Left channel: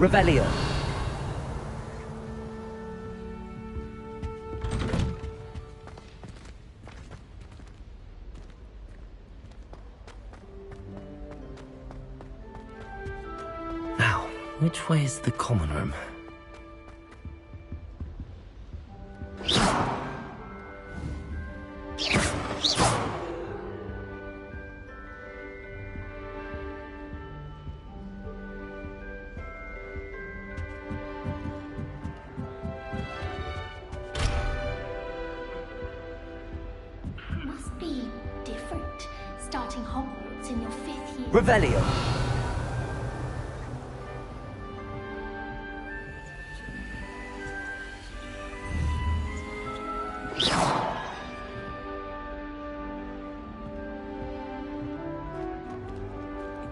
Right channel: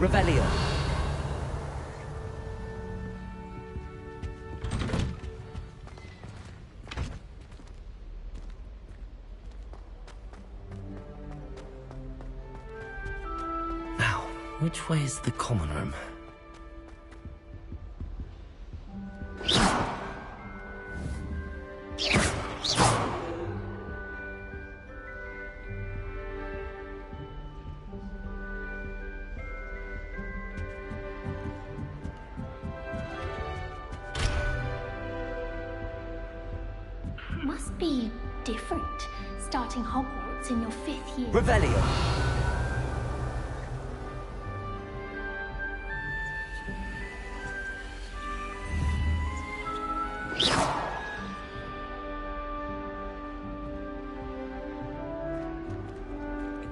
Revelio. Now, which way is the common room? Must be different, starting Hogwarts in your 5th year. Revelio. It's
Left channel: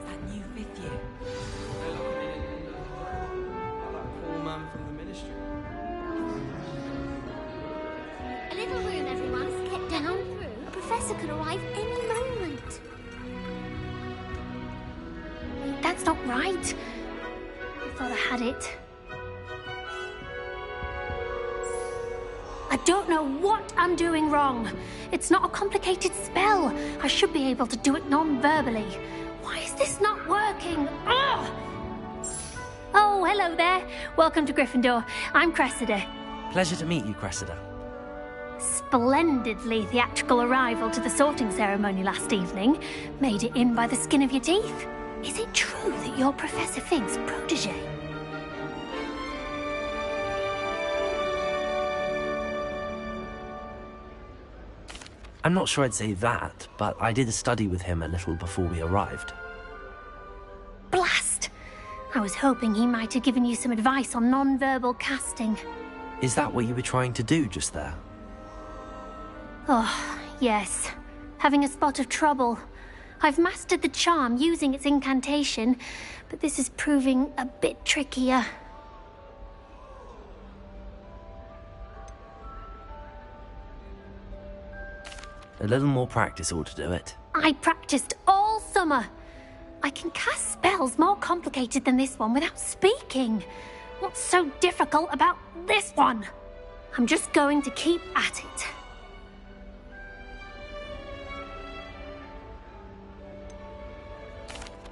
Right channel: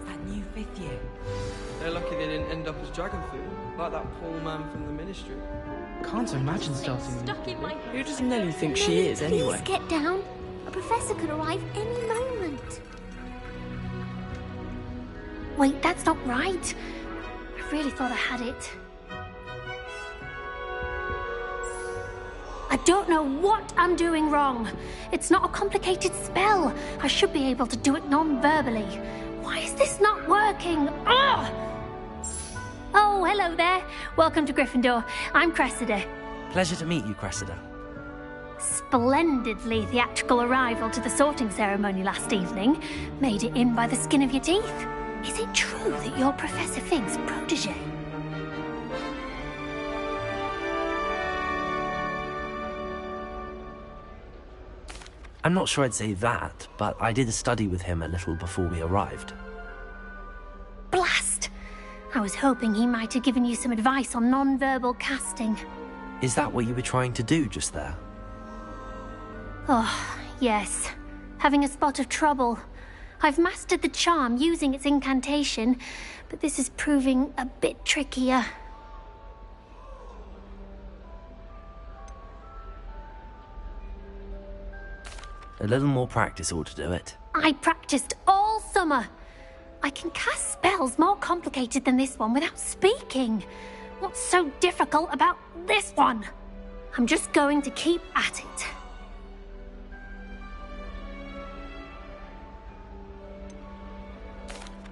that new 5th year. They're lucky they didn't end up as Dragonfall, like that poor man from the Ministry. Can't imagine starting. Who does Nelly think she is, anyway? Please get down. A professor could arrive any moment. Wait, that's not right. I really thought I had it. I don't know what I'm doing wrong. It's not a complicated spell. I should be able to do it non-verbally. Why is this not working? Ugh! Oh, hello there. Welcome to Gryffindor. I'm Cressida. Pleasure to meet you, Cressida. Splendidly theatrical arrival to the sorting ceremony last evening. Made it in by the skin of your teeth. Is it true that you're Professor Fig's protege? I'm not sure I'd say that, but I did study with him a little before we arrived. Blast! I was hoping he might have given you some advice on non-verbal casting. Is that what you were trying to do just there? Oh, yes. Having a spot of trouble. I've mastered the charm using its incantation, but this is proving a bit trickier. A little more practice ought to do it. I practiced all summer. I can cast spells more complicated than this one without speaking. What's so difficult about this one? I'm just going to keep at it.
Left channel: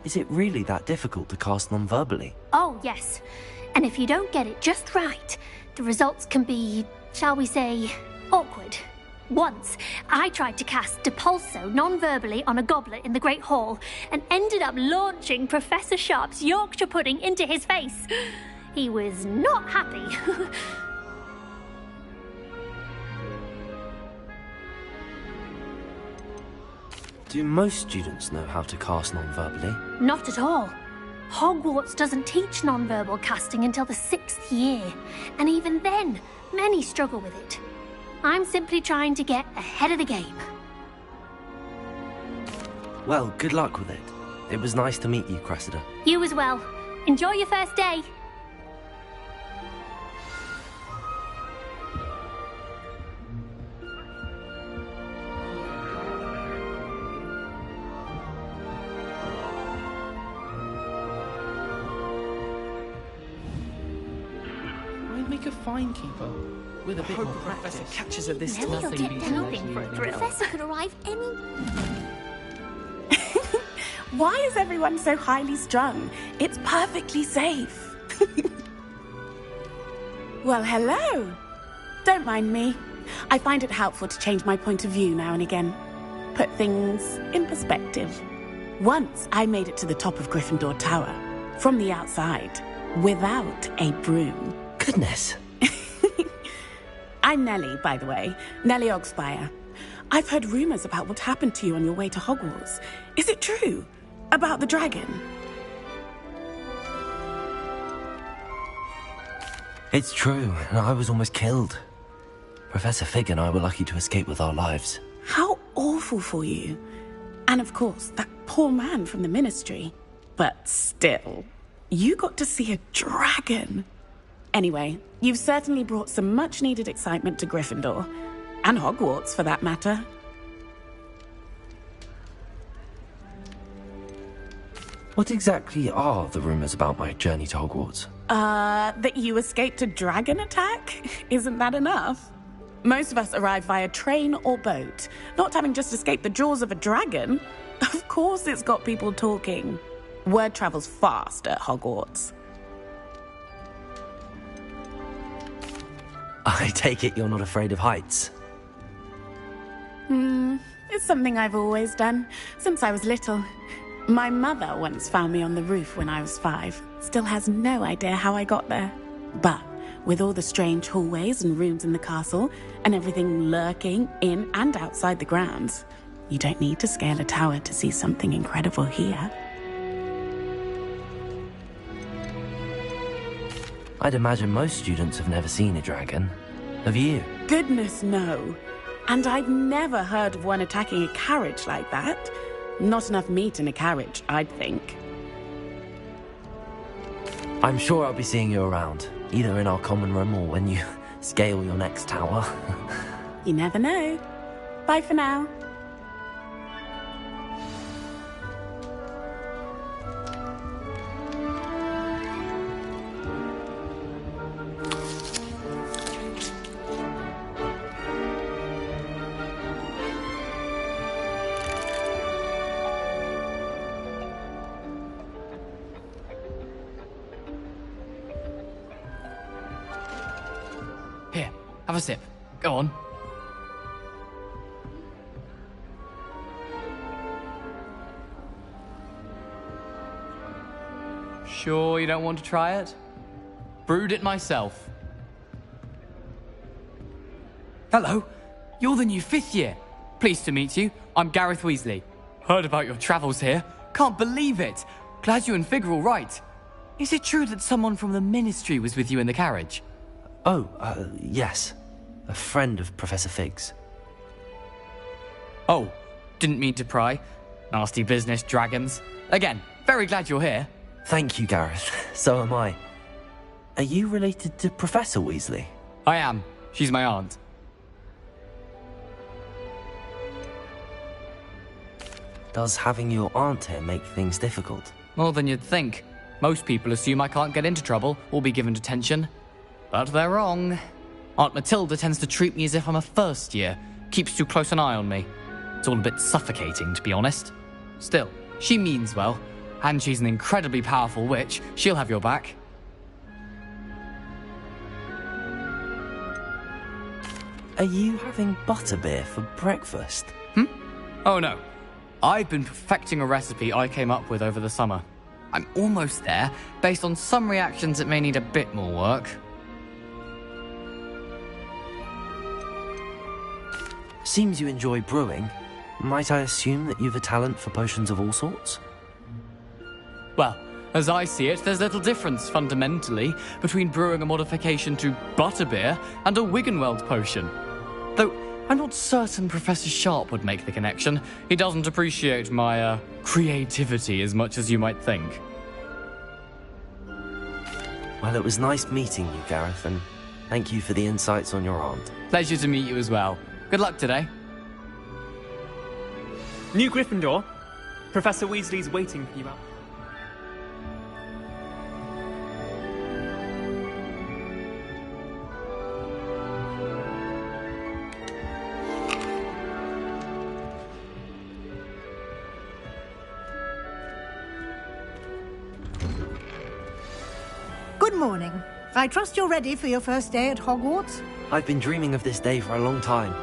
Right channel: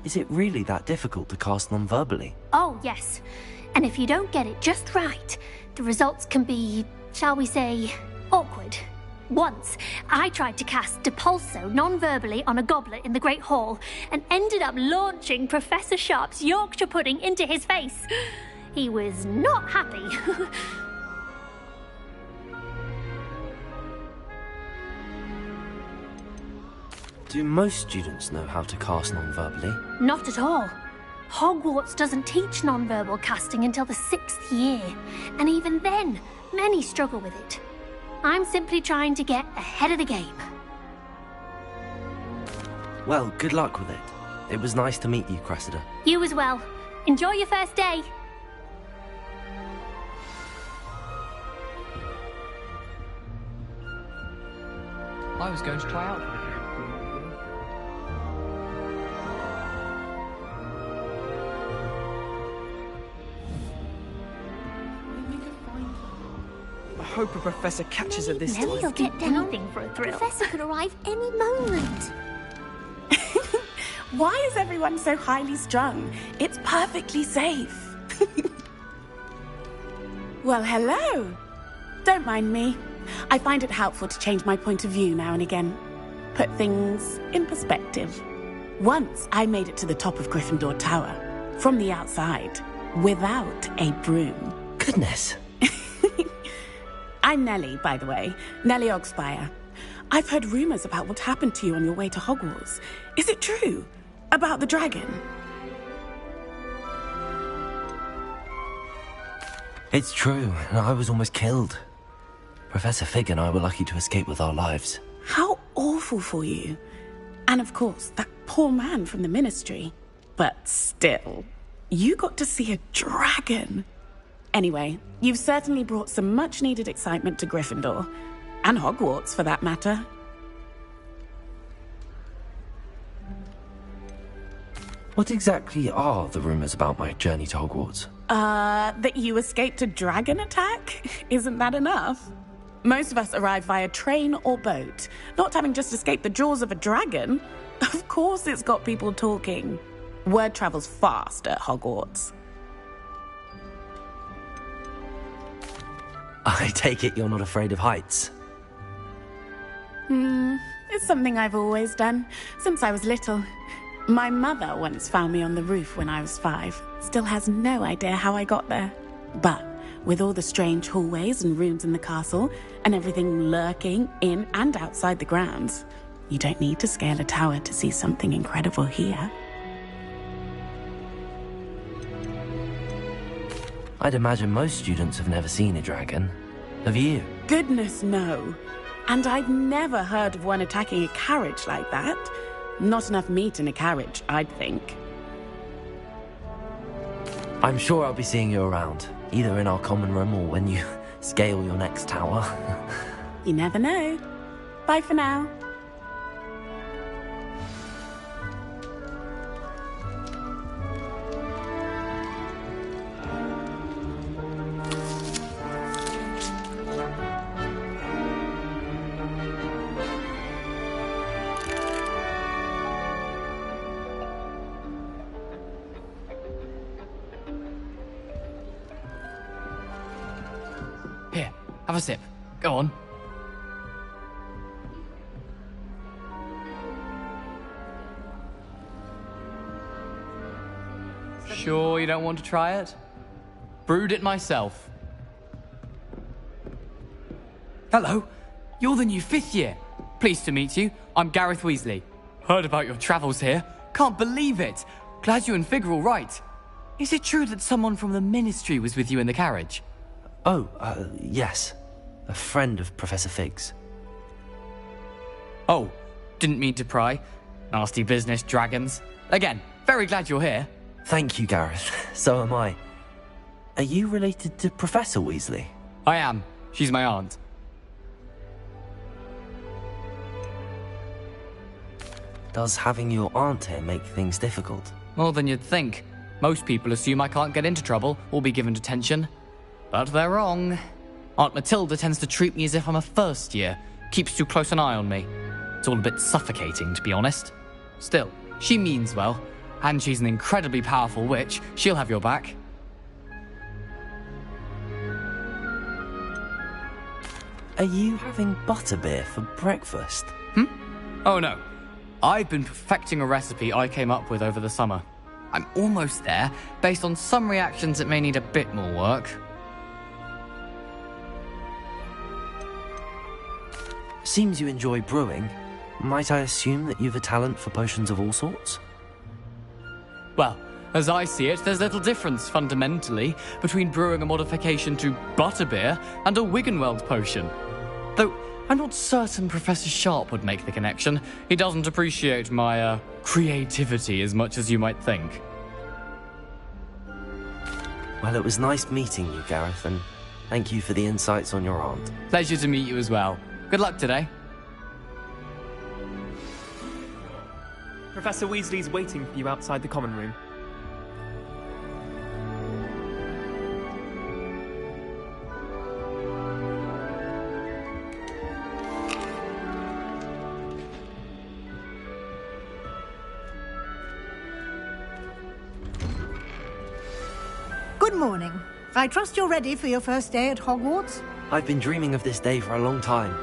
Is it really that difficult to cast non-verbally? Oh, yes. And if you don't get it just right, the results can be, shall we say, awkward. Once, I tried to cast Depulso non-verbally on a goblet in the Great Hall and ended up launching Professor Sharp's Yorkshire pudding into his face. He was not happy. Do most students know how to cast non-verbally? Not at all. Hogwarts doesn't teach non-verbal casting until the 6th year, and even then, many struggle with it. I'm simply trying to get ahead of the game. Well, good luck with it. It was nice to meet you, Cressida. You as well. Enjoy your first day. I was going to try out. I'd make a fine keeper. With I hope a professor catches her this Maybe time. you'll get anything for a thrill. The professor could arrive any moment. Why is everyone so highly strung? It's perfectly safe. Well, hello. Don't mind me. I find it helpful to change my point of view now and again. Put things in perspective. Once I made it to the top of Gryffindor Tower, from the outside, without a broom. Goodness. I'm Nellie, by the way. Nellie Ogspire. I've heard rumors about what happened to you on your way to Hogwarts. Is it true? About the dragon? It's true, and I was almost killed. Professor Fig and I were lucky to escape with our lives. How awful for you. And of course, that poor man from the Ministry. But still, you got to see a dragon. Anyway, you've certainly brought some much-needed excitement to Gryffindor. And Hogwarts, for that matter. What exactly are the rumors about my journey to Hogwarts? That you escaped a dragon attack? Isn't that enough? Most of us arrive via train or boat, not having just escaped the jaws of a dragon. Of course it's got people talking. Word travels fast at Hogwarts. I take it you're not afraid of heights. It's something I've always done, since I was little. My mother once found me on the roof when I was 5. Still has no idea how I got there. But with all the strange hallways and rooms in the castle, and everything lurking in and outside the grounds, you don't need to scale a tower to see something incredible here. I'd imagine most students have never seen a dragon. Have you? Goodness, no. And I've never heard of one attacking a carriage like that. Not enough meat in a carriage, I'd think. I'm sure I'll be seeing you around, either in our common room or when you scale your next tower. You never know. Bye for now. Here, have a sip. Go on. Sure you don't want to try it? Brewed it myself. Hello, you're the new 5th year. Pleased to meet you. I'm Gareth Weasley. Heard about your travels here. Can't believe it. Glad you and Fig are all right. Is it true that someone from the Ministry was with you in the carriage? Oh, yes. A friend of Professor Fig's. Oh, didn't mean to pry. Nasty business, dragons. Again, very glad you're here. Thank you, Gareth. So am I. Are you related to Professor Weasley? I am. She's my aunt. Does having your aunt here make things difficult? More than you'd think. Most people assume I can't get into trouble or be given detention. But they're wrong. Aunt Matilda tends to treat me as if I'm a first year. Keeps too close an eye on me. It's all a bit suffocating, to be honest. Still, she means well. And she's an incredibly powerful witch. She'll have your back. Are you having butterbeer for breakfast? Oh no. I've been perfecting a recipe I came up with over the summer. I'm almost there. Based on some reactions, it may need a bit more work. Seems you enjoy brewing. Might I assume that you've a talent for potions of all sorts? Well, as I see it, there's little difference, fundamentally, between brewing a modification to butterbeer and a Wiggenweld potion. Though, I'm not certain Professor Sharp would make the connection. He doesn't appreciate my, creativity as much as you might think. Well, it was nice meeting you, Gareth, and thank you for the insights on your aunt. Pleasure to meet you as well. Good luck today. New Gryffindor. Professor Weasley's waiting for you outside the common room. Good morning. I trust you're ready for your first day at Hogwarts? I've been dreaming of this day for a long time.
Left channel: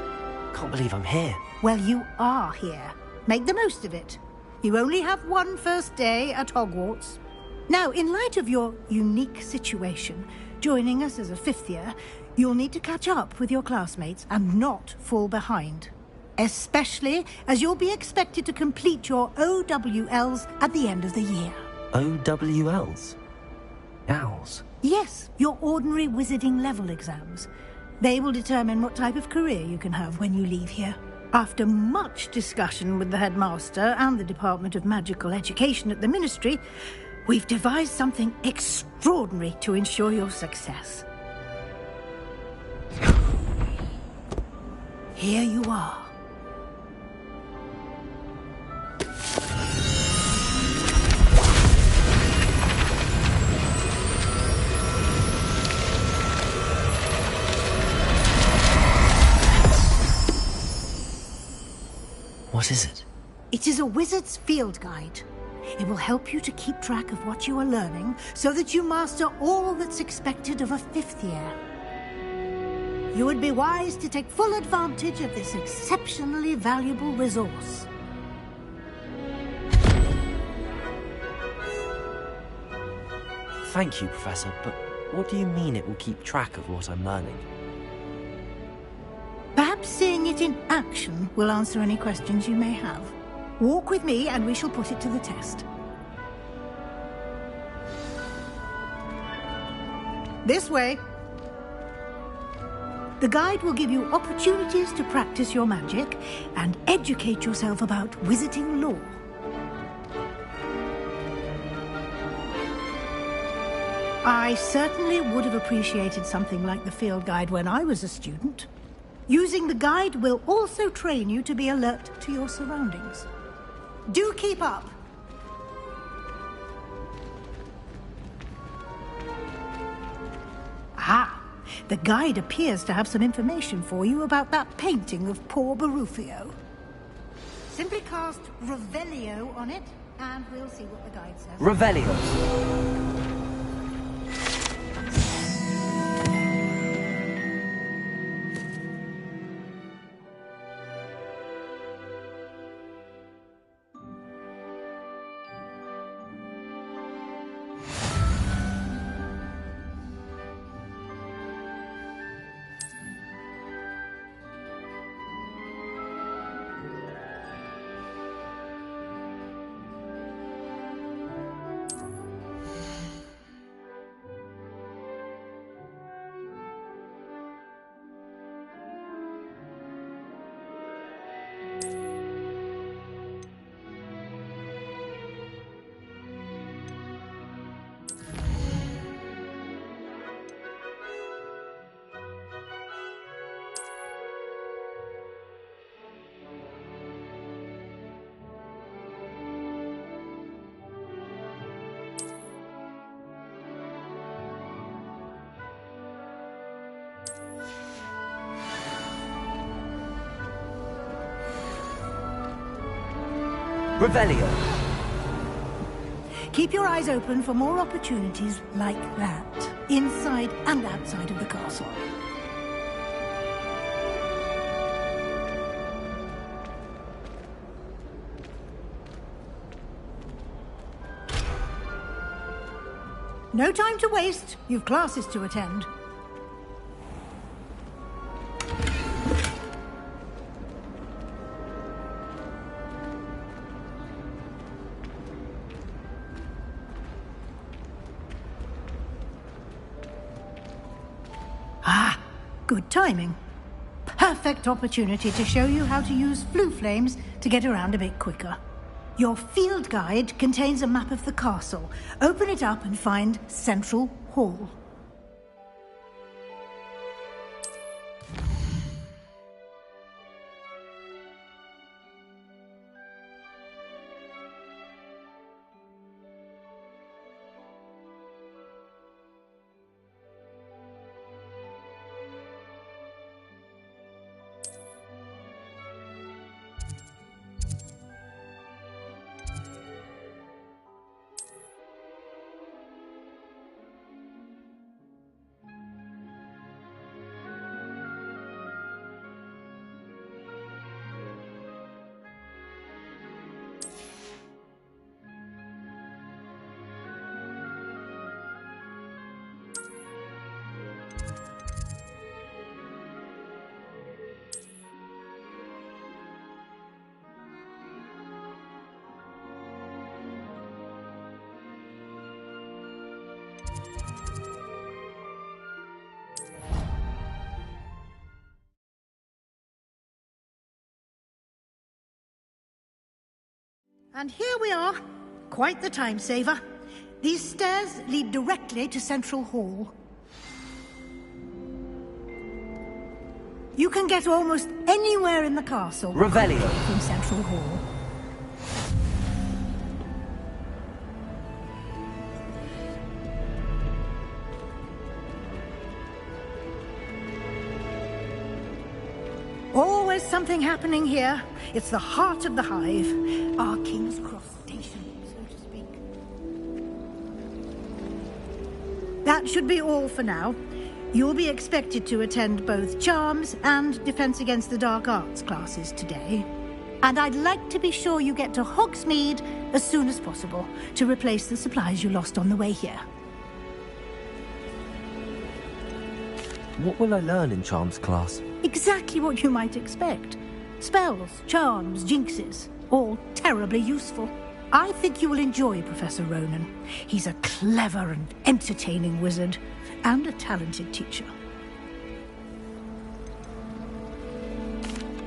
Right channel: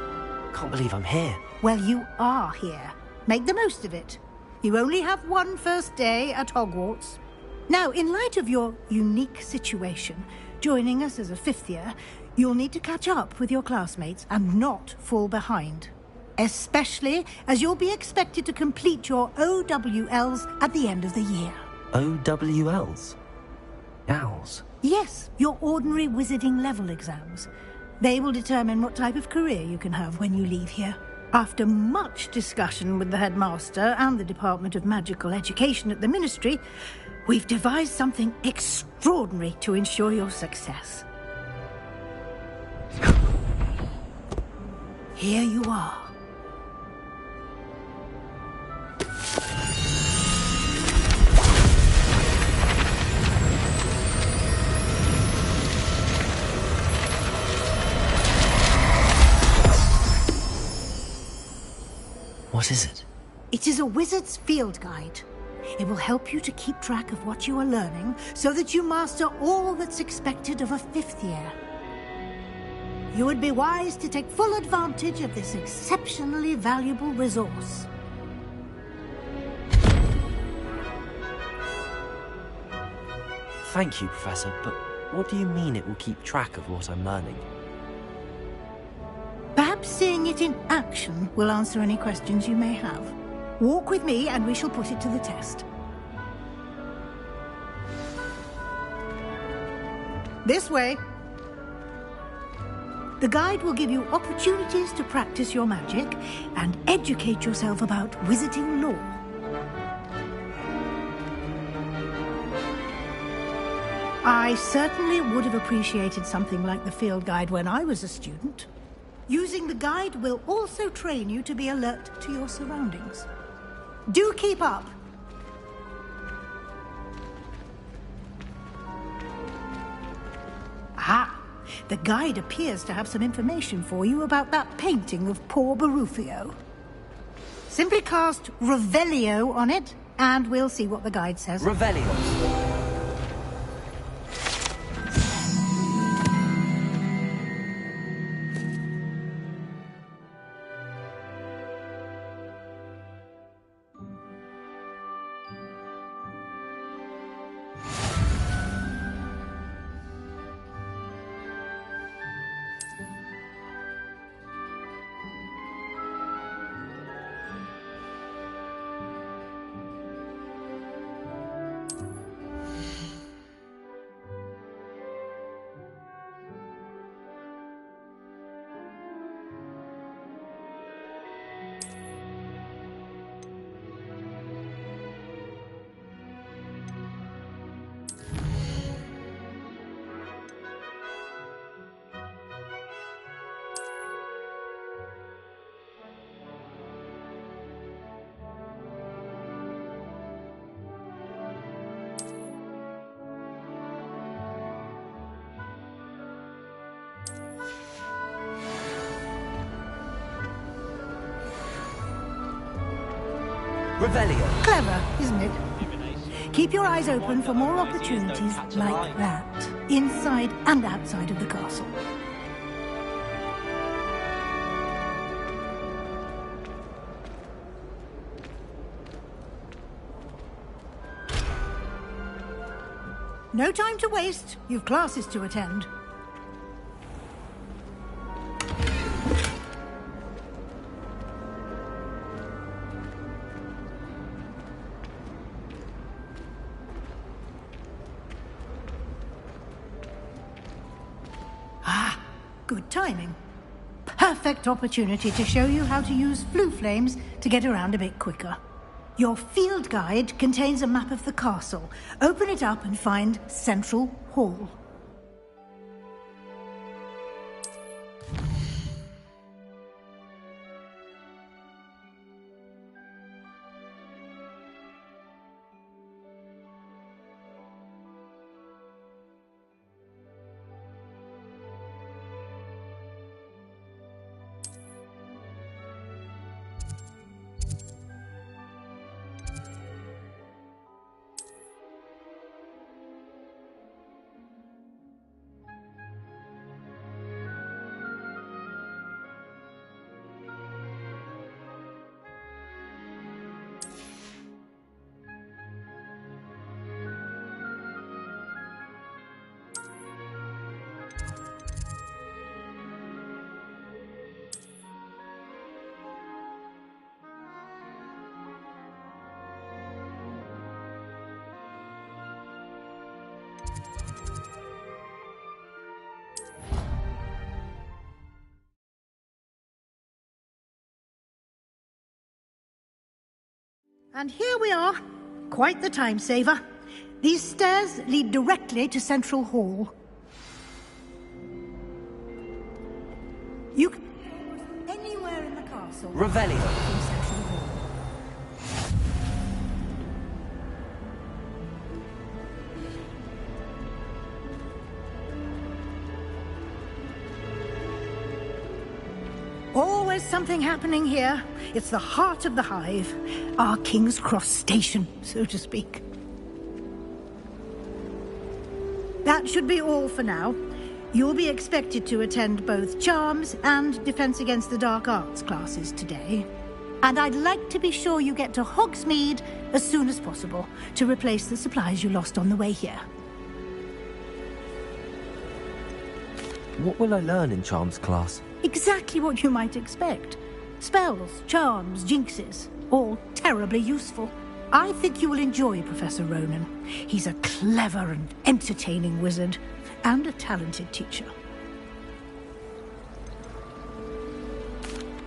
Can't believe I'm here. Well, you are here. Make the most of it. You only have one first day at Hogwarts. Now, in light of your unique situation, joining us as a 5th year, you'll need to catch up with your classmates and not fall behind. Especially as you'll be expected to complete your OWLs at the end of the year. OWLs? Owls? Yes, your ordinary wizarding level exams. They will determine what type of career you can have when you leave here. After much discussion with the headmaster and the Department of Magical Education at the Ministry, we've devised something extraordinary to ensure your success. Here you are. What is it? It is a wizard's field guide. It will help you to keep track of what you are learning so that you master all that's expected of a 5th year. You would be wise to take full advantage of this exceptionally valuable resource. Thank you, Professor, but what do you mean it will keep track of what I'm learning? Perhaps seeing it in action will answer any questions you may have. Walk with me and we shall put it to the test. This way. The guide will give you opportunities to practice your magic and educate yourself about wizarding lore. I certainly would have appreciated something like the field guide when I was a student. Using the guide will also train you to be alert to your surroundings. Do keep up! Ah, the guide appears to have some information for you about that painting of poor Barufio. Simply cast Revelio on it, and we'll see what the guide says. Revelio. Revelio. Clever, isn't it? Keep your eyes open for more opportunities like that, inside and outside of the castle. No time to waste. You've classes to attend. Good timing. Perfect opportunity to show you how to use flue flames to get around a bit quicker. Your field guide contains a map of the castle. Open it up and find Central Hall. And here we are. Quite the time saver. These stairs lead directly to Central Hall. You can get almost anywhere in the castle Revelio. from Central Hall. Always something happening here. It's the heart of the hive. Our King's Cross station, so to speak. That should be all for now. You'll be expected to attend both Charms and Defense Against the Dark Arts classes today. And I'd like to be sure you get to Hogsmeade as soon as possible to replace the supplies you lost on the way here. What will I learn in Charms class? Exactly what you might expect. Spells, charms, jinxes, all terribly useful. I think you will enjoy Professor Ronan. He's a clever and entertaining wizard, and a talented teacher.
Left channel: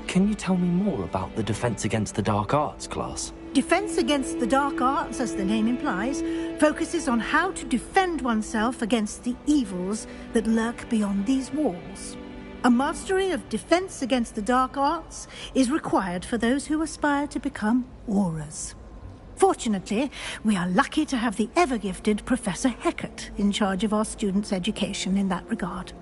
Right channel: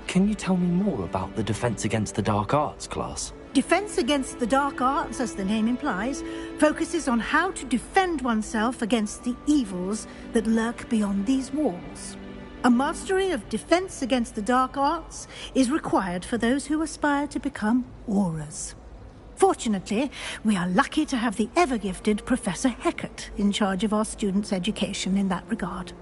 Can you tell me more about the Defense Against the Dark Arts class? Defense Against the Dark Arts, as the name implies, focuses on how to defend oneself against the evils that lurk beyond these walls. A mastery of Defense Against the Dark Arts is required for those who aspire to become Auras. Fortunately, we are lucky to have the ever-gifted Professor Hecat in charge of our students' education in that regard.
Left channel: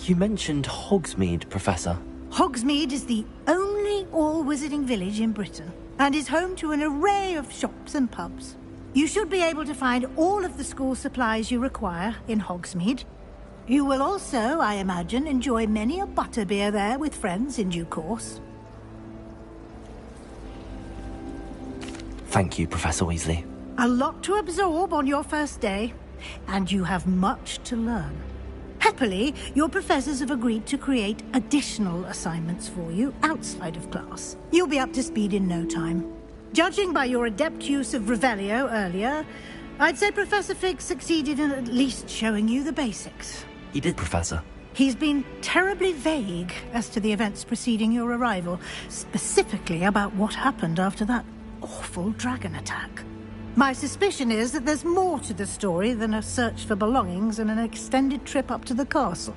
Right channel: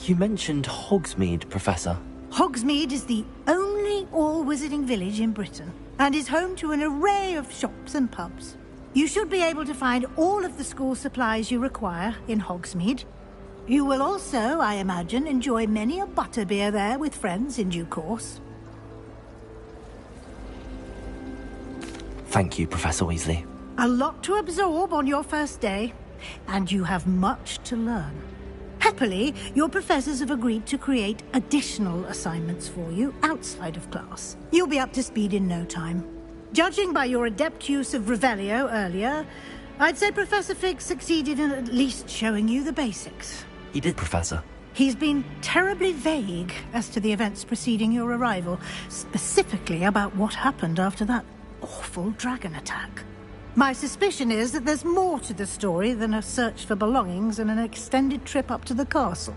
You mentioned Hogsmeade, Professor. Hogsmeade is the only all-wizarding village in Britain, and is home to an array of shops and pubs. You should be able to find all of the school supplies you require in Hogsmeade. You will also, I imagine, enjoy many a butterbeer there with friends in due course. Thank you, Professor Weasley. A lot to absorb on your first day, and you have much to learn. Happily, your professors have agreed to create additional assignments for you outside of class. You'll be up to speed in no time. Judging by your adept use of Revelio earlier, I'd say Professor Fig succeeded in at least showing you the basics. He did, Professor. He's been terribly vague as to the events preceding your arrival, specifically about what happened after that awful dragon attack. My suspicion is that there's more to the story than a search for belongings and an extended trip up to the castle.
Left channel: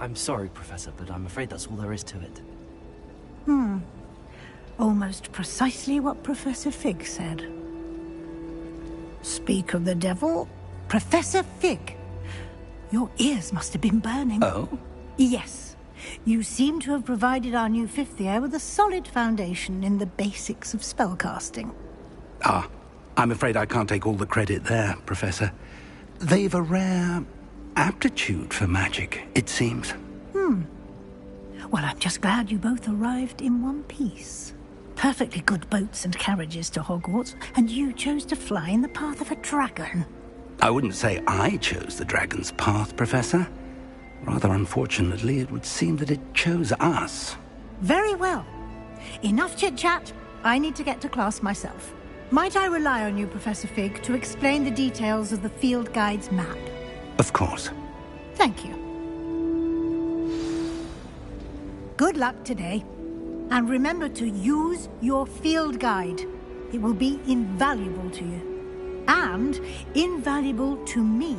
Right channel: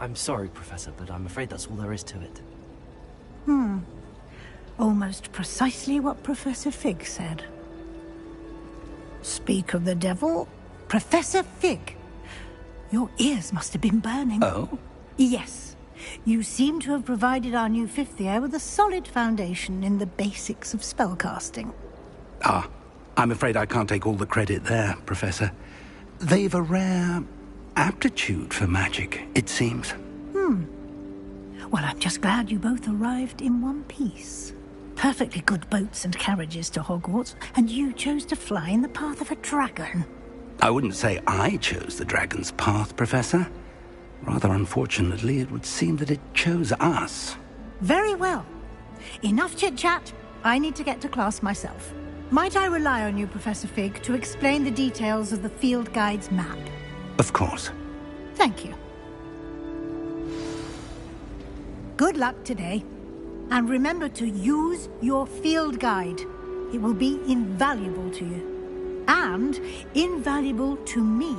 I'm sorry, Professor, but I'm afraid that's all there is to it. Almost precisely what Professor Fig said. Speak of the devil, Professor Fig. Your ears must have been burning. Oh? Yes. You seem to have provided our new fifth year with a solid foundation in the basics of spellcasting. Ah, I'm afraid I can't take all the credit there, Professor. They've a rare aptitude for magic, it seems. Well, I'm just glad you both arrived in one piece. Perfectly good boats and carriages to Hogwarts, and you chose to fly in the path of a dragon. I wouldn't say I chose the dragon's path, Professor. Rather unfortunately, it would seem that it chose us. Very well. Enough chit-chat. I need to get to class myself. Might I rely on you, Professor Fig, to explain the details of the field guide's map? Of course. Thank you. Good luck today. And remember to use your field guide. It will be invaluable to you. And invaluable to me,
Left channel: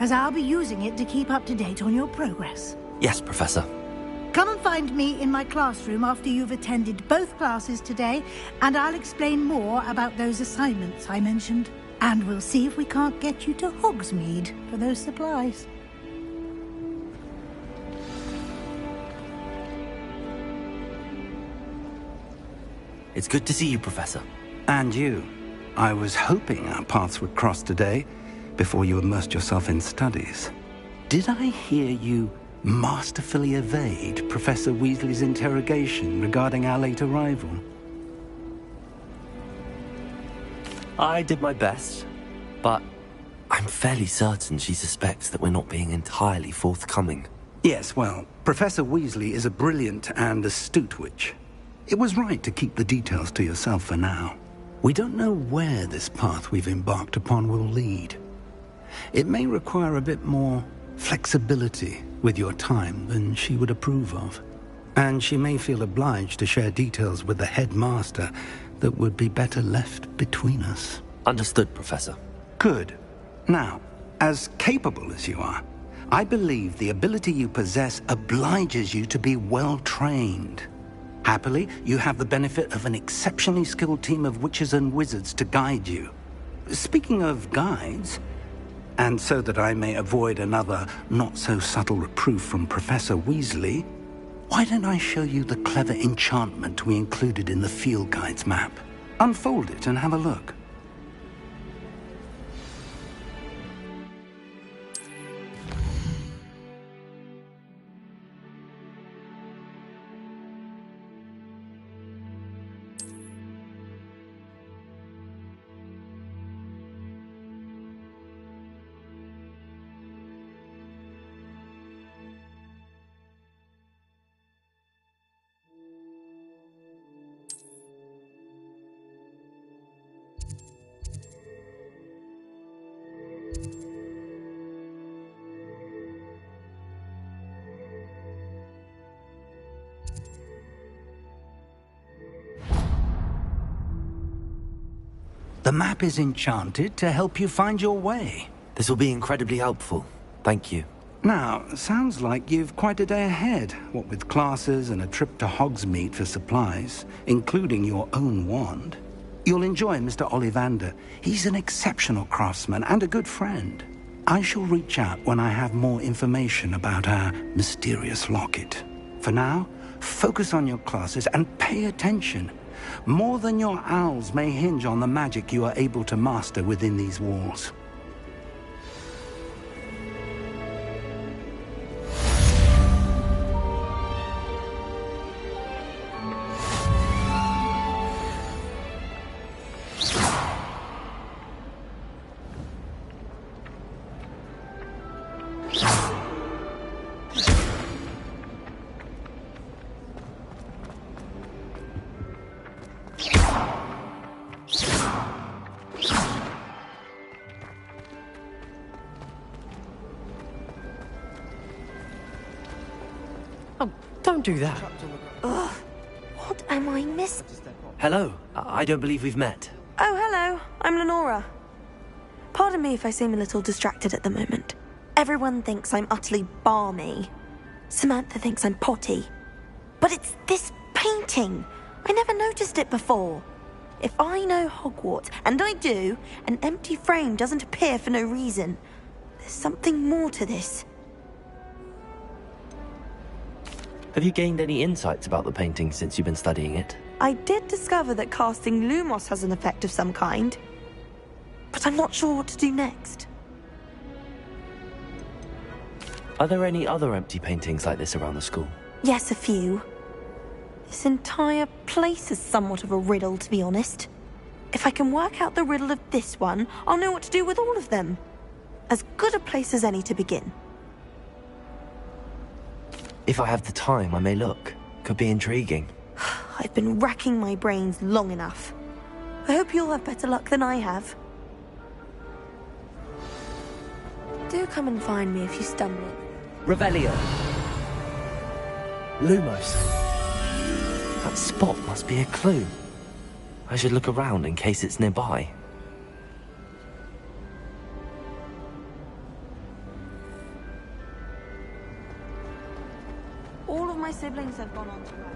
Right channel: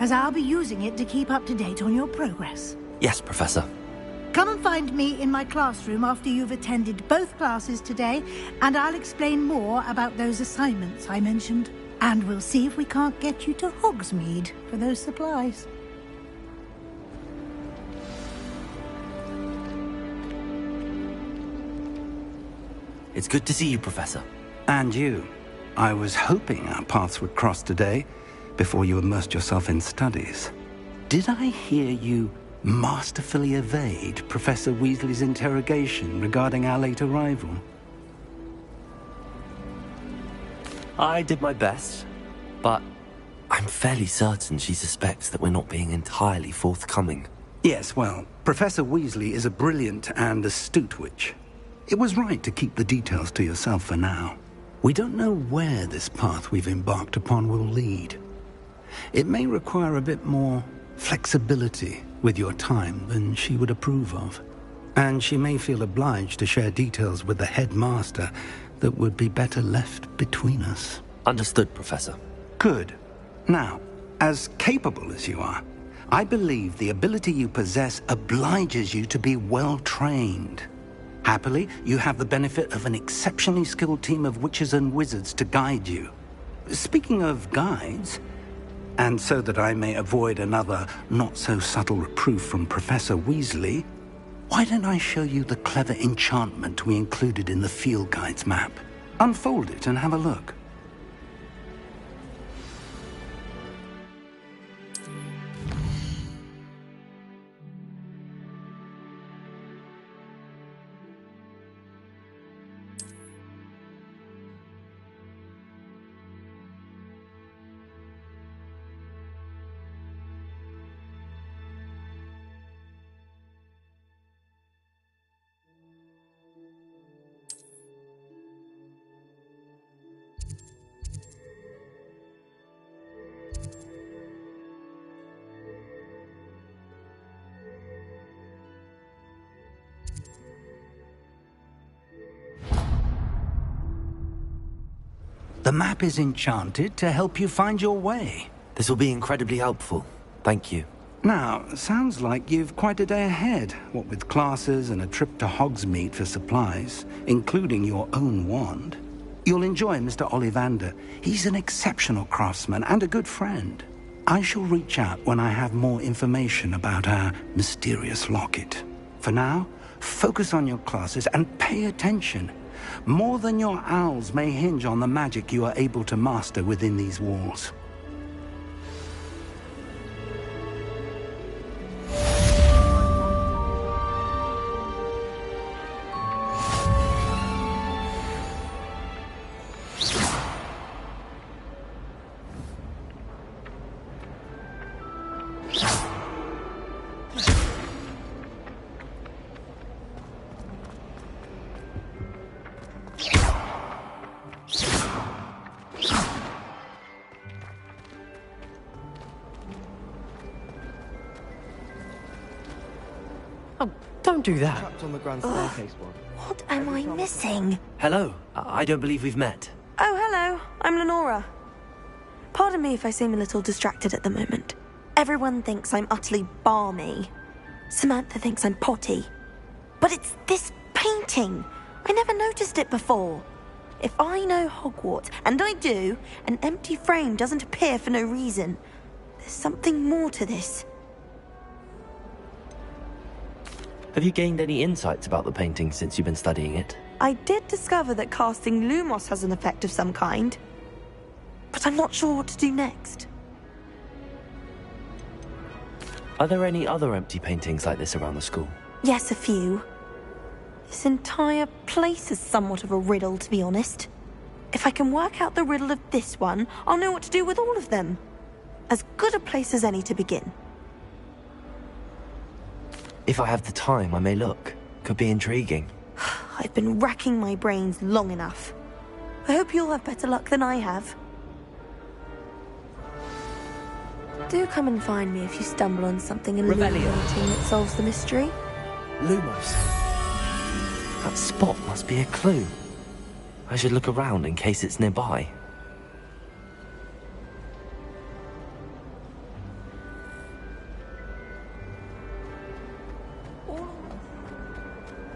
as I'll be using it to keep up to date on your progress. Yes, Professor. Come and find me in my classroom after you've attended both classes today, and I'll explain more about those assignments I mentioned. And we'll see if we can't get you to Hogsmeade for those supplies. It's good to see you, Professor. And you. I was hoping our paths would cross today, before you immersed yourself in studies. Did I hear you masterfully evade Professor Weasley's interrogation regarding our late arrival? I did my best, but I'm fairly certain she suspects that we're not being entirely forthcoming. Yes, well, Professor Weasley is a brilliant and astute witch. It was right to keep the details to yourself for now. We don't know where this path we've embarked upon will lead. It may require a bit more flexibility with your time than she would approve of. And she may feel obliged to share details with the headmaster that would be better left between us. Understood, Professor. Good. Now, as capable as you are, I believe the ability you possess obliges you to be well trained. Happily, you have the benefit of an exceptionally skilled team of witches and wizards to guide you. Speaking of guides, and so that I may avoid another not-so-subtle reproof from Professor Weasley, why don't I show you the clever enchantment we included in the field guide's map? Unfold it and have a look. The map is enchanted to help you find your way. This will be incredibly helpful. Thank you. Now, sounds like you've quite a day ahead, what with classes and a trip to Hogsmeade for supplies, including your own wand. You'll enjoy Mr. Ollivander. He's an exceptional craftsman and a good friend. I shall reach out when I have more information about our mysterious locket. For now, focus on your classes and pay attention. More than your owls may hinge on the magic you are able to master within these walls. Don't do that. What am I missing? Hello. I don't believe we've met. Oh, hello. I'm Lenora. Pardon me if I seem a little distracted at the moment. Everyone thinks I'm utterly balmy. Samantha thinks I'm potty. But it's this painting. I never noticed it before. If I know Hogwarts, and I do, an empty frame doesn't appear for no reason. There's something more to this. Have you gained any insights about the painting since you've been studying it? I did discover that casting Lumos has an effect of some kind. But I'm not sure what to do next. Are there any other empty paintings like this around the school? Yes, a few. This entire place is somewhat of a riddle, to be honest. If I can work out the riddle of this one, I'll know what to do with all of them. As good a place as any to begin. If I have the time, I may look. Could be intriguing. I've been racking my brains long enough. I hope you'll have better luck than I have. Do come and find me if you stumble on something in Revelio. that solves the mystery. Lumos. That spot must be a clue. I should look around in case it's nearby. All of my siblings have gone on to work.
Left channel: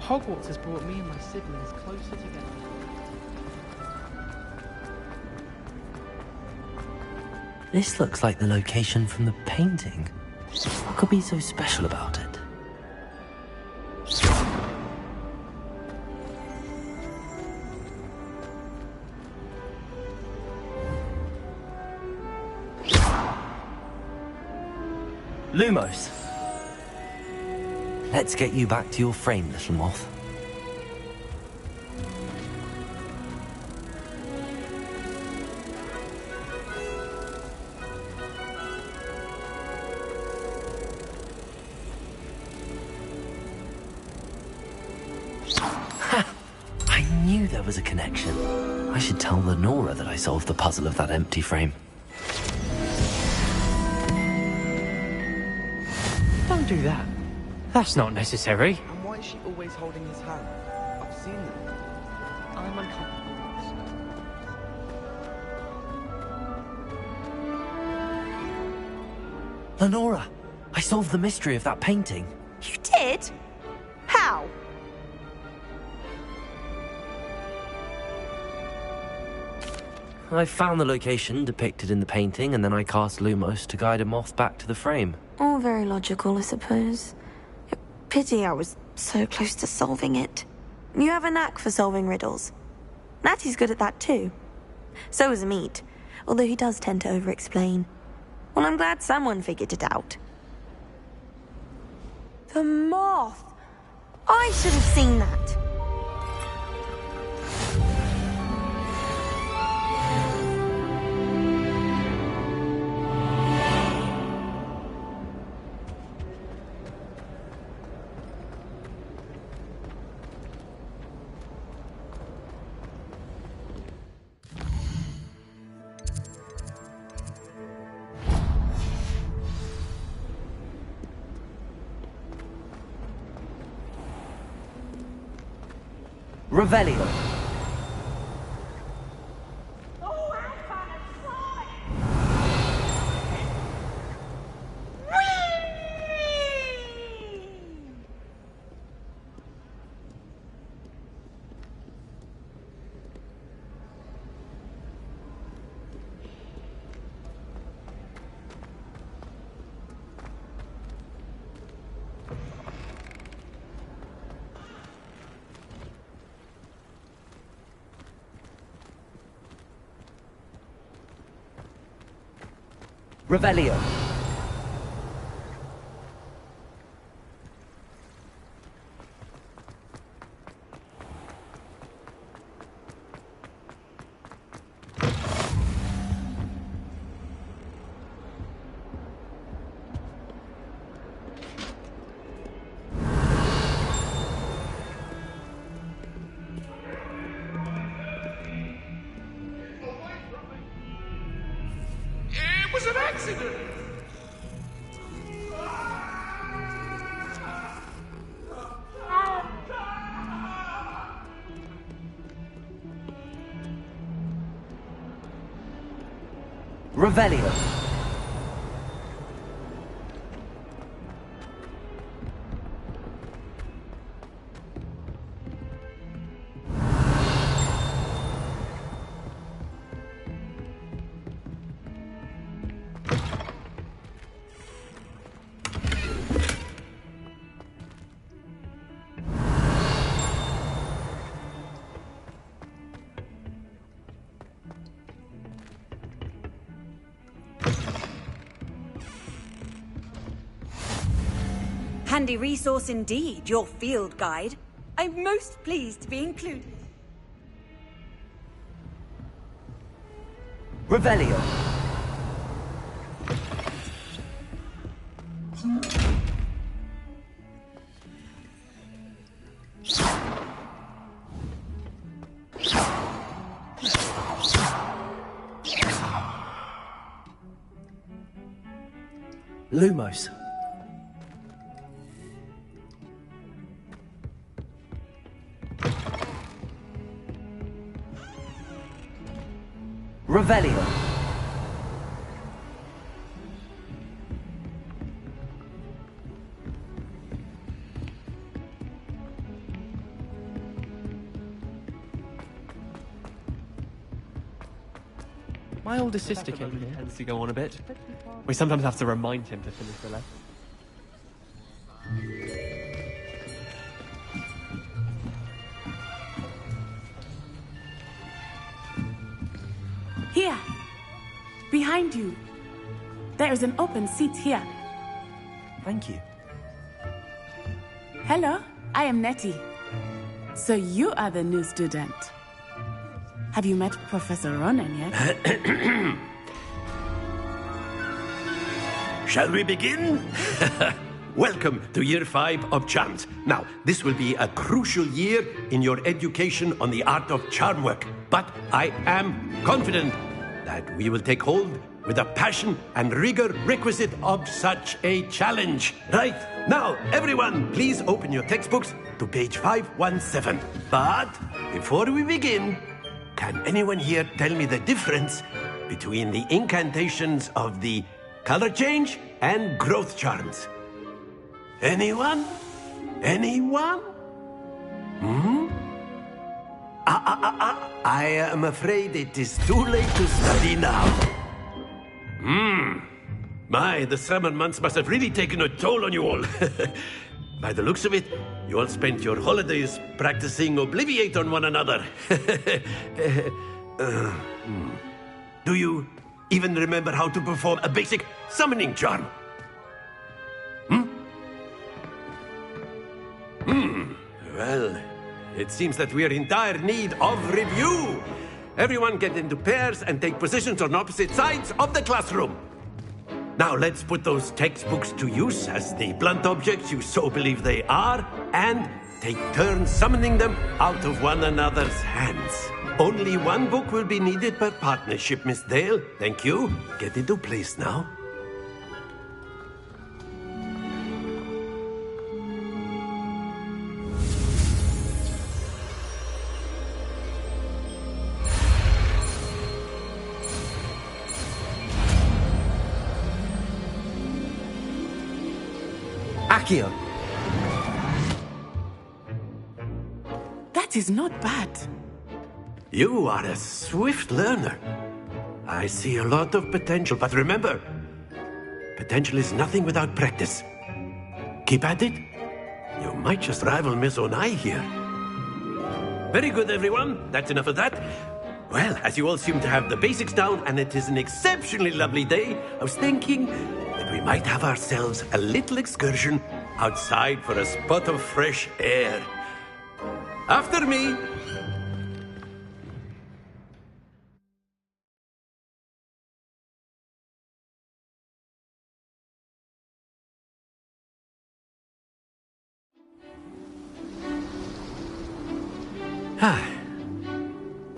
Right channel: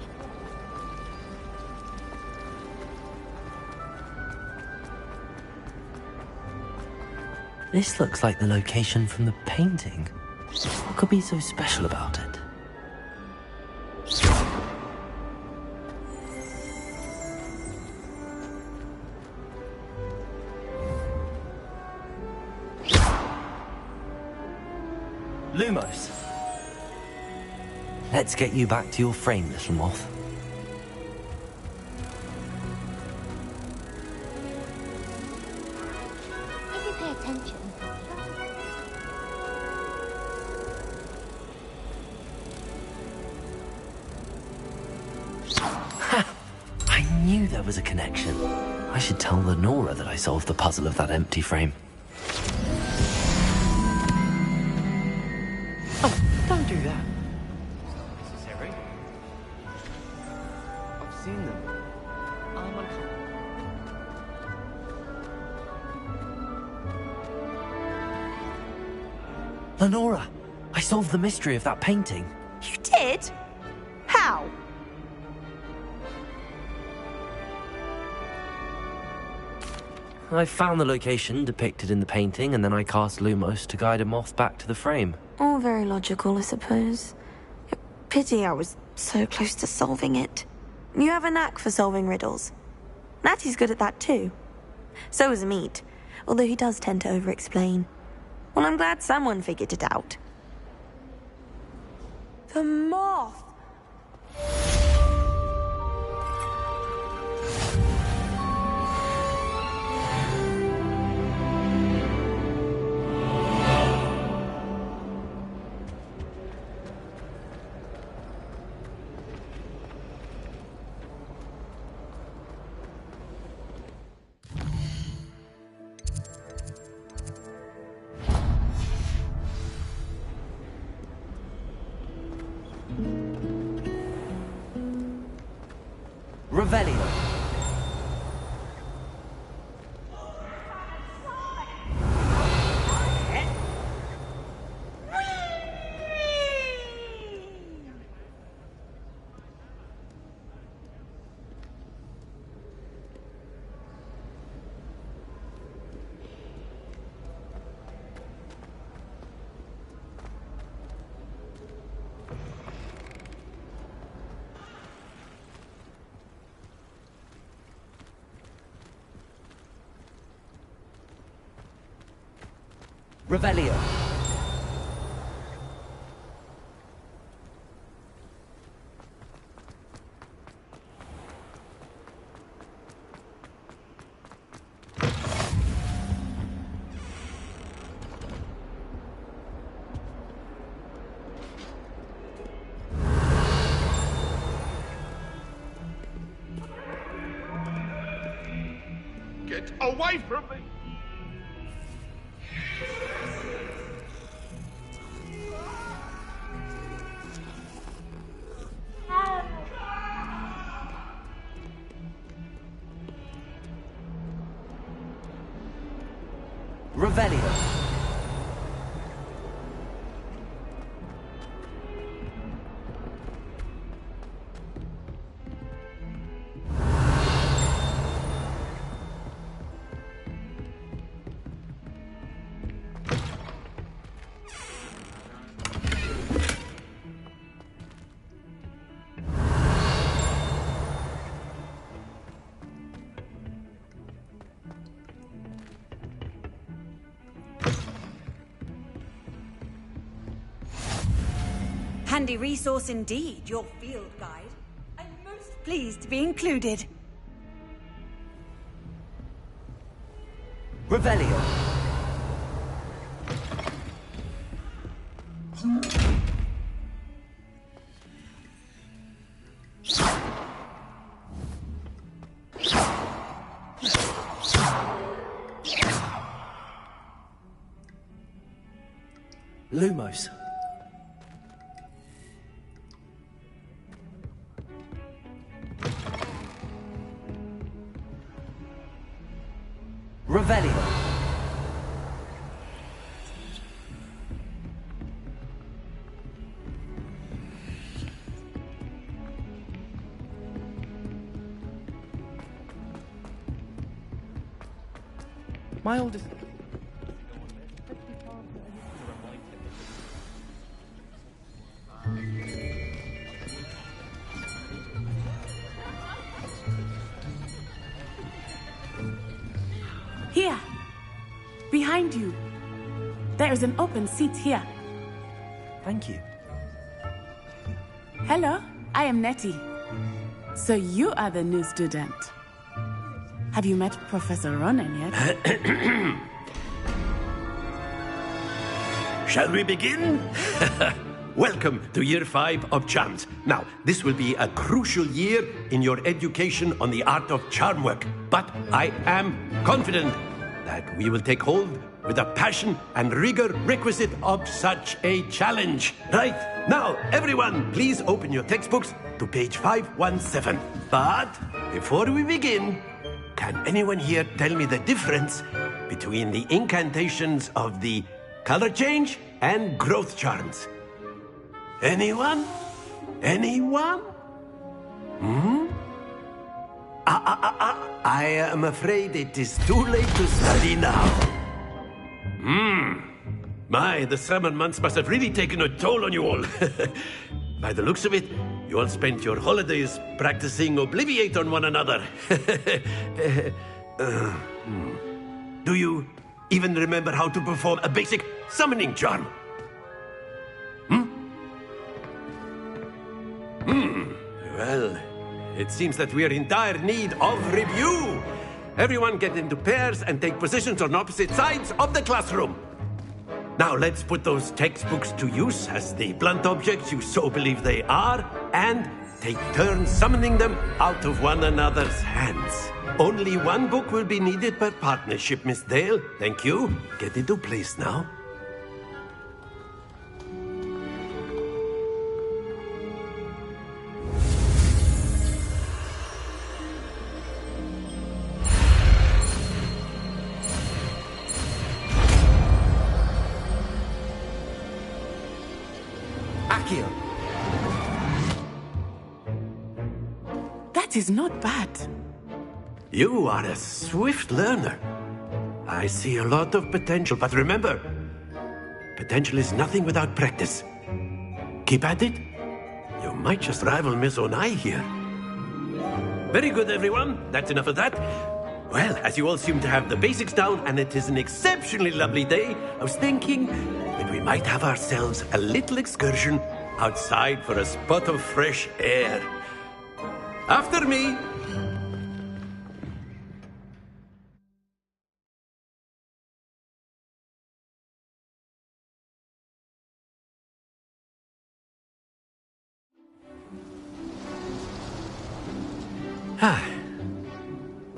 Hogwarts has brought me and my siblings closer together. This looks like the location from the painting. What could be so special about it? Lumos. Let's get you back to your frame, little moth. Ha! I knew there was a connection. I should tell Lenora that I solved the puzzle of that empty frame. Don't do that. That's not necessary. Why is she always holding his hand? I've seen them. I'm uncomfortable. Lenora, I solved the mystery of that painting. You did? How? I found the location depicted in the painting, and then I cast Lumos to guide a moth back to the frame. All very logical, I suppose. Pity I was so close to solving it. You have a knack for solving riddles. Natty's good at that too. So is Meat, although he does tend to over-explain. Well, I'm glad someone figured it out. The moth! I should have seen that. Revelio. Revelio. Get away from me! It was an accident! Revelio. Handy resource indeed, your field guide. I'm most pleased to be included. Revelio. Lumos. Revelio. My older sister came in here tends to go on a bit. We sometimes have to remind him to finish the lesson. Here. Behind you. There is an open seat here. Thank you. Hello, I am Nettie. So you are the new student. Have you met Professor Ronan yet? Shall we begin? Welcome to Year 5 of Charms. Now, this will be a crucial year in your education on the art of charm work. But I am confident that we will take hold with the passion and rigor requisite of such a challenge. Right, now, everyone, please open your textbooks to page 517. But before we begin, can anyone here tell me the difference between the incantations of the color change and growth charms. Anyone? Anyone? I am afraid it is too late to study now. My, the summer months must have really taken a toll on you all. By the looks of it, you all spent your holidays practicing Obliviate on one another. Do you even remember how to perform a basic summoning charm? Well, it seems that we are in dire need of review. Everyone get into pairs and take positions on opposite sides of the classroom. Now let's put those textbooks to use as the blunt objects you so believe they are, and take turns summoning them out of one another's hands. Only one book will be needed per partnership, Miss Dale. Thank you. Get into place now. Accio. That is not bad. You are a swift learner. I see a lot of potential, but remember, potential is nothing without practice. Keep at it. You might just rival Miss Onai here. Very good, everyone. That's enough of that. Well, as you all seem to have the basics down, and it is an exceptionally lovely day, I was thinking that we might have ourselves a little excursion outside for a spot of fresh air. After me.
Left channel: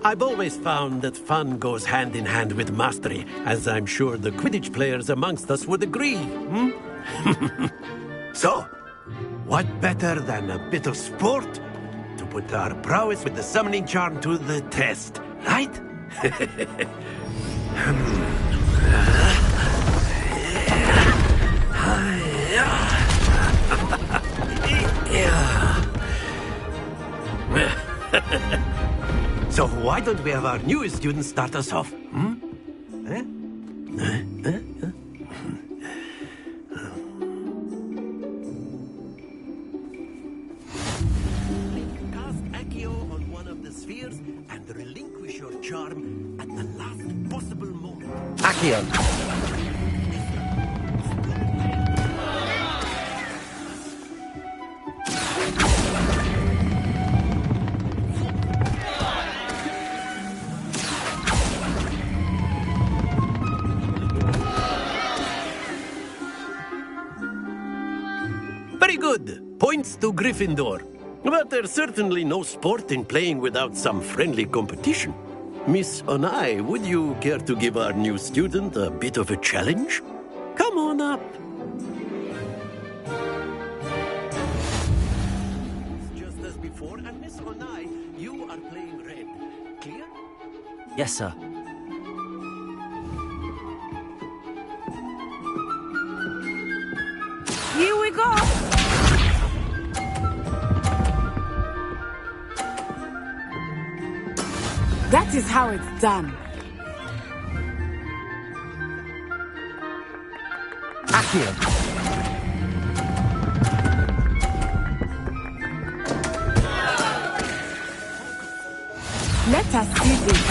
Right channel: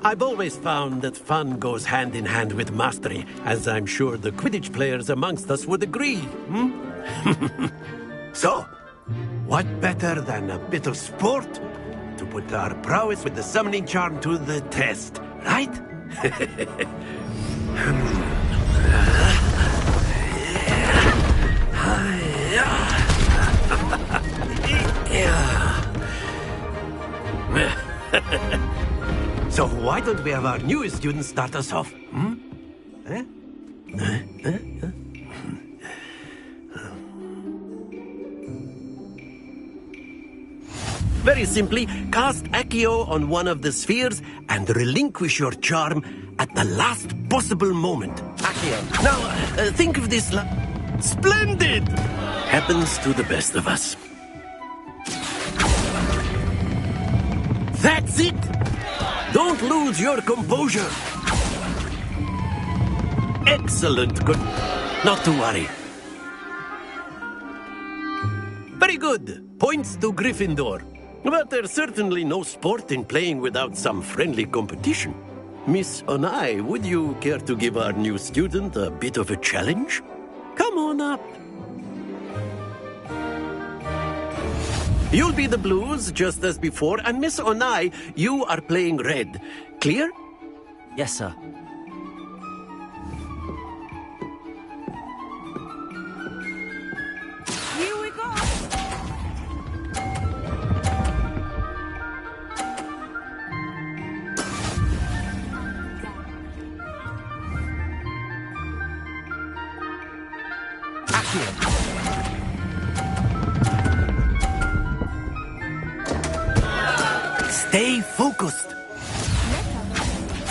I've always found that fun goes hand in hand with mastery, as I'm sure the Quidditch players amongst us would agree. So, what better than a bit of sport to put our prowess with the summoning charm to the test, right? So why don't we have our newest student start us off? Very simply, cast Accio on one of the spheres and relinquish your charm at the last possible moment. Accio. Now, think of this Splendid! Happens to the best of us. That's it! Don't lose your composure. Excellent. Not to worry. Very good. Points to Gryffindor. But there's certainly no sport in playing without some friendly competition. Miss Onai, would you care to give our new student a bit of a challenge? Come on up. You'll be the blues, just as before, and Miss Onai, you are playing red. Clear? Yes, sir. Here we go! That is how it's done. Accio. Stay focused. Let us do this.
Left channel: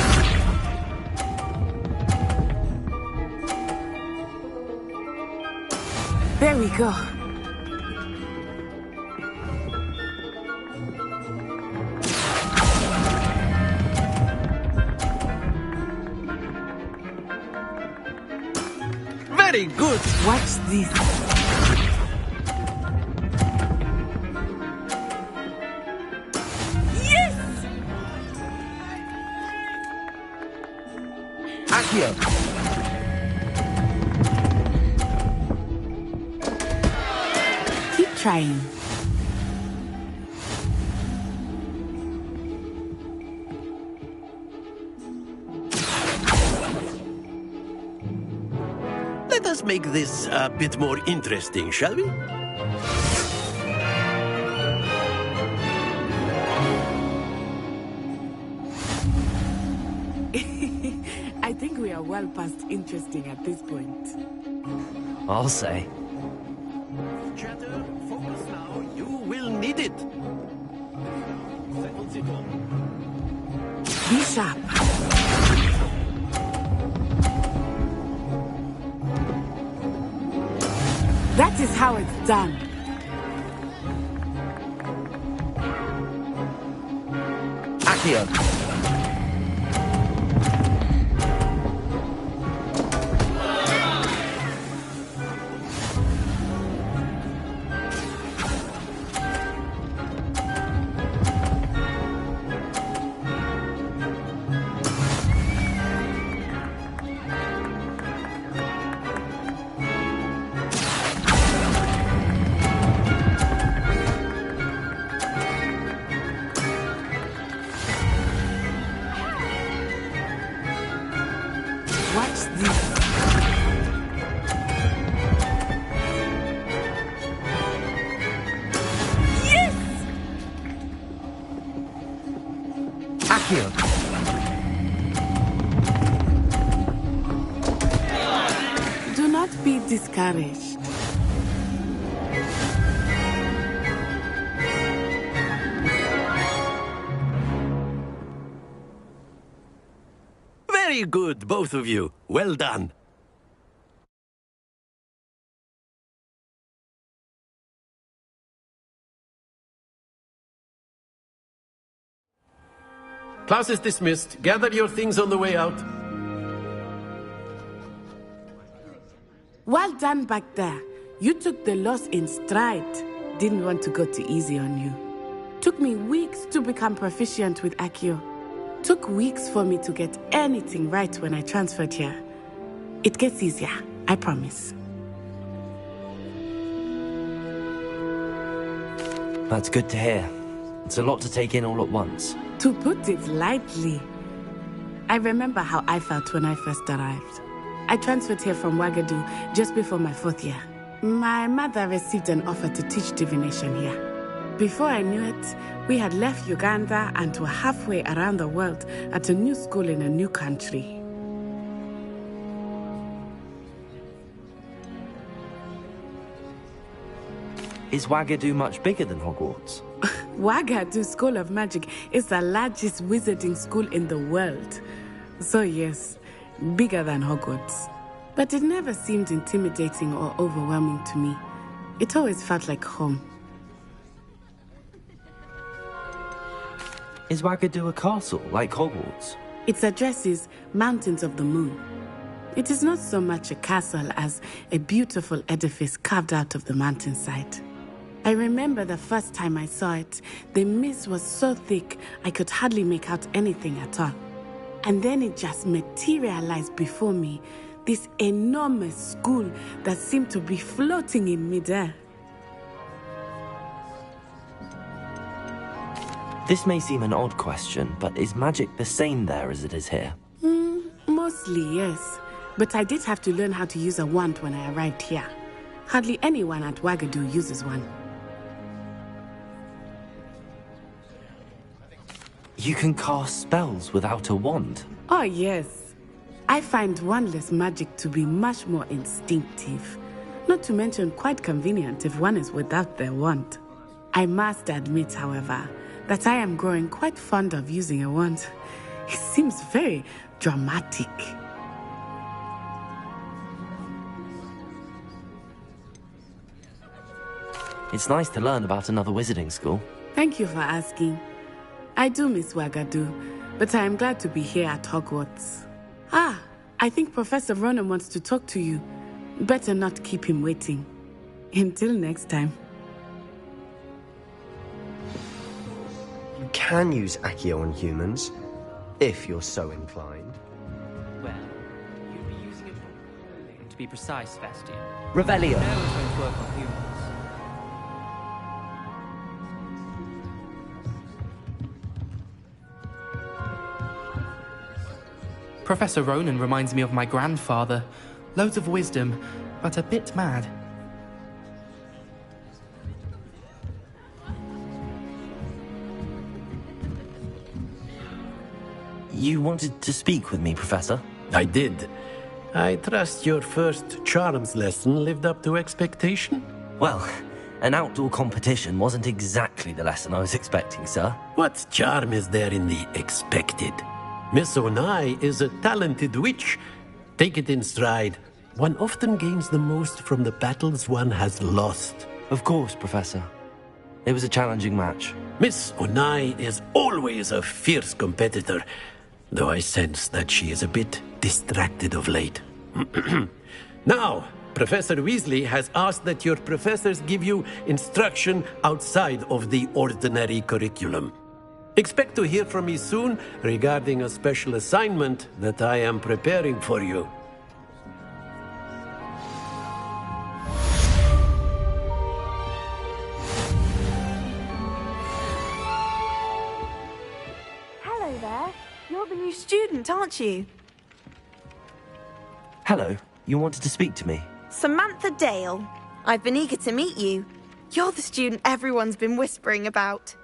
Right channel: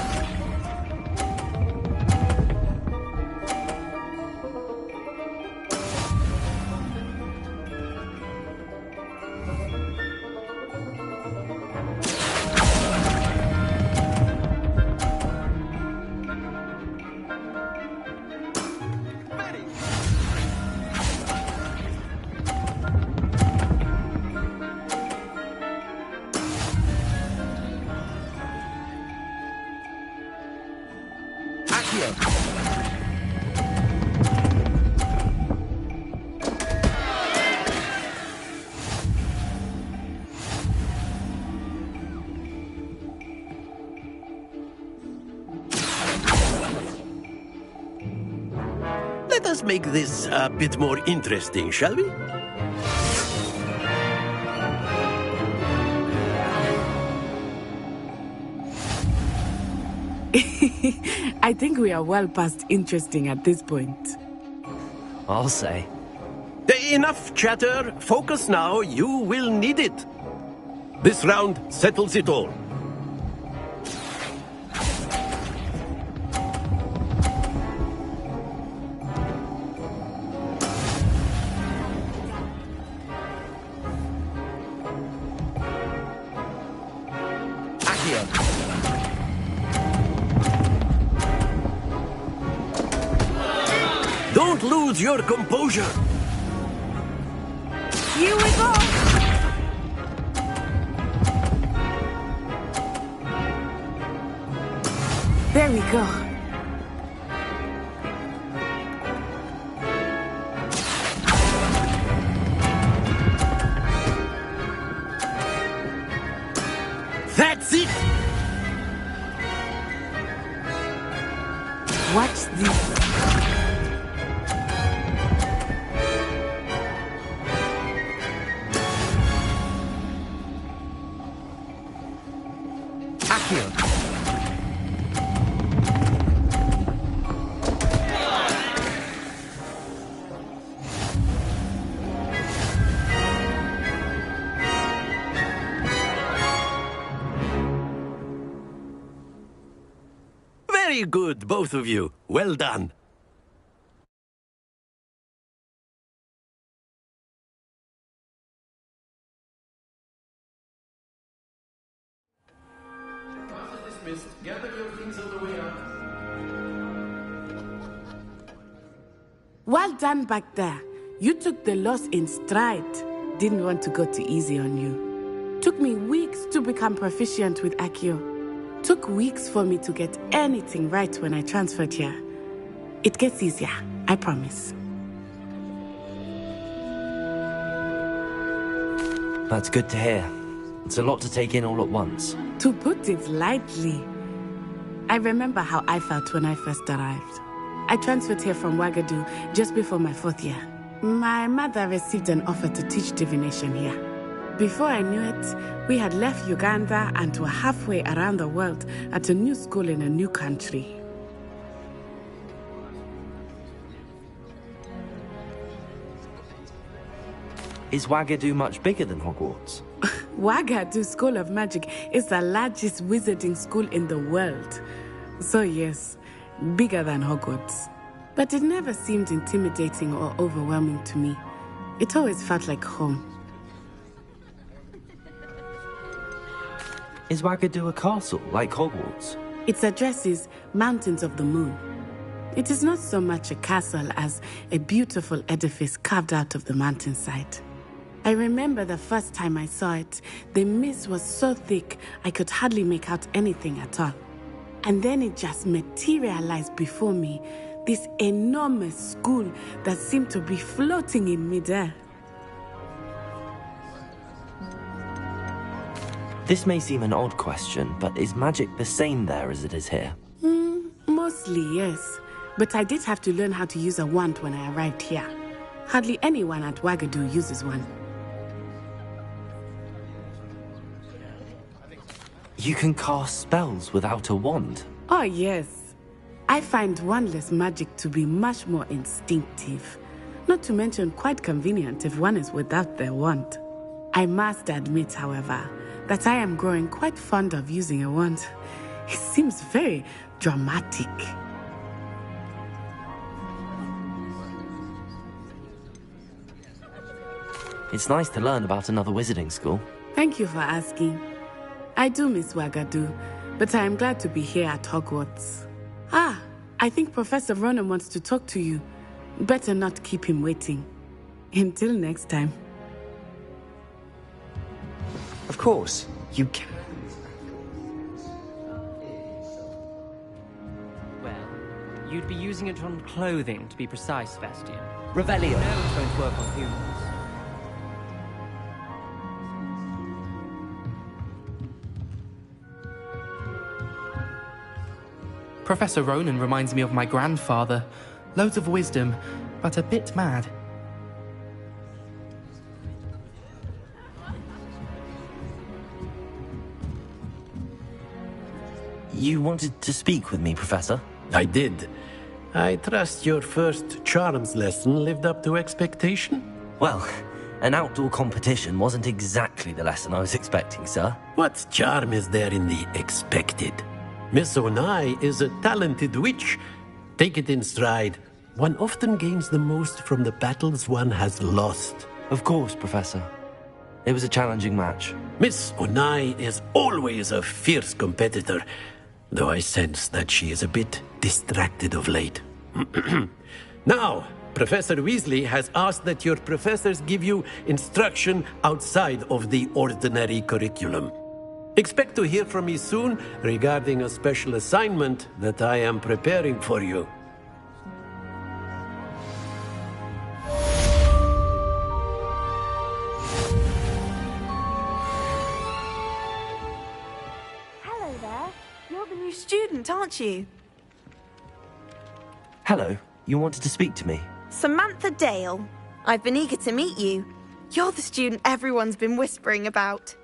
There we go. Very good. Watch this. Accio. Keep trying. Let us make this a bit more interesting, shall we? I think we are well past interesting at this point. I'll say. Enough chatter. Focus now. You will need it. This round settles it all. Be sharp. That is how it's done. Accio. Don't lose your composure. Here we go. There we go. That's it. Watch this. Accio. Do not be discouraged. Very good, both of you. Well done. Class is dismissed. Gather your things on the way out. Well done back there. You took the loss in stride. Didn't want to go too easy on you. Took me weeks to become proficient with Accio. Took weeks for me to get anything right when I transferred here. It gets easier, I promise. That's good to hear. It's a lot to take in all at once. To put it lightly, I remember how I felt when I first arrived. I transferred here from Ouagadougou just before my 4th year. My mother received an offer to teach divination here. Before I knew it, we had left Uganda and were halfway around the world at a new school in a new country. Is Ouagadougou much bigger than Hogwarts? Ouagadougou School of Magic is the largest wizarding school in the world. So yes, bigger than Hogwarts. But it never seemed intimidating or overwhelming to me. It always felt like home. Is Ouagadougou a castle, like Hogwarts? Its address is Mountains of the Moon. It is not so much a castle as a beautiful edifice carved out of the mountainside. I remember the first time I saw it, the mist was so thick I could hardly make out anything at all. And then it just materialized before me, this enormous school that seemed to be floating in midair. This may seem an odd question, but is magic the same there as it is here? Mostly, yes. But I did have to learn how to use a wand when I arrived here. Hardly anyone at Ouagadougou uses one. You can cast spells without a wand? Oh, yes. I find wandless magic to be much more instinctive. Not to mention quite convenient if one is without their wand. I must admit, however, that I am growing quite fond of using a wand. It seems very dramatic. It's nice to learn about another wizarding school. Thank you for asking. I do miss Ouagadougou, but I am glad to be here at Hogwarts. Ah, I think Professor Ronan wants to talk to you. Better not keep him waiting. Until next time. Of course, you can use Accio on humans, if you're so inclined. Well, you'd be using it on clothing, to be precise, Bastian. Revelio. No, it won't work on humans. Professor Ronan reminds me of my grandfather. Loads of wisdom, but a bit mad. You wanted to speak with me, Professor? I did. I trust your first charms lesson lived up to expectation? Well, an outdoor competition wasn't exactly the lesson I was expecting, sir. What charm is there in the expected? Miss Onai is a talented witch. Take it in stride. One often gains the most from the battles one has lost. Of course, Professor. It was a challenging match. Miss Onai is always a fierce competitor, though I sense that she is a bit distracted of late. Now, Professor Weasley has asked that your professors give you instruction outside of the ordinary curriculum. Expect to hear from me soon regarding a special assignment that I am preparing for you. Hello there. You're the new student, aren't you? Hello, you wanted to speak to me? Samantha Dale. I've been eager to meet you. You're the student everyone's been whispering about.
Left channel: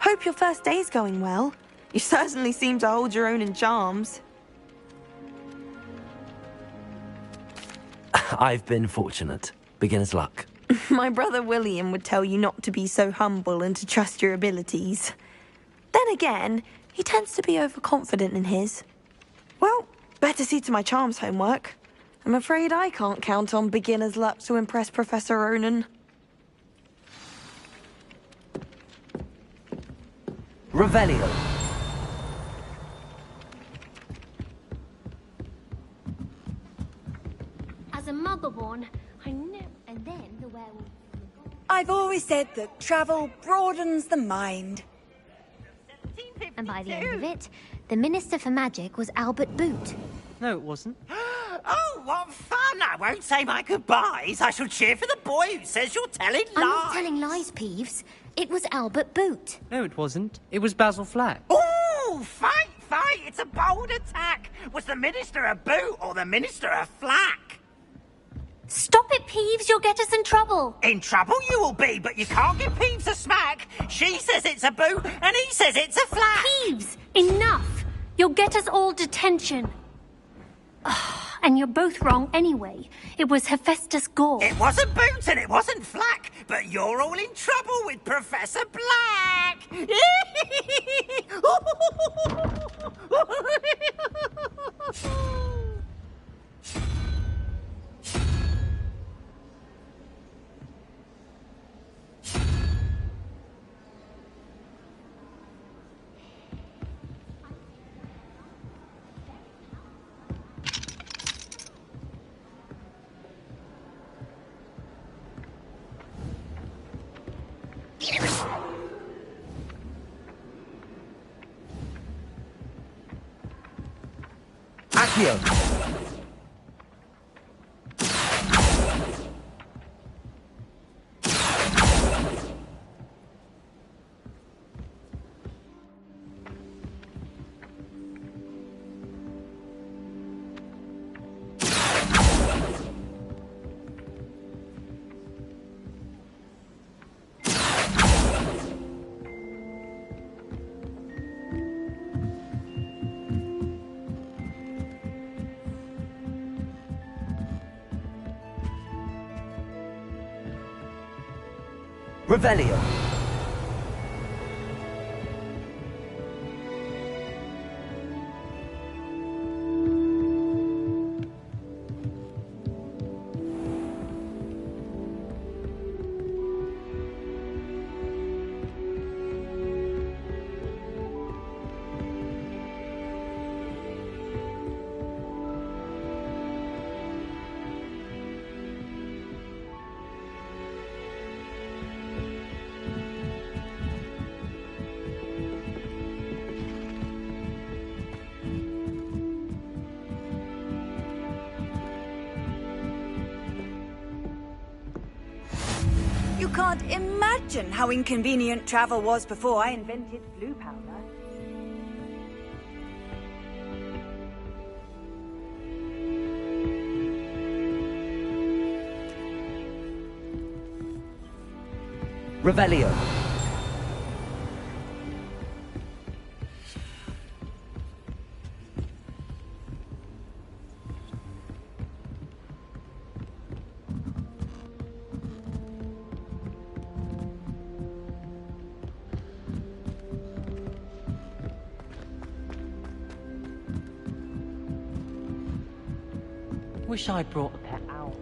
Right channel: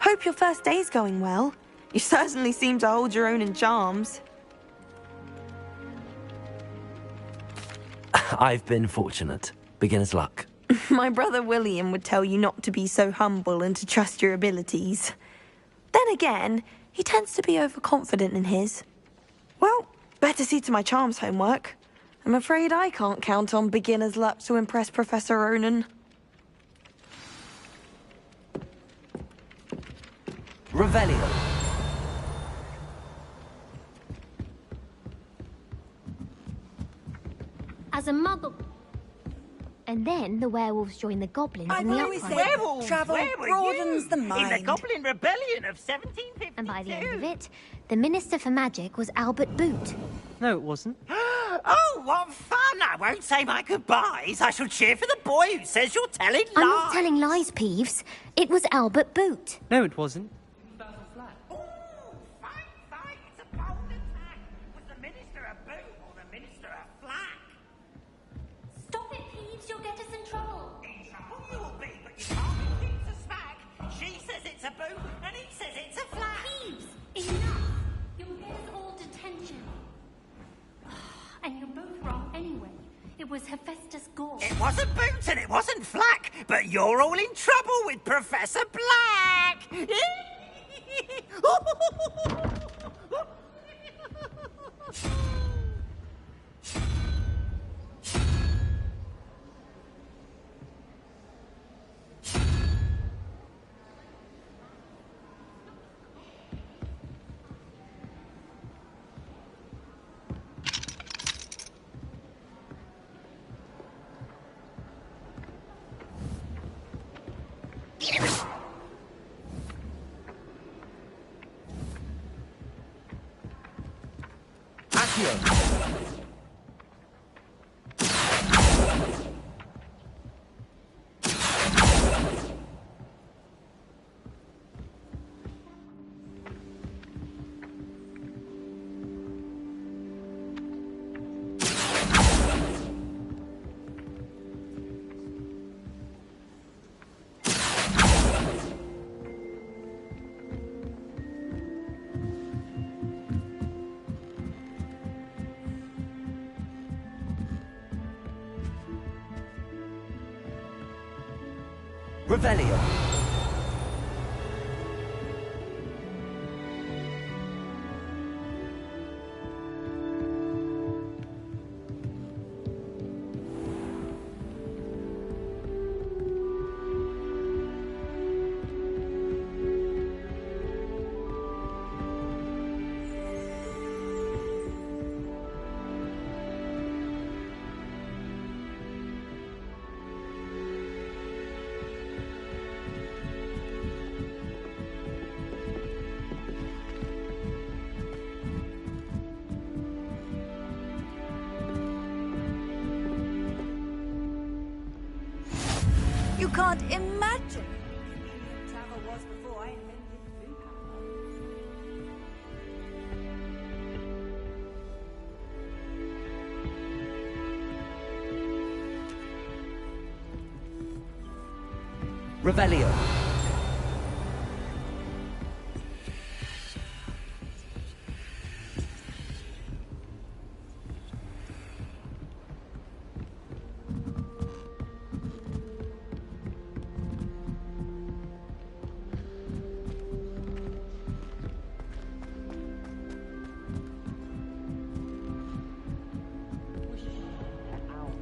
Hope your first day's going well. You certainly seem to hold your own in charms. I've been fortunate. Beginner's luck. My brother William would tell you not to be so humble and to trust your abilities. Then again, he tends to be overconfident in his. Well, better see to my charms homework. I'm afraid I can't count on beginner's luck to impress Professor Ronan. Revelio. As a motherborn, I know. And then the werewolves join the goblins. I've always said that travel broadens the mind. In the Goblin Rebellion of 1752. And by the end of it, the Minister for Magic was Albert Boot. No, it wasn't. Oh, what fun! I won't say my goodbyes. I shall cheer for the boy who says you're telling lies. I'm not telling lies, Peeves. It was Albert Boot. No, it wasn't. It was Basil Flack. Ooh, fight! It's a bold attack. Was the Minister a boot or the Minister a flack? Stop it, Peeves. You'll get us in trouble. In trouble you will be, but you can't give Peeves a smack. She says it's a boot and he says it's a flack. Peeves, enough. You'll get us all detention. And you're both wrong anyway. It was Hephaestus Gore. It wasn't Boot and it wasn't Flack, but you're all in trouble with Professor Black. Accio. Revelio. You can't imagine how inconvenient travel was before I invented blue powder. Revelio. Wish I'd brought a pet owl.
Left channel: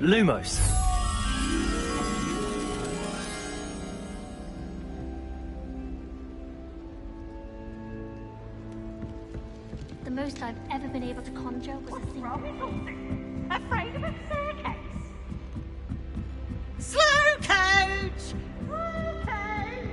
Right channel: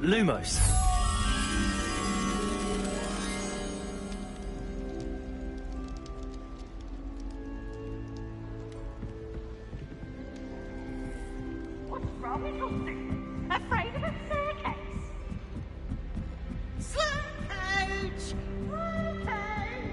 Lumos. The most I've ever been able to conjure was... What's wrong with you? Afraid of a staircase? Slow coach! Okay.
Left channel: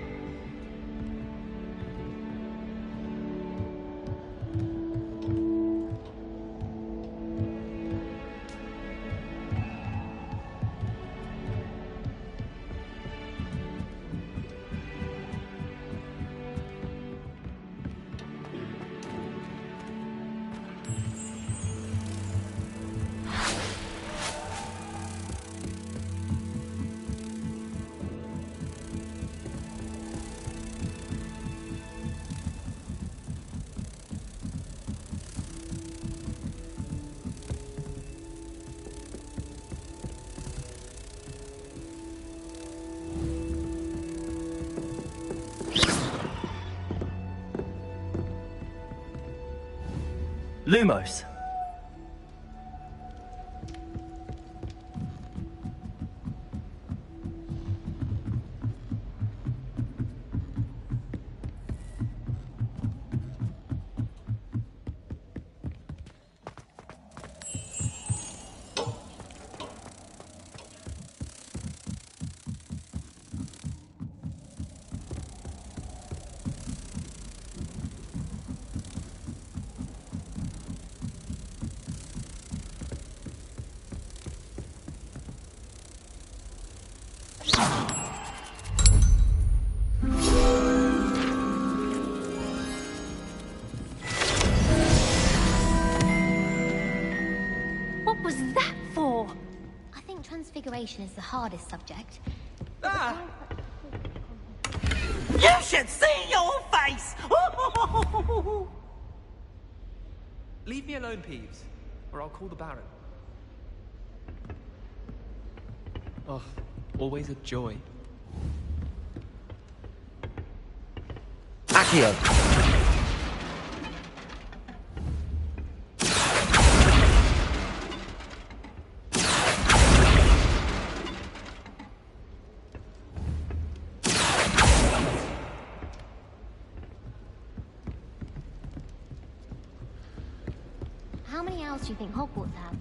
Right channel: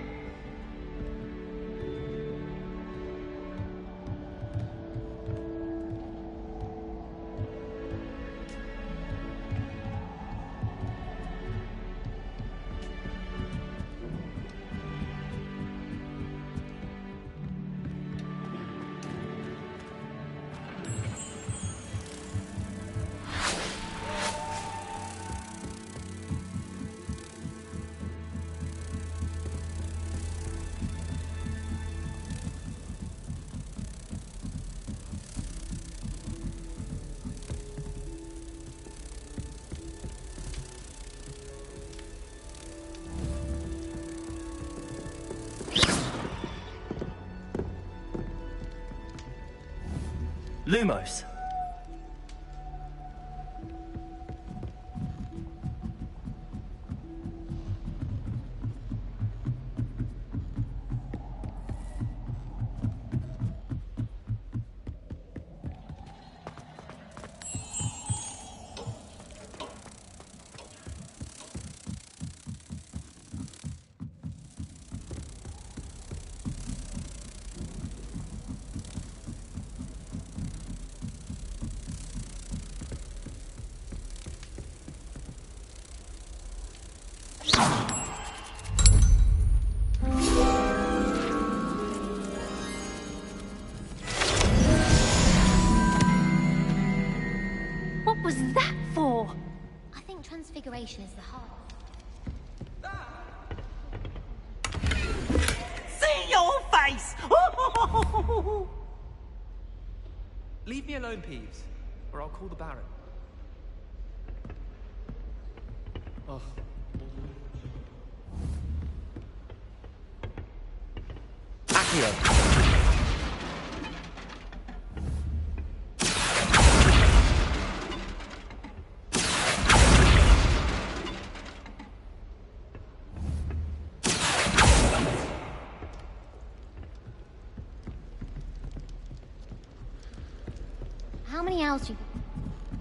Lumos. What was that for? I think transfiguration is the hardest subject. You should see your face! Leave me alone, Peeves, or I'll call the Baron. Oh, always a joy. Accio. How many owls do you think Hogwarts have?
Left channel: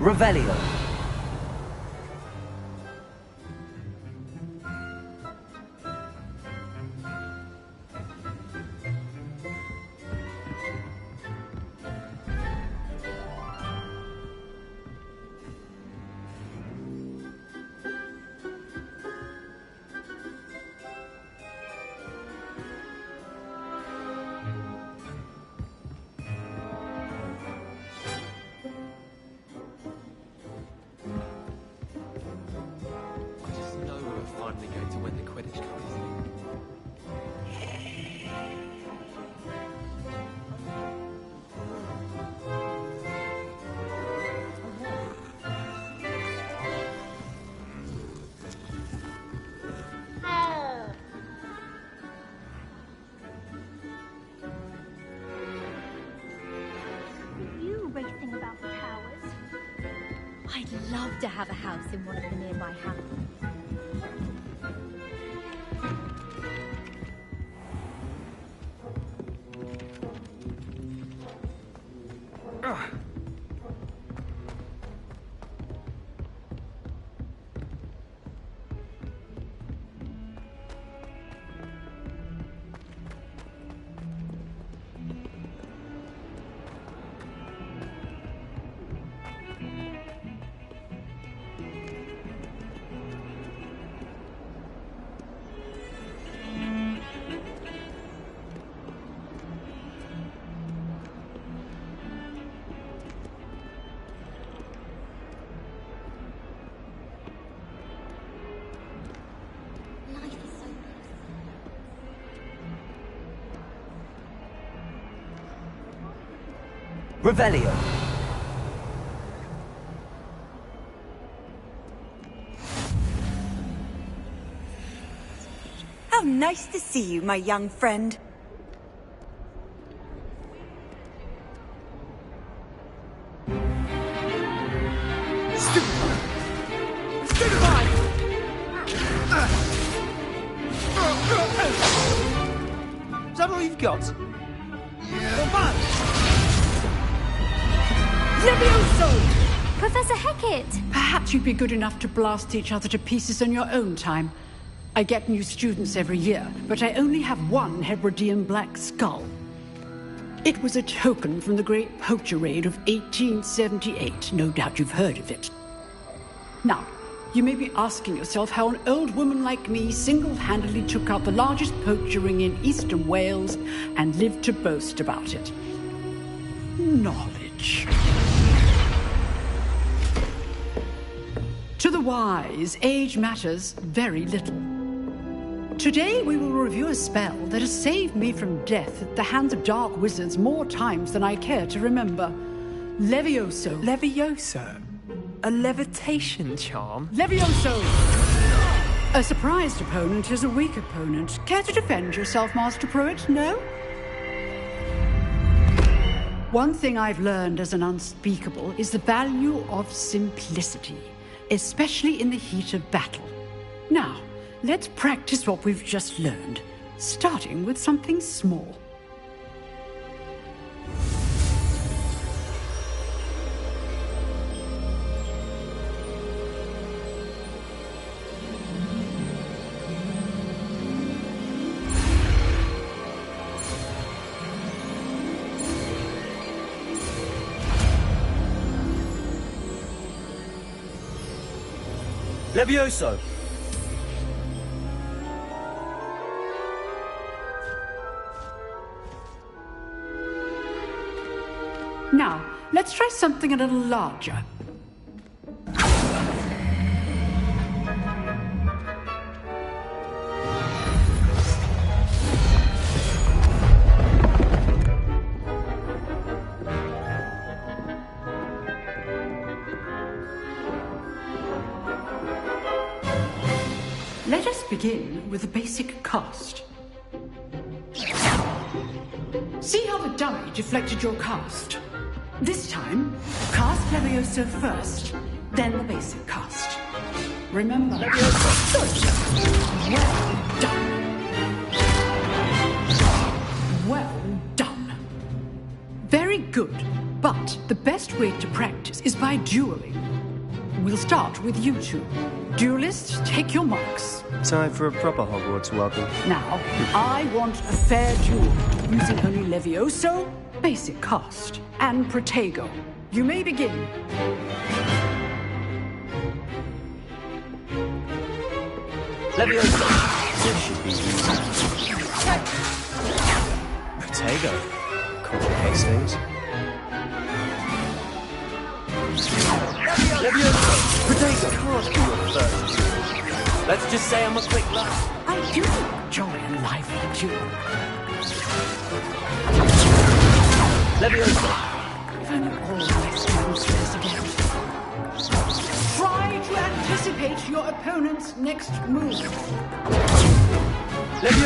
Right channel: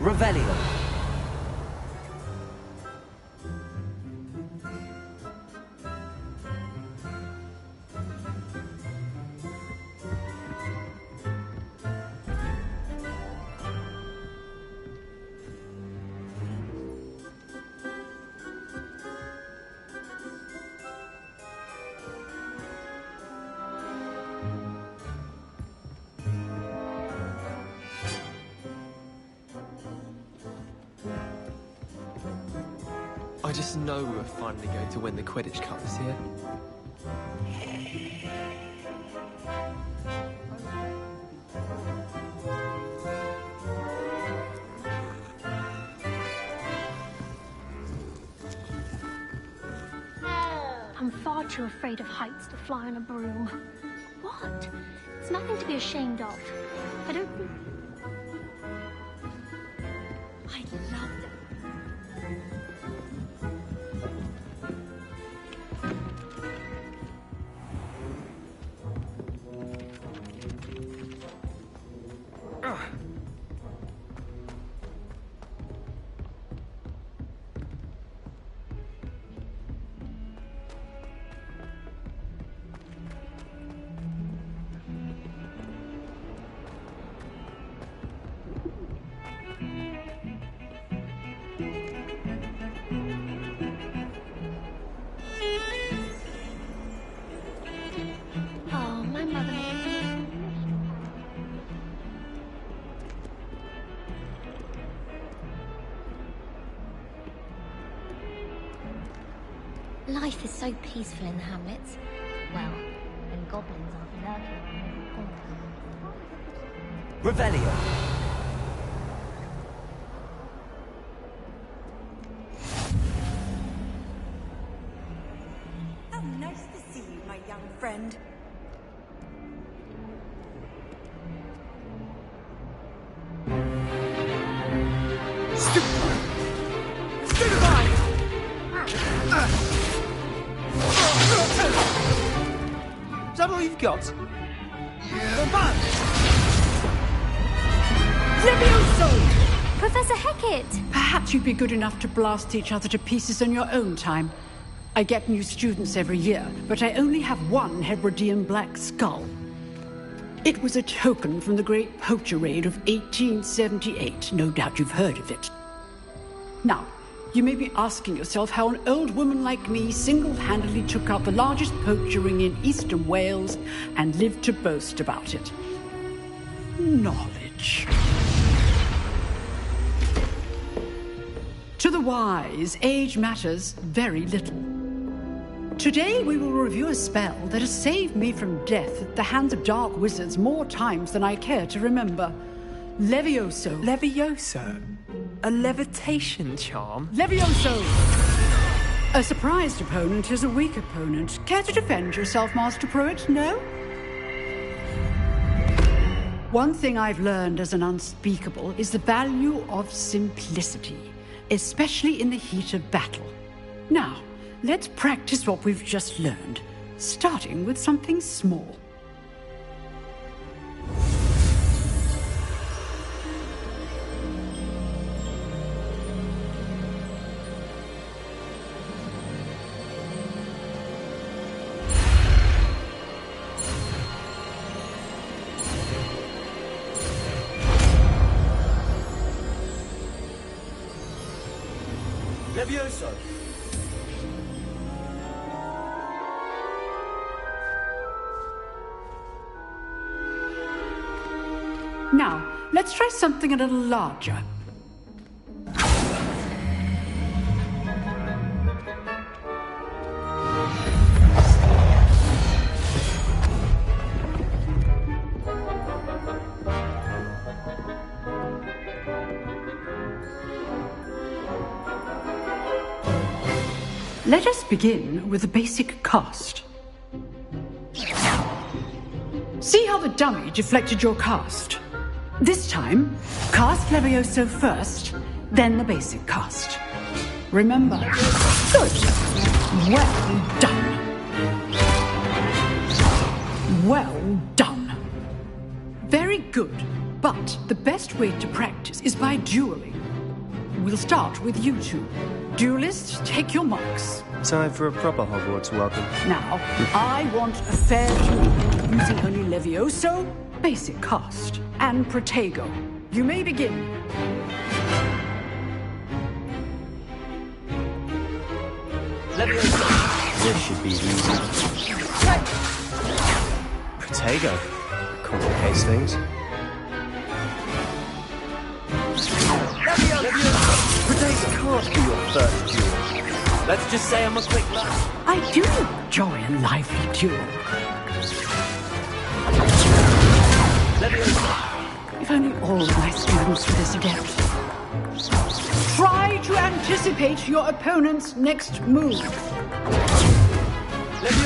Revelio. I just know we were finally going to win the Quidditch Cup this year. Oh, You're too afraid of heights to fly on a broom. What? It's nothing to be ashamed of. I don't think you really think about the powers. I'd love to have a house in one of the nearby houses. Life is so peaceful in the hamlets. Well, when goblins are Revelio. How nice to see you, my young friend. Is that all you've got? Yeah. Levioso! Professor Hecat! Perhaps you'd be good enough to blast each other to pieces in your own time. I get new students every year, but I only have one Hebridean black skull. It was a token from the Great Poacher Raid of 1878. No doubt you've heard of it. Now, you may be asking yourself how an old woman like me single-handedly took out the largest poacher ring in eastern Wales and lived to boast about it. Knowledge. To the wise, age matters very little. Today we will review a spell that has saved me from death at the hands of dark wizards more times than I care to remember. Levioso. Levioso? A levitation charm? Levioso! A surprised opponent is a weak opponent. Care to defend yourself, Master Pruitt? No? One thing I've learned as an unspeakable is the value of simplicity, especially in the heat of battle. Now, let's practice what we've just learned, starting with something small. Levioso. Now, let's try something a little larger. Let us begin with the basic cast. See how the dummy deflected your cast? This time, cast Levioso first, then the basic cast. Remember. Good. Well done. Well done. Very good, but the best way to practice is by dueling. We'll start with you two. Duelists, take your marks. Time for a proper Hogwarts welcome. Now, I want a fair duel, using only Levioso, basic cast, and Protego. You may begin. Levioso. This should be easy. Protego. Complicates things. Levioso. Protego. Can't be your first duel. Let's just say I'm a quick laugh. I do enjoy a lively duel. Levioso. If only all my students were this adept. Try to anticipate your opponent's next move. Levioso.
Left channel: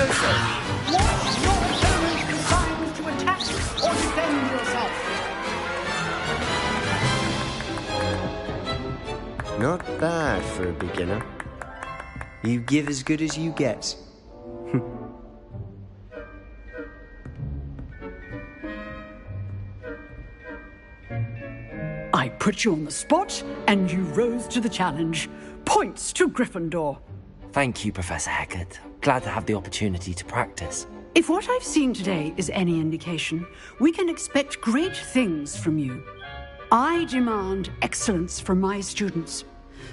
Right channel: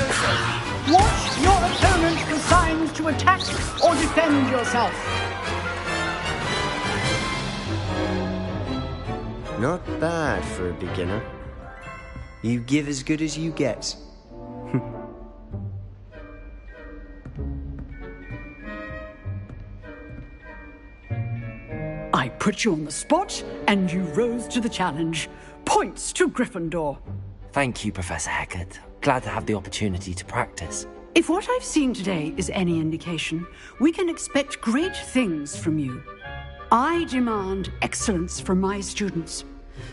attack or defend yourself. Not bad for a beginner. You give as good as you get. I put you on the spot, and you rose to the challenge. Points to Gryffindor. Thank you, Professor Hecat. Glad to have the opportunity to practice. If what I've seen today is any indication, we can expect great things from you. I demand excellence from my students.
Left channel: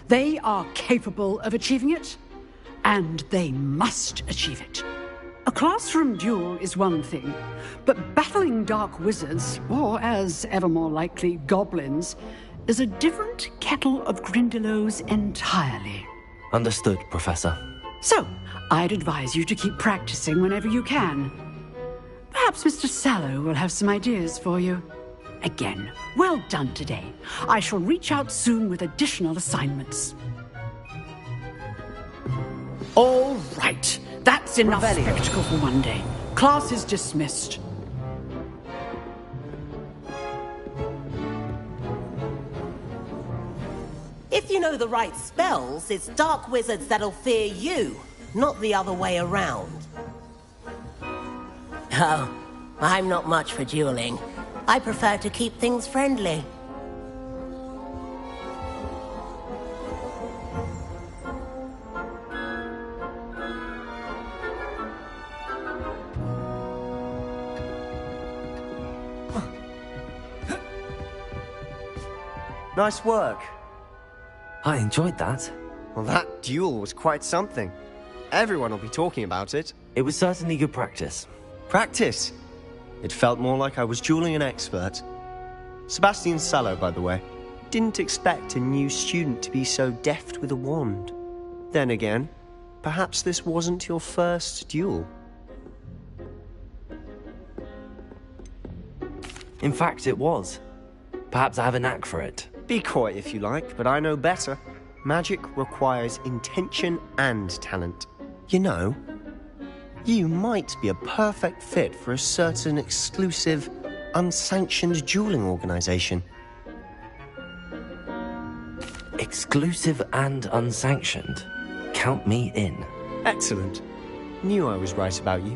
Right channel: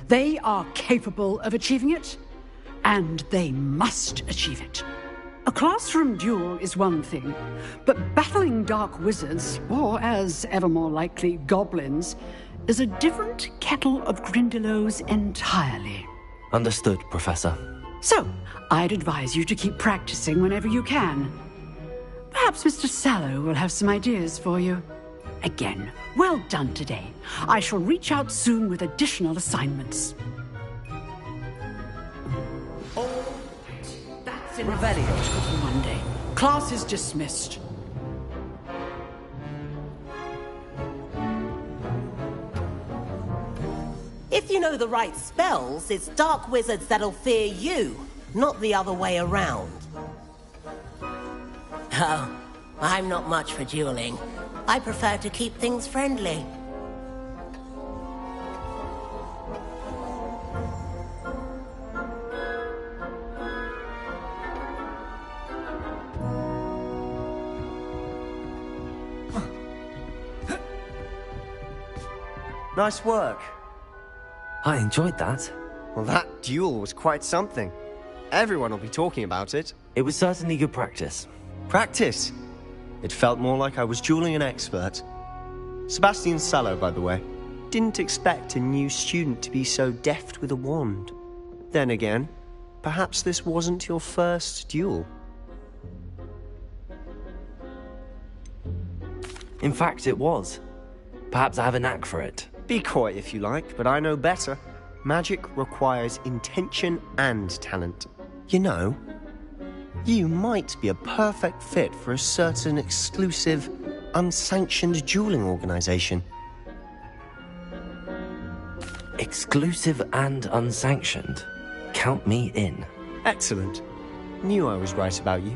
They are capable of achieving it, and they must achieve it. A classroom duel is one thing, but battling dark wizards, or as ever more likely, goblins, is a different kettle of Grindylows entirely. Understood, Professor. So, I'd advise you to keep practicing whenever you can. Perhaps Mr. Sallow will have some ideas for you. Again, well done today. I shall reach out soon with additional assignments. All right. That's enough spectacle for one day. Class is dismissed. If you know the right spells, it's dark wizards that'll fear you, not the other way around. Oh, I'm not much for dueling. I prefer to keep things friendly. Nice work. I enjoyed that. Well, that duel was quite something. Everyone will be talking about it. It was certainly good practice. Practice? It felt more like I was dueling an expert. Sebastian Sallow, by the way. Didn't expect a new student to be so deft with a wand. Then again, perhaps this wasn't your first duel. In fact, it was. Perhaps I have a knack for it. Be coy if you like, but I know better. Magic requires intention and talent. You know, you might be a perfect fit for a certain exclusive, unsanctioned dueling organization. Exclusive and unsanctioned? Count me in. Excellent. Knew I was right about you.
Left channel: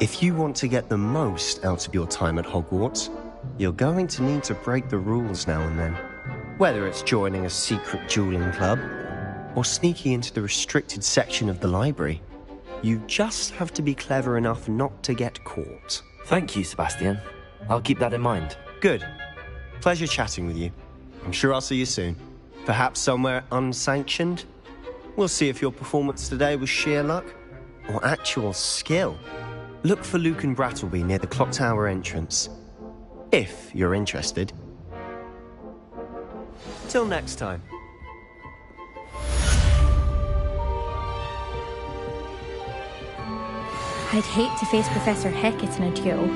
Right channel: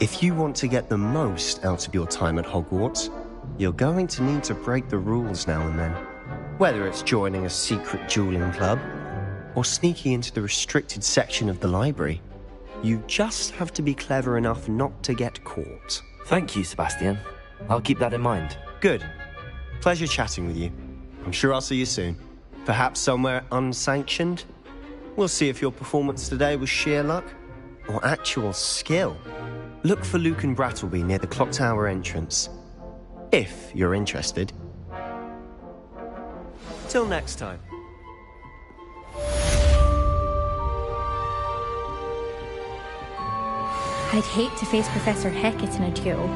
If you want to get the most out of your time at Hogwarts, you're going to need to break the rules now and then. Whether it's joining a secret dueling club, or sneaking into the restricted section of the library, you just have to be clever enough not to get caught. Thank you, Sebastian. I'll keep that in mind. Good. Pleasure chatting with you. I'm sure I'll see you soon. Perhaps somewhere unsanctioned? We'll see if your performance today was sheer luck, or actual skill. Look for Luke and Brattleby near the clock tower entrance. If you're interested. Till next time. I'd hate to face Professor Hecat in a duel.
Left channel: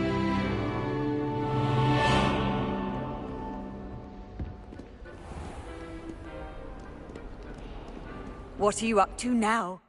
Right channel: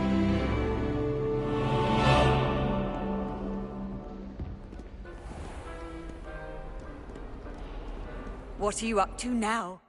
What are you up to now?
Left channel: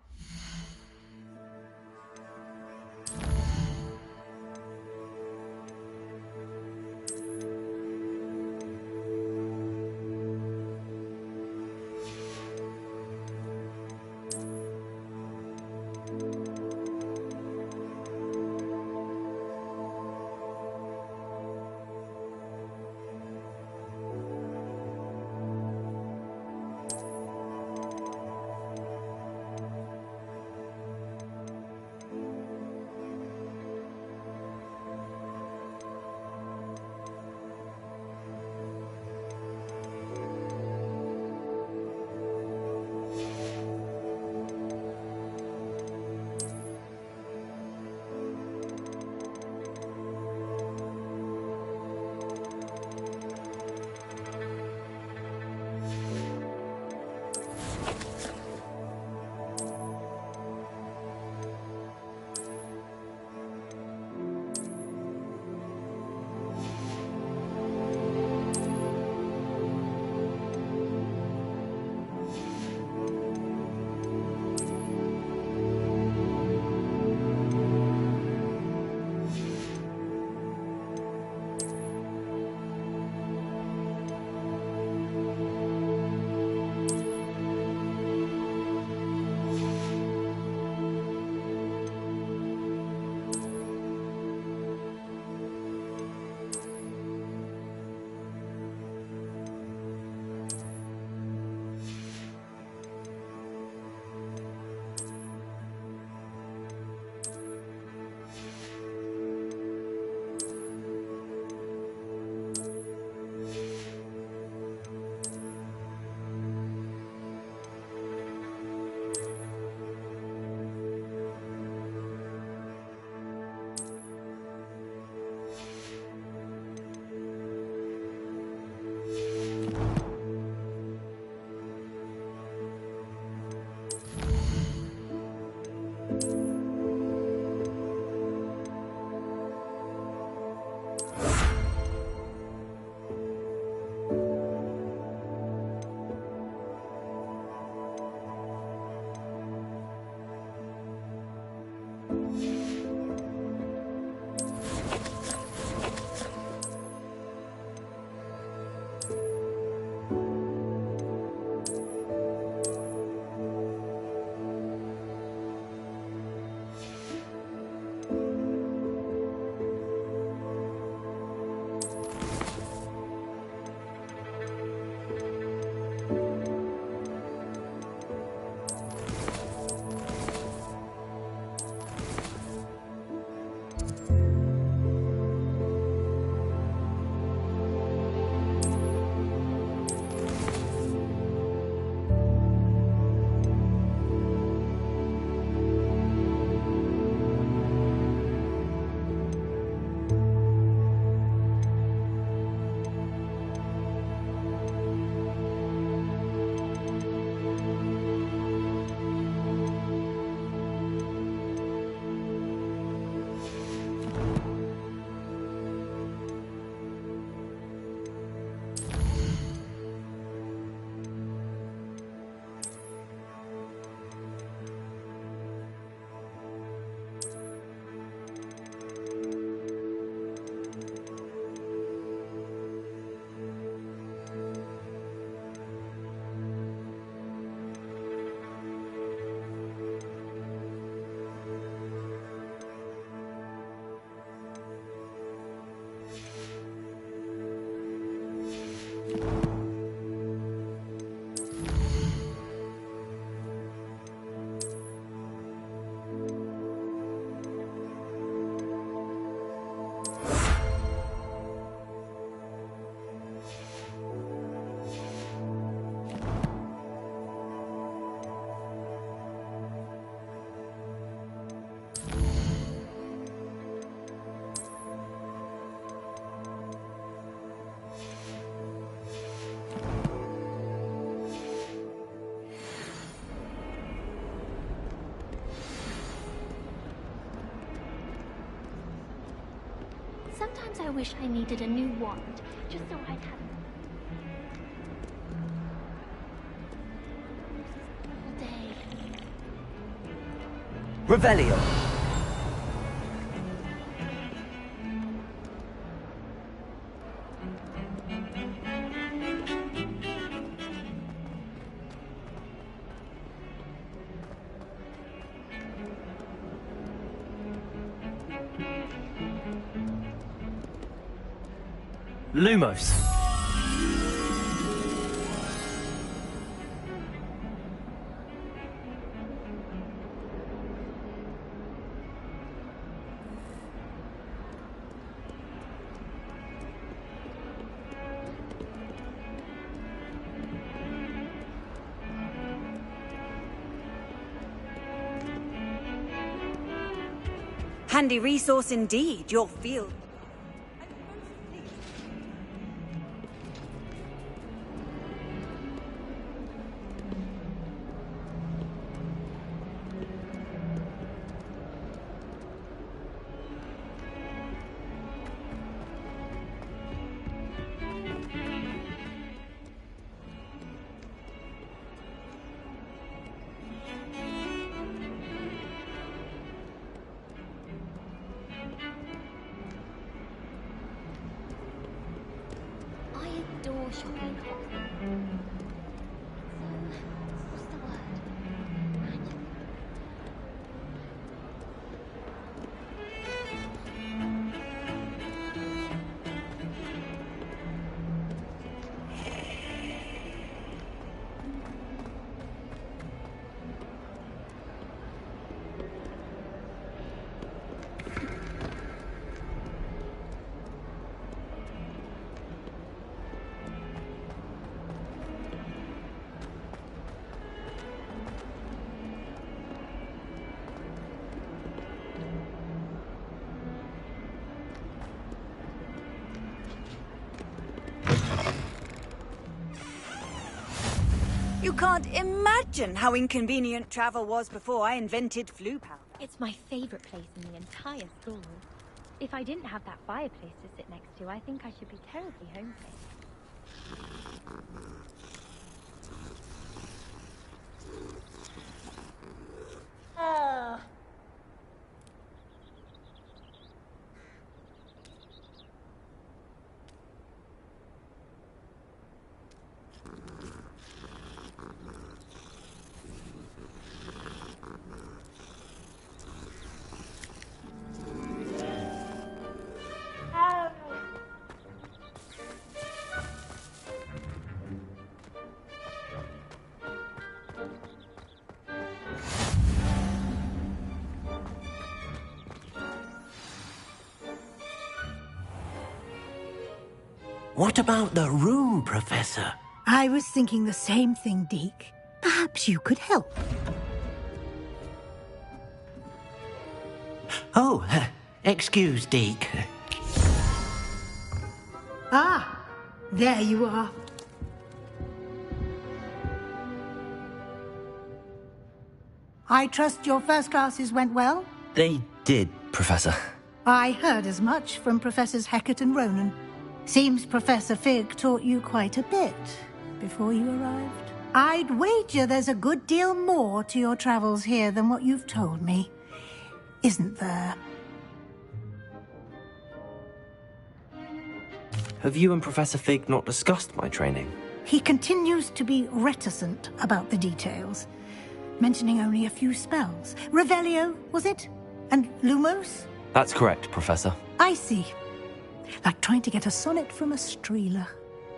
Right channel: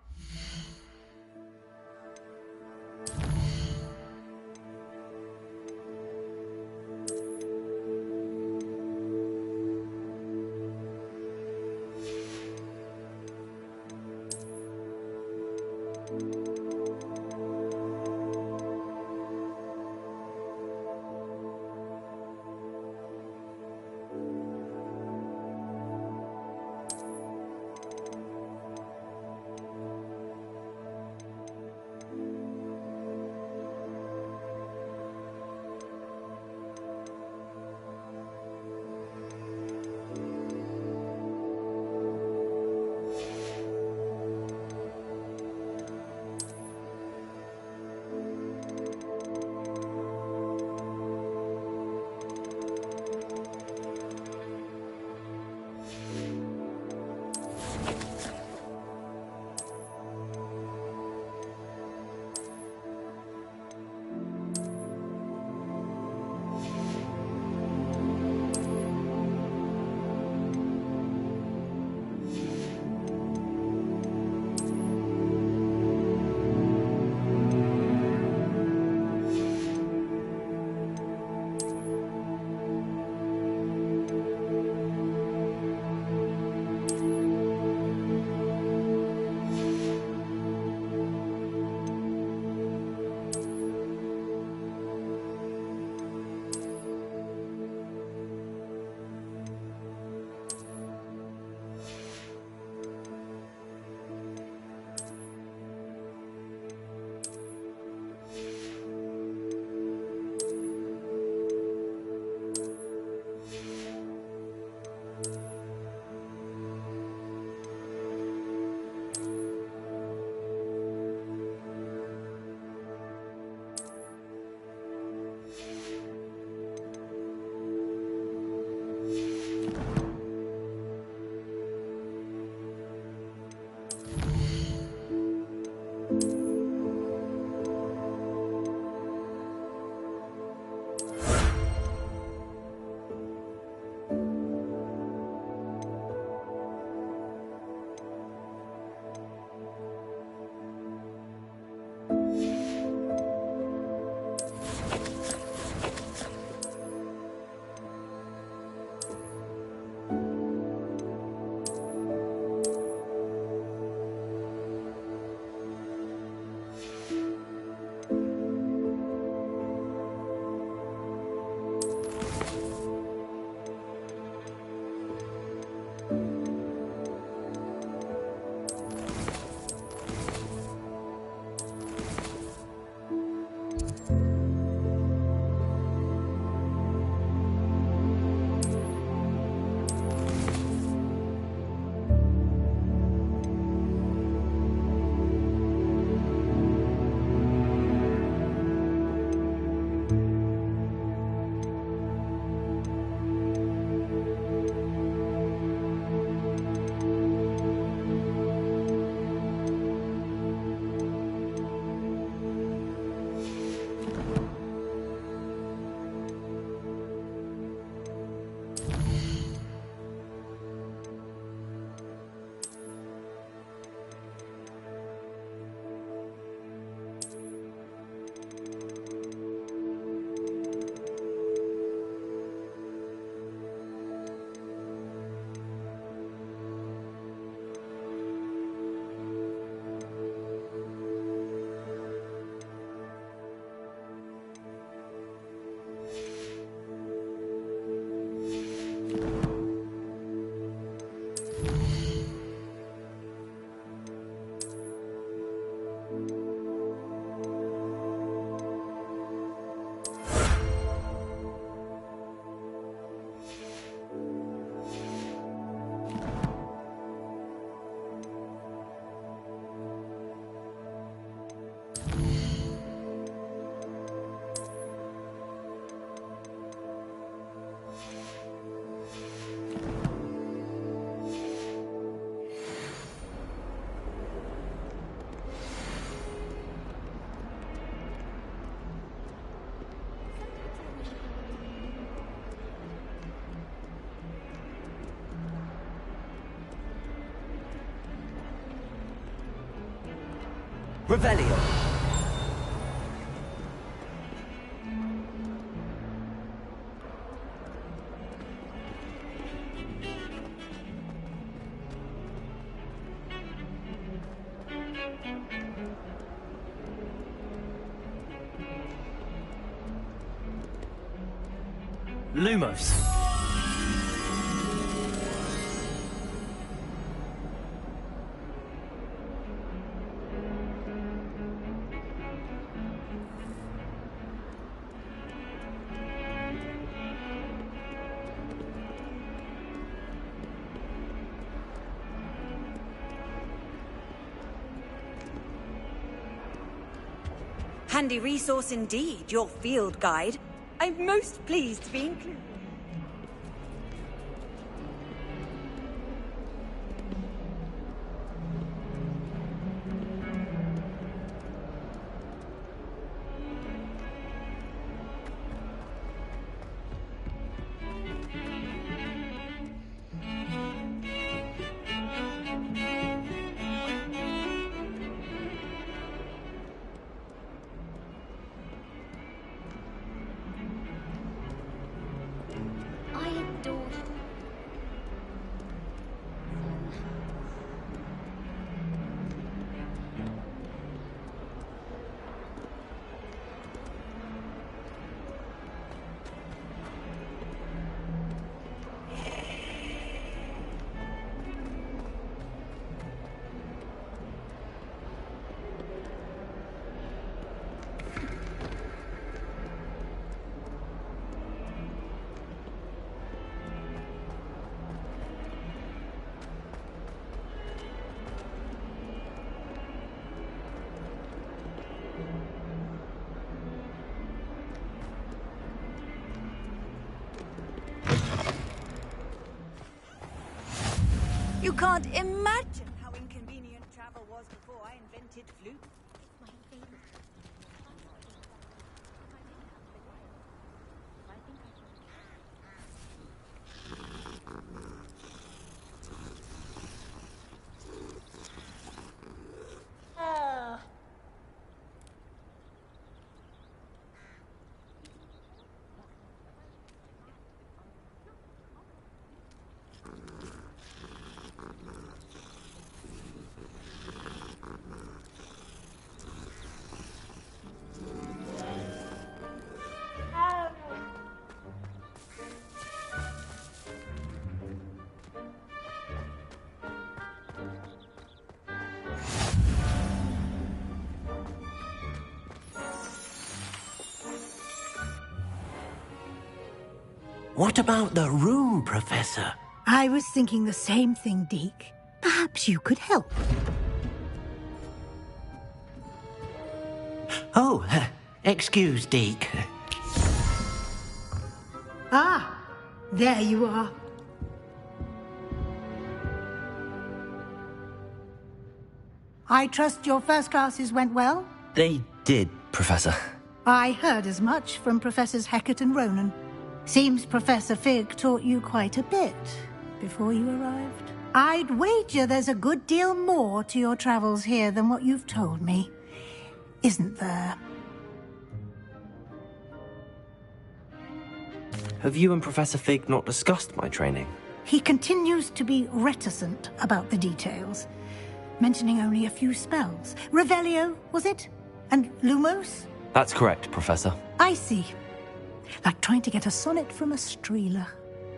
Sometimes I wish I needed a new wand, just so I'd have... Revelio. Lumos. Handy resource indeed, your field guide. I'm most pleased to be included. I adore shopping. You can't imagine how inconvenient travel was before I invented flu powder. It's my favorite place in the entire store. If I didn't have that fireplace to sit next to, I think I should be terribly homesick. What about the room, Professor? I was thinking the same thing, Deke. Perhaps you could help. Oh, excuse, Deke. Ah, there you are. I trust your first classes went well? They did, Professor. I heard as much from Professors Hecat and Ronan. Seems Professor Fig taught you quite a bit before you arrived. I'd wager there's a good deal more to your travels here than what you've told me. Isn't there? Have you and Professor Fig not discussed my training? He continues to be reticent about the details, mentioning only a few spells. Revelio, was it? And Lumos? That's correct, Professor. I see. Like trying to get a sonnet from a streeler.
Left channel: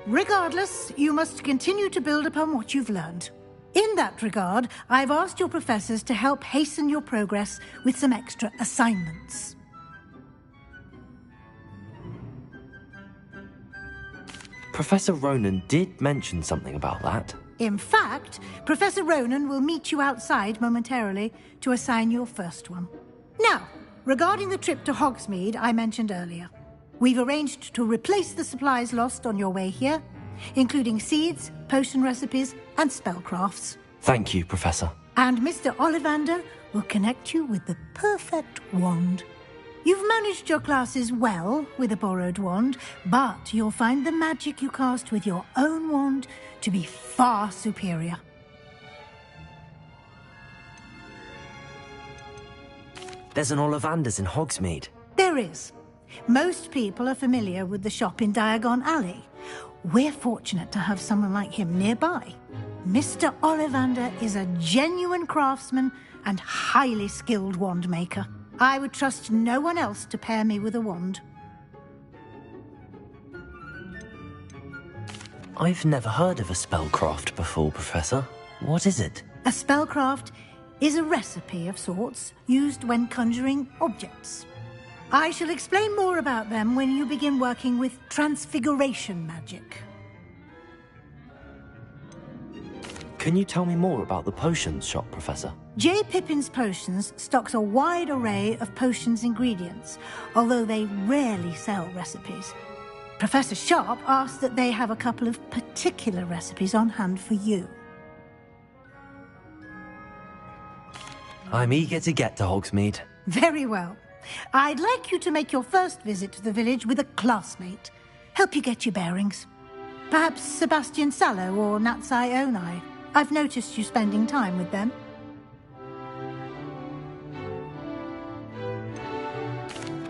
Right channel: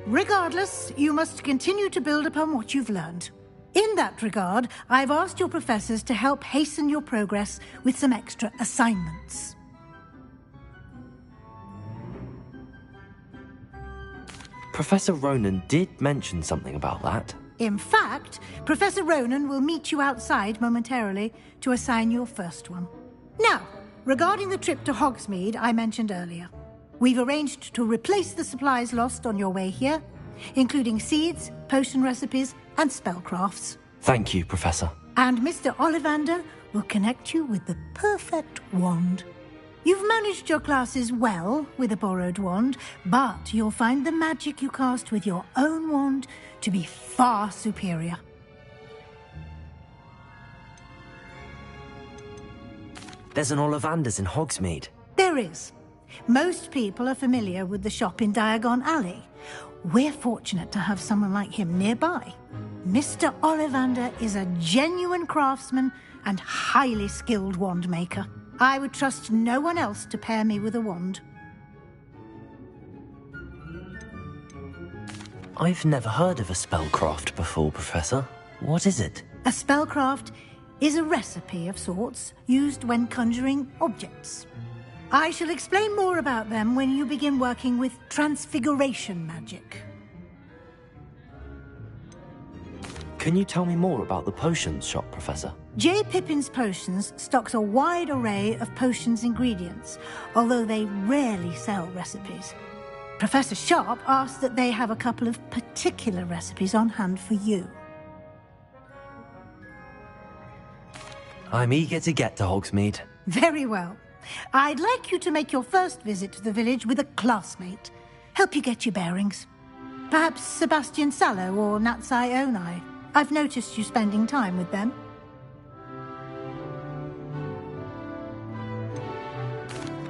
Regardless, you must continue to build upon what you've learned. In that regard, I've asked your professors to help hasten your progress with some extra assignments. Professor Ronan did mention something about that. In fact, Professor Ronan will meet you outside momentarily to assign your first one. Now, regarding the trip to Hogsmeade I mentioned earlier, we've arranged to replace the supplies lost on your way here, including seeds, potion recipes, and spellcrafts. Thank you, Professor. And Mr. Ollivander will connect you with the perfect wand. You've managed your classes well with a borrowed wand, but you'll find the magic you cast with your own wand to be far superior. There's an Ollivander's in Hogsmeade. There is. Most people are familiar with the shop in Diagon Alley. We're fortunate to have someone like him nearby. Mr. Ollivander is a genuine craftsman and highly skilled wand maker. I would trust no one else to pair me with a wand. I've never heard of a spellcraft before, Professor. What is it? A spellcraft is a recipe of sorts used when conjuring objects. I shall explain more about them when you begin working with transfiguration magic. Can you tell me more about the potions shop, Professor? J. Pippin's Potions stocks a wide array of potions ingredients, although they rarely sell recipes. Professor Sharp asked that they have a couple of particular recipes on hand for you. I'm eager to get to Hogsmeade. Very well. I'd like you to make your first visit to the village with a classmate. Help you get your bearings. Perhaps Sebastian Sallow or Natsai Onai. I've noticed you spending time with them.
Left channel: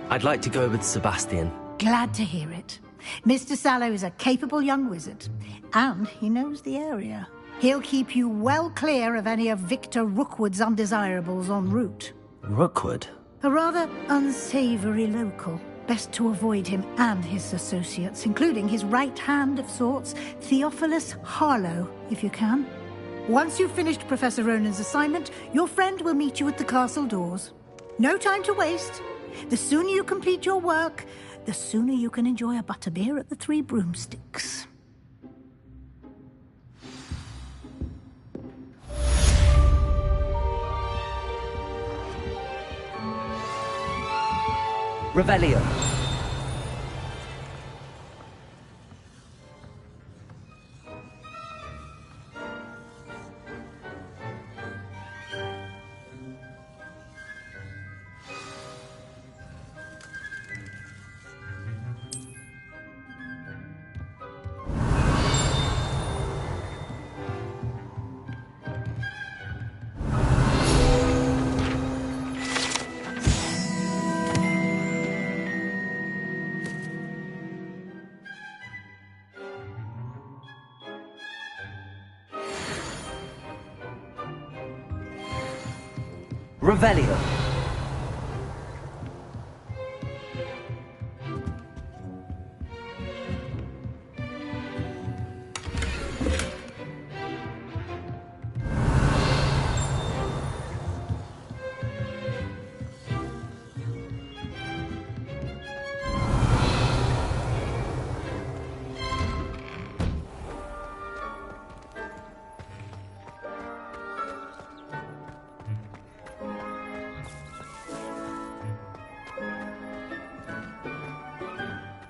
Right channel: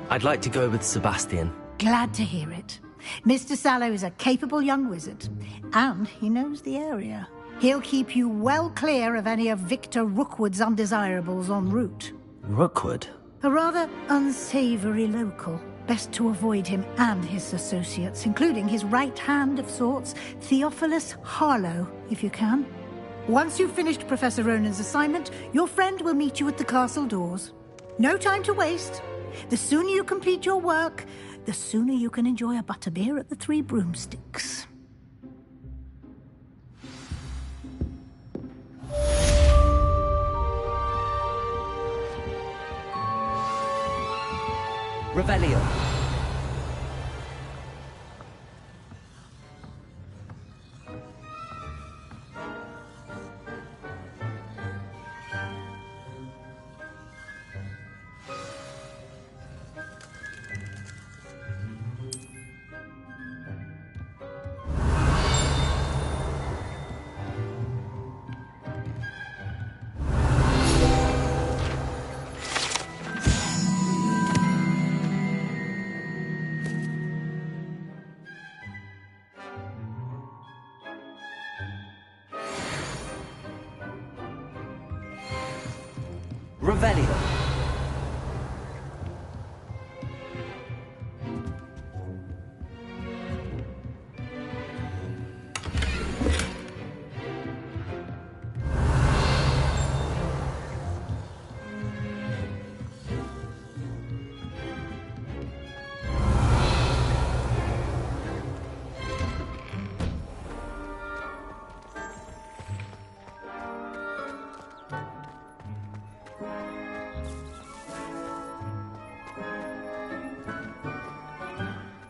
I'd like to go with Sebastian. Glad to hear it. Mr. Sallow is a capable young wizard, and he knows the area. He'll keep you well clear of any of Victor Rookwood's undesirables en route. Rookwood? A rather unsavory local. Best to avoid him and his associates, including his right hand of sorts, Theophilus Harlow, if you can. Once you've finished Professor Ronan's assignment, your friend will meet you at the castle doors. No time to waste. The sooner you complete your work, the sooner you can enjoy a butterbeer at the Three Broomsticks. Revelio. Revelio.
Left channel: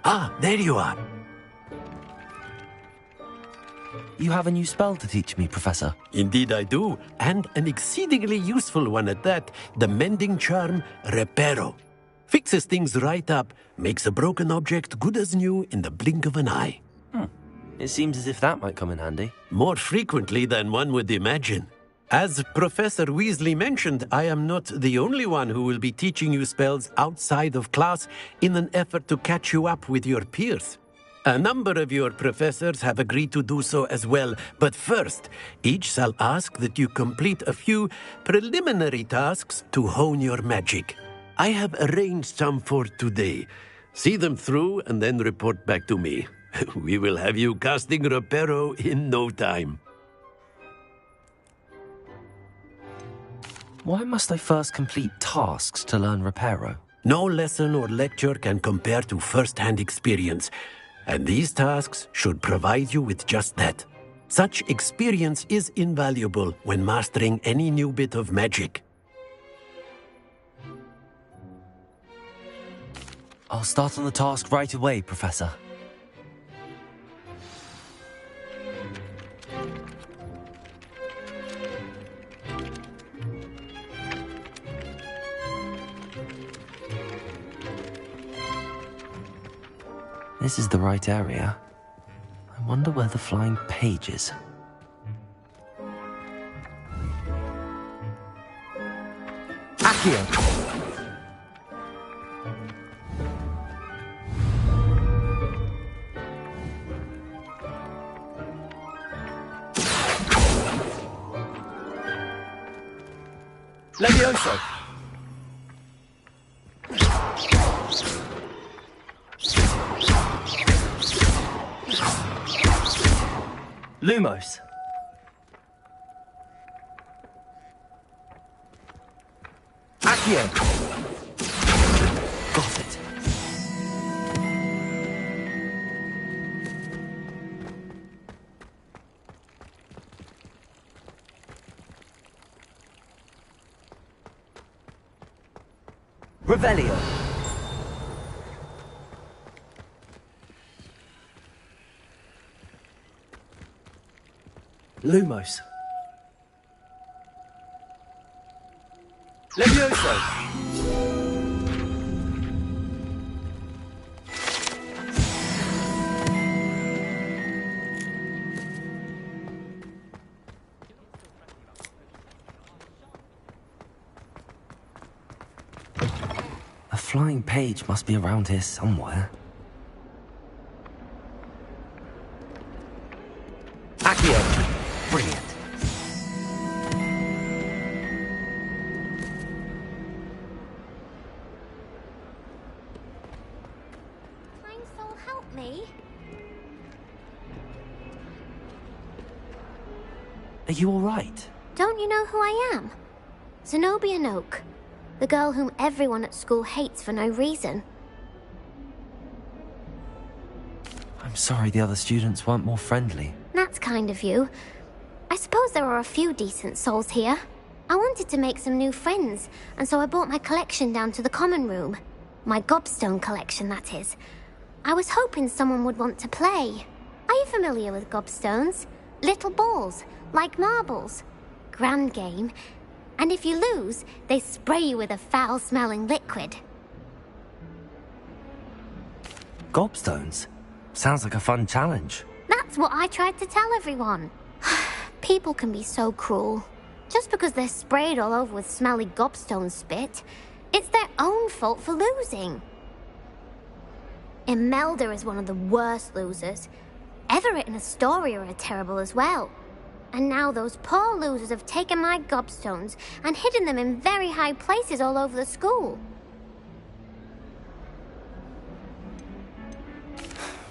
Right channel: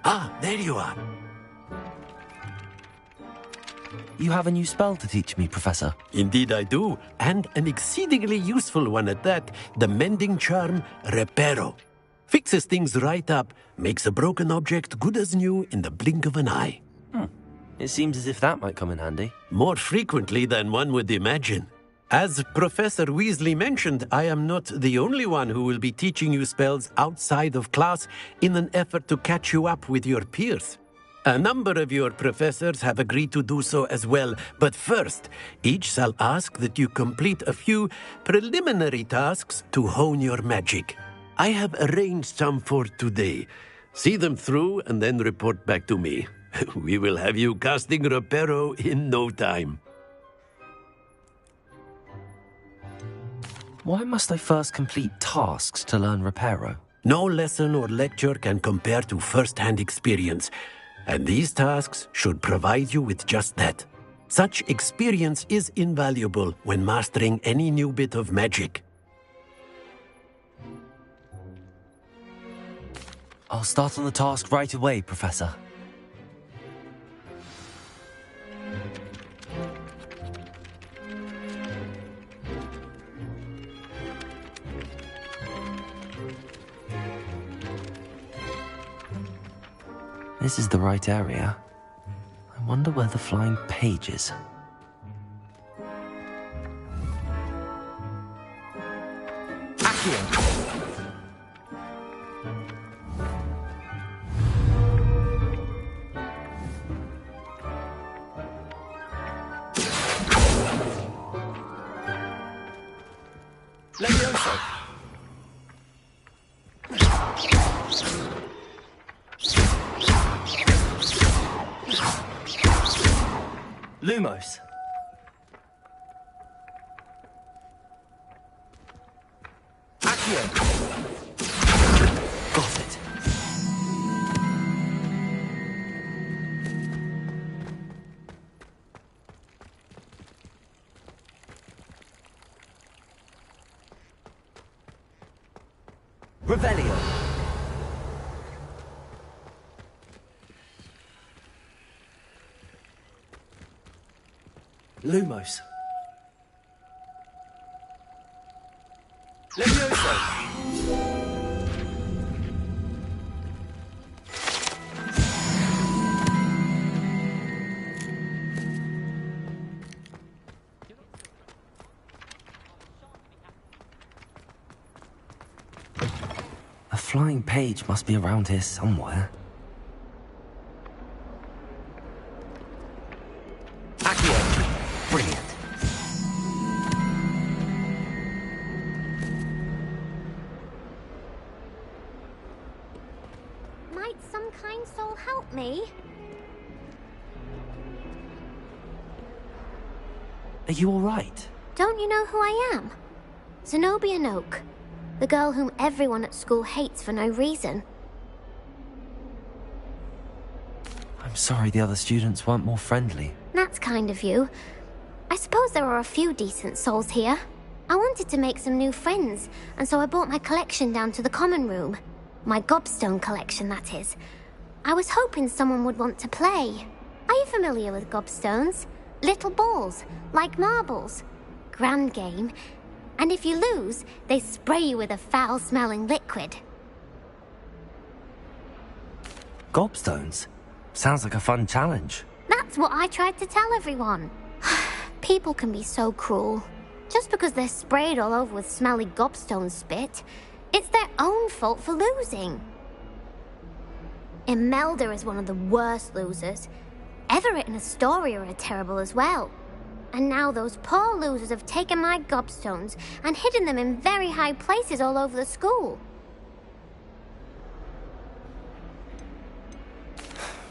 Ah, there you are. You have a new spell to teach me, Professor. Indeed I do, and an exceedingly useful one at that. The mending charm, Reparo. Fixes things right up, makes a broken object good as new in the blink of an eye. It seems as if that might come in handy. More frequently than one would imagine. As Professor Weasley mentioned, I am not the only one who will be teaching you spells outside of class in an effort to catch you up with your peers. A number of your professors have agreed to do so as well, but first, each shall ask that you complete a few preliminary tasks to hone your magic. I have arranged some for today. See them through and then report back to me. We will have you casting Reparo in no time. Why must I first complete tasks to learn Reparo? No lesson or lecture can compare to first-hand experience, and these tasks should provide you with just that. Such experience is invaluable when mastering any new bit of magic. I'll start on the task right away, Professor. This is the right area. I wonder where the flying page is. Accio! Levioso! Lumos! Accio! Got it. Revelio! Lumos! Levioso! A flying page must be around here somewhere. Accio! Brilliant. Might some kind soul help me? Are you all right? Don't you know who I am? Zenobia Noak. The girl whom everyone at school hates for no reason. I'm sorry the other students weren't more friendly. That's kind of you. I suppose there are a few decent souls here. I wanted to make some new friends, and so I brought my collection down to the common room. My gobstone collection, that is. I was hoping someone would want to play. Are you familiar with gobstones? Little balls, like marbles. Grand game. And if you lose, they spray you with a foul-smelling liquid. Gobstones? Sounds like a fun challenge. That's what I tried to tell everyone. People can be so cruel. Just because they're sprayed all over with smelly gobstone spit, it's their own fault for losing. Imelda is one of the worst losers. Everett and Astoria are terrible as well. And now those poor losers have taken my gobstones and hidden them in very high places all over the school.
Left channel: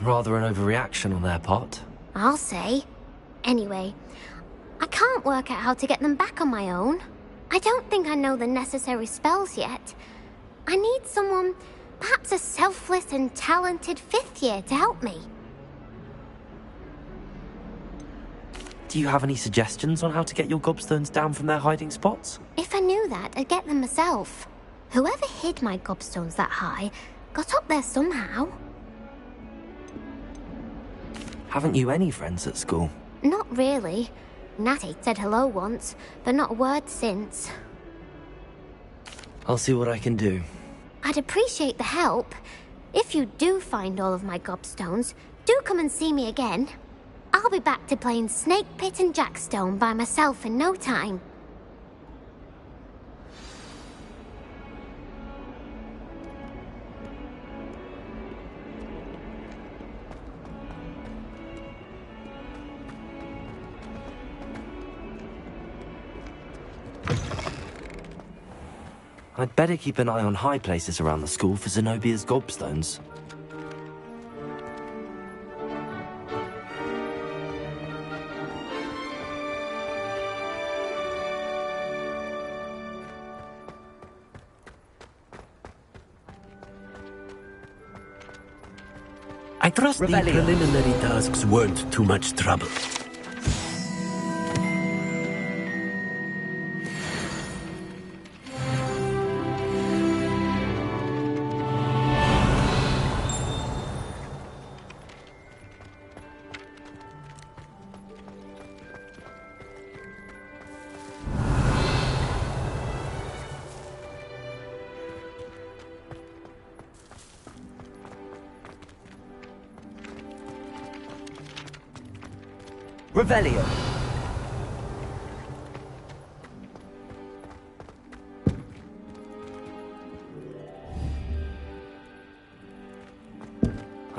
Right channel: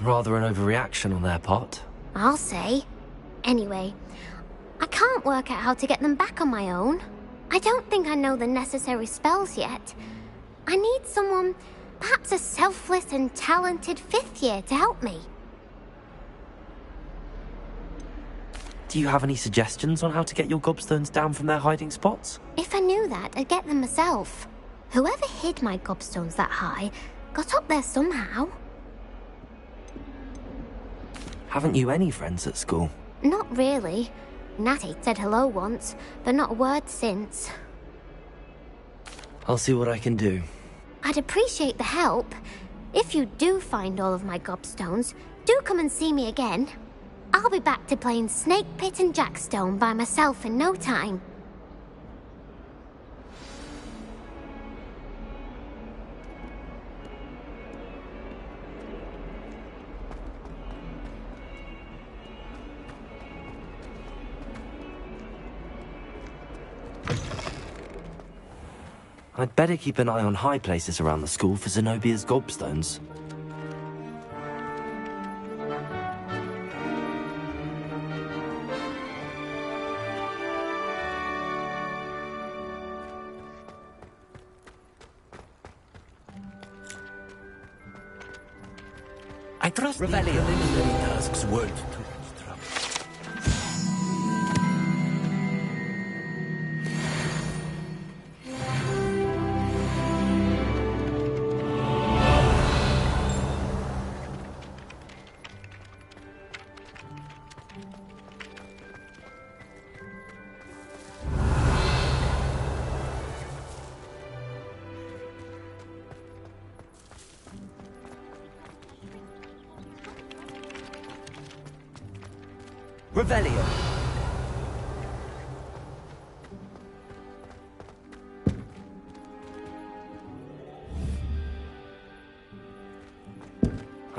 Rather an overreaction on their part. I'll say. Anyway, I can't work out how to get them back on my own. I don't think I know the necessary spells yet. I need someone, perhaps a selfless and talented 5th year to help me. Do you have any suggestions on how to get your gobstones down from their hiding spots? If I knew that, I'd get them myself. Whoever hid my gobstones that high got up there somehow. Haven't you any friends at school? Not really. Natty said hello once, but not a word since. I'll see what I can do. I'd appreciate the help. If you do find all of my gobstones, do come and see me again. I'll be back to playing Snake Pit and Jackstone by myself in no time. I'd better keep an eye on high places around the school for Zenobia's gobstones. I trust the preliminary tasks weren't too much trouble. Revelio.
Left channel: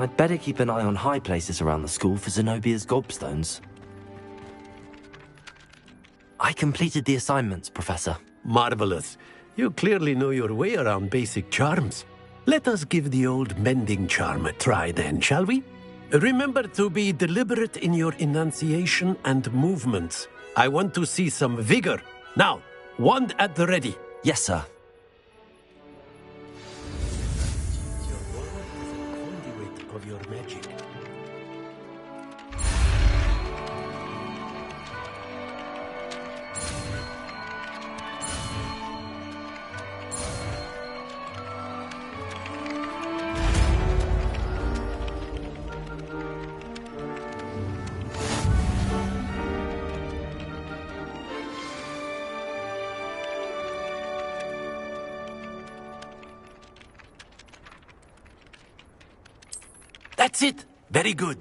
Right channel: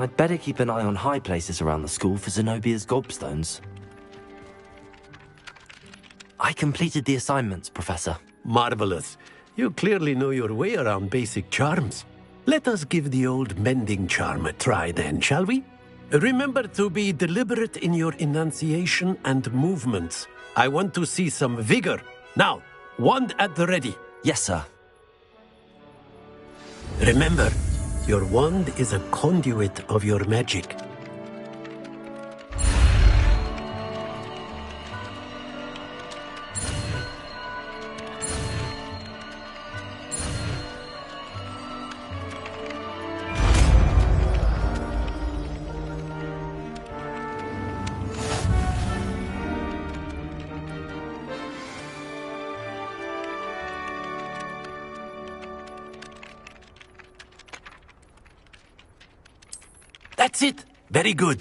I'd better keep an eye on high places around the school for Zenobia's gobstones. I completed the assignments, Professor. Marvelous. You clearly know your way around basic charms. Let us give the old mending charm a try then, shall we? Remember to be deliberate in your enunciation and movements. I want to see some vigor. Now, wand at the ready. Yes, sir. Remember, your wand is a conduit of your magic. That's it! Very good.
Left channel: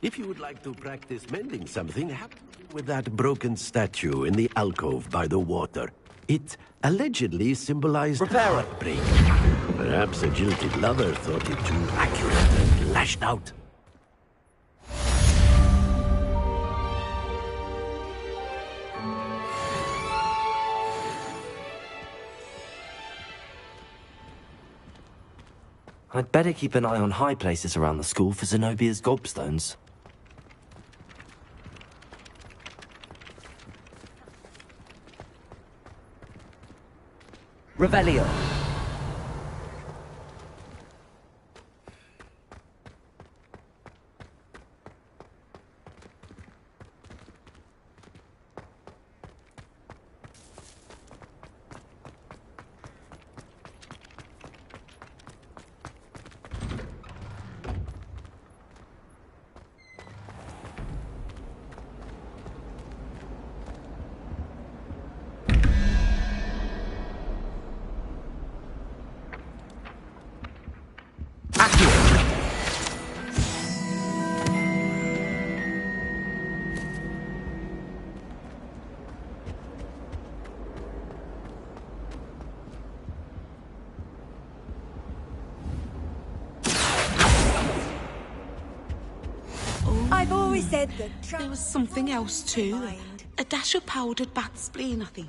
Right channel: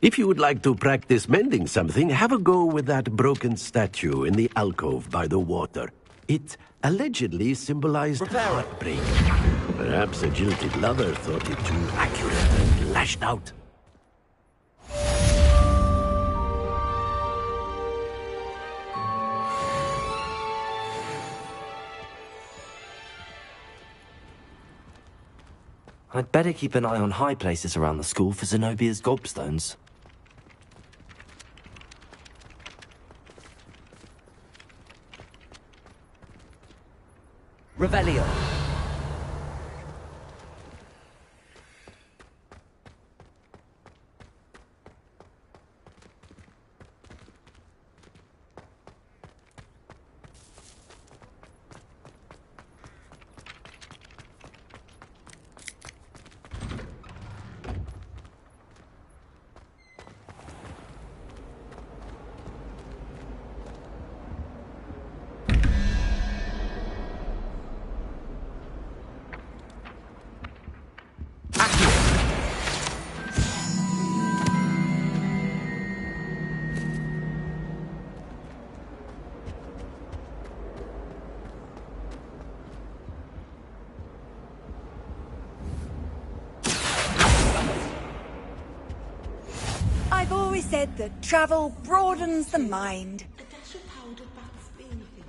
If you would like to practice mending something, have a go with that broken statue in the alcove by the water. It allegedly symbolized heartbreak. Perhaps a jilted lover thought it too accurate and lashed out. I'd better keep an eye on high places around the school for Zenobia's gobstones. Revelio. I've always said that travel Something broadens else the too. mind. A dash of powdered bat spleen, I think.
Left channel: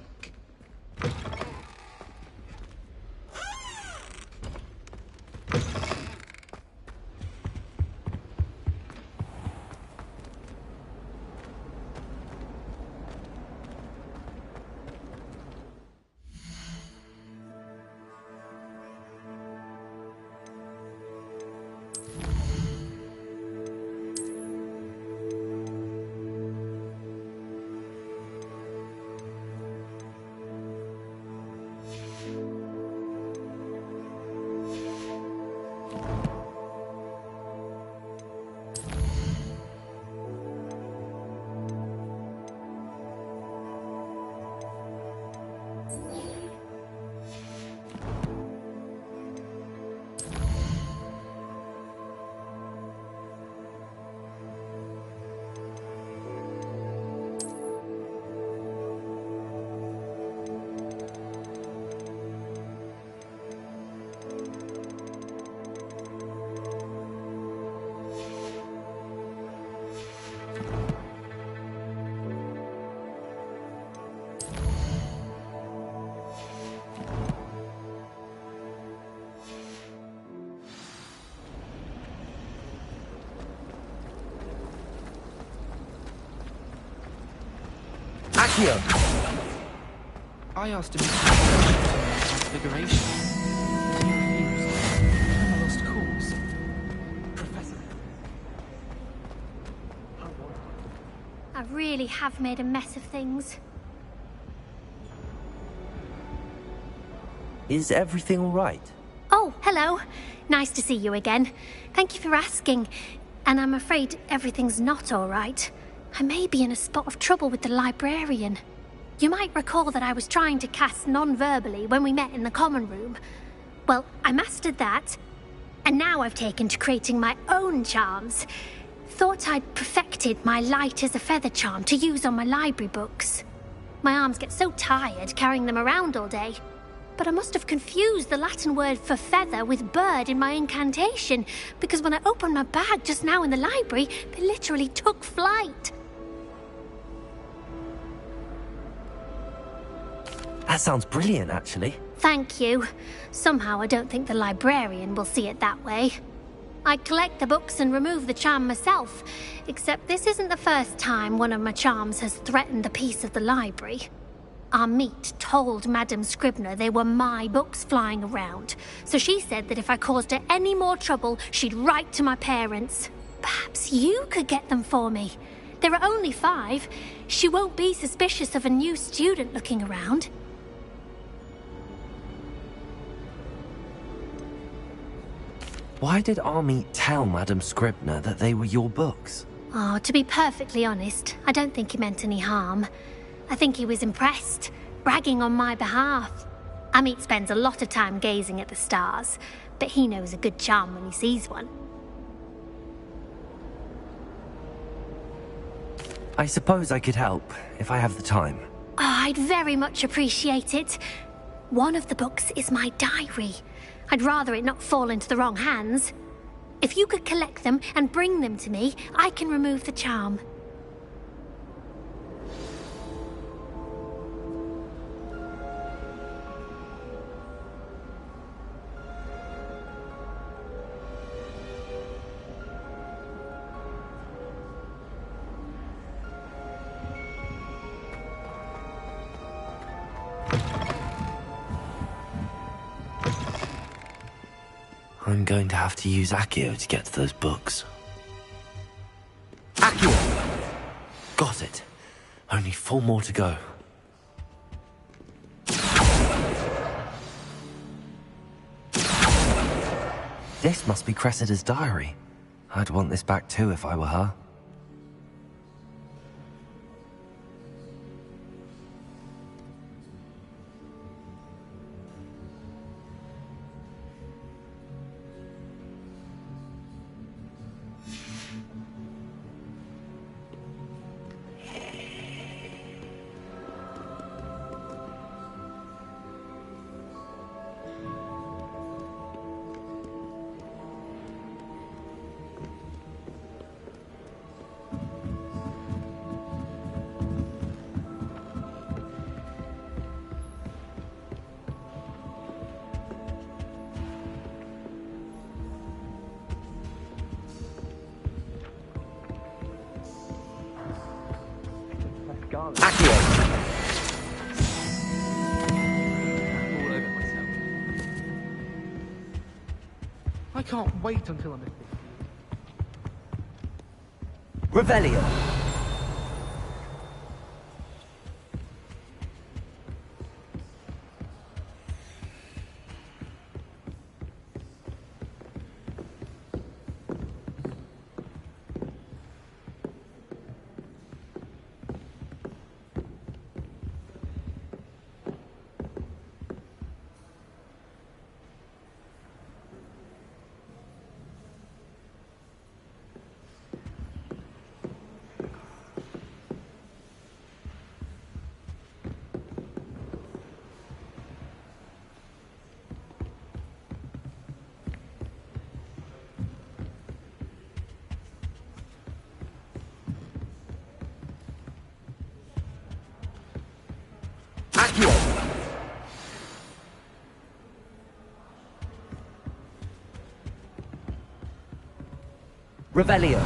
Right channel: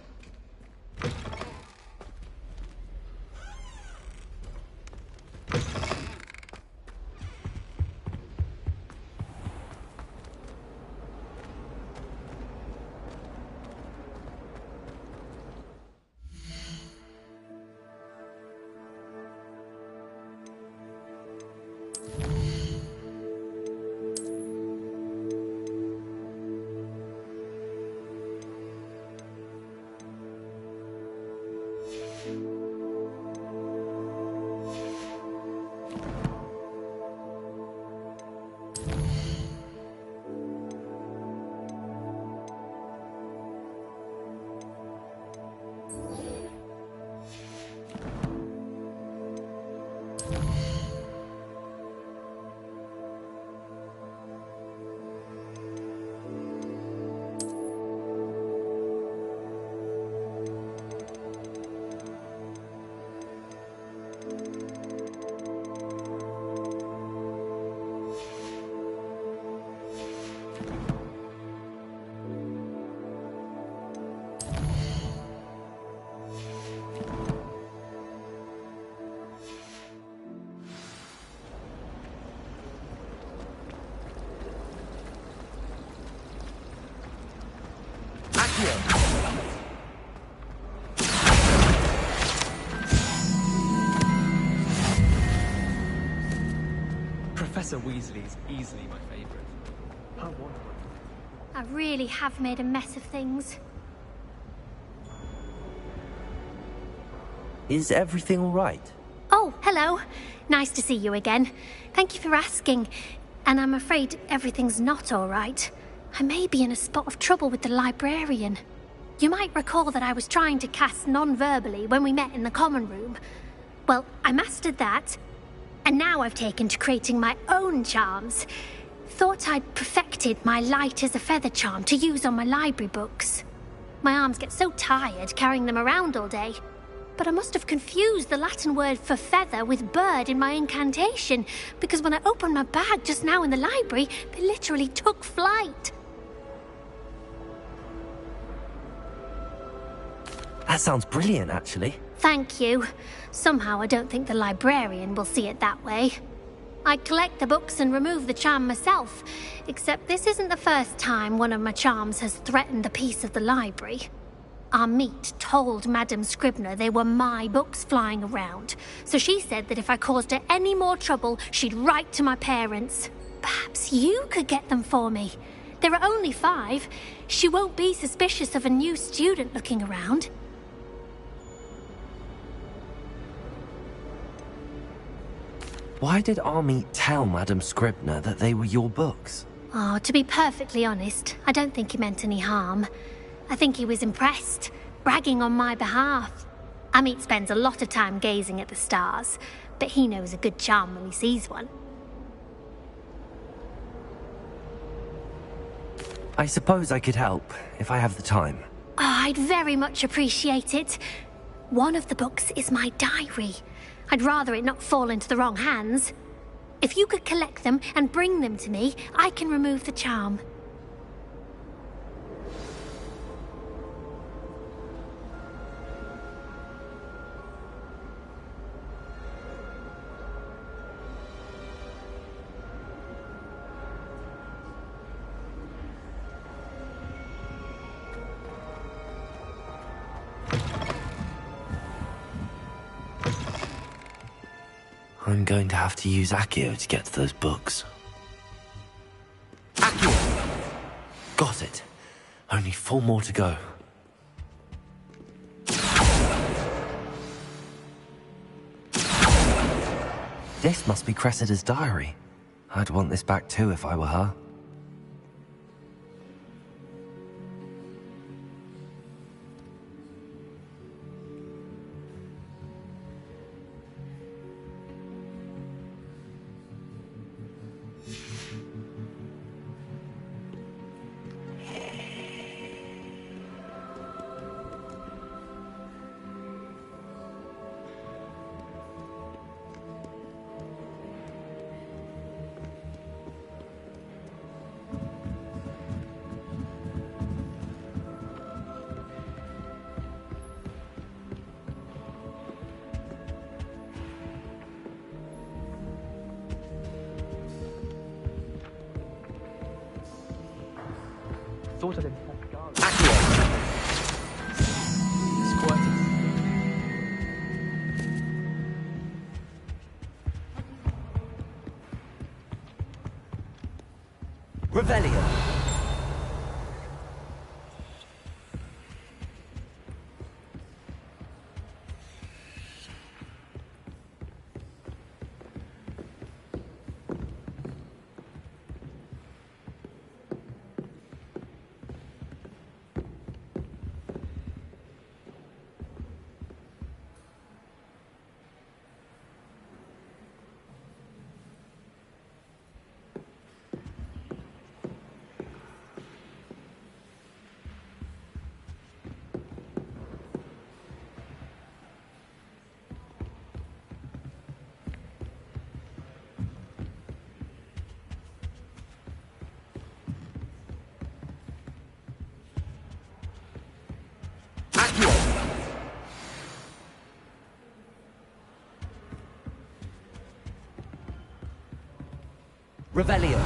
I asked him configuration. Lost course. Professor Weasley is easily my favorite. How wonderful. I really have made a mess of things. Is everything all right? Oh, hello. Nice to see you again. Thank you for asking. And I'm afraid everything's not all right. I may be in a spot of trouble with the librarian. You might recall that I was trying to cast non-verbally when we met in the common room. Well, I mastered that, and now I've taken to creating my own charms. Thought I'd perfected my light as a feather charm to use on my library books. My arms get so tired carrying them around all day. But I must have confused the Latin word for feather with bird in my incantation, because when I opened my bag just now in the library, they literally took flight. That sounds brilliant, actually. Thank you. Somehow I don't think the librarian will see it that way. I collect the books and remove the charm myself, except this isn't the first time one of my charms has threatened the peace of the library. Our meet told Madame Scribner they were my books flying around, so she said that if I caused her any more trouble, she'd write to my parents. Perhaps you could get them for me. There are only 5. She won't be suspicious of a new student looking around. Why did Army tell Madame Scribner that they were your books? Oh, to be perfectly honest, I don't think he meant any harm. I think he was impressed, bragging on my behalf. Amit spends a lot of time gazing at the stars, but he knows a good charm when he sees one. I suppose I could help, if I have the time. Oh, I'd very much appreciate it. One of the books is my diary. I'd rather it not fall into the wrong hands. If you could collect them and bring them to me, I can remove the charm. I'm going to have to use Accio to get to those books. Accio! Got it. Only 4 more to go. This must be Cressida's diary. I'd want this back too if I were her. I can't wait until I'm Revelio. Revelio.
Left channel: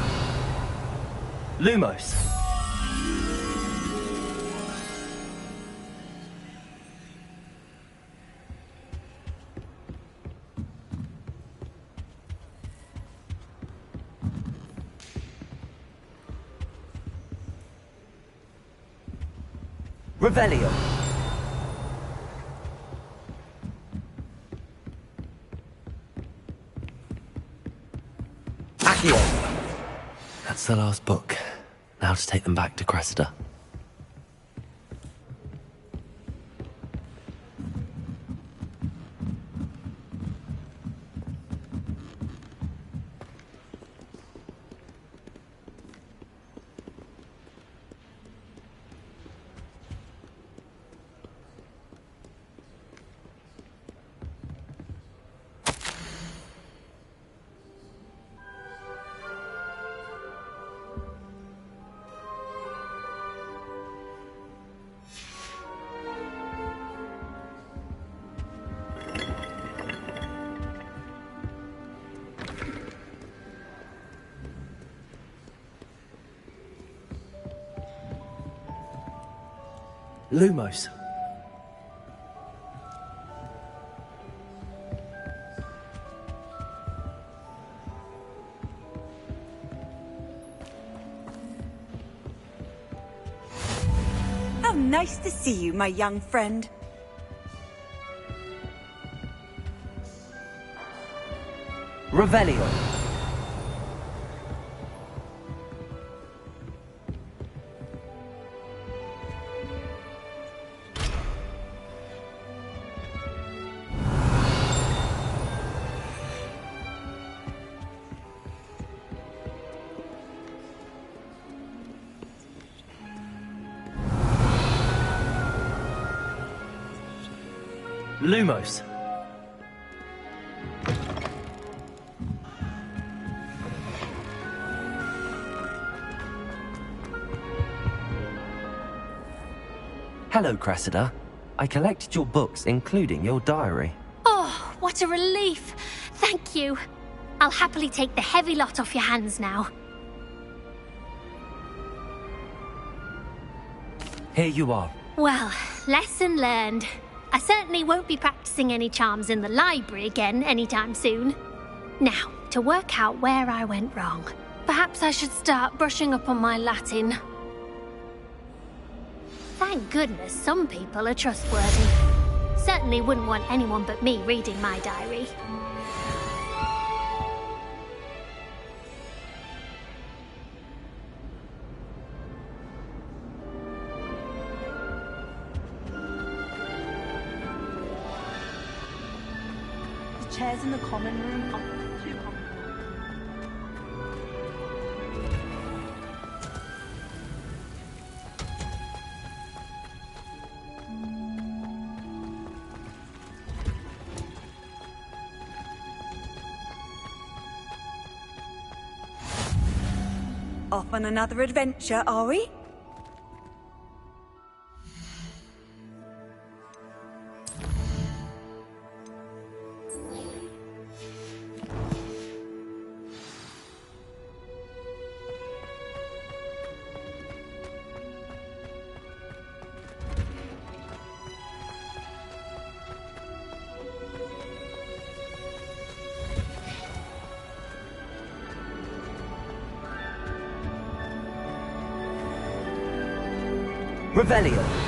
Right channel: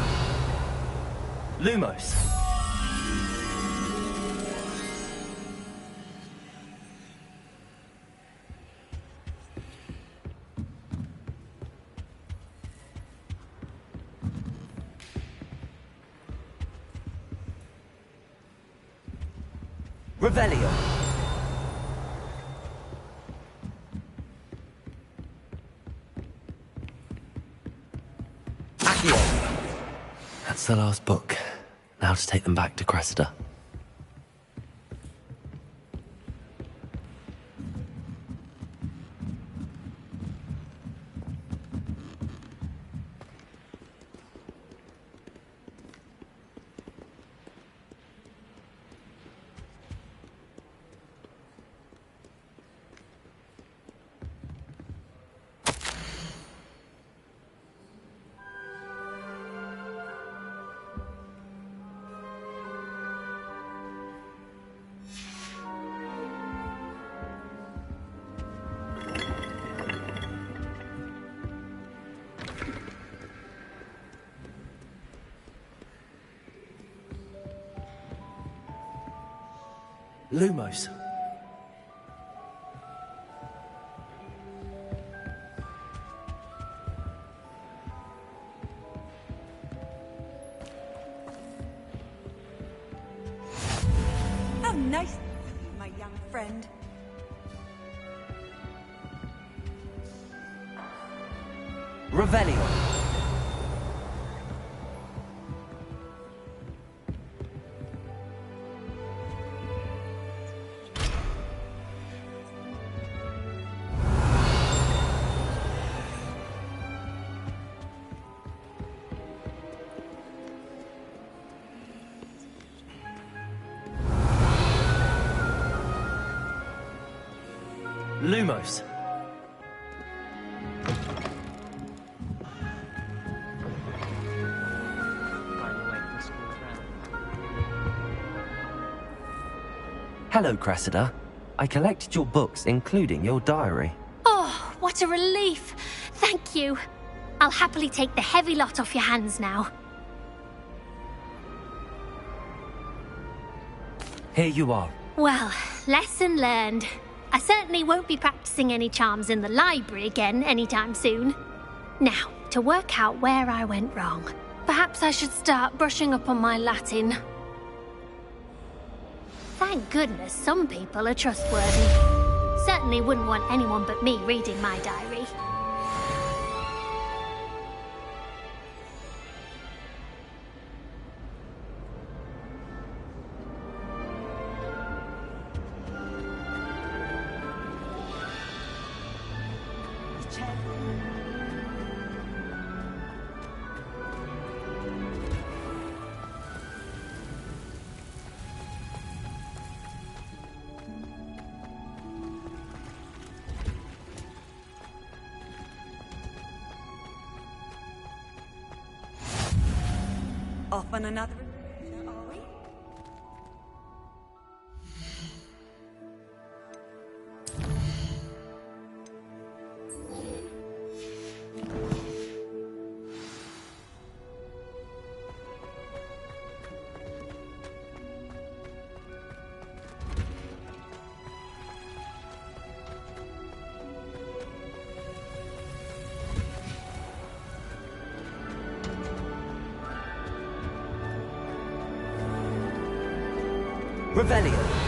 Lumos. Revelio. Accio. That's the last book. Now to take them back to Cressida. Lumos. How nice to see you, my young friend. Revelio. Lumos. Hello, Cressida. I collected your books, including your diary. Oh, what a relief. Thank you. I'll happily take the heavy lot off your hands now. Here you are. Well, lesson learned. I certainly won't be practicing any charms in the library again anytime soon. Now, to work out where I went wrong. Perhaps I should start brushing up on my Latin. Thank goodness some people are trustworthy. Certainly wouldn't want anyone but me reading my diary. Chairs in the common room. Off on another adventure, are we? Revelio.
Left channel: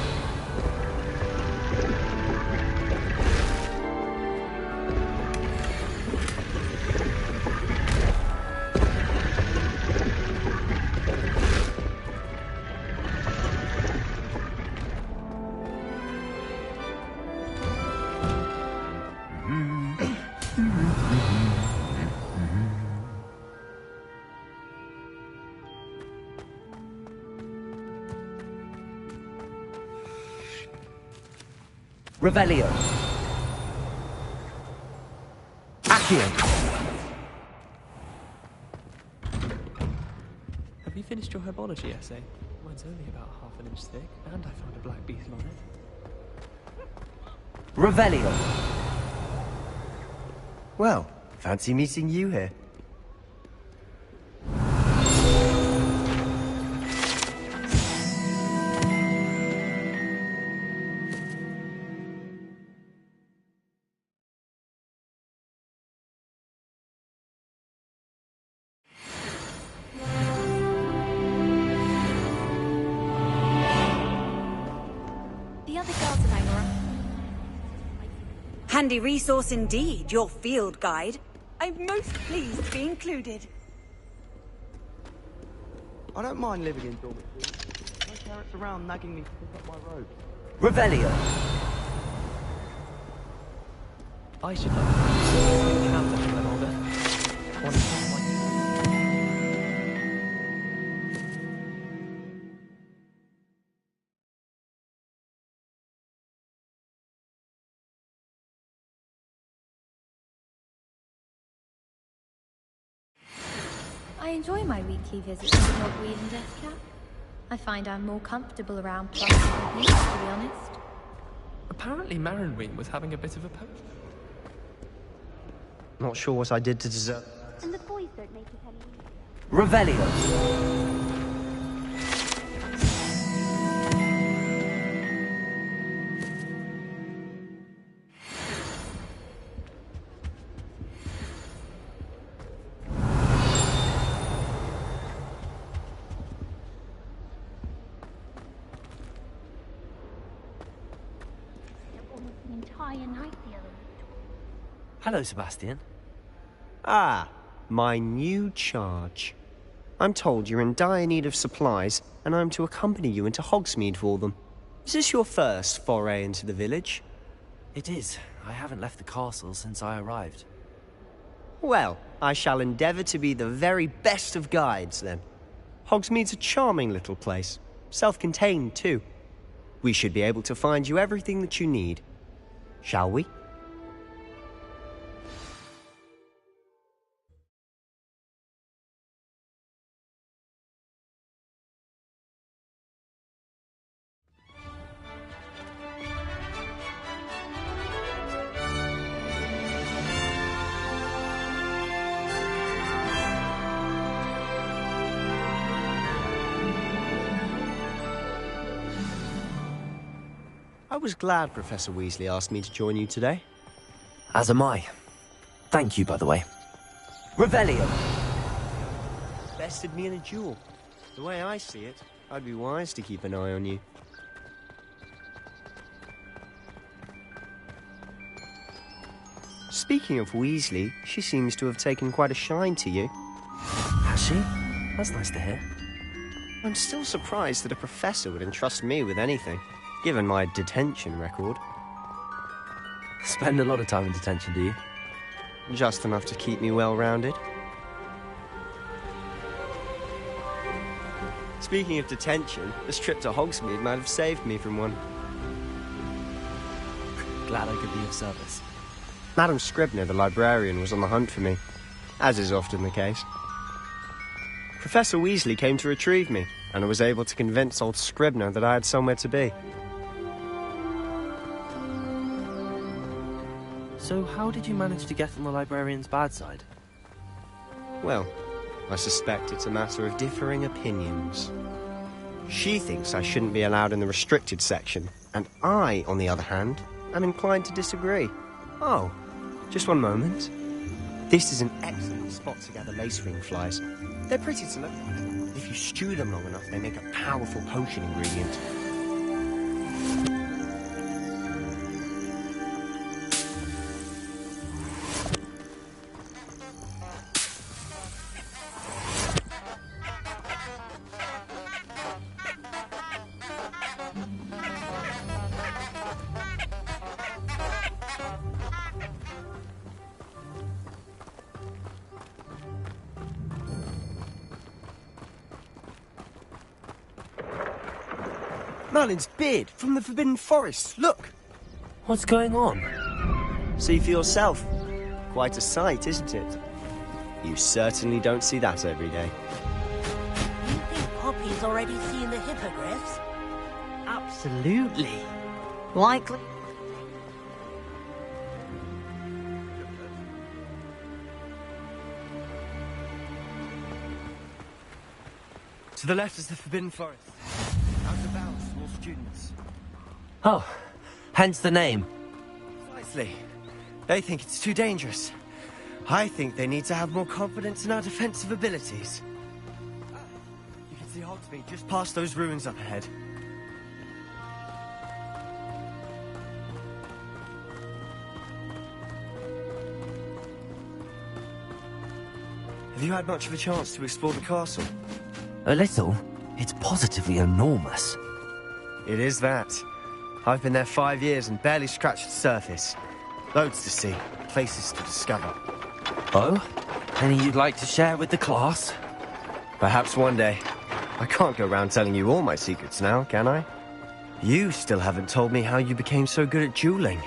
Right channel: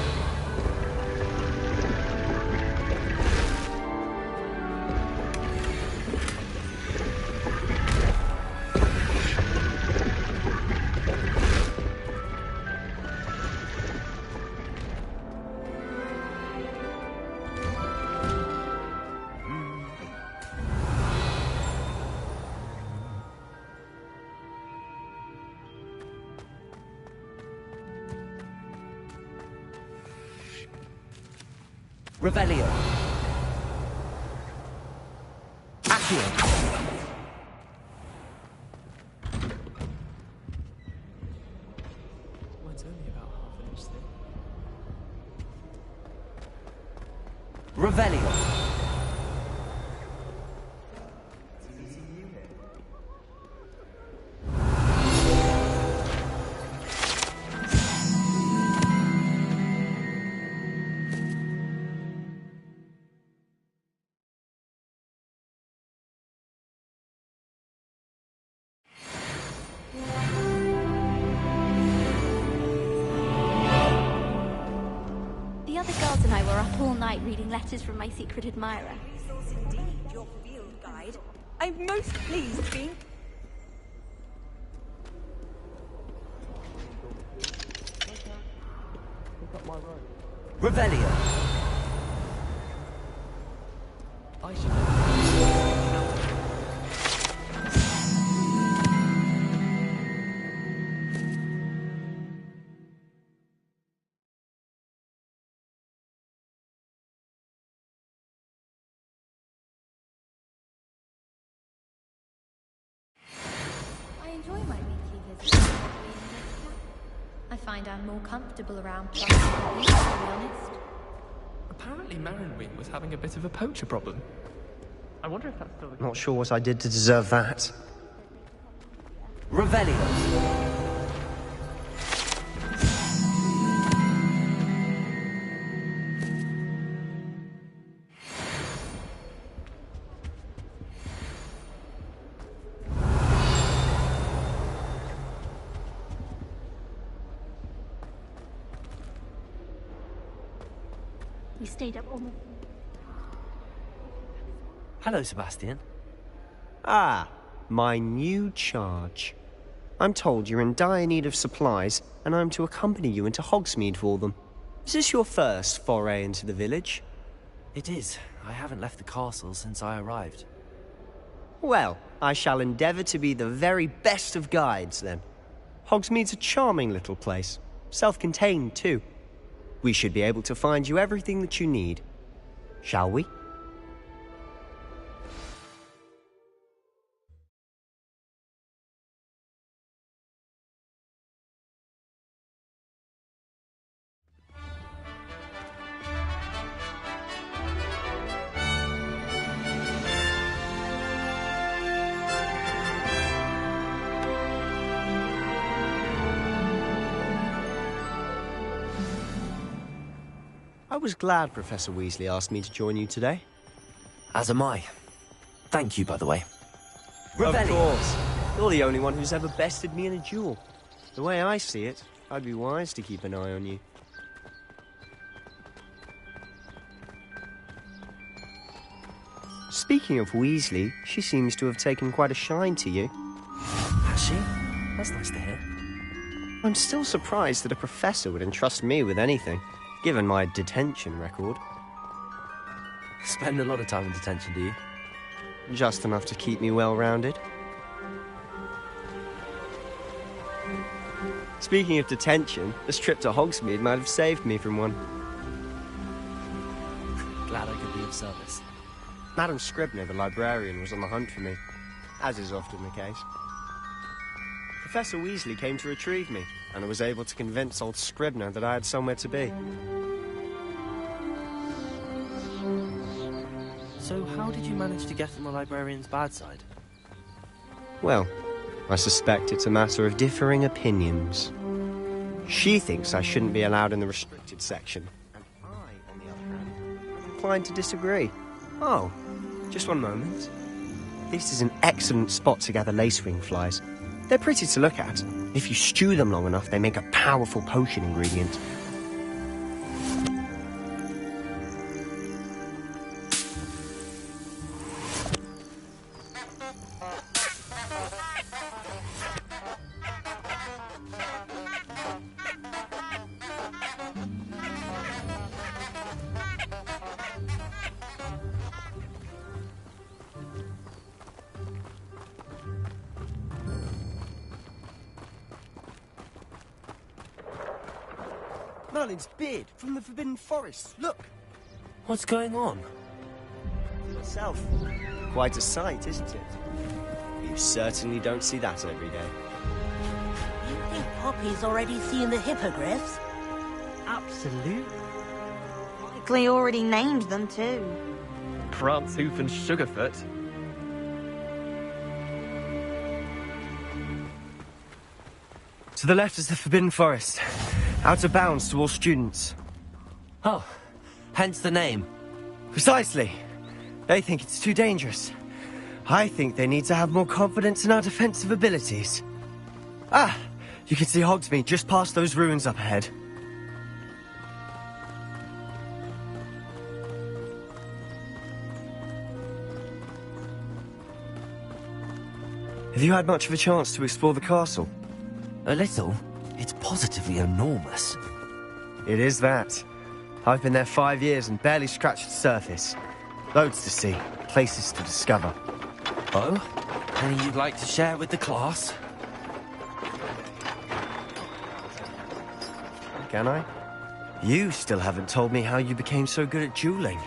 Revelio. Accio. Have you finished your herbology essay? Mine's only about half an inch thick, and I found a black bee's moth. Revelio. Well, fancy meeting you here. The other girls and I were up all night reading letters from my secret admirer. Handy resource indeed, your field guide. I'm most pleased to be included. I don't mind living in dormitories. No parents around nagging me to pick up my rope. Revelio. I should know. Count it when older. I enjoy my weekly visits to Hogwarts and Death Cap. I find I'm more comfortable around plus than you, to be honest. Apparently Marinween was having a bit of a poacher problem. I wonder if that's still the Not sure what I did to deserve that. Revelio. stayed up almost the entire night the other Hello, Sebastian. Ah, my new charge. I'm told you're in dire need of supplies, and I'm to accompany you into Hogsmeade for them. Is this your first foray into the village? It is. I haven't left the castle since I arrived. Well, I shall endeavour to be the very best of guides, then. Hogsmeade's a charming little place. Self-contained, too. We should be able to find you everything that you need. Shall we? I was glad Professor Weasley asked me to join you today. As am I. Thank you, by the way. Revelio! Of course. You're the only one who's ever bested me in a duel. The way I see it, I'd be wise to keep an eye on you. Speaking of Weasley, she seems to have taken quite a shine to you. Has she? That's nice to hear. I'm still surprised that a professor would entrust me with anything, given my detention record. Spend a lot of time in detention, do you? Just enough to keep me well-rounded. Speaking of detention, this trip to Hogsmeade might have saved me from one. Glad I could be of service. Madam Scribner, the librarian, was on the hunt for me, as is often the case. Professor Weasley came to retrieve me, and I was able to convince old Scribner that I had somewhere to be. So how did you manage to get on the librarian's bad side? Well, I suspect it's a matter of differing opinions. She thinks I shouldn't be allowed in the restricted section, and I, on the other hand, am inclined to disagree. Oh, just one moment. This is an excellent spot to gather lacewing flies. They're pretty to look at. If you stew them long enough, they make a powerful potion ingredient. Merlin's beard from the Forbidden Forest. Look! What's going on? See for yourself. Quite a sight, isn't it? You certainly don't see that every day. You think Poppy's already seen the hippogriffs? Absolutely. Likely already named them too. Prantzoof and Sugarfoot. To the left is the Forbidden Forest. Out of bounds to all students. Oh, hence the name. Precisely. They think it's too dangerous. I think they need to have more confidence in our defensive abilities. Ah, you can see Hogsmeade just past those ruins up ahead. Have you had much of a chance to explore the castle? A little. It's positively enormous. It is that. I've been there 5 years and barely scratched the surface. Loads to see, places to discover. Oh? Any you'd like to share with the class? Perhaps one day. I can't go around telling you all my secrets now, can I? You still haven't told me how you became so good at dueling.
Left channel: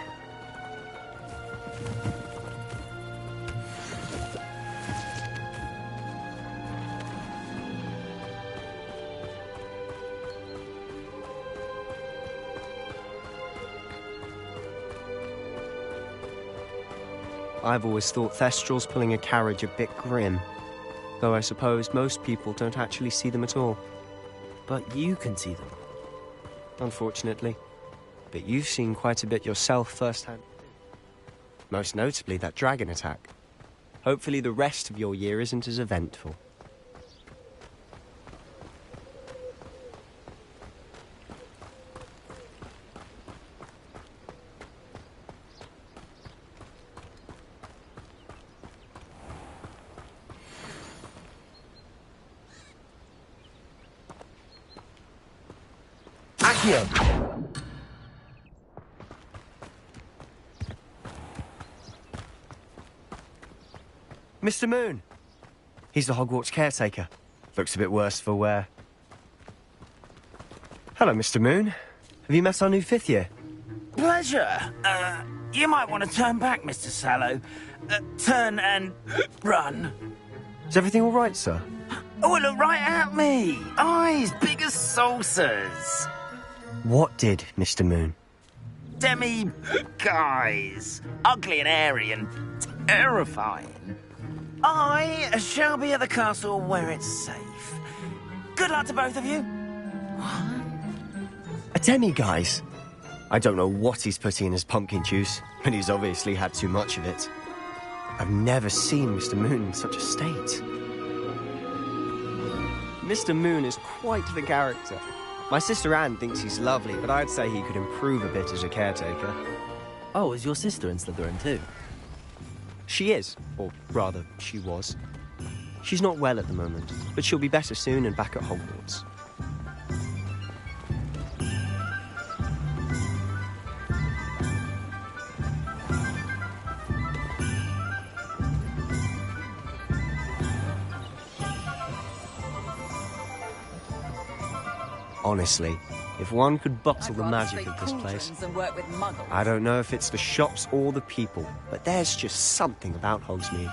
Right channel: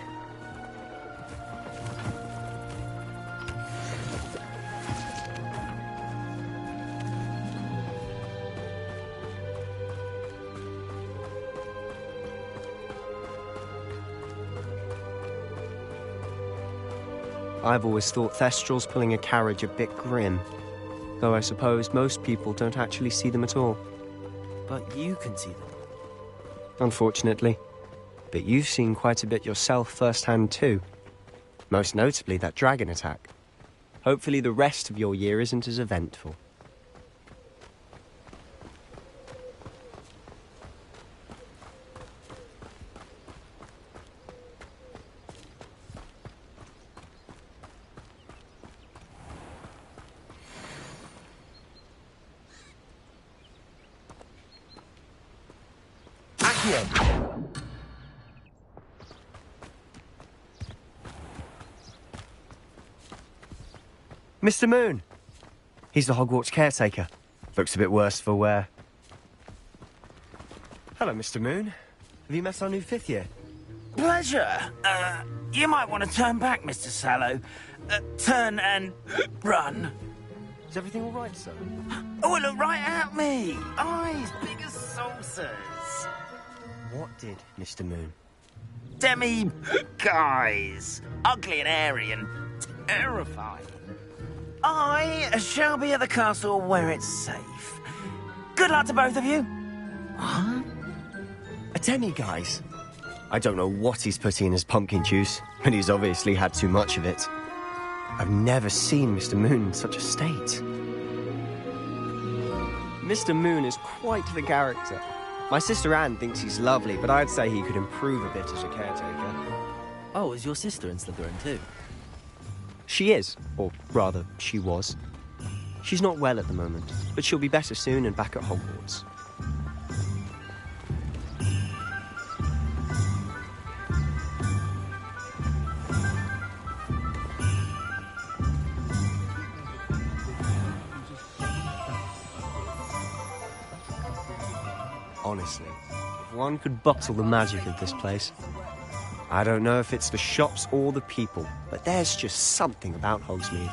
I've always thought Thestrals pulling a carriage a bit grim, though I suppose most people don't actually see them at all. But you can see them. Unfortunately. But you've seen quite a bit yourself firsthand too. Most notably that dragon attack. Hopefully the rest of your year isn't as eventful. Wingardium! Mr. Moon! He's the Hogwarts caretaker. Looks a bit worse for wear. Hello, Mr. Moon. Have you met our new 5th year? Pleasure. You might want to turn back, Mr. Sallow. Turn and run. Is everything all right, sir? Oh, look right at me. Eyes big as saucers. What did, Mr. Moon? Guys. Ugly and airy and terrifying. I shall be at the castle where it's safe. Good luck to both of you. What? A demi-guise? I don't know what he's putting in his pumpkin juice, but he's obviously had too much of it. I've never seen Mr. Moon in such a state. Mr. Moon is quite the character. My sister Anne thinks he's lovely, but I'd say he could improve a bit as a caretaker. Oh, is your sister in Slytherin too? She is, or rather, she was. She's not well at the moment, but she'll be better soon and back at Hogwarts. Honestly, if one could bottle the magic of this place. I don't know if it's the shops or the people, but there's just something about Hogsmeade.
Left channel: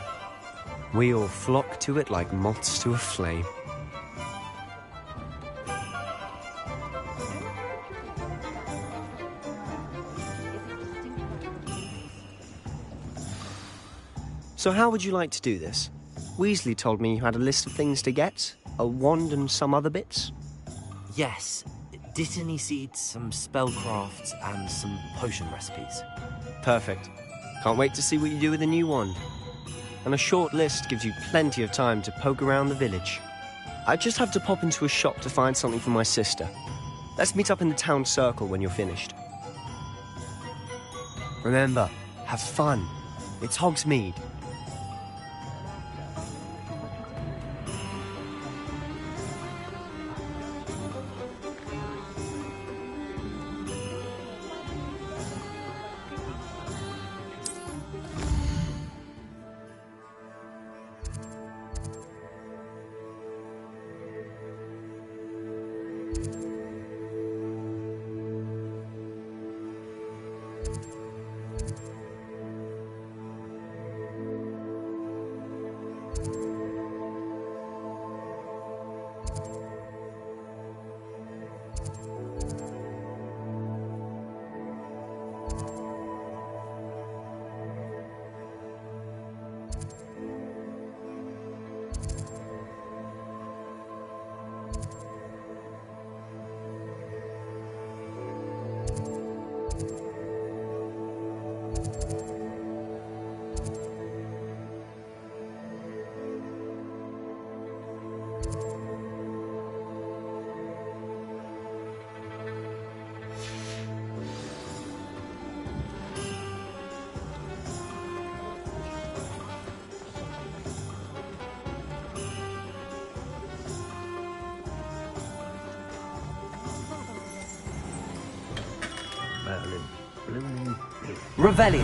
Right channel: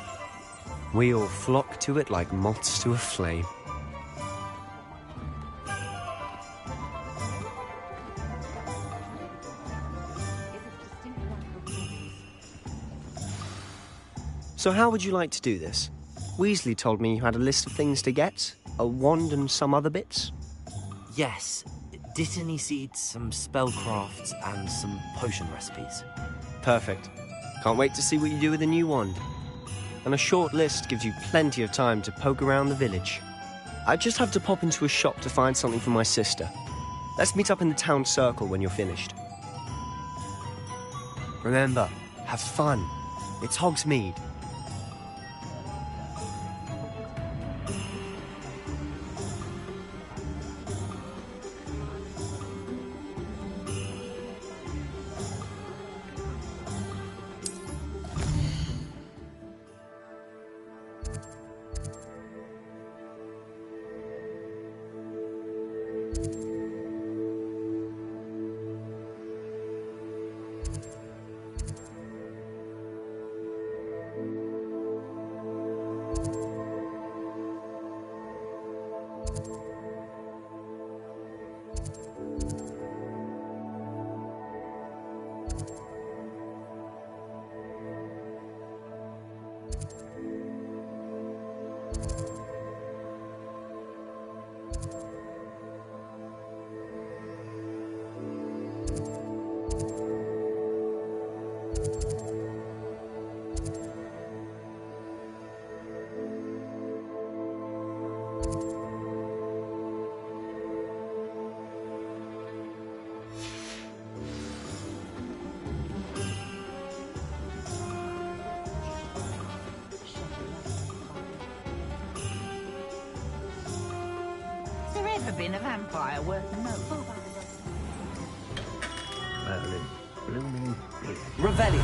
We all flock to it like moths to a flame. So how would you like to do this? Weasley told me you had a list of things to get, a wand and some other bits. Yes. Dittany seeds, some spellcrafts, and some potion recipes. Perfect. Can't wait to see what you do with the new wand. And a short list gives you plenty of time to poke around the village. I just have to pop into a shop to find something for my sister. Let's meet up in the town circle when you're finished. Remember, have fun. It's Hogsmeade. Revelio.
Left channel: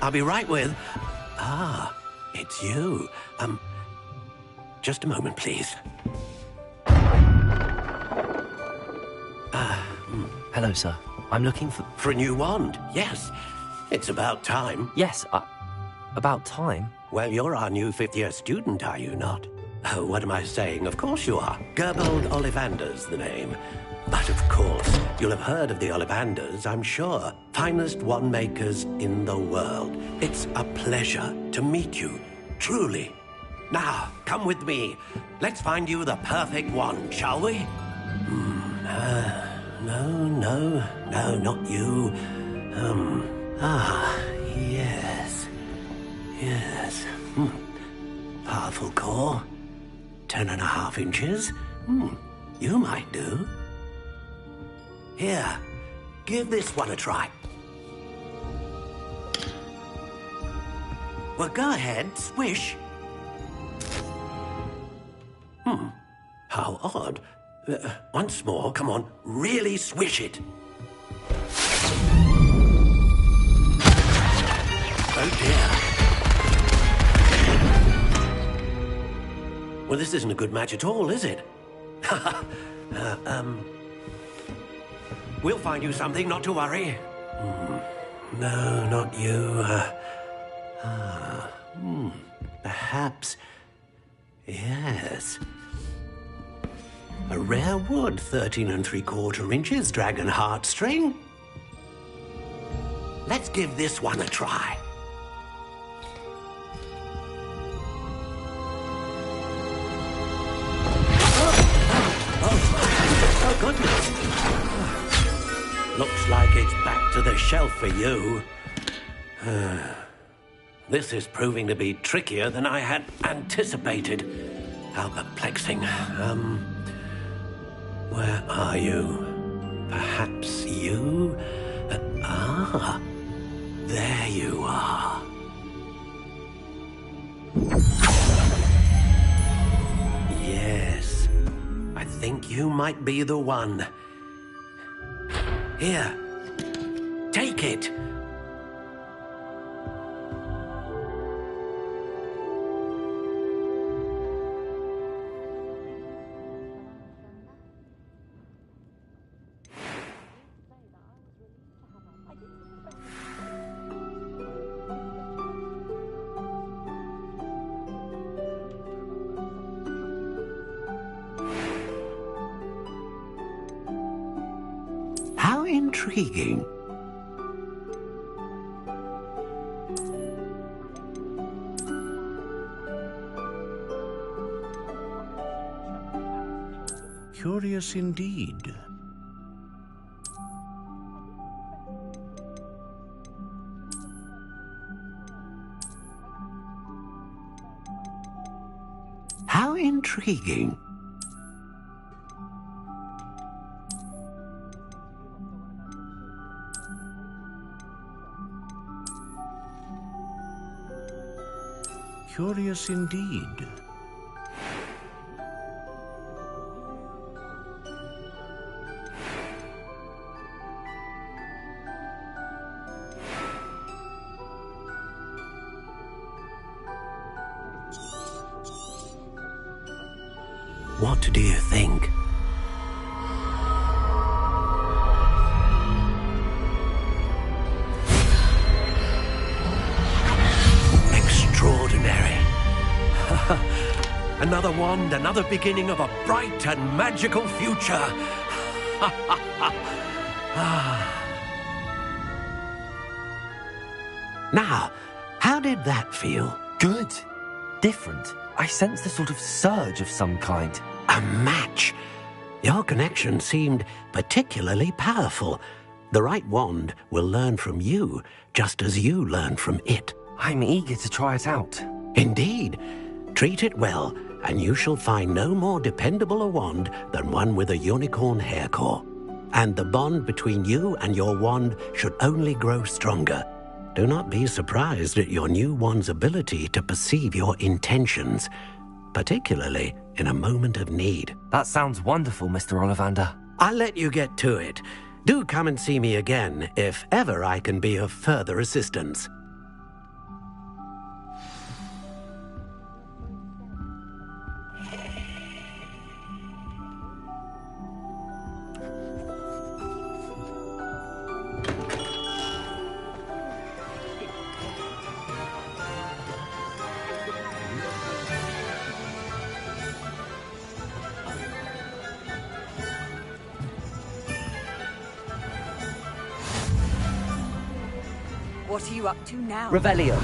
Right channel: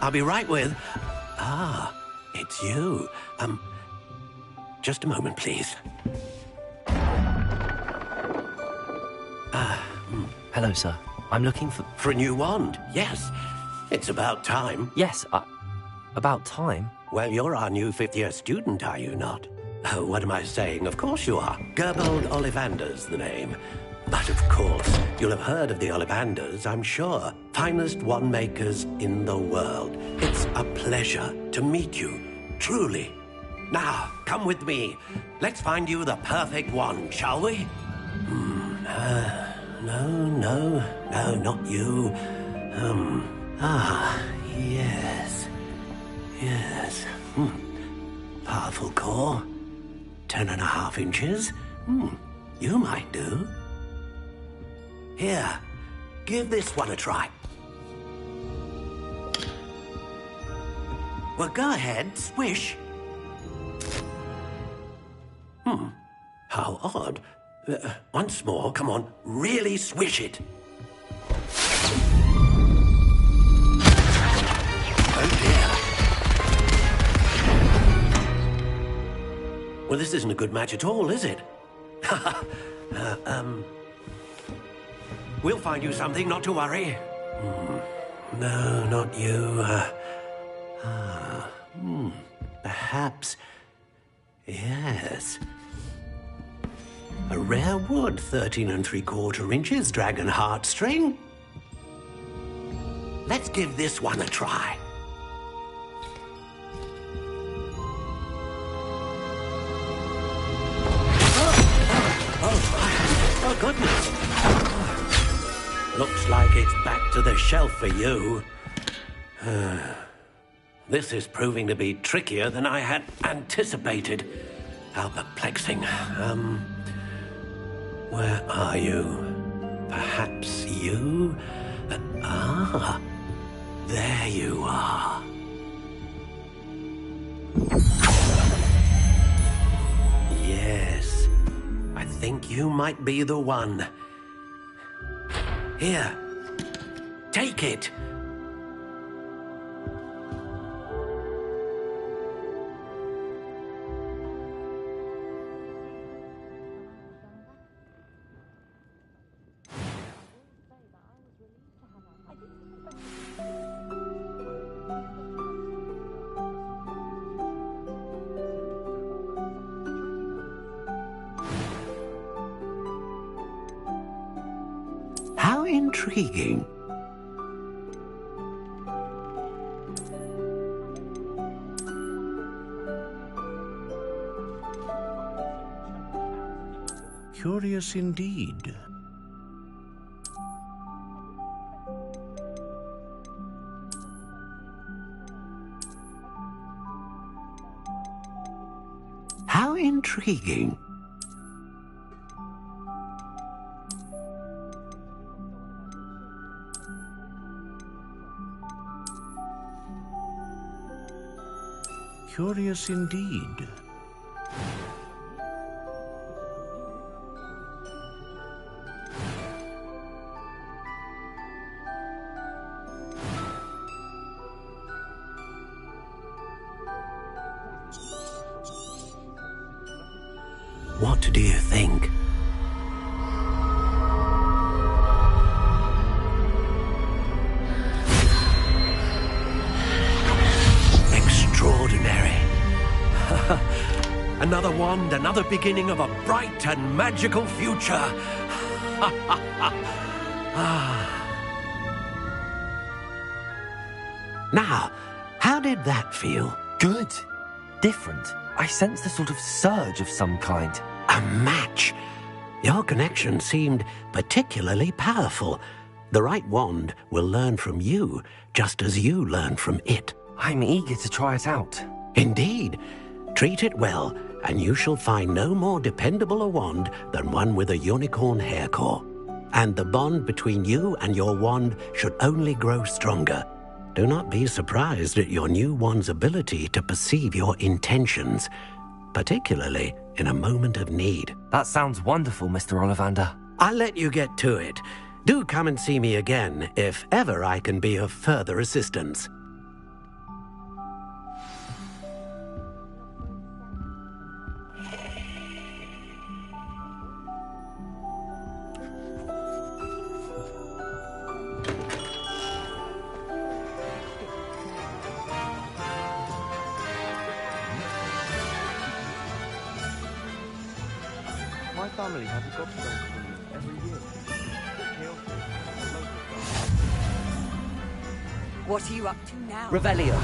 I'll be right with... Ah, it's you. Just a moment, please. Hello, sir. I'm looking for... For a new wand, yes. It's about time. Yes, about time? Well, you're our new 5th-year student, are you not? Oh, what am I saying? Of course you are. Gerbold Ollivander's the name. But of course, you'll have heard of the Ollivanders, I'm sure. Finest wand makers in the world. It's a pleasure to meet you, truly. Now, come with me. Let's find you the perfect wand, shall we? No, not you. Yes. Powerful core. 10.5 inches. You might do. Here, give this one a try. Well, go ahead, swish. How odd. Once more, come on, really swish it. Oh dear. Well, this isn't a good match at all, is it? We'll find you something, not to worry. No, not you. Perhaps. Yes. A rare wood, 13 3/4 inches, dragon heartstring. Let's give this one a try. Oh, goodness. Looks like it's back to the shelf for you. This is proving to be trickier than I had anticipated. How perplexing. Where are you? Perhaps you? There you are. Yes, I think you might be the one. Here, take it. How intriguing. Curious indeed. How intriguing. Curious indeed. What do you think? Extraordinary. Another wand, another beginning of a bright and magical future. Now, how did that feel? Good. Different. I sensed a sort of surge of some kind. A match. Your connection seemed particularly powerful. The right wand will learn from you, just as you learn from it. I'm eager to try it out. Indeed. Treat it well, and you shall find no more dependable a wand than one with a unicorn hair core. And the bond between you and your wand should only grow stronger. Do not be surprised at your new wand's ability to perceive your intentions, particularly in a moment of need. That sounds wonderful, Mr. Ollivander. I'll let you get to it. Do come and see me again if ever I can be of further assistance. What are you up to now? Revelio.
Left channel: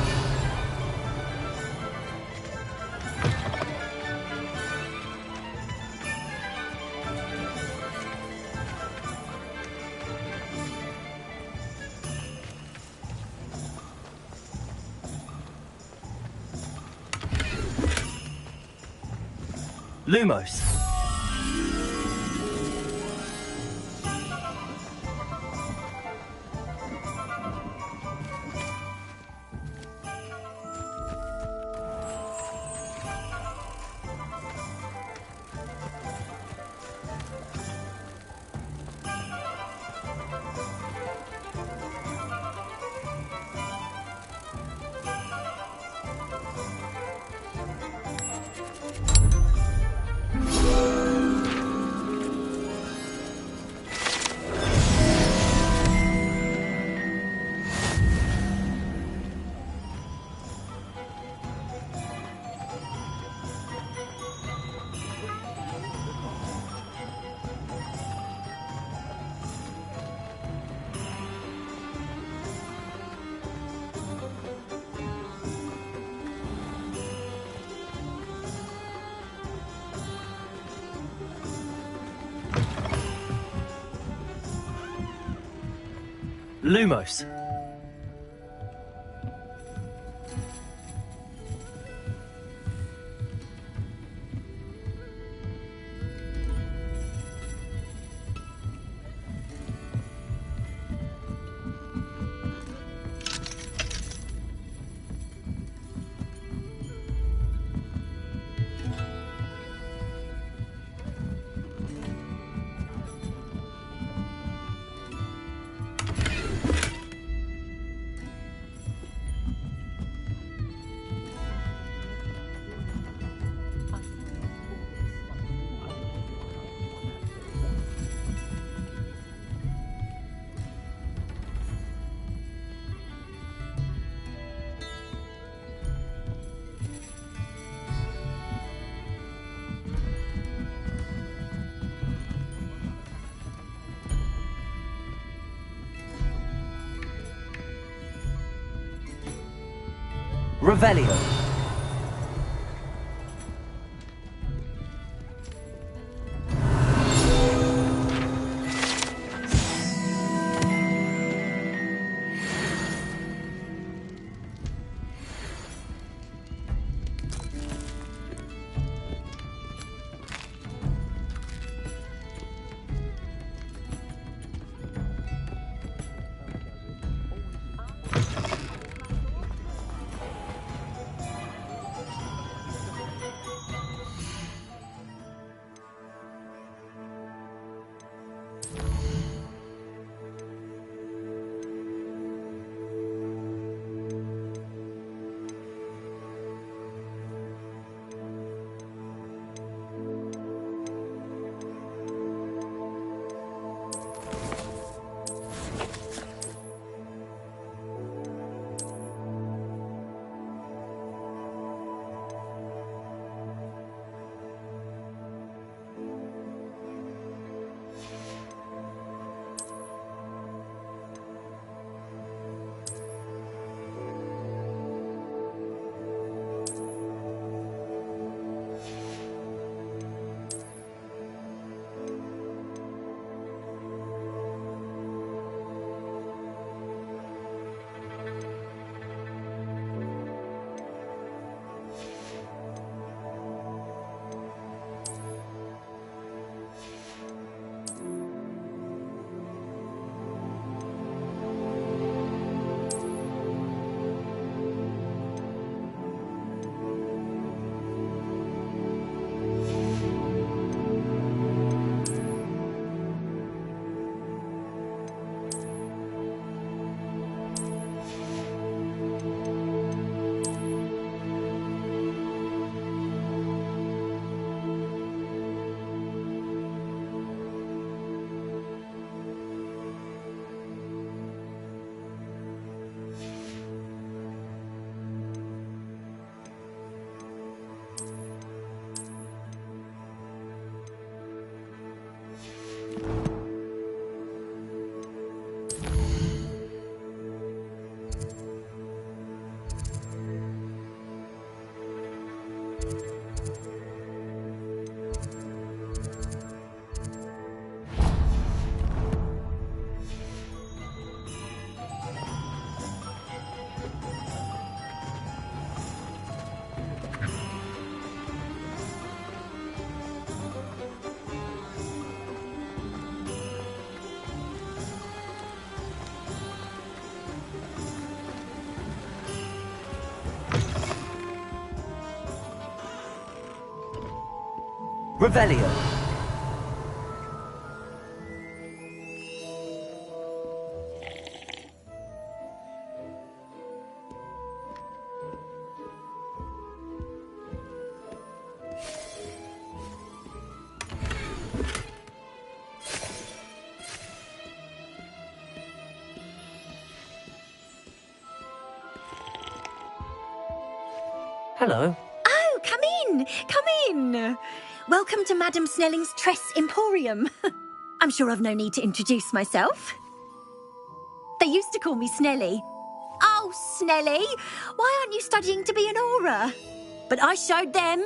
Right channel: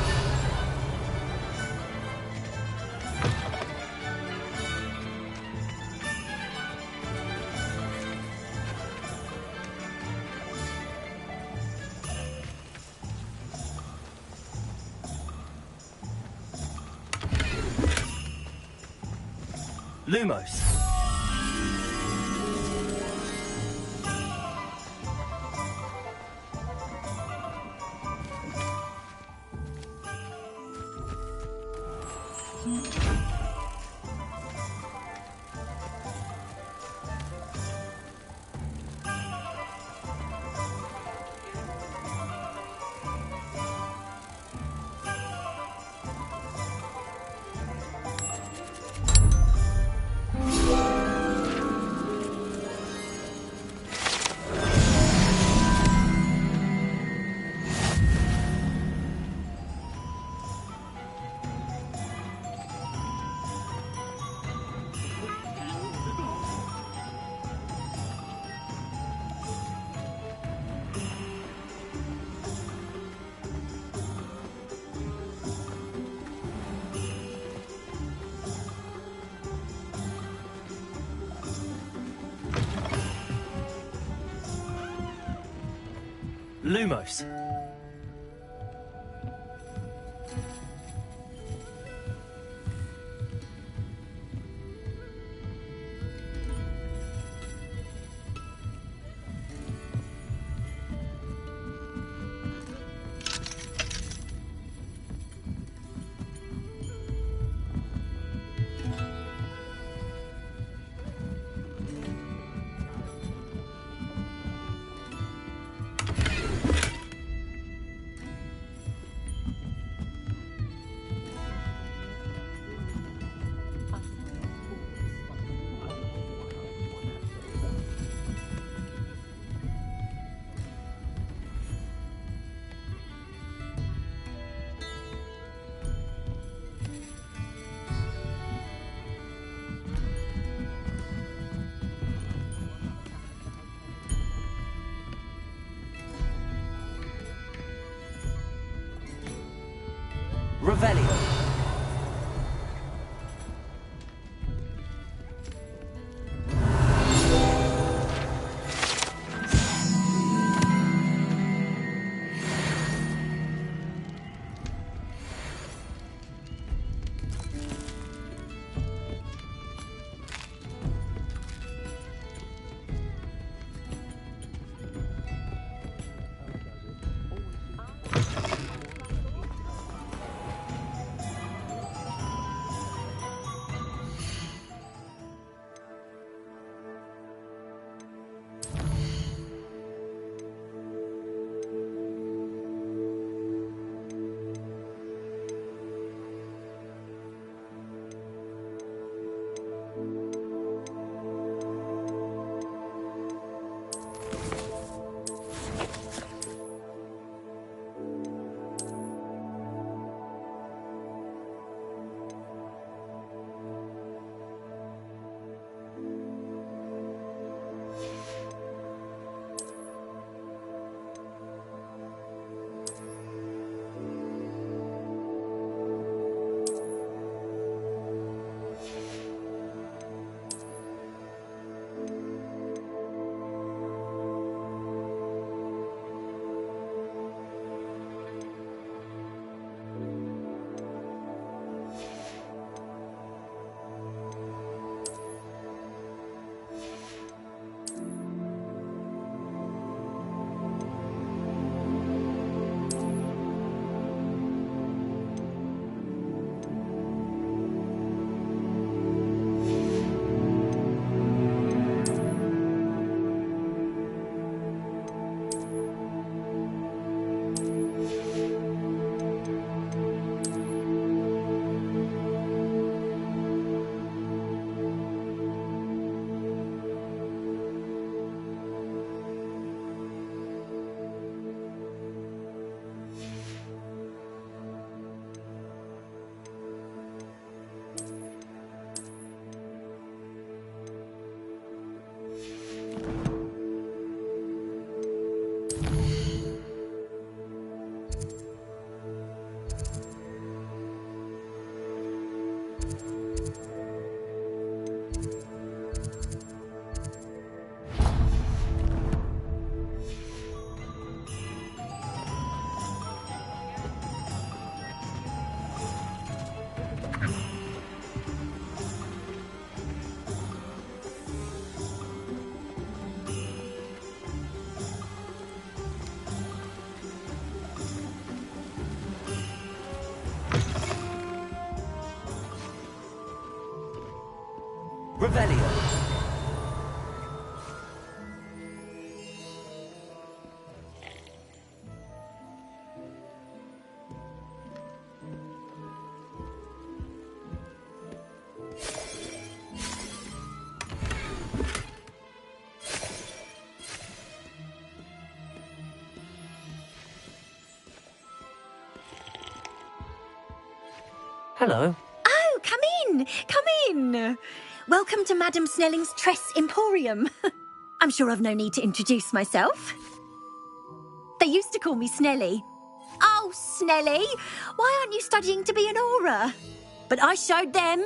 Lumos. Lumos. Revelio. Revelio. Hello. Oh, come in! Come in! Welcome to Madame Snelling's Tress Emporium. I'm sure I've no need to introduce myself. They used to call me Snelly. Oh, Snelly, why aren't you studying to be an aura? But I showed them.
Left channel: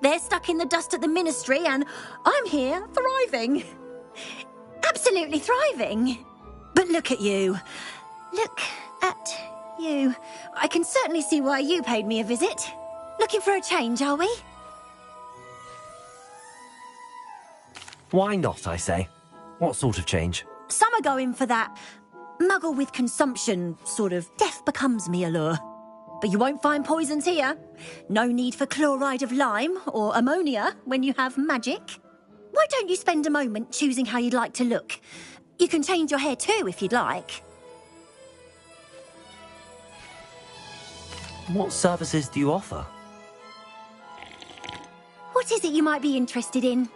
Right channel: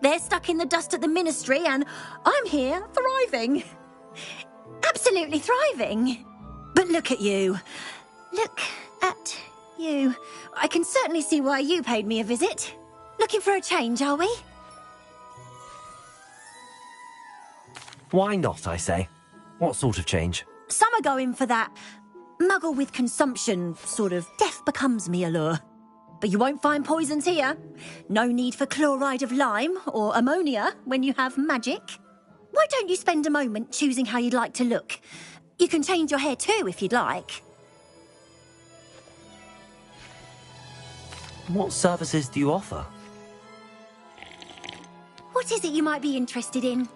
They're stuck in the dust at the ministry and I'm here thriving. Absolutely thriving. But look at you. Look at you. I can certainly see why you paid me a visit. Looking for a change, are we? Why not, I say? What sort of change? Some are going for that muggle with consumption, sort of death becomes me allure. But you won't find poisons here. No need for chloride of lime or ammonia when you have magic. Why don't you spend a moment choosing how you'd like to look? You can change your hair too if you'd like. What services do you offer? What is it you might be interested in?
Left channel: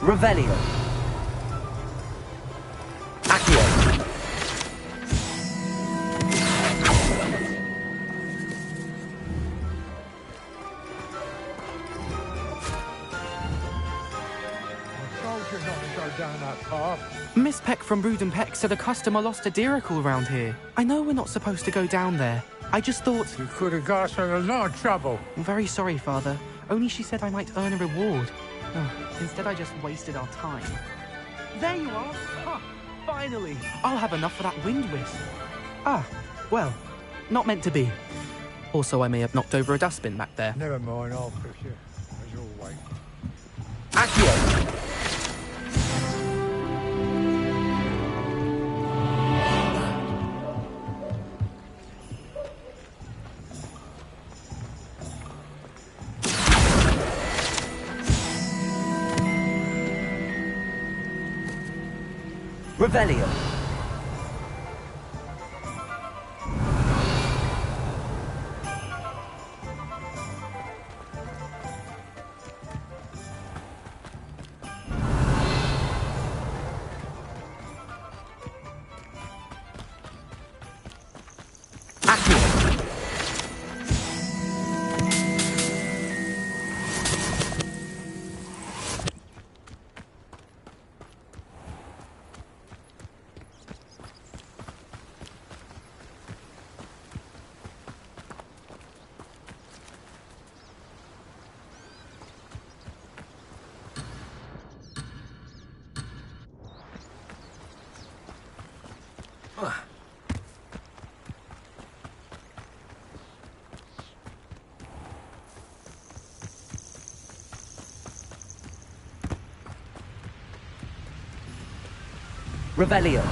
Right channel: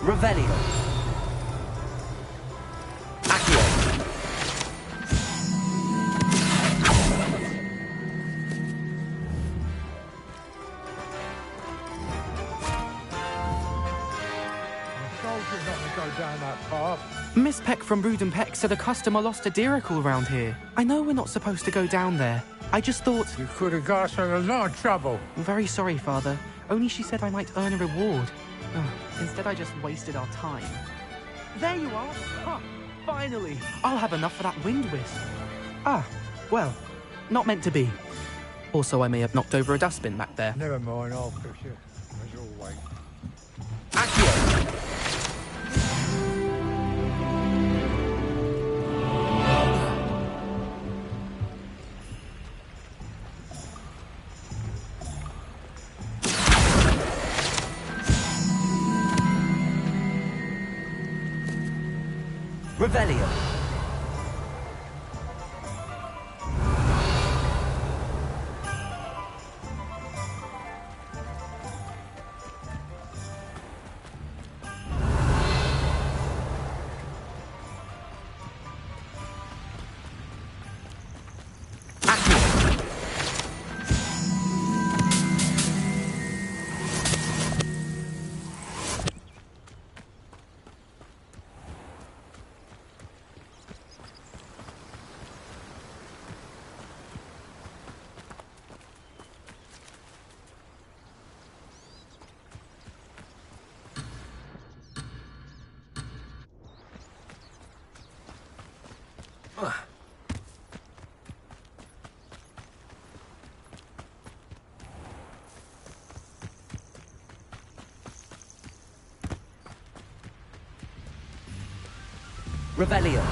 Revelio. Accio. Not to go down that path. Miss Peck from Brood and Peck said a customer lost a diracle around here. I know we're not supposed to go down there. I just thought... You could have got us in a lot of trouble. I'm very sorry, Father. Only she said I might earn a reward. Oh, instead I just wasted our time. There you are! Huh, finally! I'll have enough for that wind wisp. Ah, well, not meant to be. Also, I may have knocked over a dustbin back there. Never mind, I'll fix you, as always. Accio! Revelio. Revelio.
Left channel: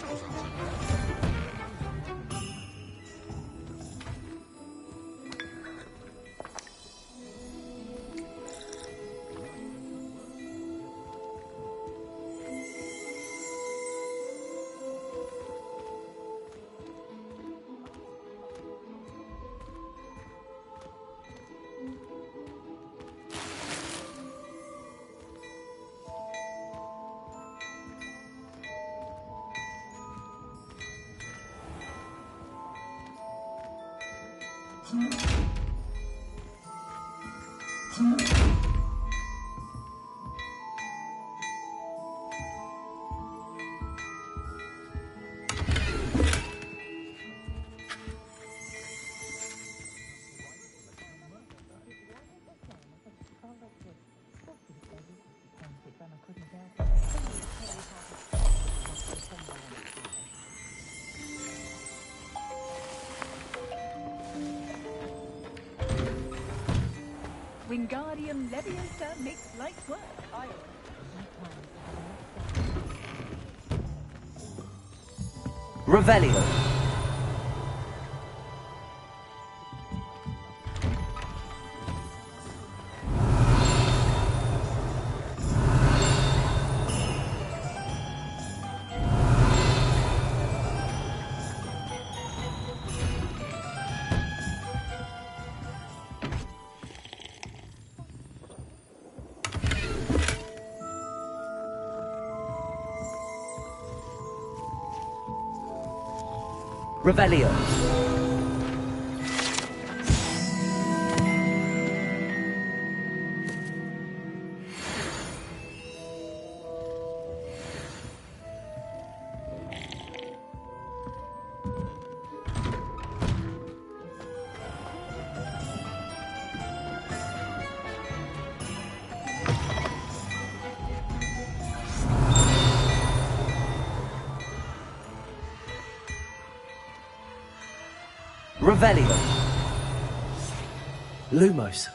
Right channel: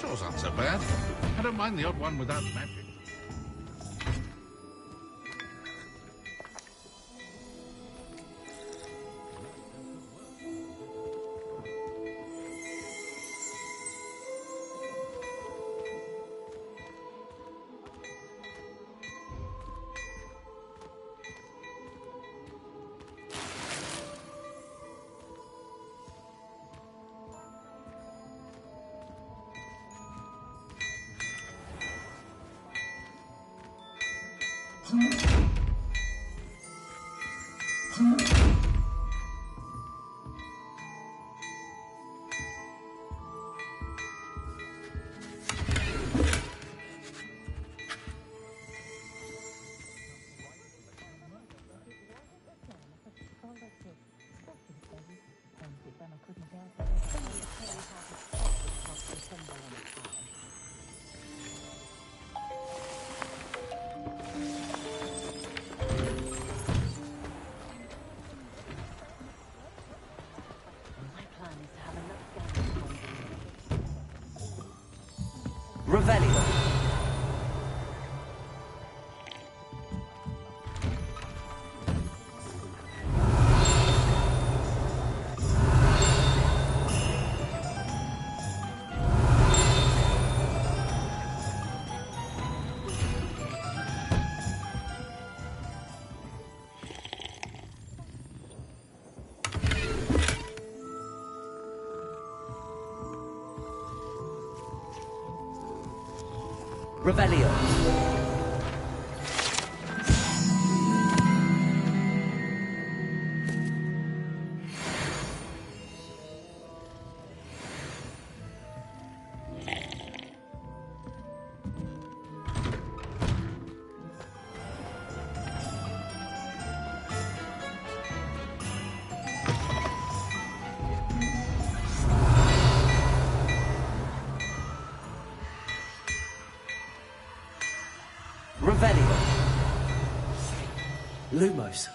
Chore's not so bad. I don't mind the odd one without magic. Revelio. Revelio. Revelio. Lumos.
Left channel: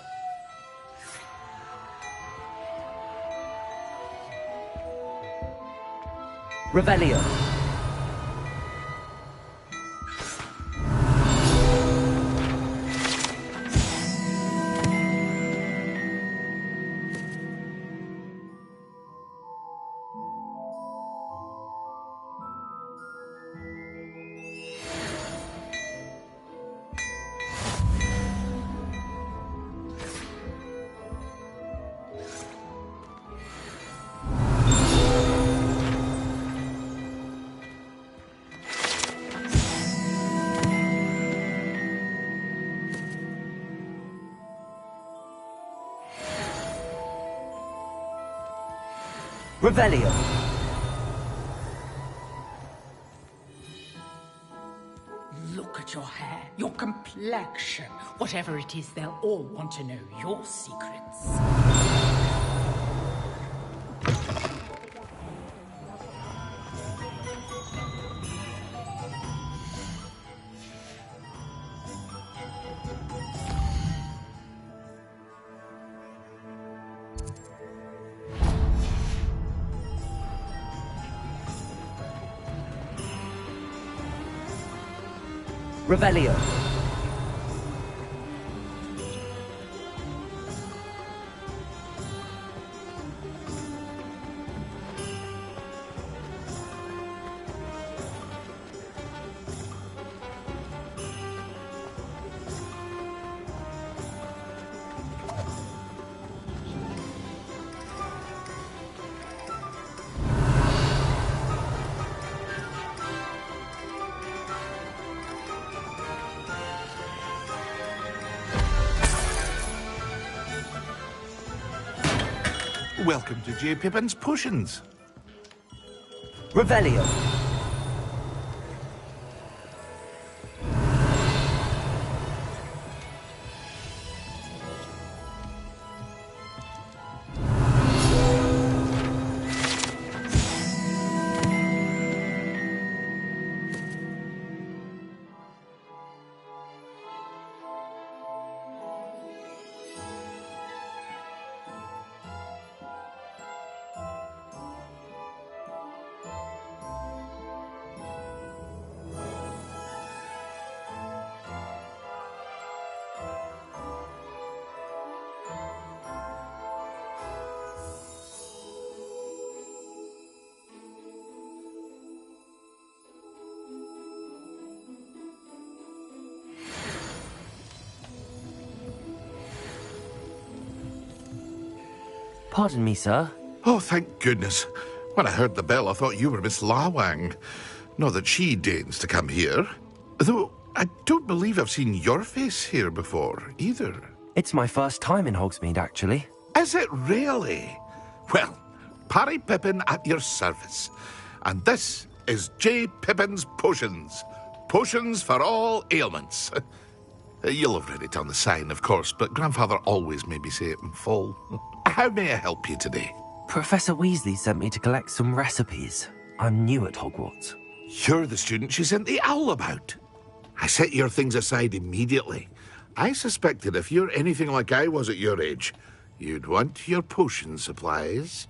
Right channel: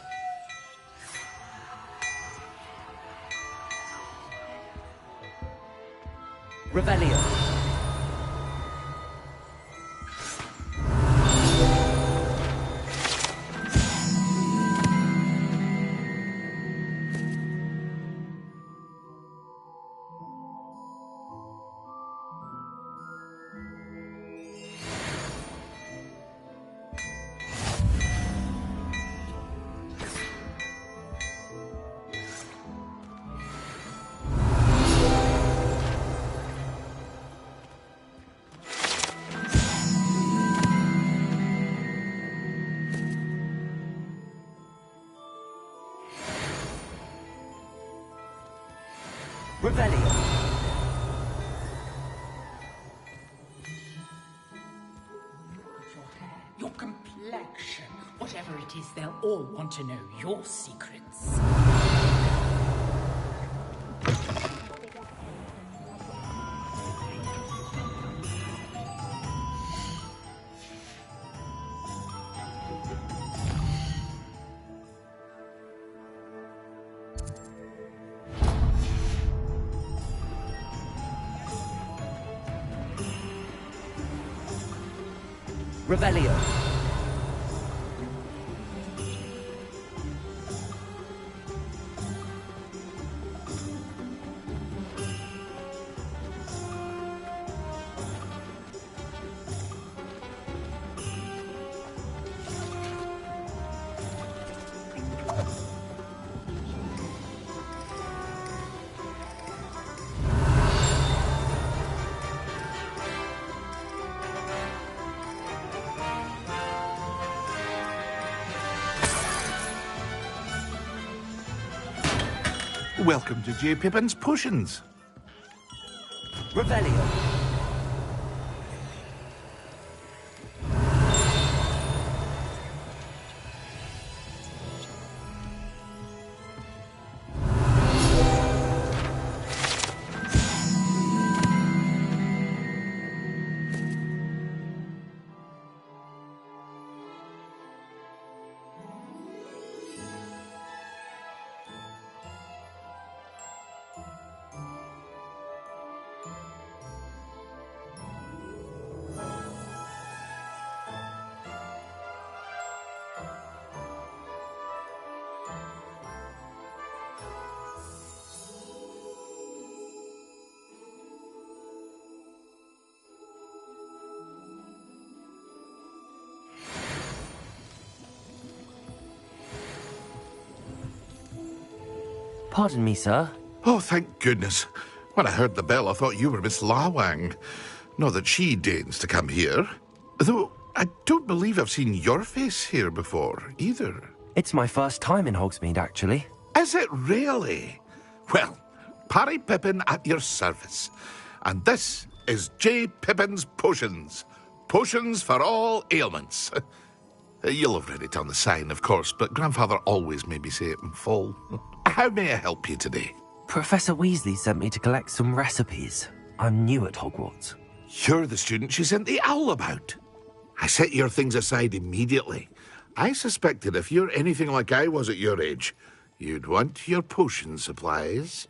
Revelio. Revelio. Look at your hair, your complexion. Whatever it is, they'll all want to know your secrets. Revelio. Welcome to J. Pippin's Potions. Revelio. Pardon me, sir. Oh, thank goodness. When I heard the bell, I thought you were Miss Lawang. Not that she deigns to come here. Though, I don't believe I've seen your face here before, either. It's my first time in Hogsmeade, actually. Is it really? Well, Parry Pippin at your service. And this is J. Pippin's Potions. Potions for all ailments. You'll have read it on the sign, of course, but Grandfather always made me say it in full. How may I help you today? Professor Weasley sent me to collect some recipes. I'm new at Hogwarts. You're the student she sent the owl about. I set your things aside immediately. I suspected if you're anything like I was at your age, you'd want your potion supplies.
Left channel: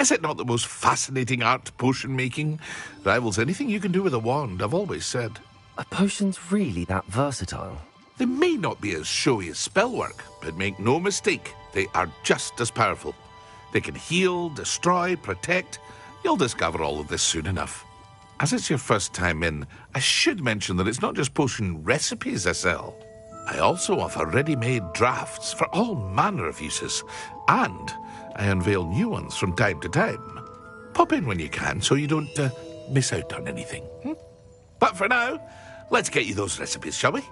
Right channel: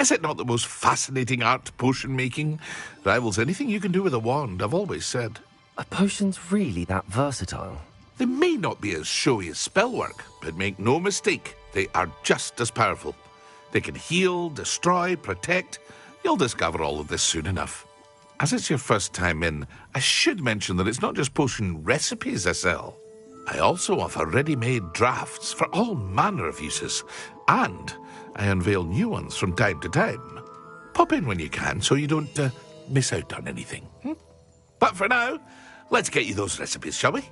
Is it not the most fascinating art, potion making? Rivals anything you can do with a wand, I've always said. Are potions really that versatile? They may not be as showy as spellwork, but make no mistake, they are just as powerful. They can heal, destroy, protect. You'll discover all of this soon enough. As it's your first time in, I should mention that it's not just potion recipes I sell. I also offer ready-made drafts for all manner of uses, and I unveil new ones from time to time. Pop in when you can so you don't miss out on anything. But for now, let's get you those recipes, shall we?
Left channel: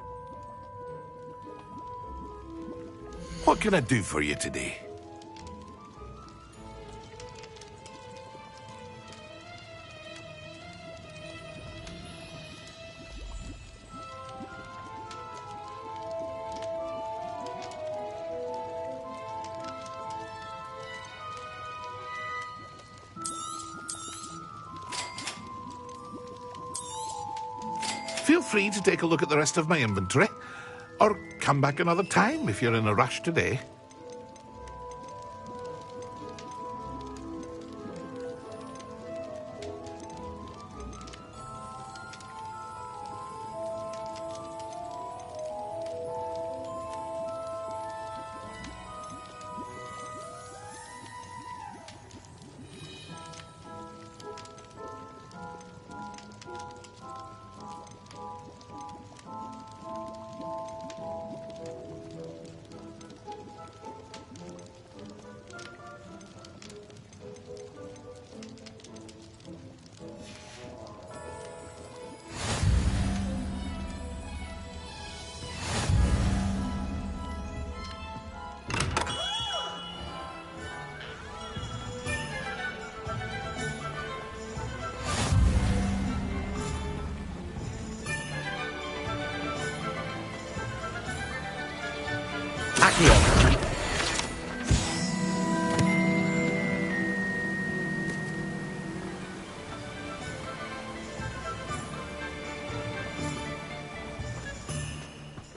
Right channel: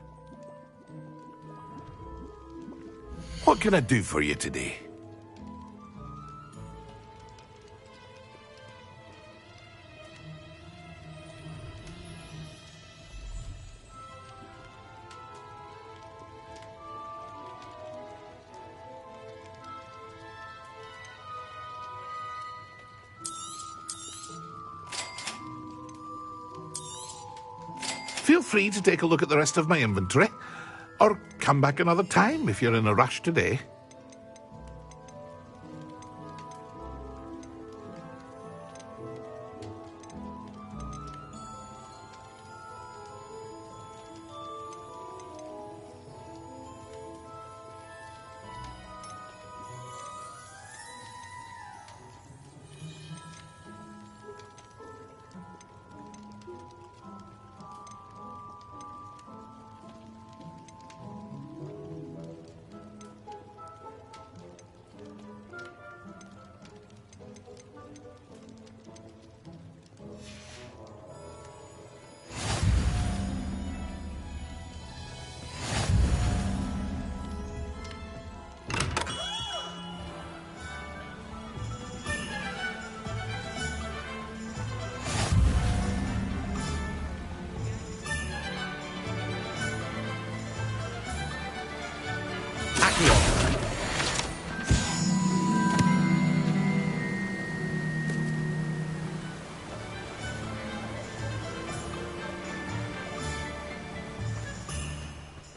What can I do for you today? Feel free to take a look at the rest of my inventory, or come back another time if you're in a rush today.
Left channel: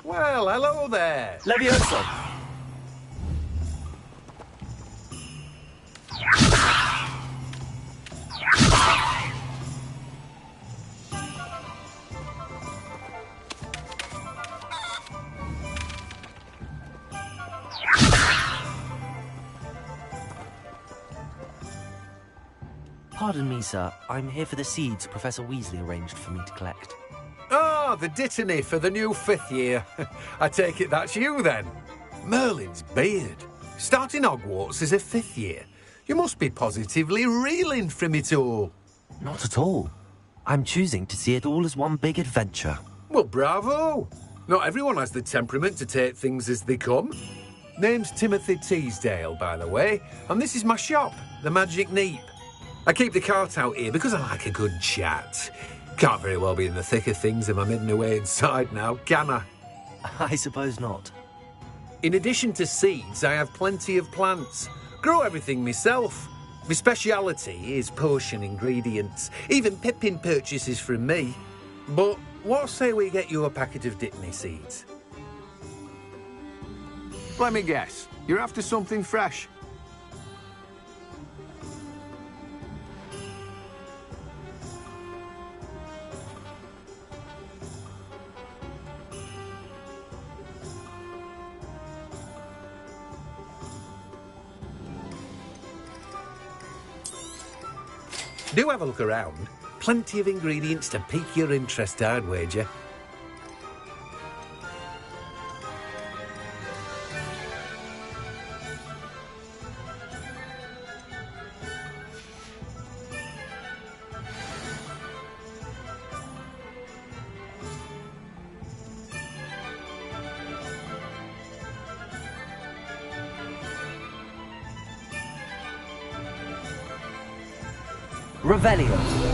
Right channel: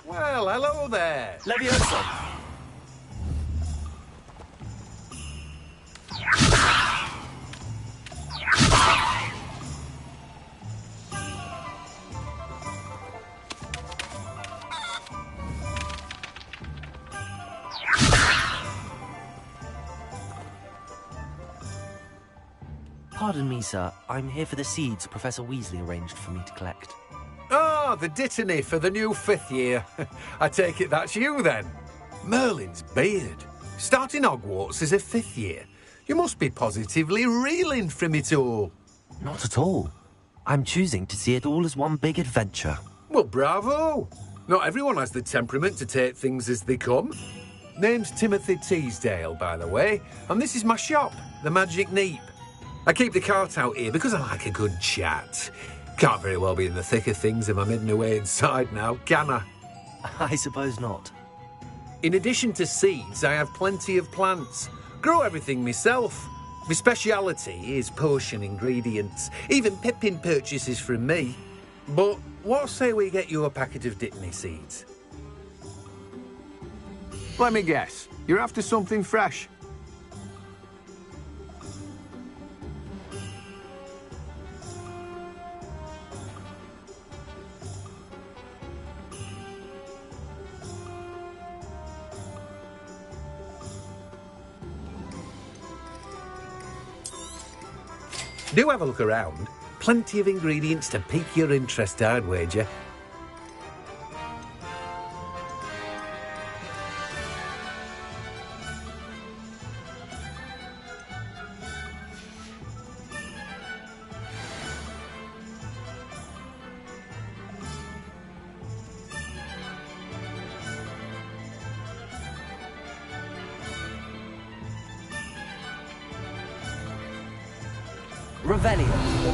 Well, hello there. Levioso. Pardon me, sir. I'm here for the seeds Professor Weasley arranged for me to collect. Ah, the dittany for the new 5th year. I take it that's you, then. Merlin's beard. Starting Hogwarts as a 5th year. You must be positively reeling from it all. Not at all. I'm choosing to see it all as one big adventure. Well, bravo. Not everyone has the temperament to take things as they come. Name's Timothy Teasdale, by the way, and this is my shop, the Magic Neep. I keep the cart out here because I like a good chat. Can't very well be in the thick of things if I'm hidden away inside now, can I? I suppose not. In addition to seeds, I have plenty of plants. Grow everything myself. My speciality is potion ingredients. Even Pippin purchases from me. But what say we get you a packet of dittany seeds? Let me guess. You're after something fresh. Do have a look around. Plenty of ingredients to pique your interest, I'd wager. Revelio.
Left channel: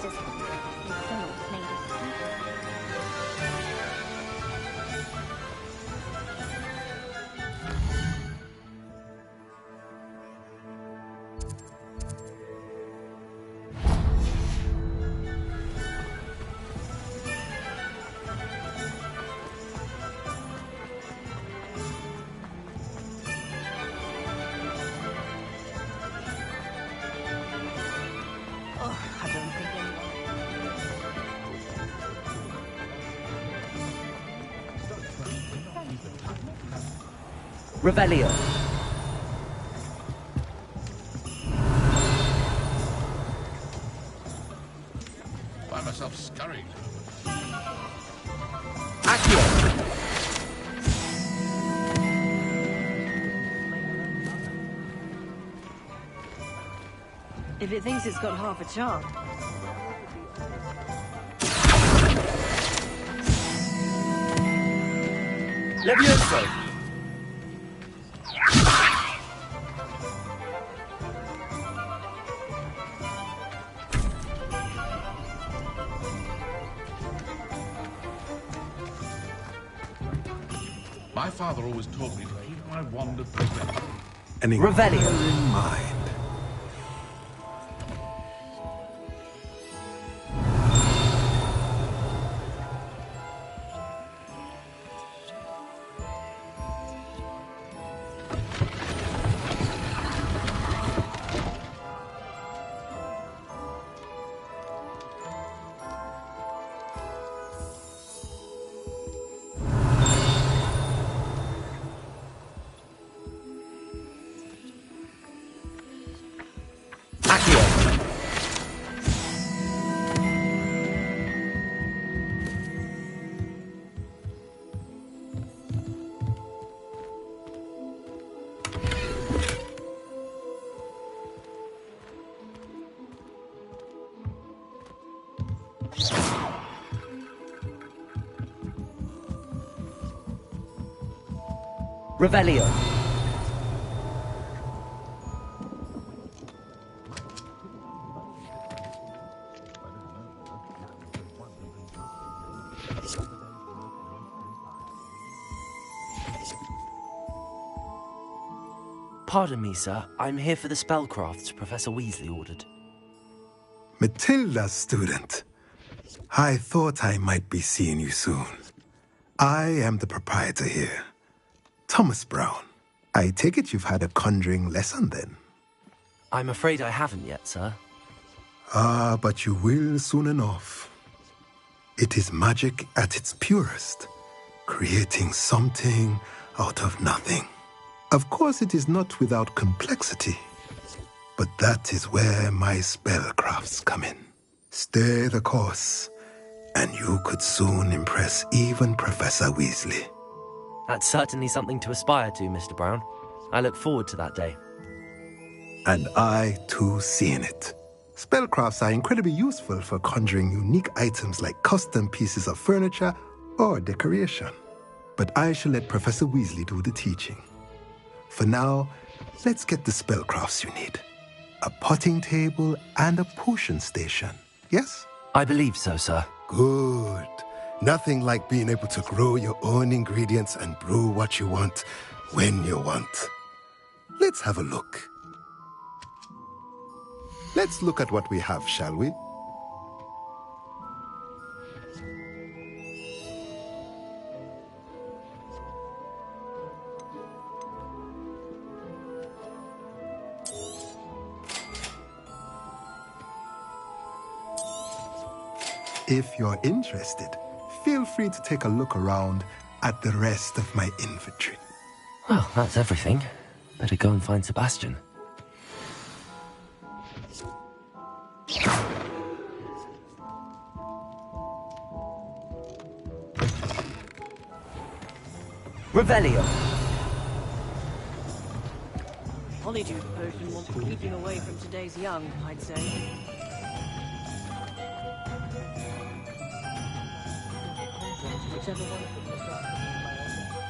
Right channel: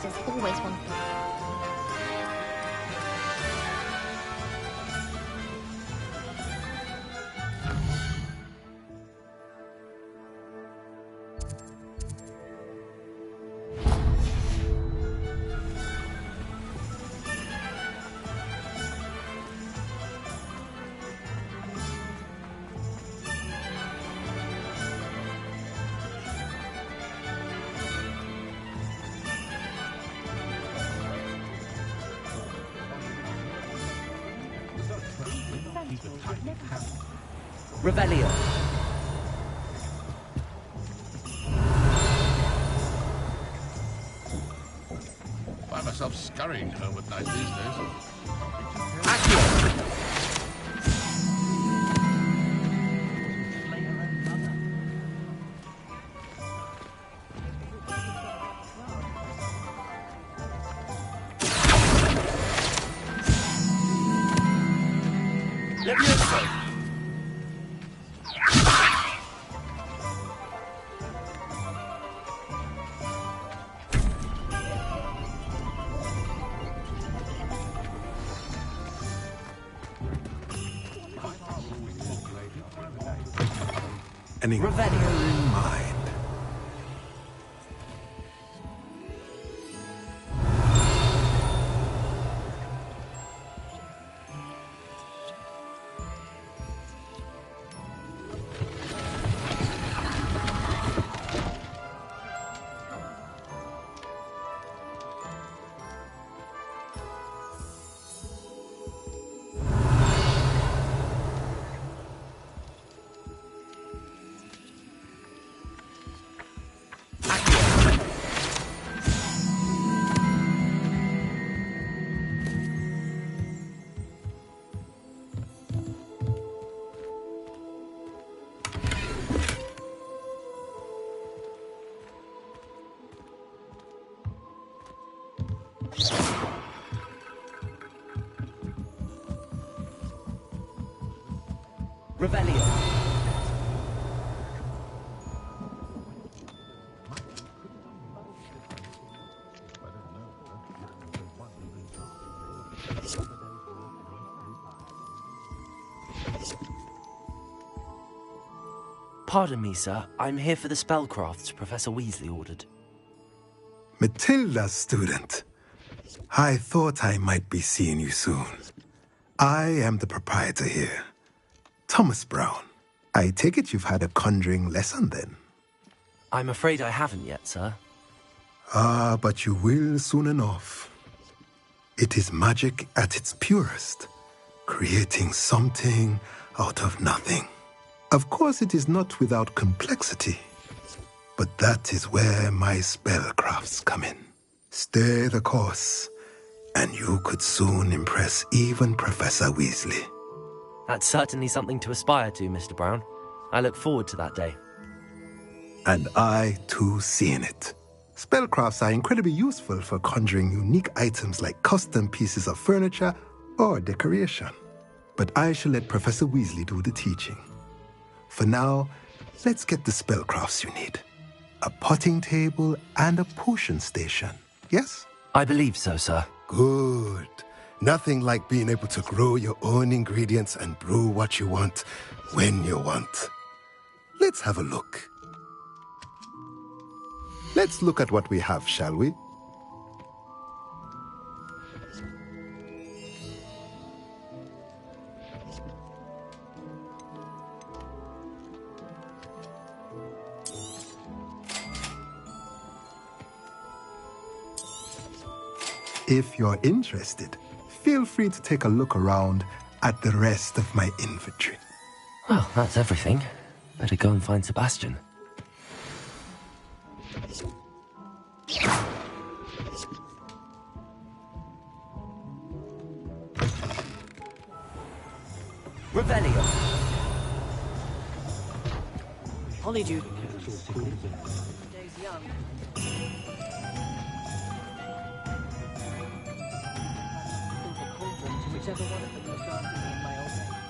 sisters always wanted me to come with me. Revelio. Find myself scurrying home at night these days. If it thinks it's got half a chance. Levioso. My father always taught me to keep my wand of An Revelio. in mind. Revelio. Pardon me, sir. I'm here for the spellcrafts Professor Weasley ordered. Matilda's student. I thought I might be seeing you soon. I am the proprietor here, Thomas Brown. I take it you've had a conjuring lesson then? I'm afraid I haven't yet, sir. Ah, but you will soon enough. It is magic at its purest, creating something out of nothing. Of course, it is not without complexity, but that is where my spellcrafts come in. Stay the course, and you could soon impress even Professor Weasley. That's certainly something to aspire to, Mr. Brown. I look forward to that day. And I, too, seeing it. Spellcrafts are incredibly useful for conjuring unique items like custom pieces of furniture or decoration. But I shall let Professor Weasley do the teaching. For now, let's get the spellcrafts you need. A potting table and a potion station, yes? I believe so, sir. Good. Nothing like being able to grow your own ingredients and brew what you want when you want. Let's have a look. Let's look at what we have, shall we? If you're interested, feel free to take a look around at the rest of my inventory. Well, that's everything. Better go and find Sebastian. Revelio. Polyjuice potions keeping away from today's young, I'd say. Whichever one of them was granted me in my old name.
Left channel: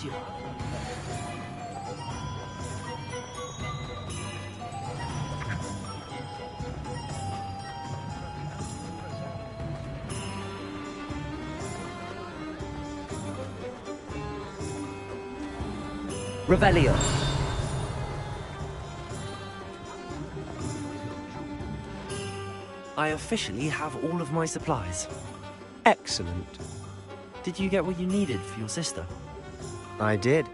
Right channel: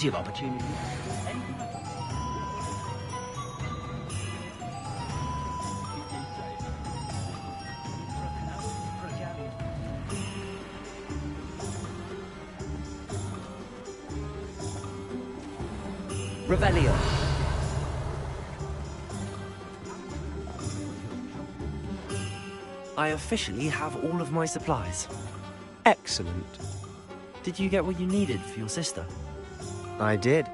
plenty of opportunity. Revelio. I officially have all of my supplies. Excellent. Did you get what you needed for your sister? I did.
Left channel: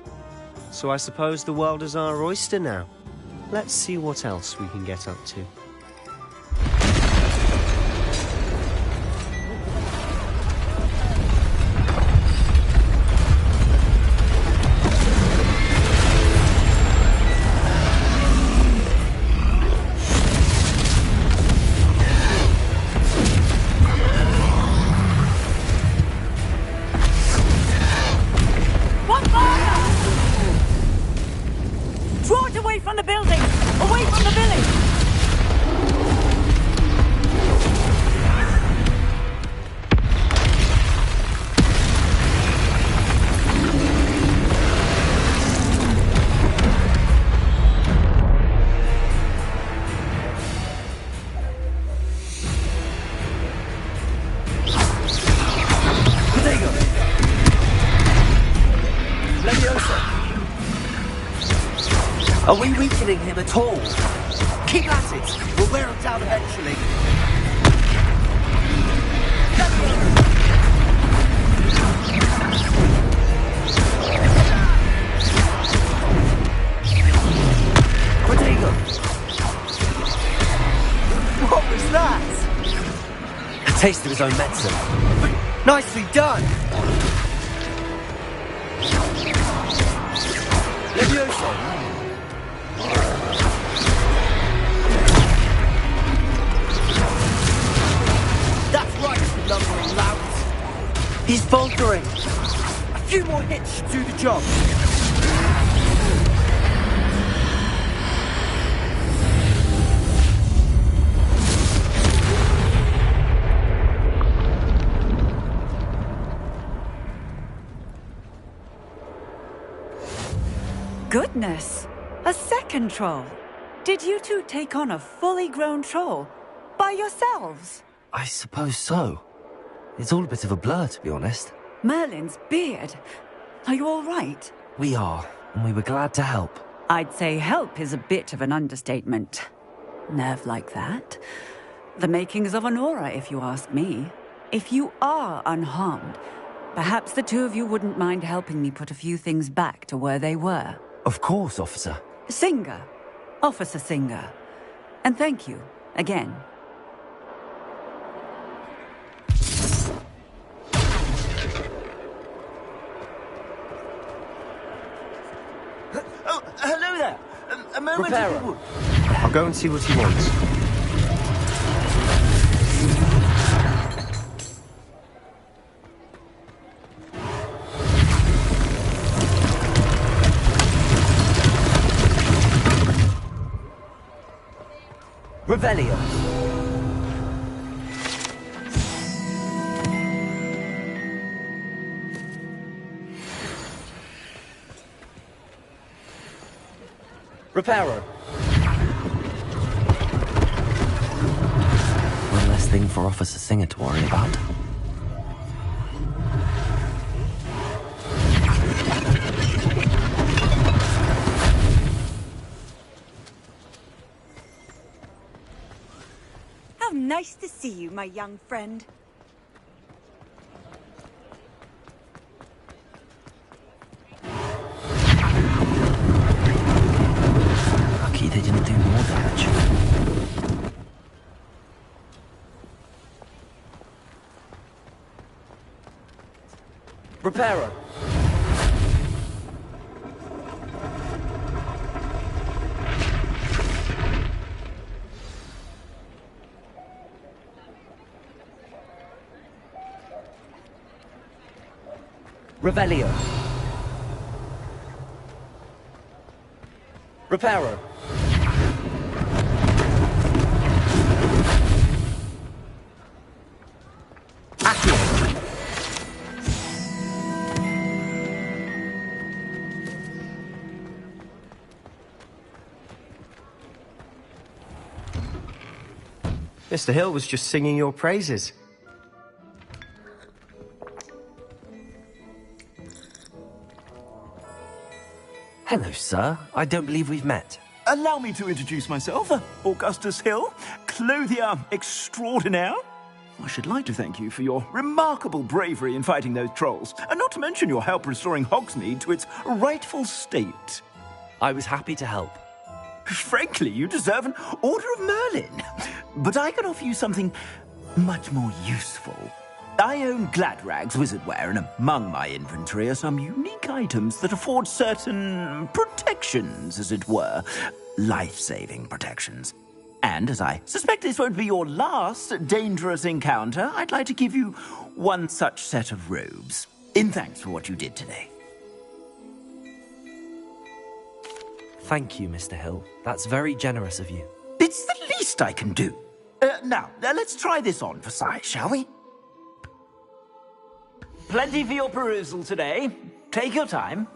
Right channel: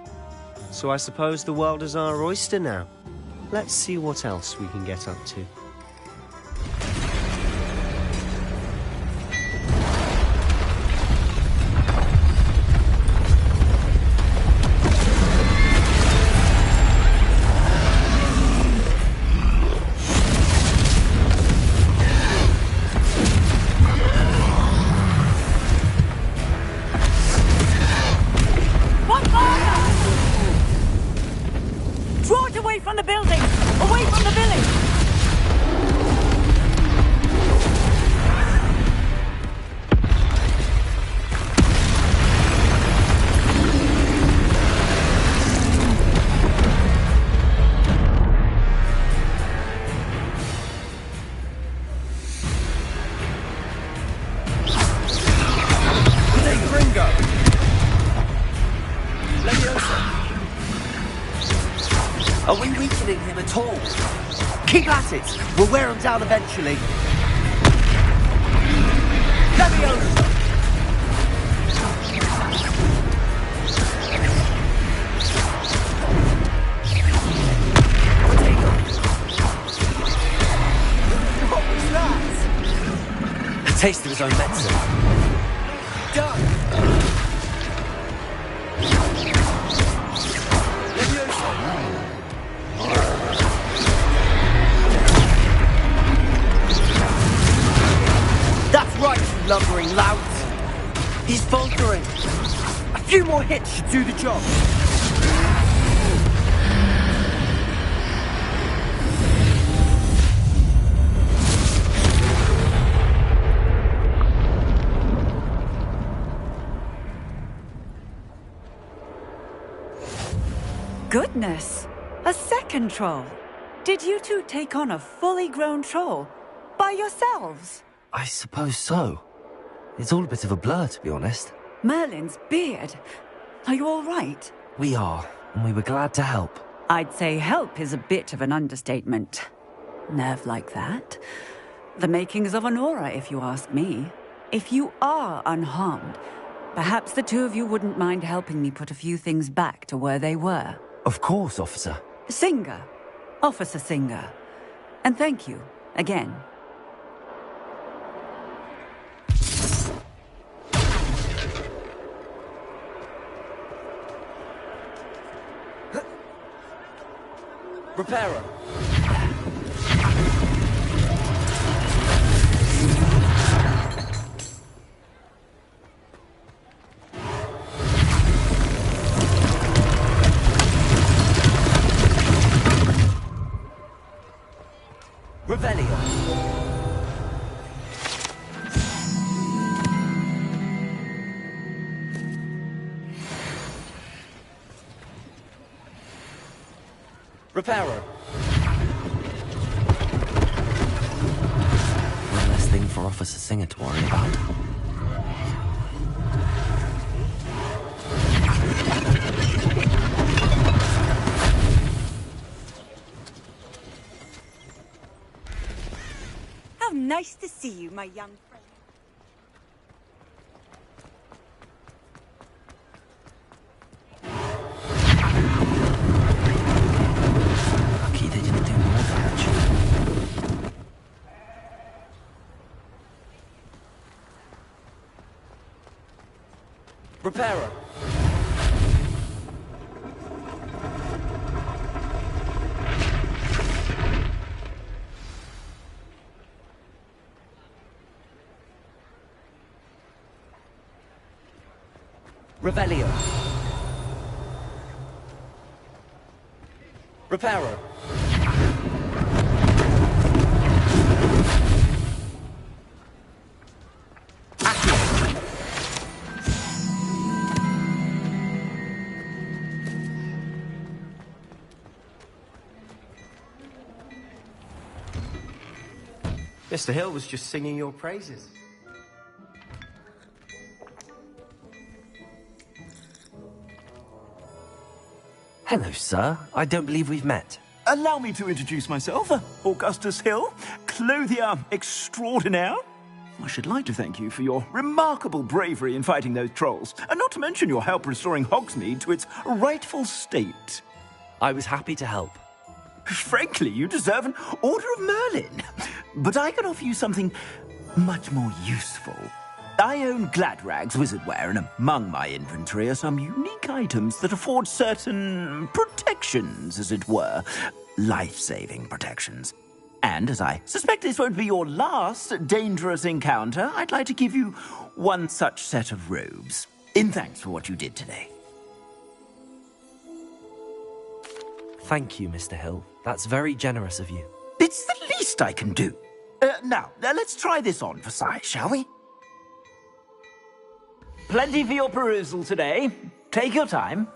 So I suppose the world is our oyster now. Let's see what else we can get up to. Draw it away from the building! Away from the village! Are we weakening him at all? Keep at it! We'll wear him down eventually. What was that? A taste of his own medicine. Nicely done! Levioso! That's right, you lumbering louts. He's faltering. A few more hits should do the job. Goodness! A second troll! Did you two take on a fully grown troll? By yourselves? I suppose so. It's all a bit of a blur, to be honest. Merlin's beard. Are you all right? We are, and we were glad to help. I'd say help is a bit of an understatement. Nerve like that. The makings of an aura, if you ask me. If you are unharmed, perhaps the two of you wouldn't mind helping me put a few things back to where they were. Of course, officer. Singer. Officer Singer. And thank you, again. Oh, hello there. A moment. Reparo. I'll go and see what he wants. Revelio. Reparo. One less thing for Officer Singer to worry about. How nice to see you, my young friend. Lucky they didn't do more damage. Reparo. Revelio. Reparo. Mr. Hill was just singing your praises. Hello, sir. I don't believe we've met. Allow me to introduce myself, Augustus Hill, clothier extraordinaire. I should like to thank you for your remarkable bravery in fighting those trolls, and not to mention your help restoring Hogsmeade to its rightful state. I was happy to help. Frankly, you deserve an Order of Merlin. But I can offer you something much more useful. I own Gladrag's wizardware, and among my inventory are some unique items that afford certain protections, as it were. Life-saving protections. And as I suspect this won't be your last dangerous encounter, I'd like to give you one such set of robes, in thanks for what you did today. Thank you, Mr. Hill. That's very generous of you. It's the least I can do. Now, let's try this on for size, shall we? Plenty for your perusal today. Take your time.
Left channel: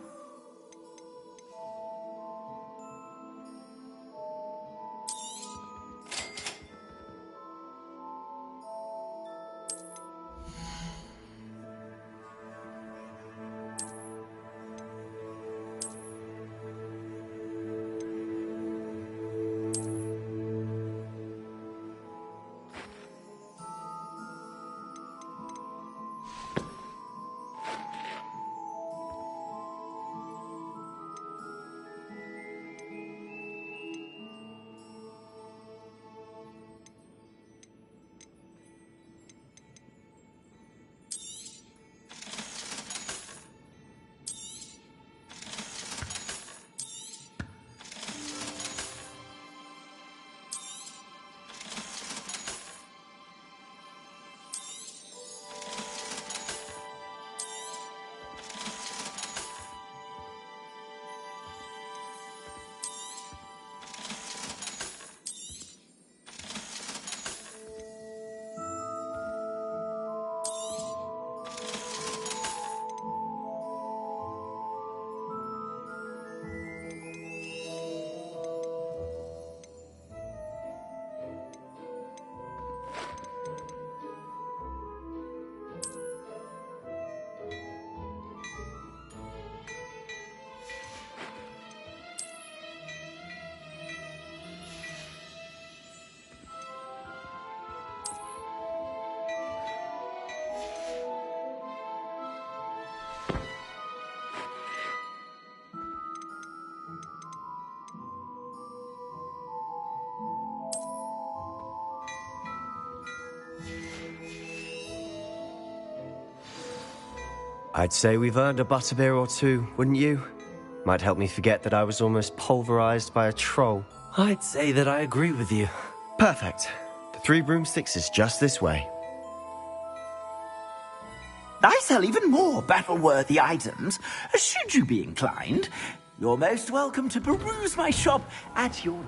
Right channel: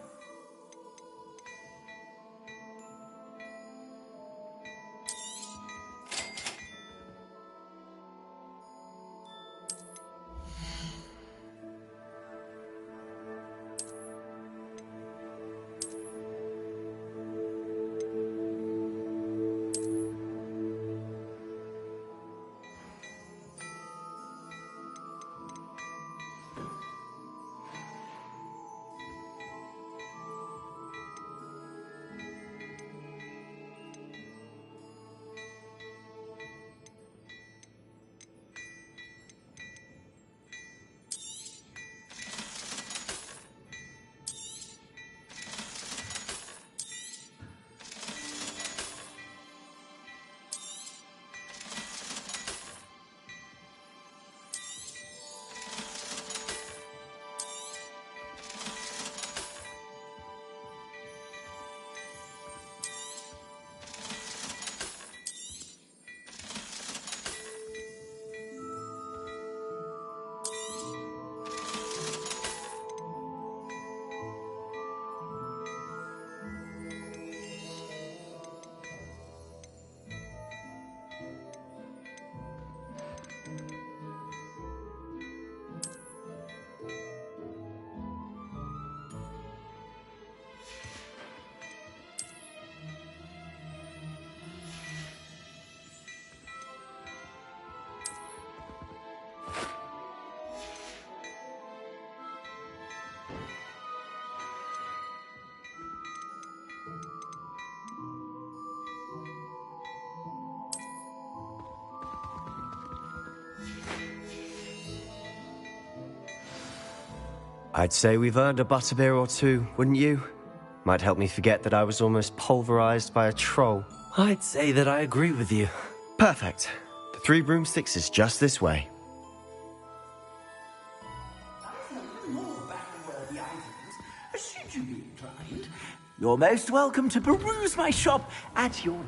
I'd say we've earned a butterbeer or two, wouldn't you? Might help me forget that I was almost pulverized by a troll. I'd say that I agree with you. Perfect. The 3 broomsticks is just this way. I sell even more battle-worthy items. Should you be inclined, you're most welcome to peruse my shop at your...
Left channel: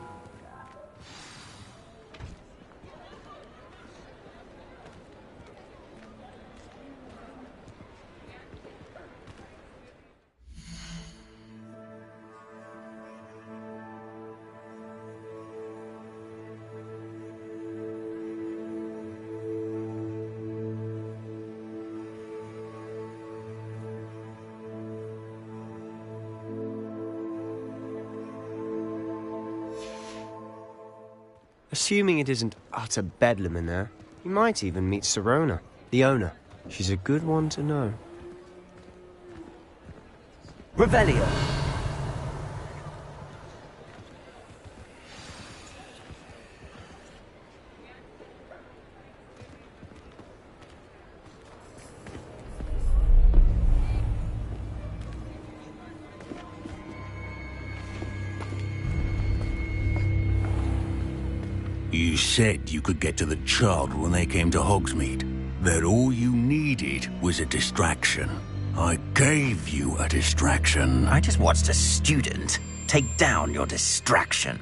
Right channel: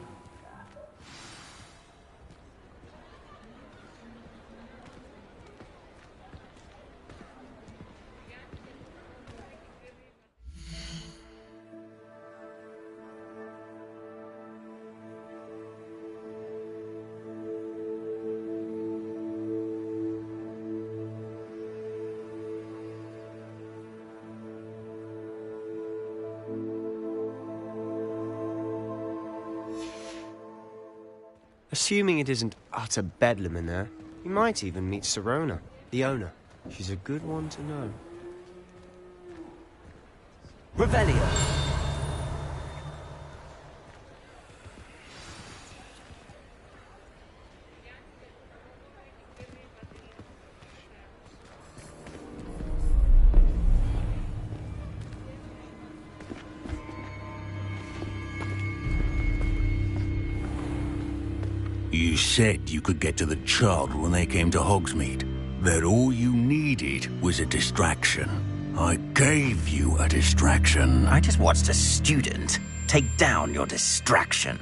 Assuming it isn't utter bedlam in there, you might even meet Serona, the owner. She's a good one to know. Revelio. You said you could get to the child when they came to Hogsmeade. That all you needed was a distraction. I gave you a distraction. I just watched a student take down your distraction.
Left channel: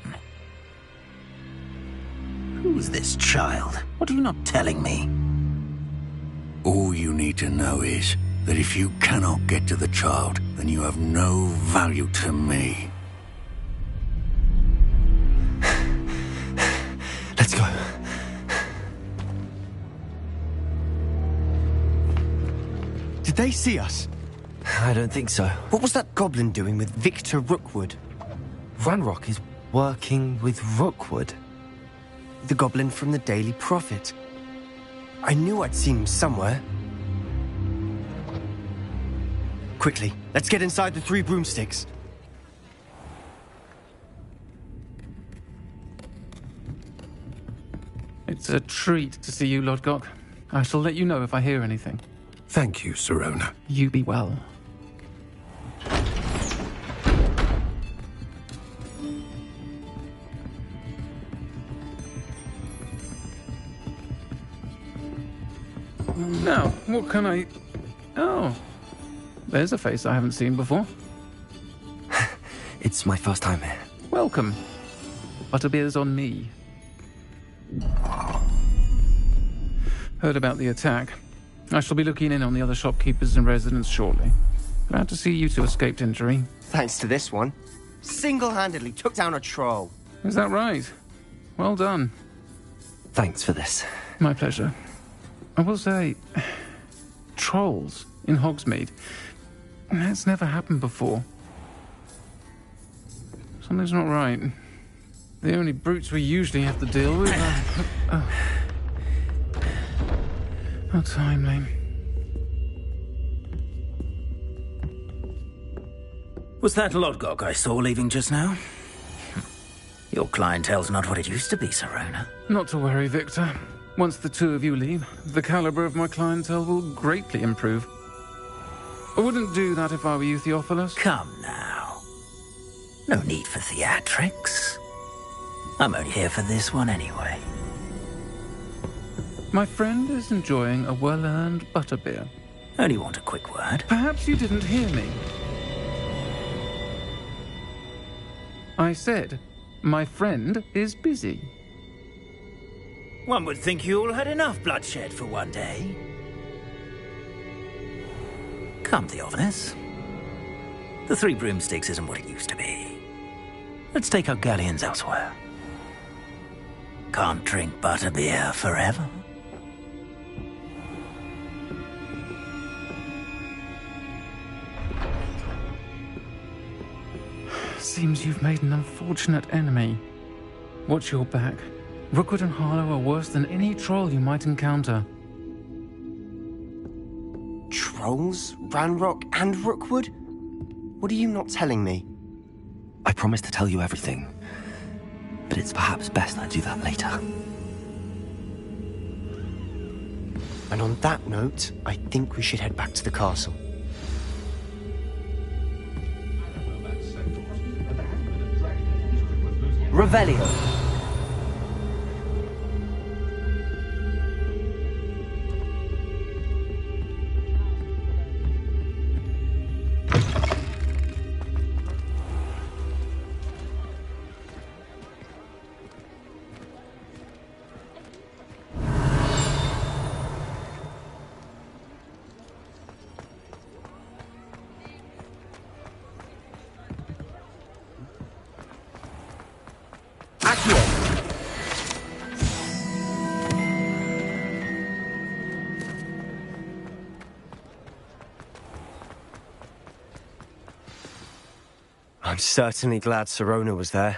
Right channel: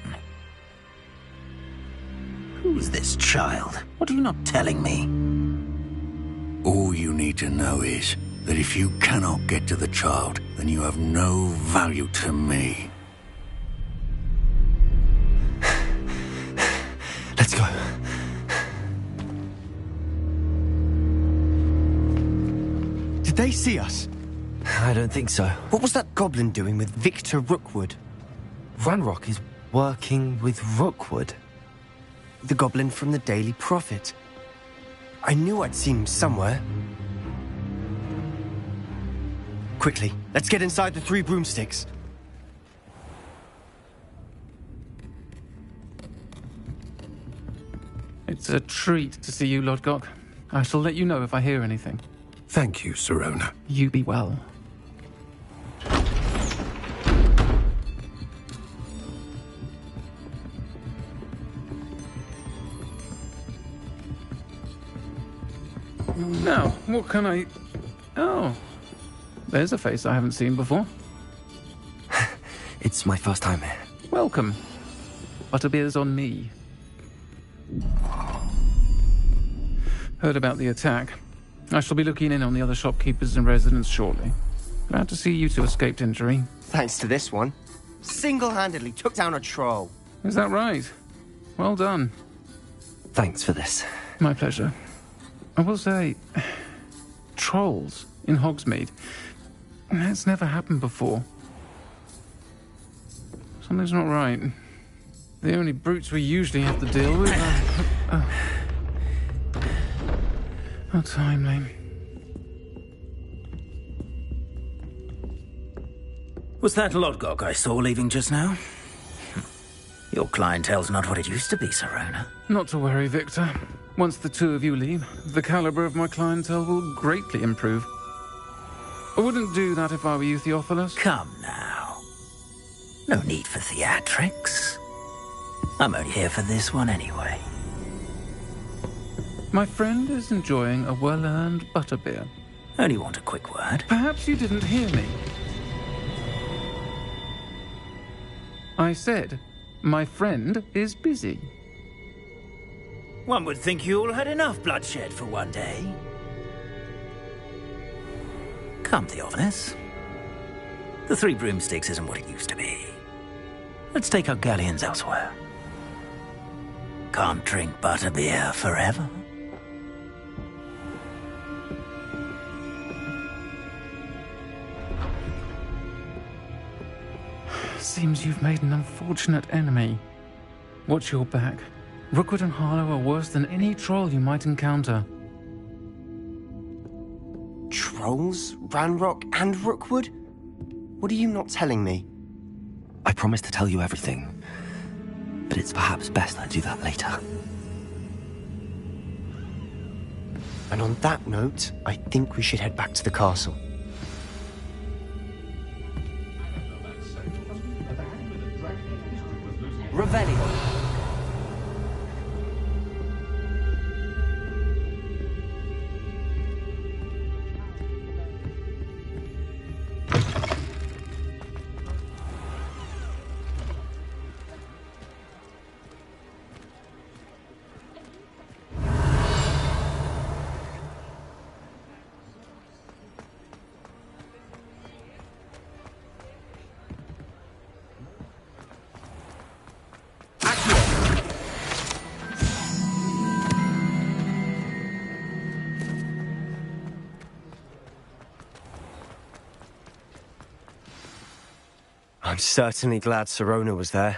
Who's this child? What are you not telling me? All you need to know is that if you cannot get to the child, then you have no value to me. Let's go. they see us? I don't think so. What was that goblin doing with Victor Rookwood? Ranrock is working with Rookwood. The goblin from the Daily Prophet. I knew I'd seen him somewhere. Quickly, let's get inside the 3 broomsticks. It's a treat to see you, Lodgok. I shall let you know if I hear anything. Thank you, Sirona. You be well. Now, what can I... Oh, there's a face I haven't seen before. It's my first time here. Welcome. Butterbeer's on me. Heard about the attack. I shall be looking in on the other shopkeepers and residents shortly. Glad to see you two escaped injury. Thanks to this one. Single-handedly took down a troll. Is that right? Well done. Thanks for this. My pleasure. I will say, trolls in Hogsmeade. That's never happened before. Something's not right. The only brutes we usually have to deal with are... How timely. Was that Lodgok I saw leaving just now? Your clientele's not what it used to be, Sirona. Not to worry, Victor. Once the 2 of you leave, the caliber of my clientele will greatly improve. I wouldn't do that if I were you, Theophilus. Come now. No need for theatrics. I'm only here for this one anyway. My friend is enjoying a well-earned butterbeer. Only want a quick word. Perhaps you didn't hear me. I said, my friend is busy. One would think you all had enough bloodshed for one day. Come, Theophilus. The 3 broomsticks isn't what it used to be. Let's take our galleons elsewhere. Can't drink butterbeer forever. Seems you've made an unfortunate enemy. Watch your back. Rookwood and Harlow are worse than any troll you might encounter. Trolls? Ranrock and Rookwood? What are you not telling me? I promised to tell you everything, but it's perhaps best I do that later. And on that note, I think we should head back to the castle. Revelio. I'm certainly glad Sirona was there.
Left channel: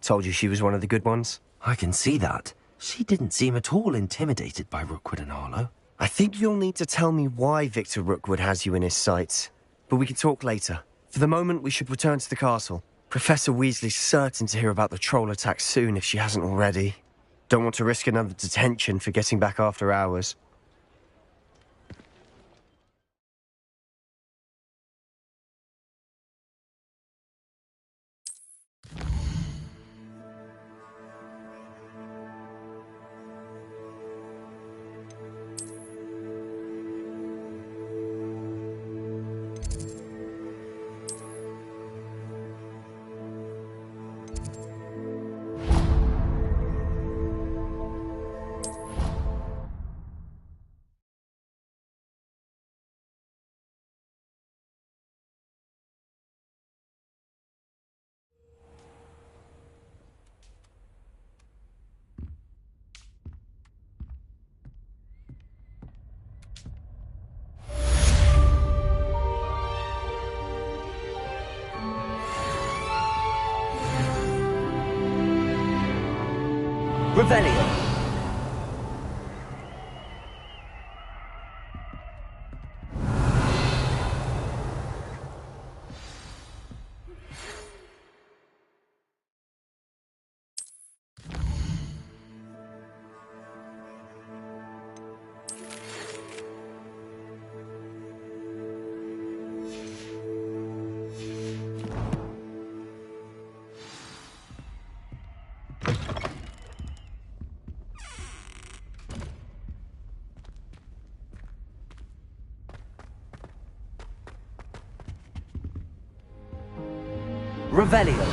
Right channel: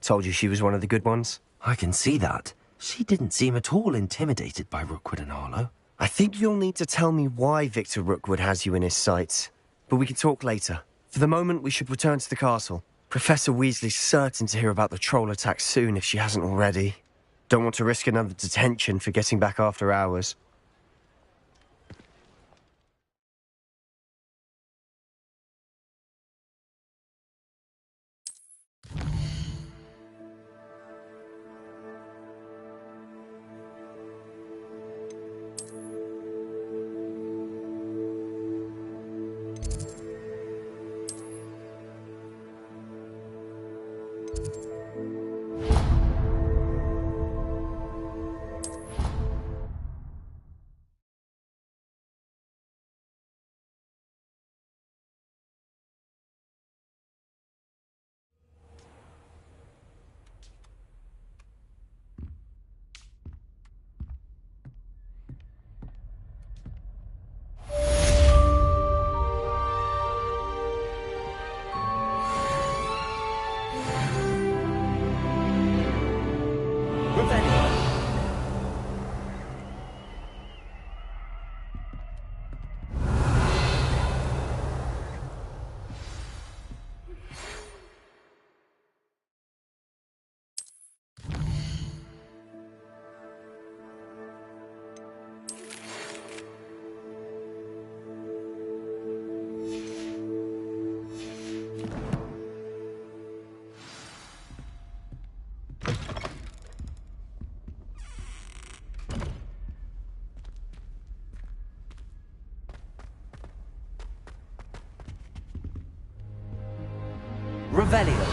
Told you she was one of the good ones. I can see that. She didn't seem at all intimidated by Rookwood and Harlow. I think you'll need to tell me why Victor Rookwood has you in his sights. But we can talk later. For the moment, we should return to the castle. Professor Weasley's certain to hear about the troll attack soon if she hasn't already. Don't want to risk another detention for getting back after hours. Revelio. Revelio.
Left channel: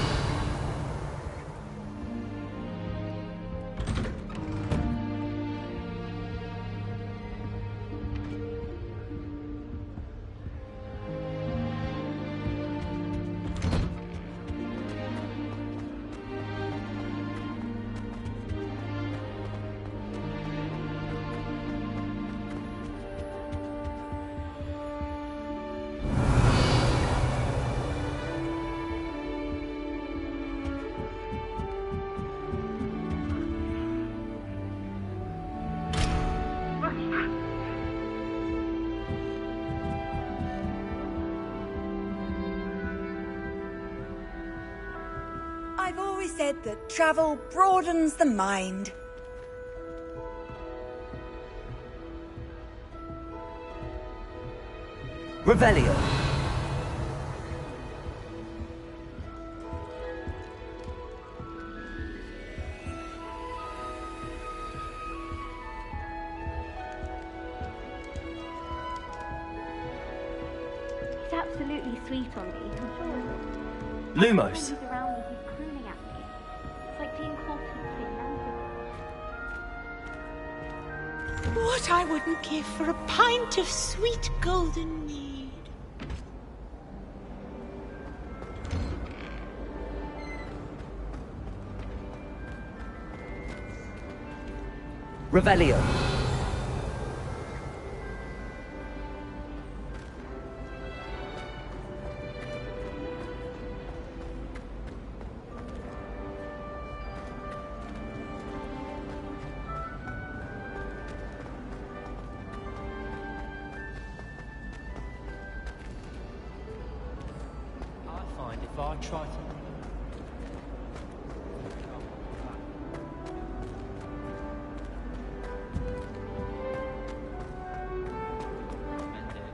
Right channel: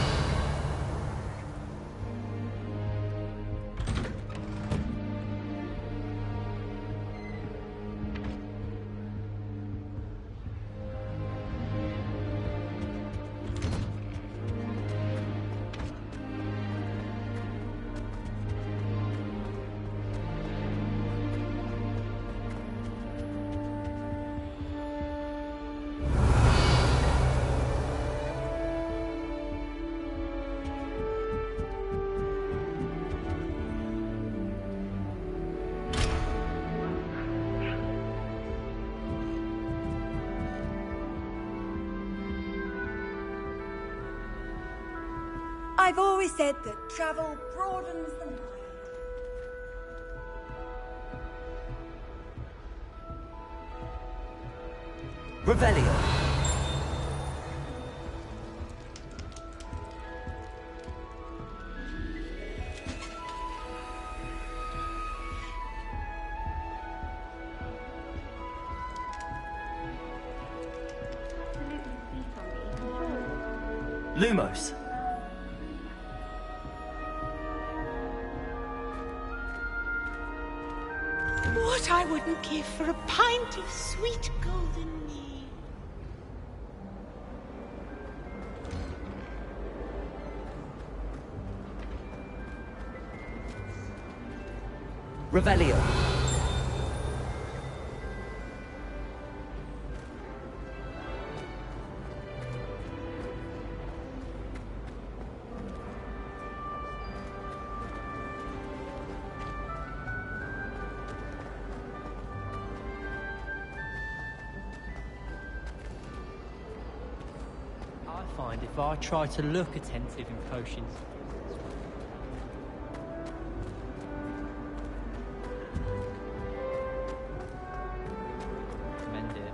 I've always said that travel broadens the mind. Revelio. It's absolutely sweet on me, I'm sure. Lumos. What I wouldn't give for a pint of sweet golden mead. Revelio. If I try to look attentive and kosher. Commend it.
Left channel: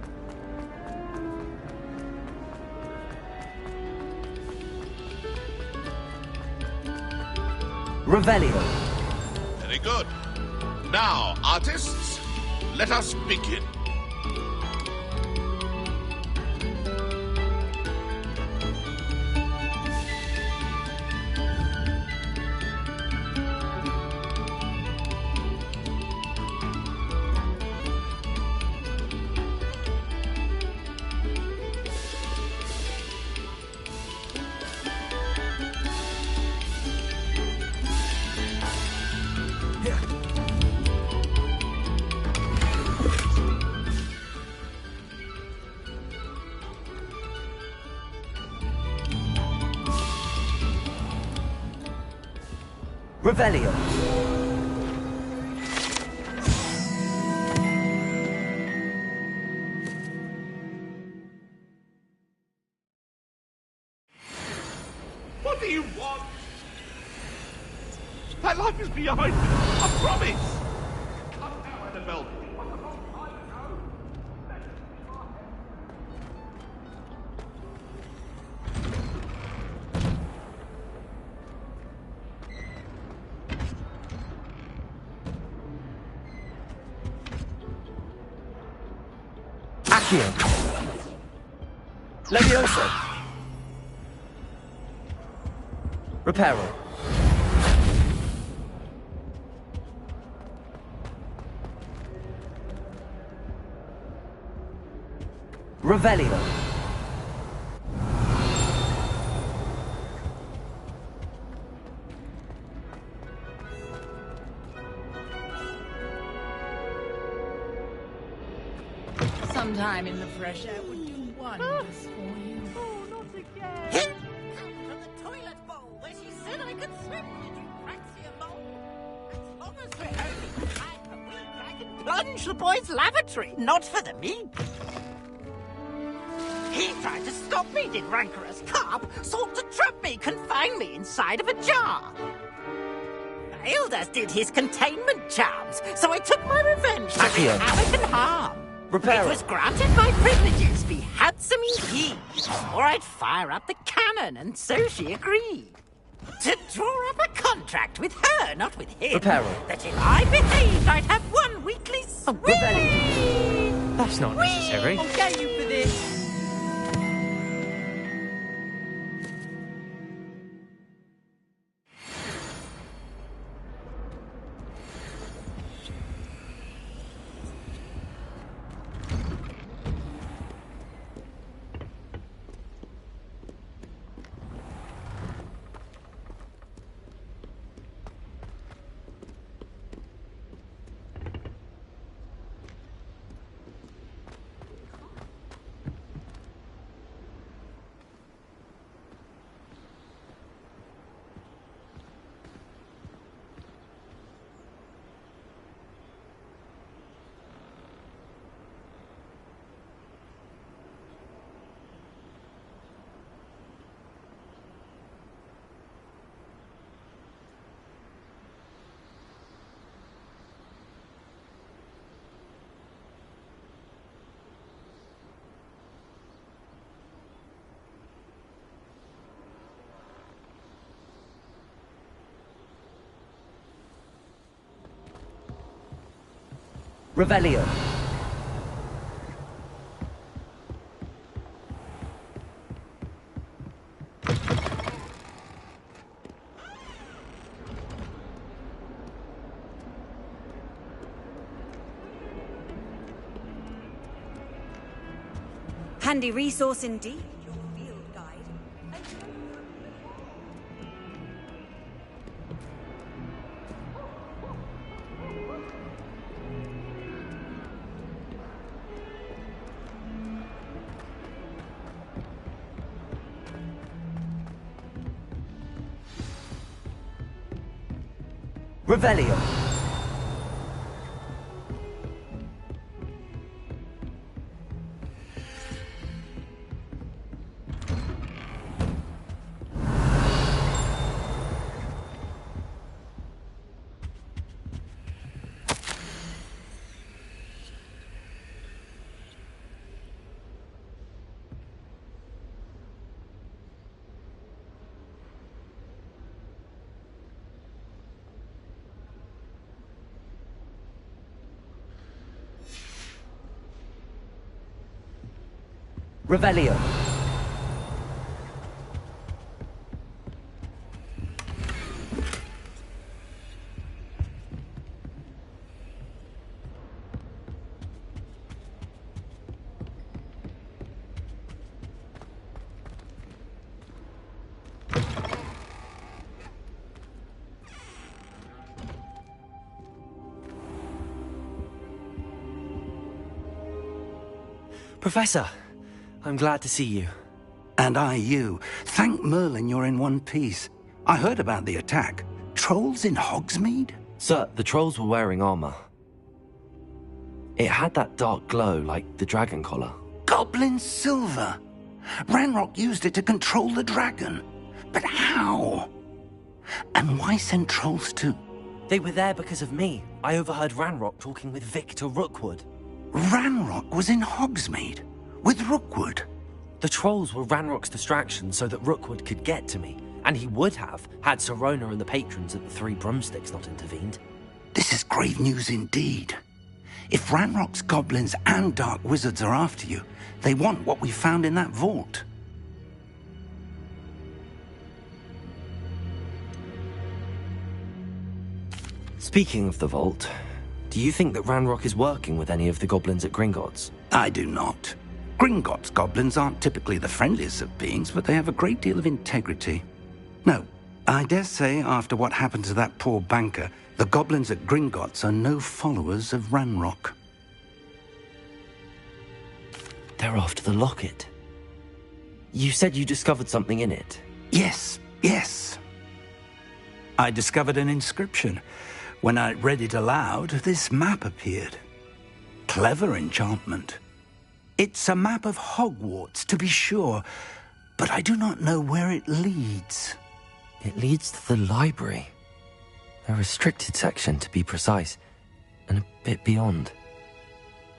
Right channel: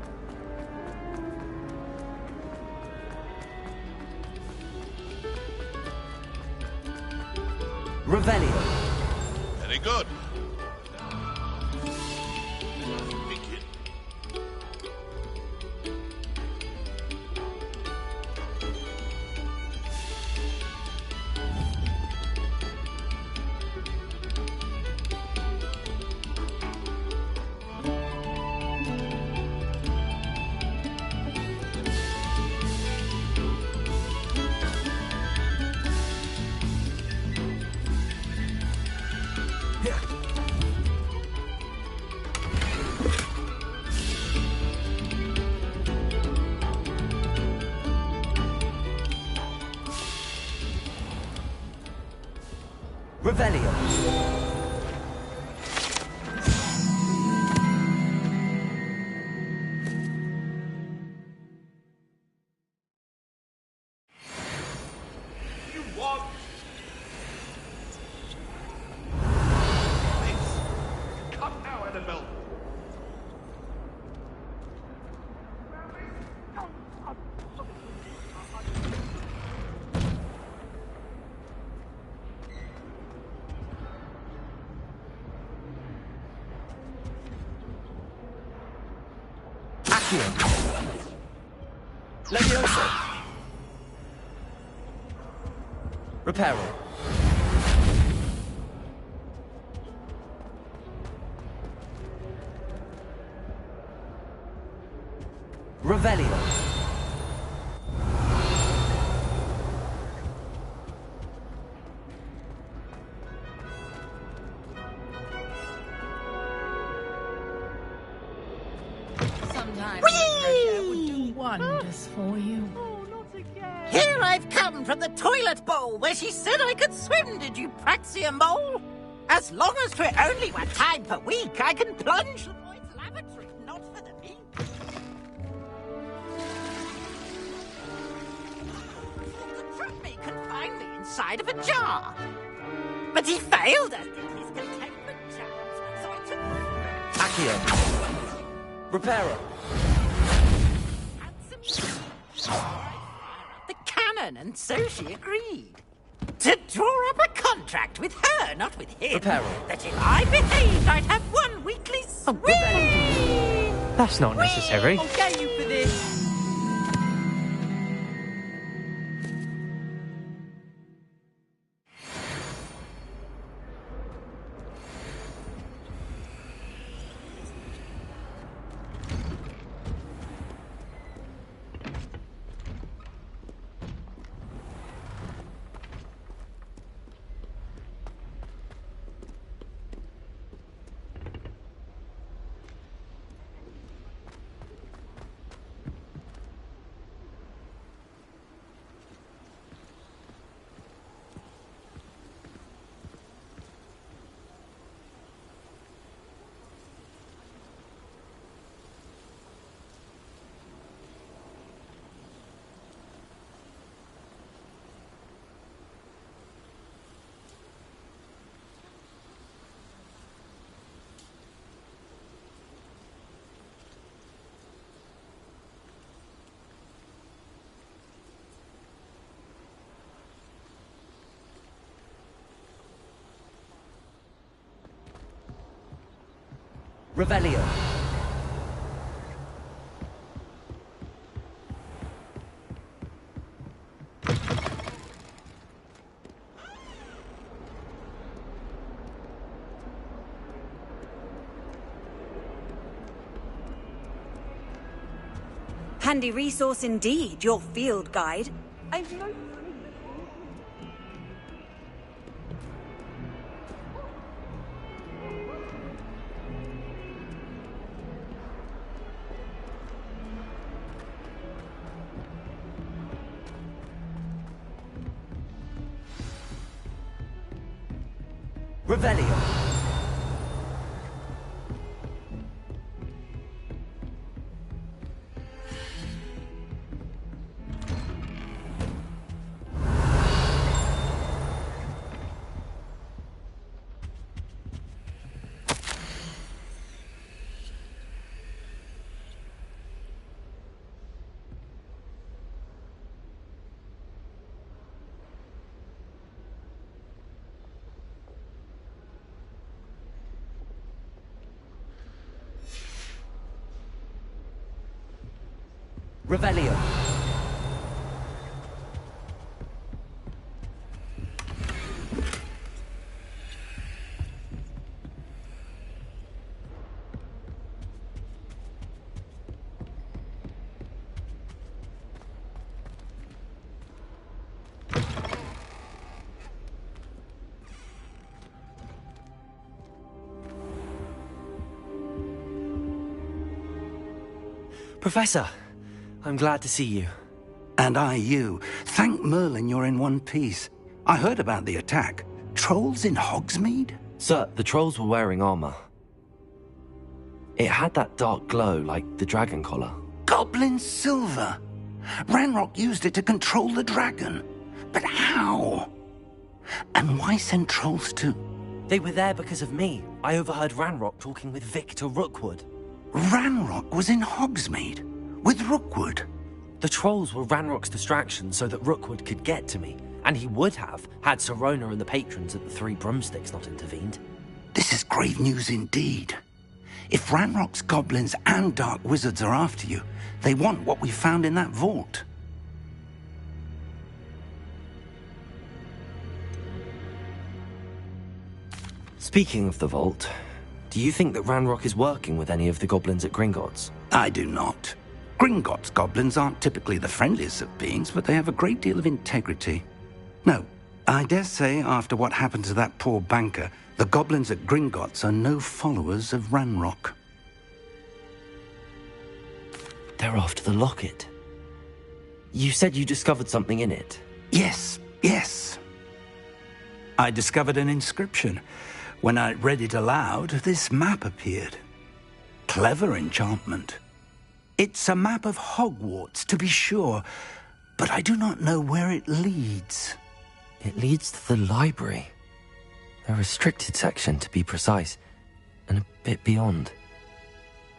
Revelio. Very good. Now, artists, let us begin. Revelio. What do you want? My life is behind me. I promise. Come now, Annabelle. Accio. Levioso. Reparo. Revelio. Sometimes the fresh air would do wonders for you. Here I've come from the toilet bowl where she said I could swim, did you praxia mole? As long as we're only 1 time per week, I can plunge the boys' lavatory, not for the meat. He tried to stop me, did rancorous carp, sought to trap me, confine me inside of a jar. But he failed, as did his containment charms, so I took my revenge. Accio. And harm. Reparo. It was granted my privileges be handsome indeed, or I'd fire up the cannon, and so she agreed. To draw up a contract with her, not with him. Reparo. That if I behaved, I'd have 1 weekly swing. That's not necessary. I'll get you for this. Revelio. Handy resource indeed, your field guide. Revelio. Revelio. Professor, I'm glad to see you. And I you. Thank Merlin you're in one piece. I heard about the attack. Trolls in Hogsmeade? Sir, the trolls were wearing armor. It had that dark glow like the dragon collar. Goblin silver! Ranrock used it to control the dragon. But how? And why send trolls to... They were there because of me. I overheard Ranrock talking with Victor Rookwood. Ranrock was in Hogsmeade? With Rookwood? The trolls were Ranrock's distraction so that Rookwood could get to me. And he would have, had Sirona and the patrons at the Three Broomsticks not intervened. This is grave news indeed. If Ranrock's goblins and dark wizards are after you, they want what we found in that vault. Speaking of the vault, do you think that Ranrock is working with any of the goblins at Gringotts? I do not. Gringotts goblins aren't typically the friendliest of beings, but they have a great deal of integrity. No, I dare say after what happened to that poor banker, the goblins at Gringotts are no followers of Ranrock. They're after the locket. You said you discovered something in it. Yes, yes. I discovered an inscription. When I read it aloud, this map appeared. Clever enchantment. It's a map of Hogwarts, to be sure, but I do not know where it leads. It leads to the library. A restricted section, to be precise, and a bit beyond.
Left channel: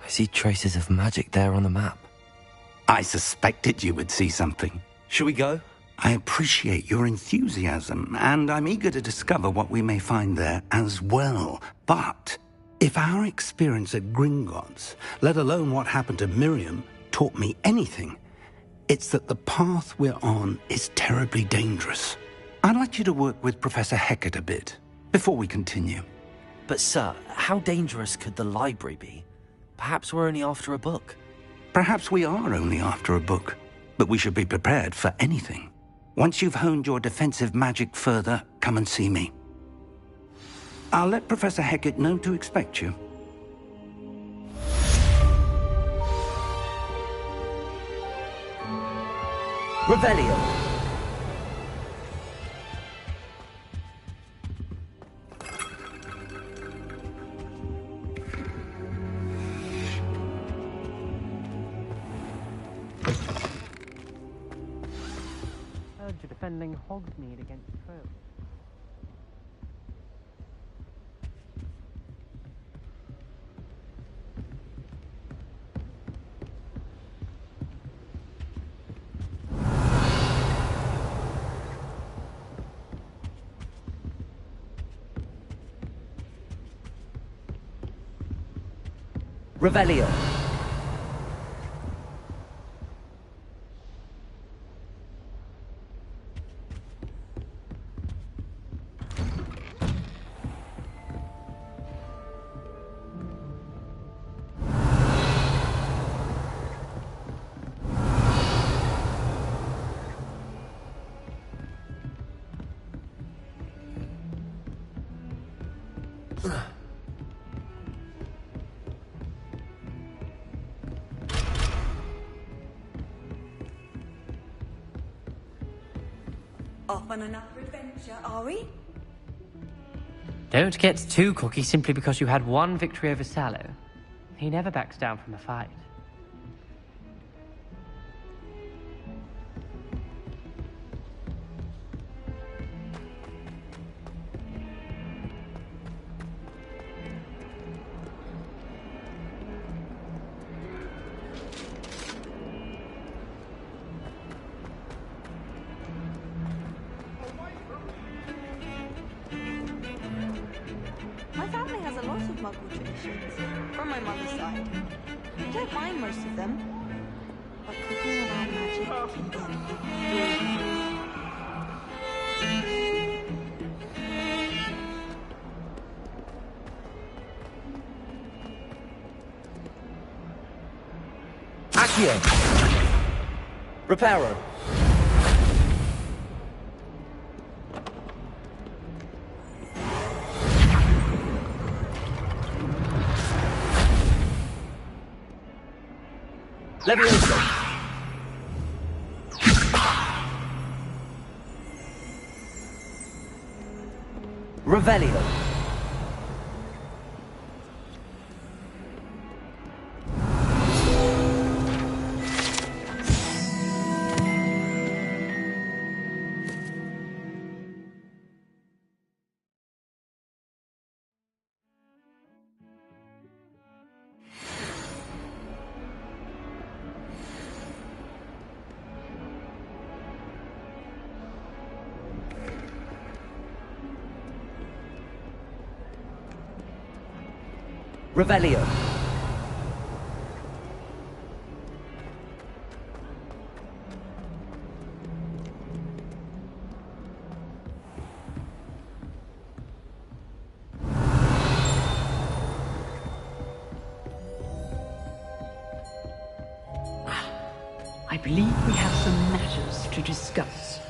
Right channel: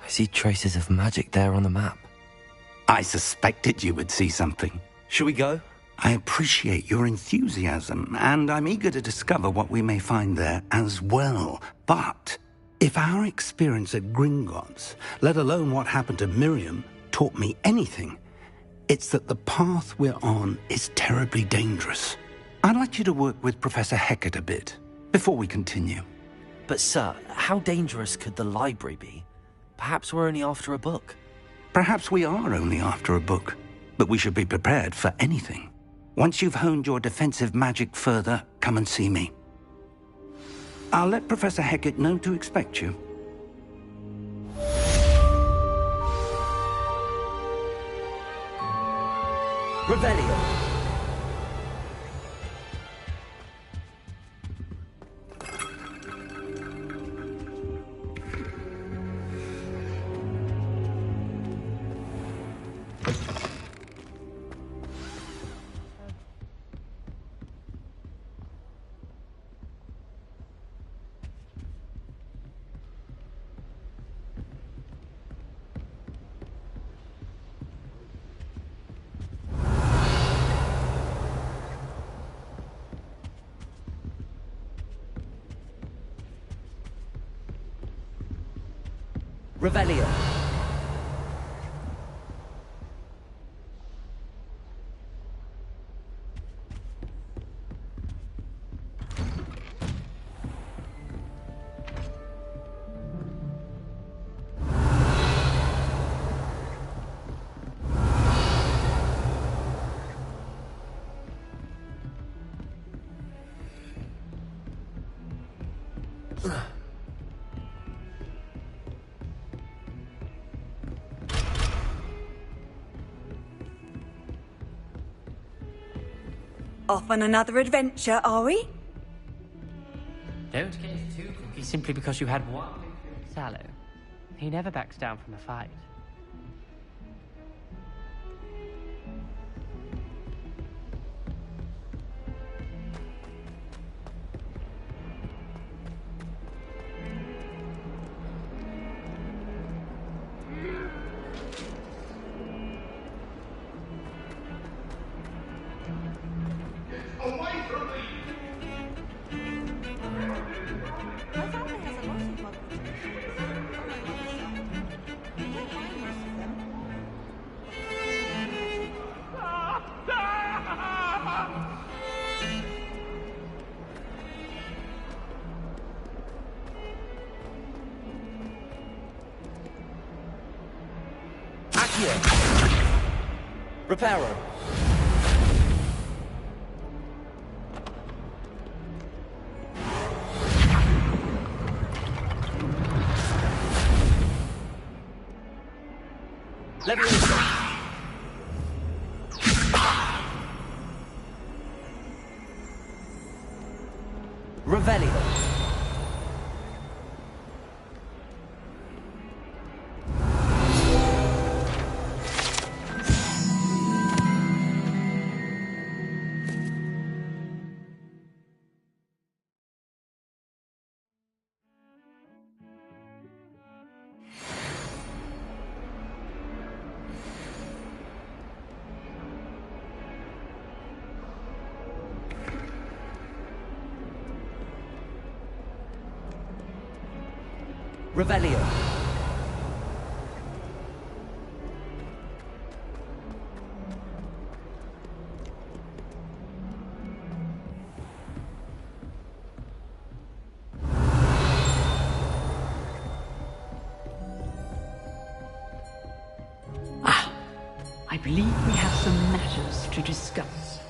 I see traces of magic there on the map. I suspected you would see something. Shall we go? I appreciate your enthusiasm, and I'm eager to discover what we may find there as well. But if our experience at Gringotts, let alone what happened to Miriam, taught me anything, it's that the path we're on is terribly dangerous. I'd like you to work with Professor Hecat a bit before we continue. But sir, how dangerous could the library be? Perhaps we're only after a book. Perhaps we are only after a book, but we should be prepared for anything. Once you've honed your defensive magic further, come and see me. I'll let Professor Hecat know to expect you. Revelio. Defending Hogsmeade against Crow. Revelio. Off on another adventure, are we? Don't get too cocky simply because you had one victory over Sallow. He never backs down from a fight. My family has a lot of Muggle traditions, from my mother's side. I don't mind most of them, but cooking around magic... Accio. Reparo. Leviosa. Revelio. Revelio. I believe we have some matters to discuss.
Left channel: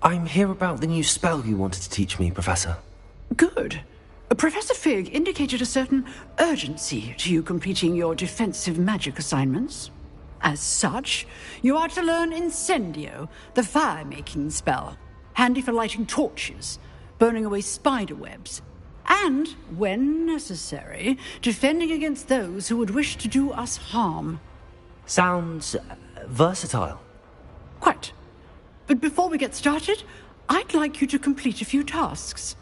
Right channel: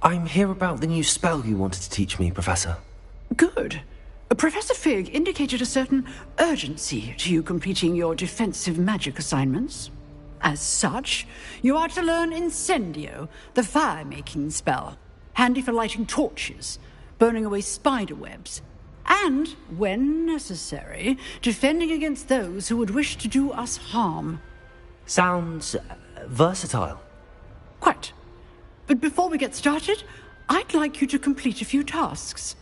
I'm here about the new spell you wanted to teach me, Professor. Good. Professor Fig indicated a certain urgency to you completing your defensive magic assignments. As such, you are to learn Incendio, the fire-making spell, handy for lighting torches, burning away spider webs, and, when necessary, defending against those who would wish to do us harm. Sounds versatile. Quite. But before we get started, I'd like you to complete a few tasks.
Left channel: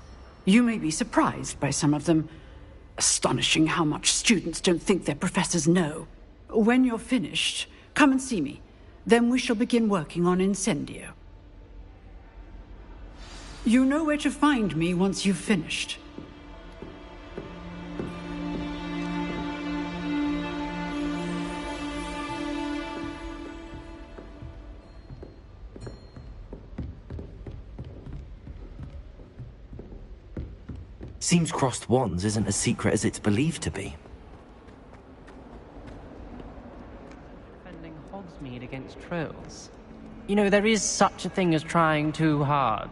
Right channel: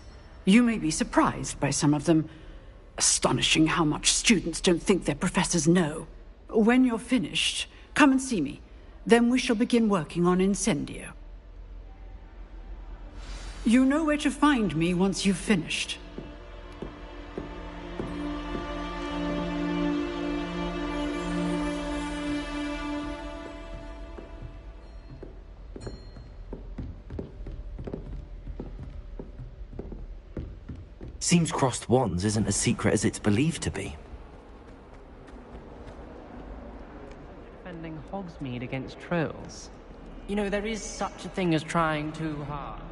You may be surprised by some of them. Astonishing how much students don't think their professors know. When you're finished, come and see me. Then we shall begin working on Incendio. You know where to find me once you've finished. Seems crossed wands isn't as secret as it's believed to be. Defending Hogsmeade against trolls. You know, there is such a thing as trying too hard.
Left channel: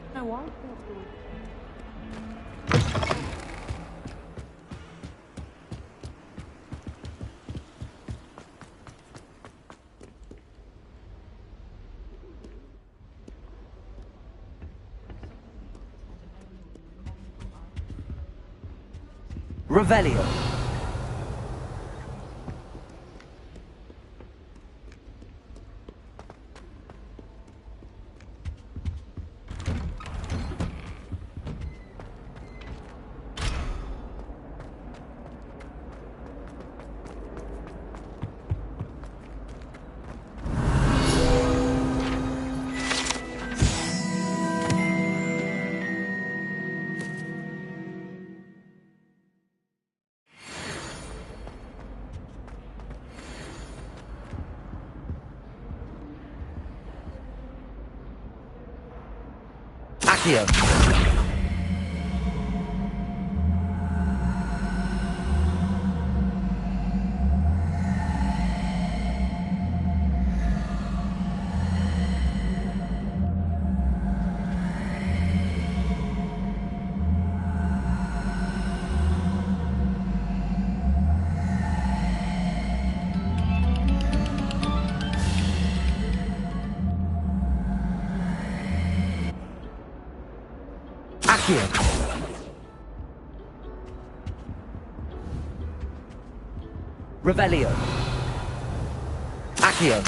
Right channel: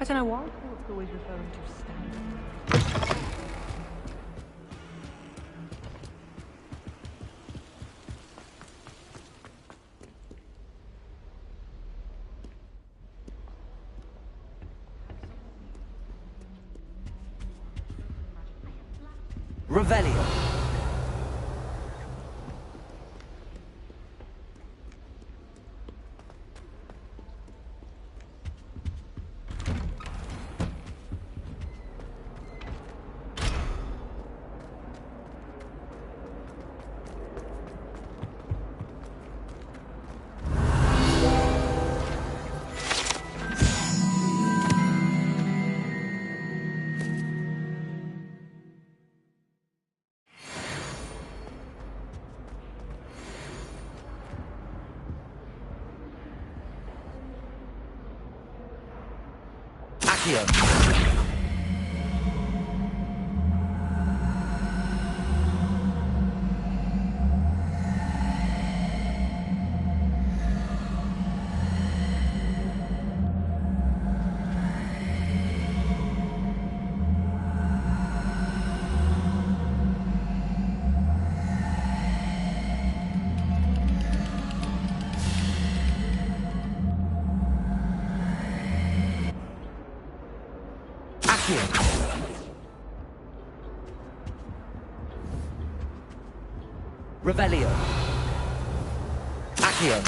I don't know why. Revelio. Accio. Revelio. Accio.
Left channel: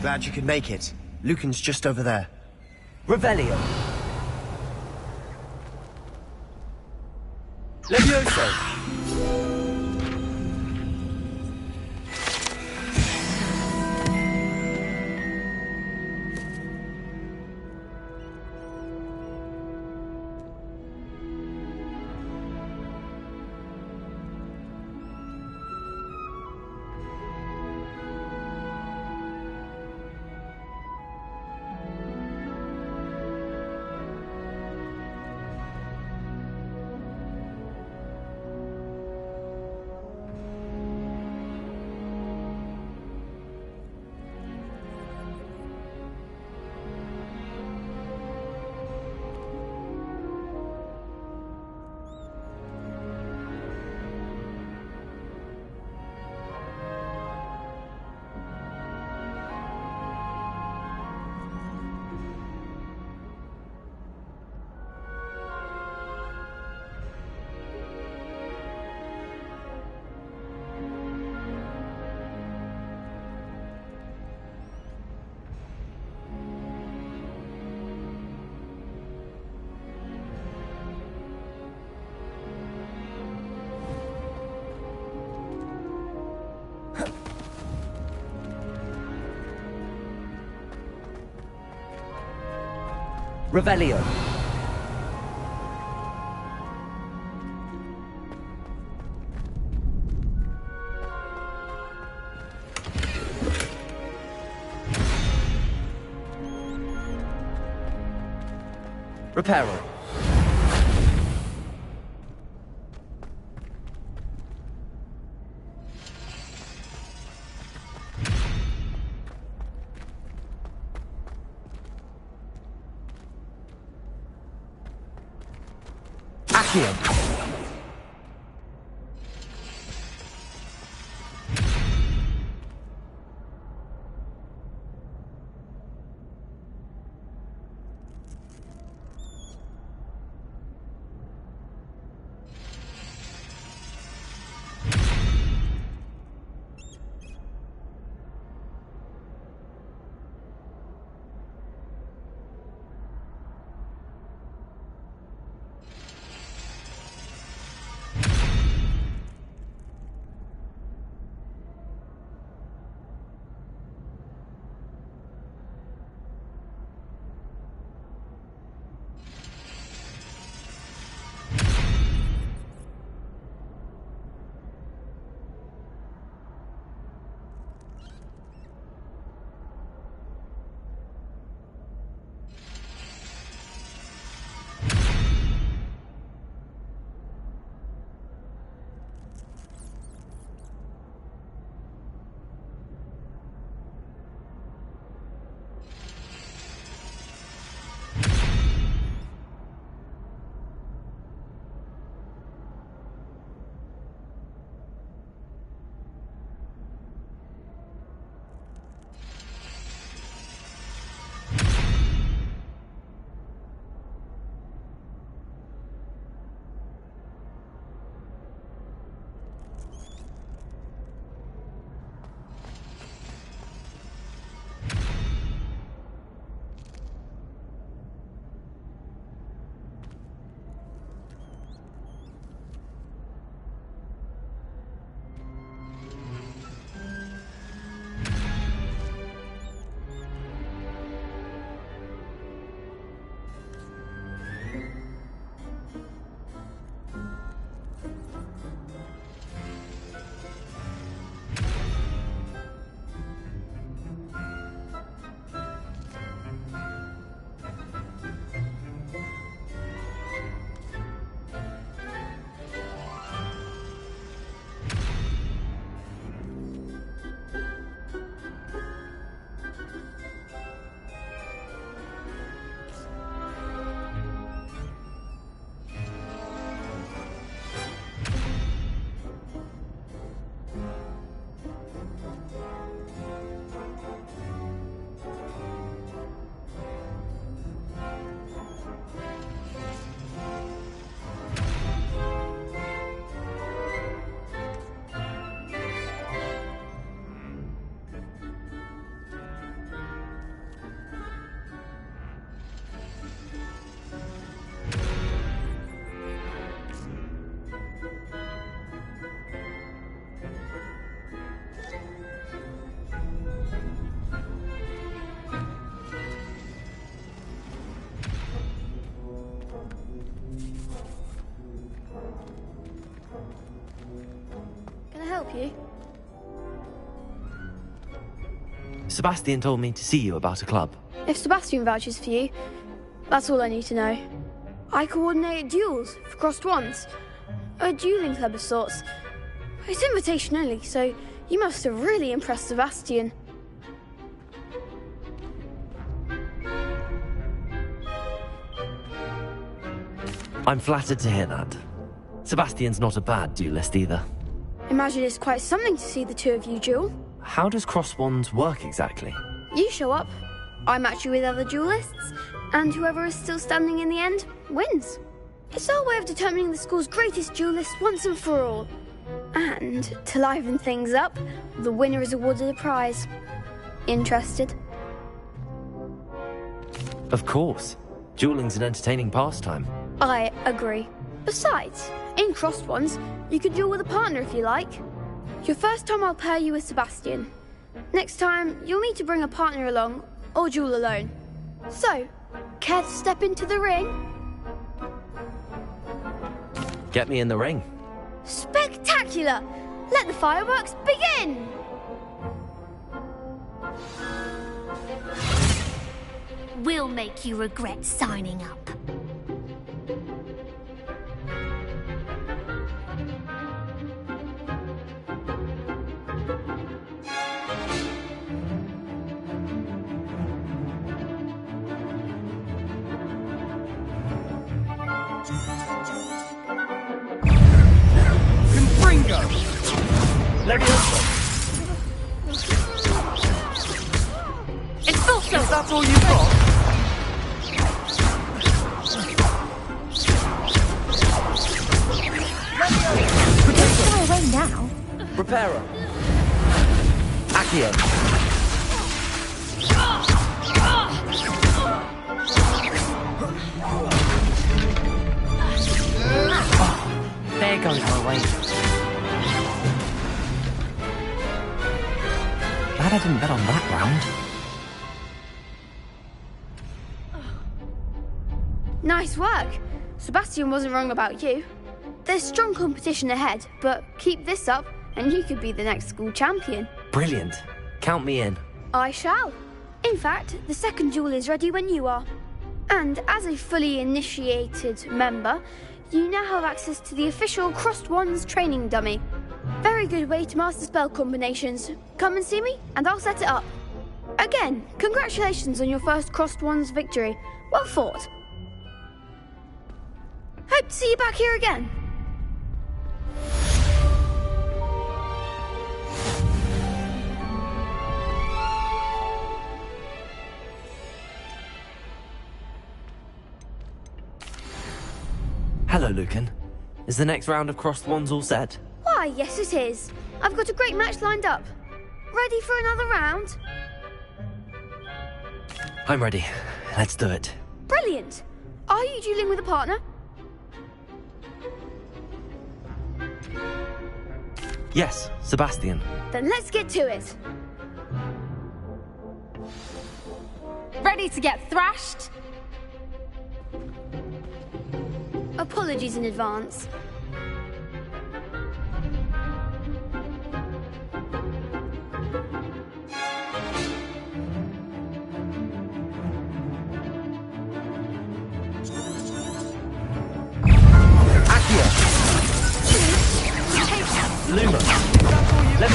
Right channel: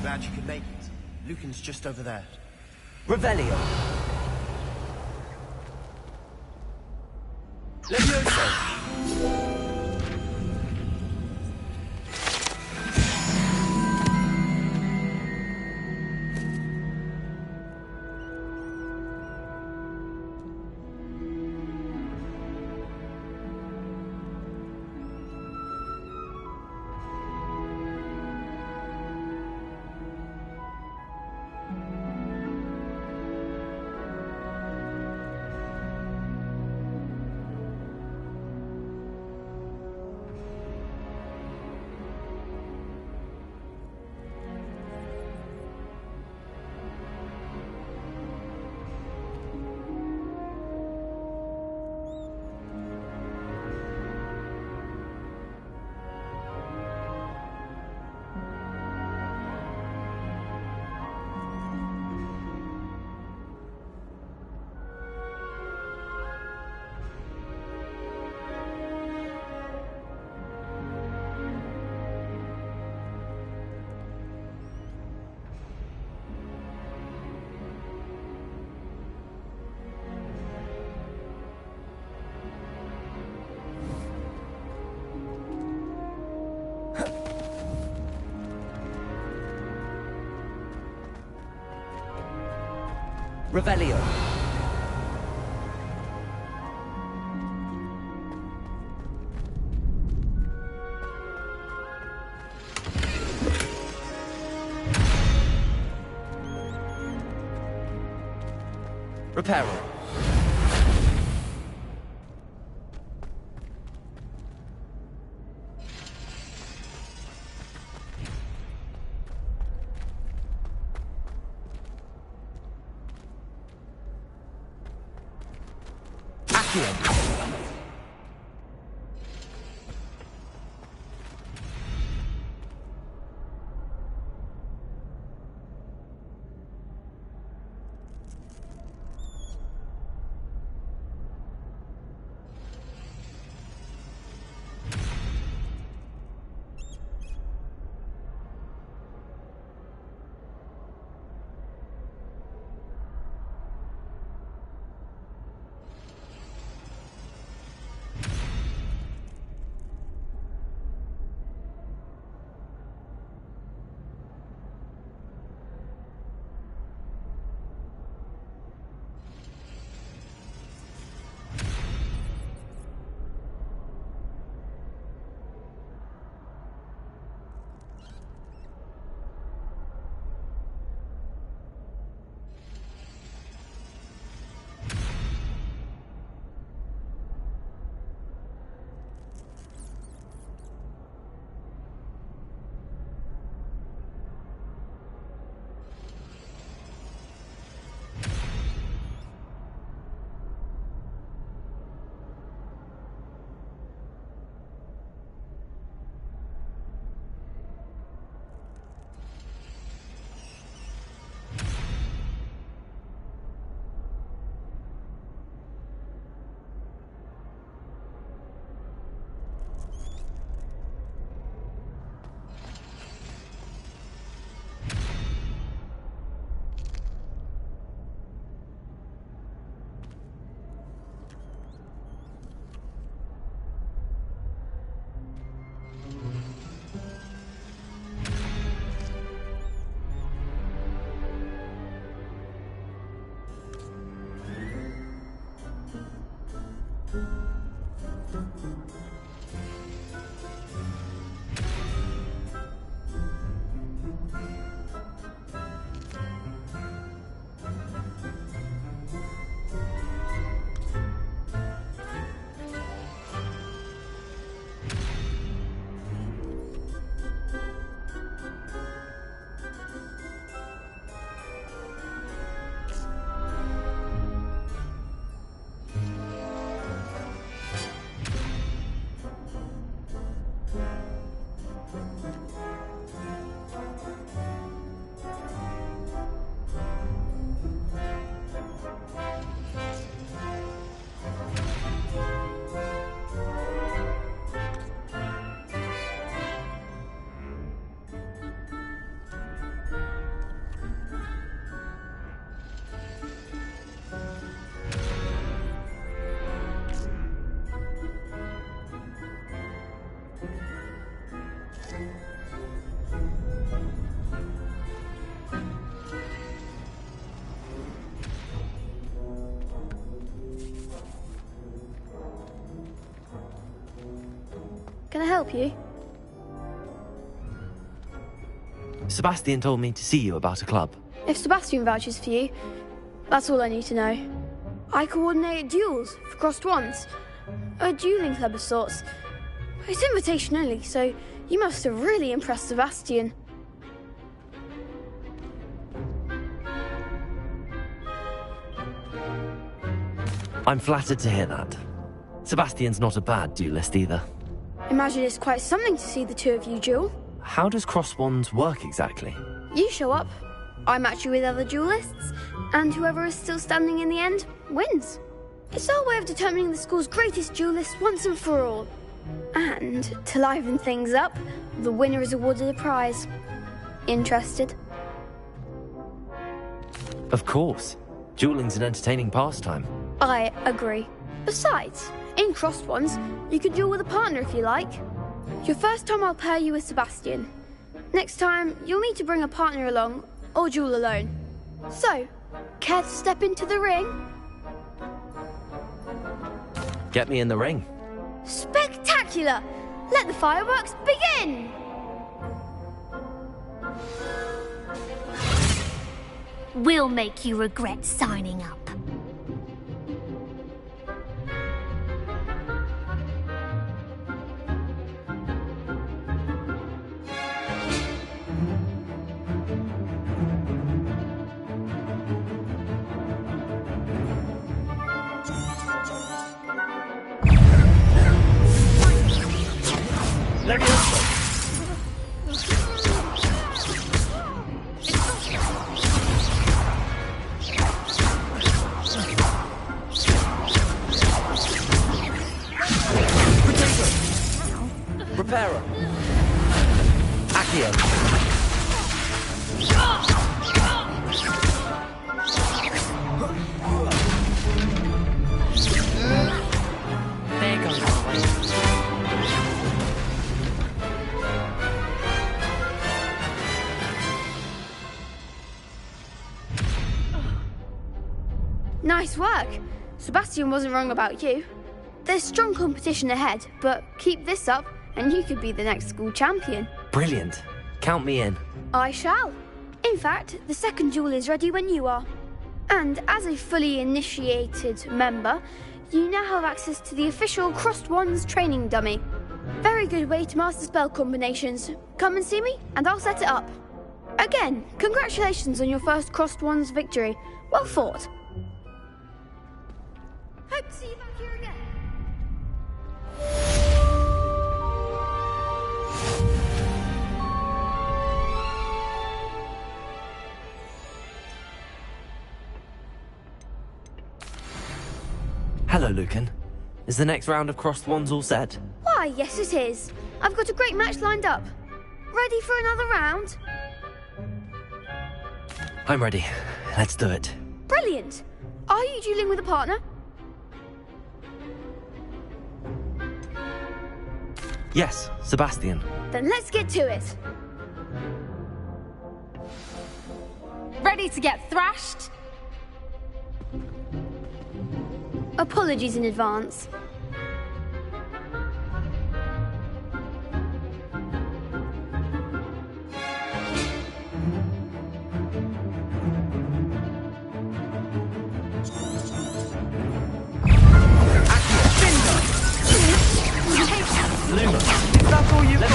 Glad you could make it. Lucan's just over there. Revelio. Levioso. Revelio. Repair all. Accio. Can I help you? Sebastian told me to see you about a club. If Sebastian vouches for you, that's all I need to know. I coordinate duels for crossed wands. A dueling club of sorts. It's invitation only, so you must have really impressed Sebastian. I'm flattered to hear that. Sebastian's not a bad duelist either. Imagine it's quite something to see the two of you duel. How does cross wands work exactly? You show up, I match you with other duelists, and whoever is still standing in the end wins. It's our way of determining the school's greatest duelist once and for all. And, to liven things up, the winner is awarded a prize. Interested? Of course. Dueling's an entertaining pastime. I agree. Besides, in crossed ones, you can duel with a partner if you like. Your first time I'll pair you with Sebastian. Next time, you'll need to bring a partner along, or duel alone. So, care to step into the ring? Get me in the ring. Spectacular! Let the fireworks begin! We'll make you regret signing up. It's still so that's all you got. Now. Reparo. Accio. There goes my way. Glad I didn't bet on that round. Nice work. Sebastian wasn't wrong about you. There's strong competition ahead, but keep this up and you could be the next school champion. Brilliant. Count me in. I shall. In fact, the second duel is ready when you are. And as a fully initiated member, you now have access to the official Crossed Wands training dummy. Very good way to master spell combinations. Come and see me and I'll set it up. Again, congratulations on your first Crossed Wands victory. Well fought. Hope to see you back here again. Hello, Lucan. Is the next round of Crossed Wands all set? Why, yes it is. I've got a great match lined up. Ready for another round? I'm ready. Let's do it. Brilliant. Are you dueling with a partner? Yes, Sebastian. Then let's get to it. Ready to get thrashed? Apologies in advance. Luma. That's all you got.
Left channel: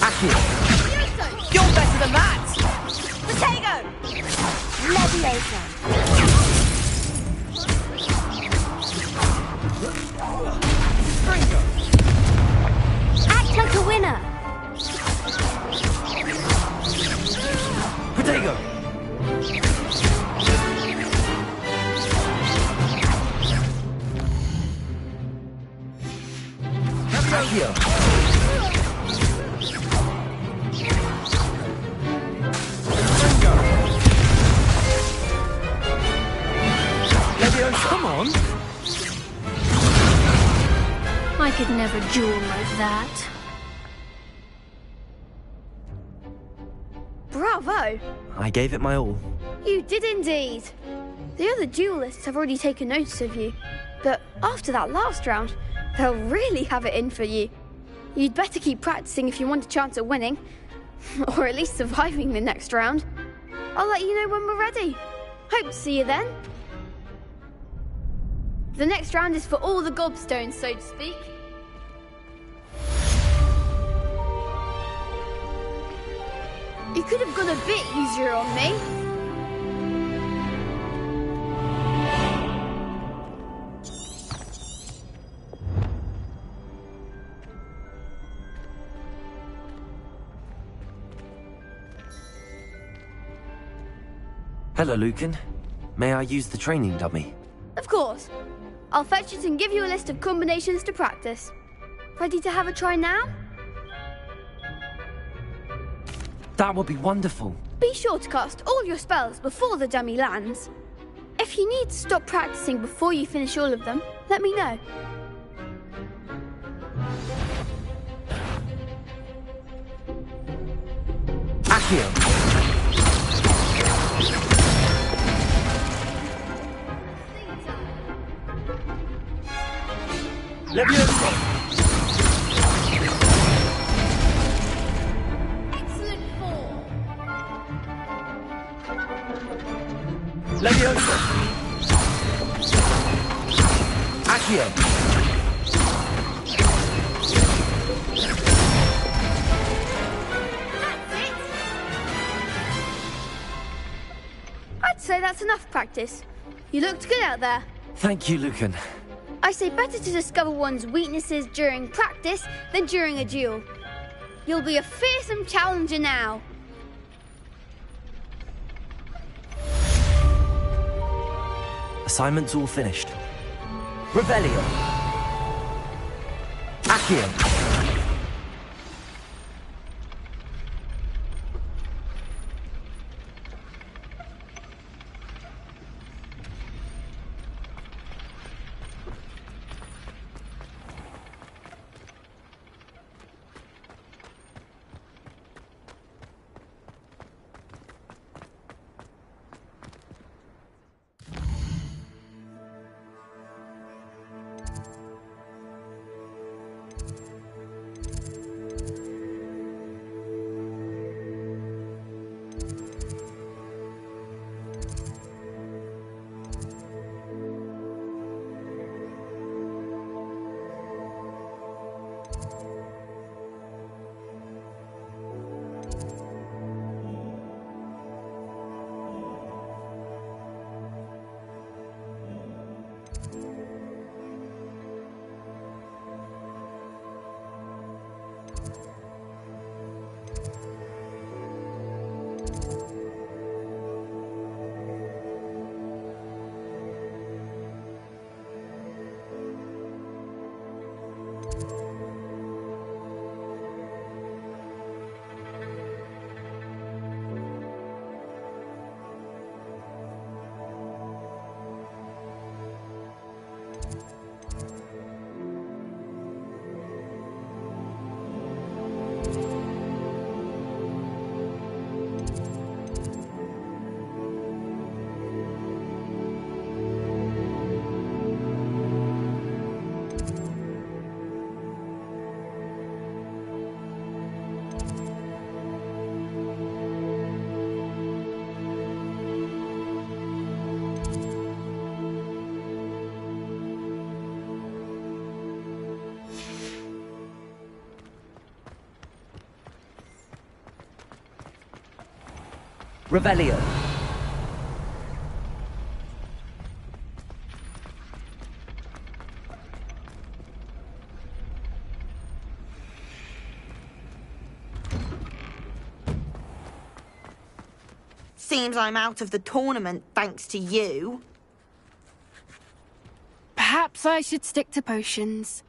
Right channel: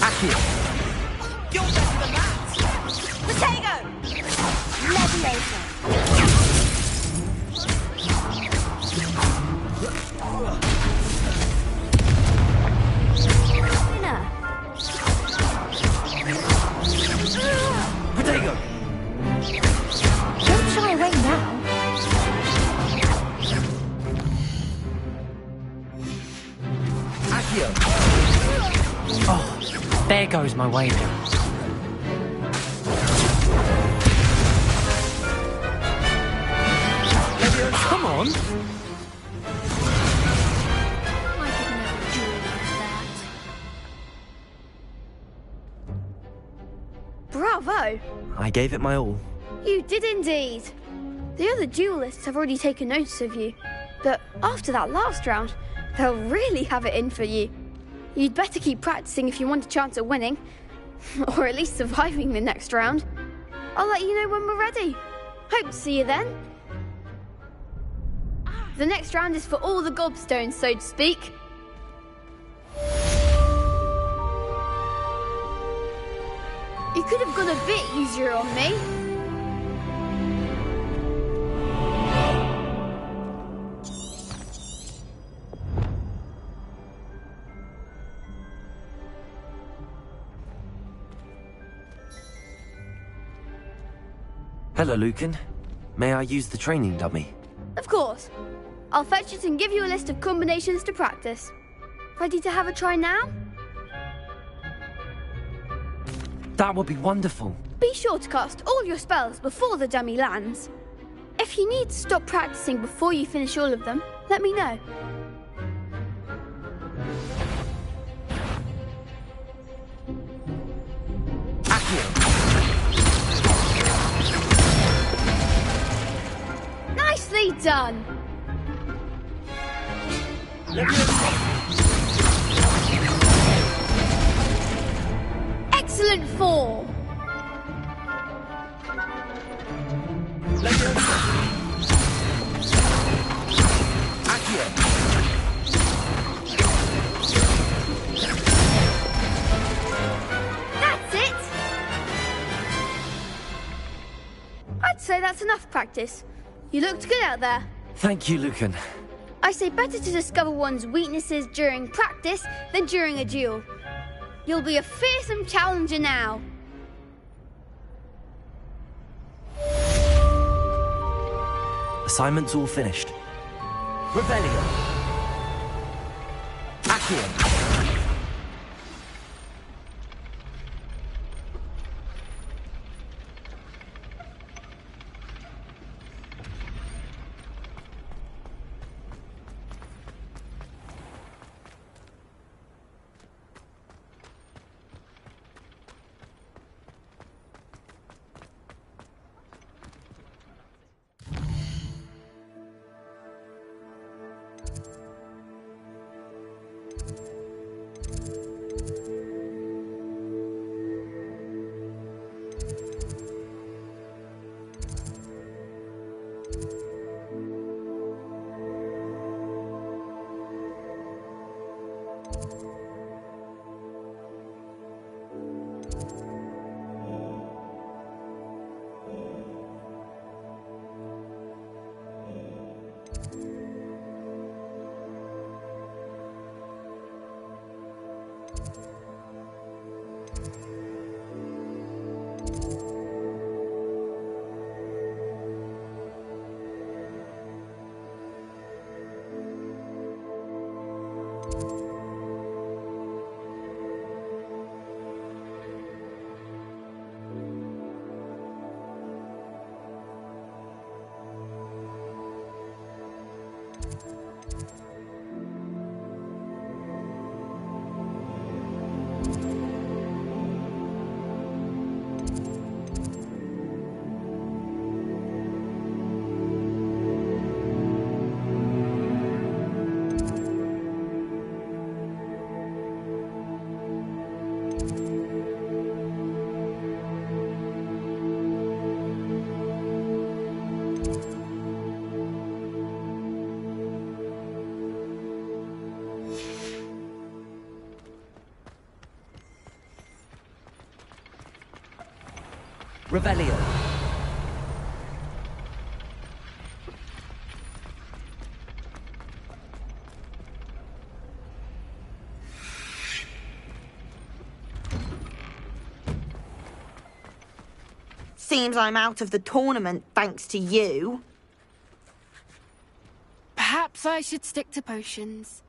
Accio. You're better than that! Potato! Leviosa! Act like a winner! Potato. Let's try right now. Accio. Oh, there goes my way. Come on! I could never duel like that. Bravo! I gave it my all. You did indeed. The other duelists have already taken notice of you, but after that last round, they'll really have it in for you. You'd better keep practicing if you want a chance at winning, or at least surviving the next round. I'll let you know when we're ready. Hope to see you then. The next round is for all the gobstones, so to speak. You could have gone a bit easier on me. Hello, Lucan. May I use the training dummy? Of course. I'll fetch it and give you a list of combinations to practice. Ready to have a try now? That would be wonderful. Be sure to cast all your spells before the dummy lands. If you need to stop practicing before you finish all of them, let me know. Accio. Nicely done. Excellent form. Accio. That's it. I'd say that's enough practice. You looked good out there. Thank you, Lucan. I say better to discover one's weaknesses during practice than during a duel. You'll be a fearsome challenger now. Assignments all finished. Revelio. Accio. Revelio. Seems I'm out of the tournament thanks to you. Perhaps I should stick to potions.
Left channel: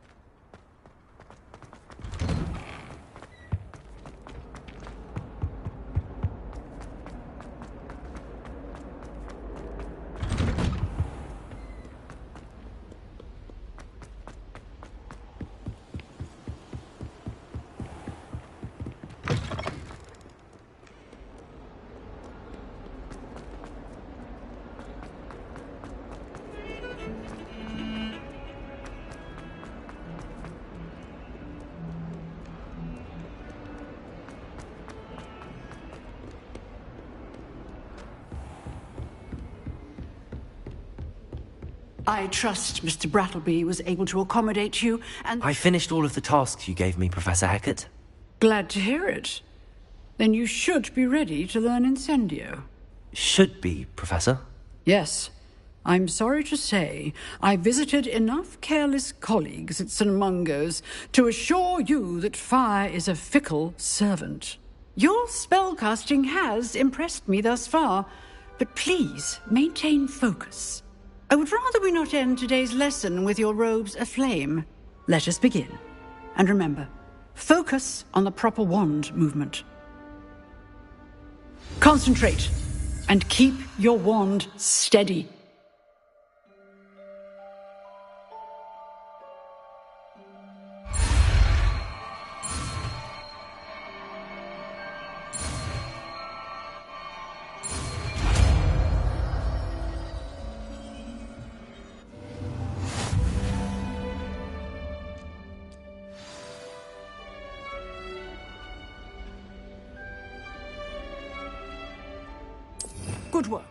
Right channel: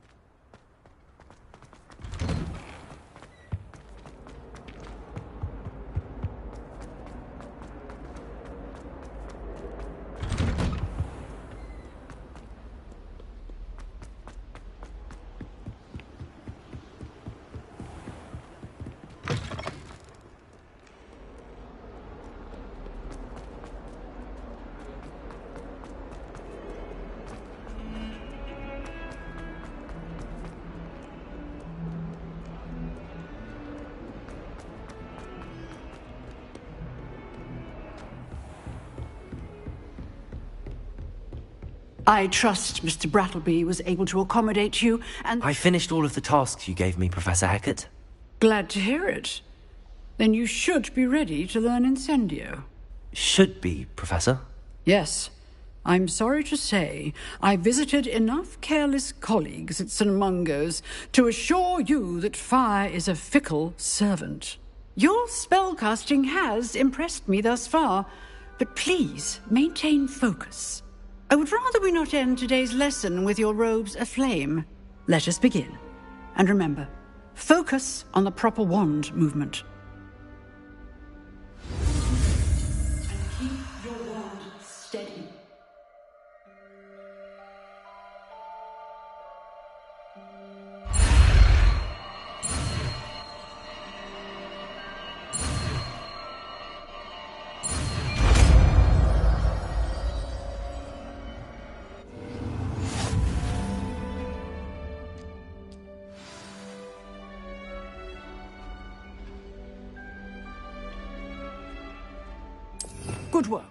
I trust Mr. Brattleby was able to accommodate you, and... I finished all of the tasks you gave me, Professor Hecat. Glad to hear it. Then you should be ready to learn Incendio. Should be, Professor. Yes. I'm sorry to say, I visited enough careless colleagues at St. Mungo's to assure you that fire is a fickle servant. Your spellcasting has impressed me thus far, but please maintain focus. I would rather we not end today's lesson with your robes aflame. Let us begin. And remember, focus on the proper wand movement. Concentrate, and keep your wand steady. Good work.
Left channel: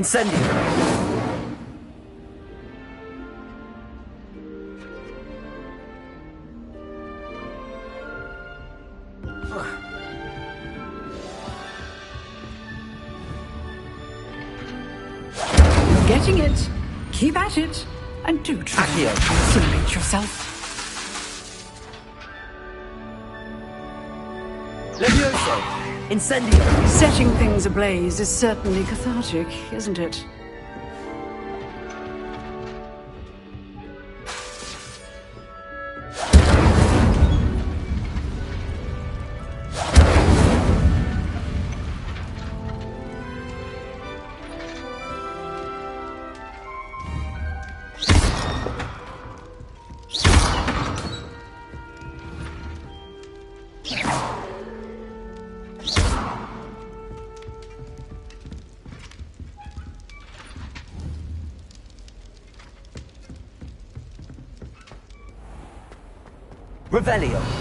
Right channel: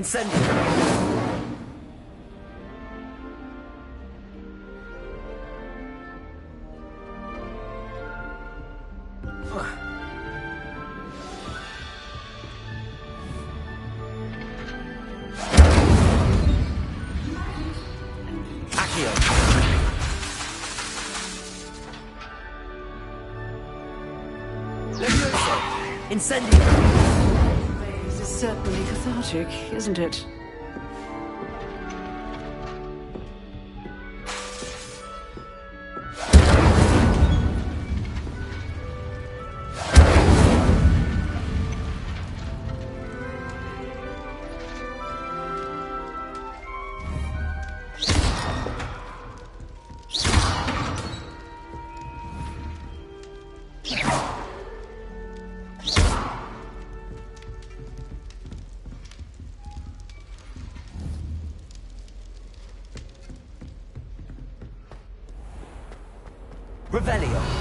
Incendio! Getting it. Keep at it. And do try to protect yourself. Levioso! Incendio! Setting things ablaze is certainly cathartic, isn't it? Revelio!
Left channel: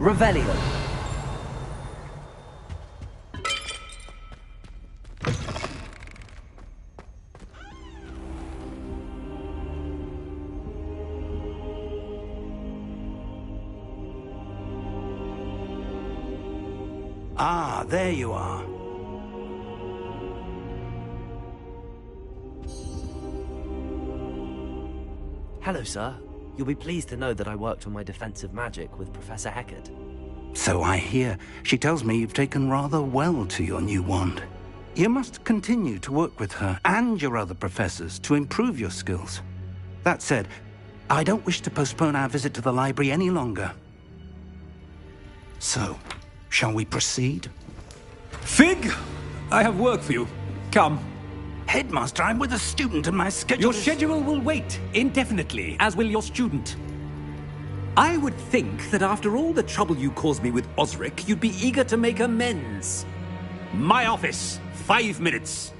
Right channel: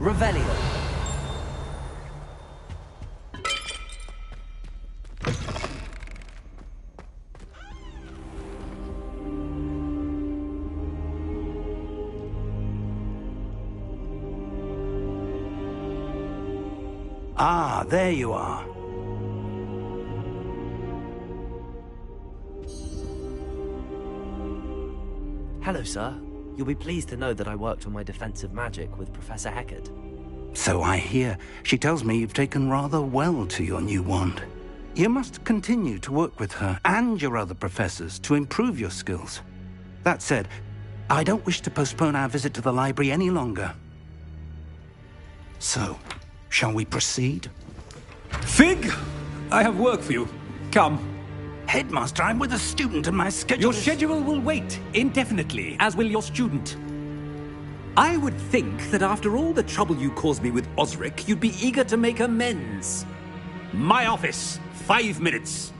Revelio! Ah, there you are. Hello, sir. You'll be pleased to know that I worked on my defensive magic with Professor Heckard. So I hear. She tells me you've taken rather well to your new wand. You must continue to work with her and your other professors to improve your skills. That said, I don't wish to postpone our visit to the library any longer. So, shall we proceed? Fig! I have work for you. Come. Headmaster, I'm with a student and my schedule Your schedule will wait indefinitely, as will your student. I would think that after all the trouble you caused me with Osric, you'd be eager to make amends. My office, 5 minutes.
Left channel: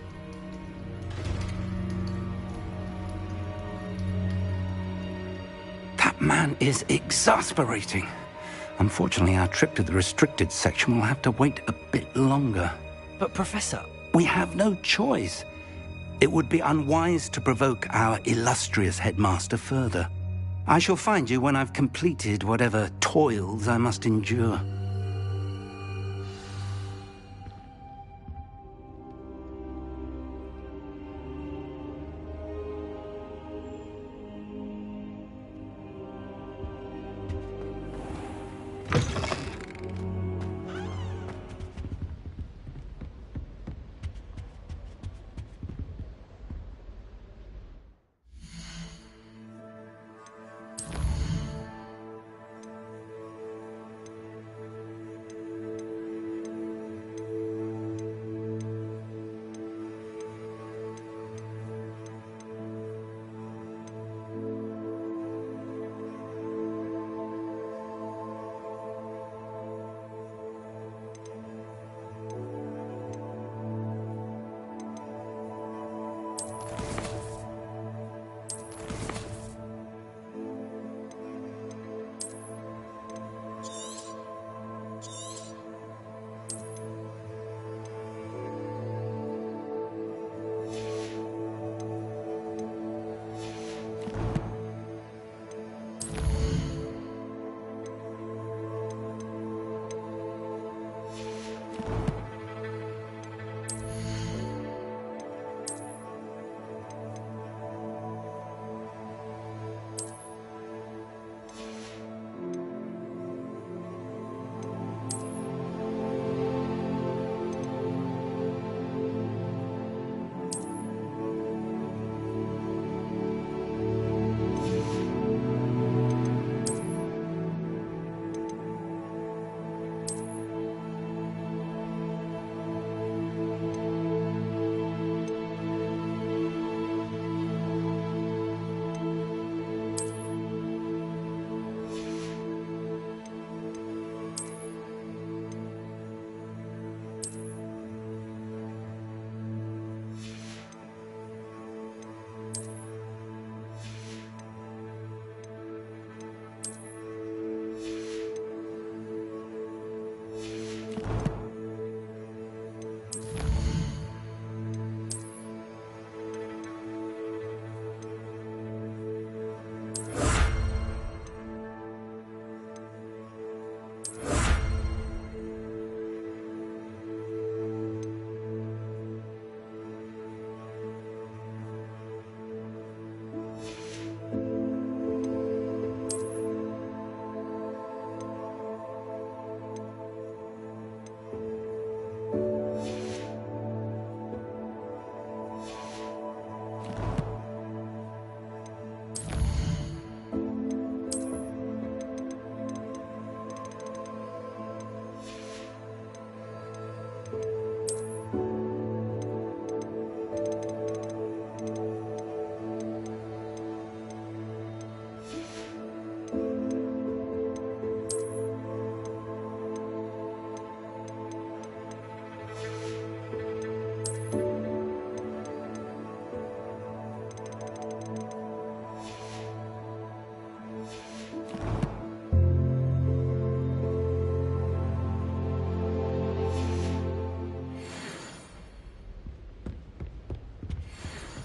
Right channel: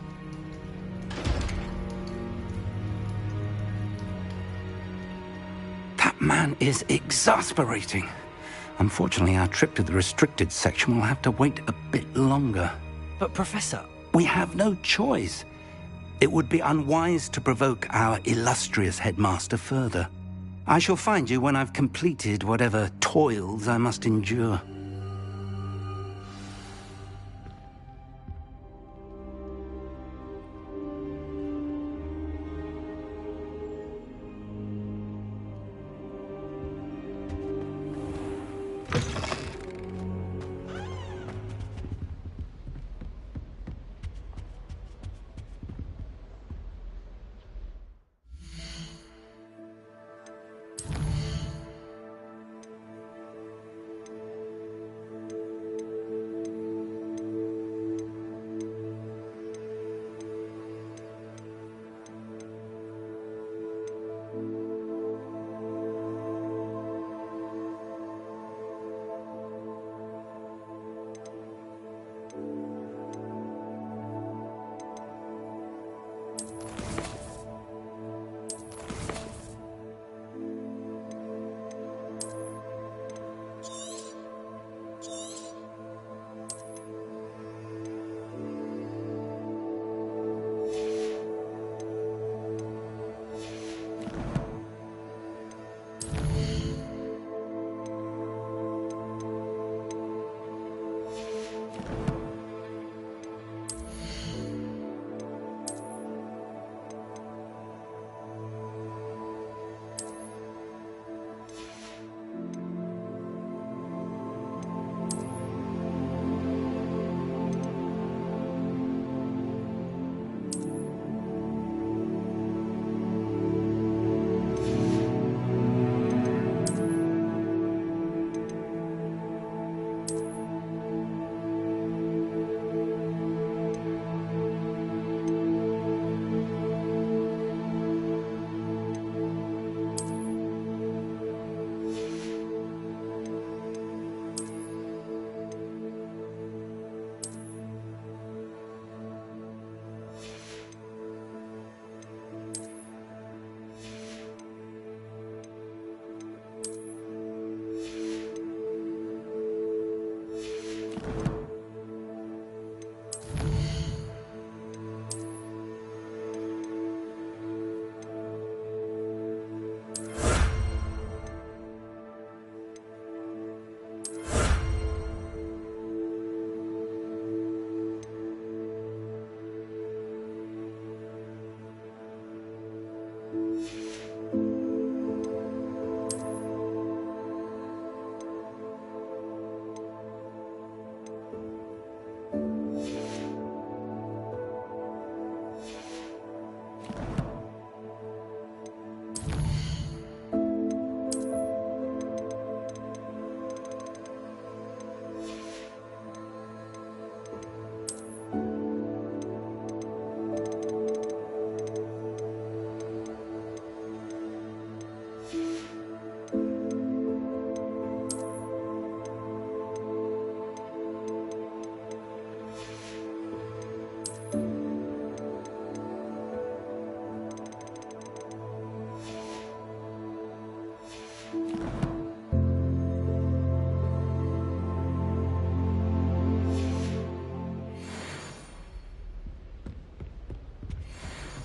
That man is exasperating. Unfortunately, our trip to the restricted section will have to wait a bit longer. But, Professor... We have no choice. It would be unwise to provoke our illustrious headmaster further. I shall find you when I've completed whatever toils I must endure.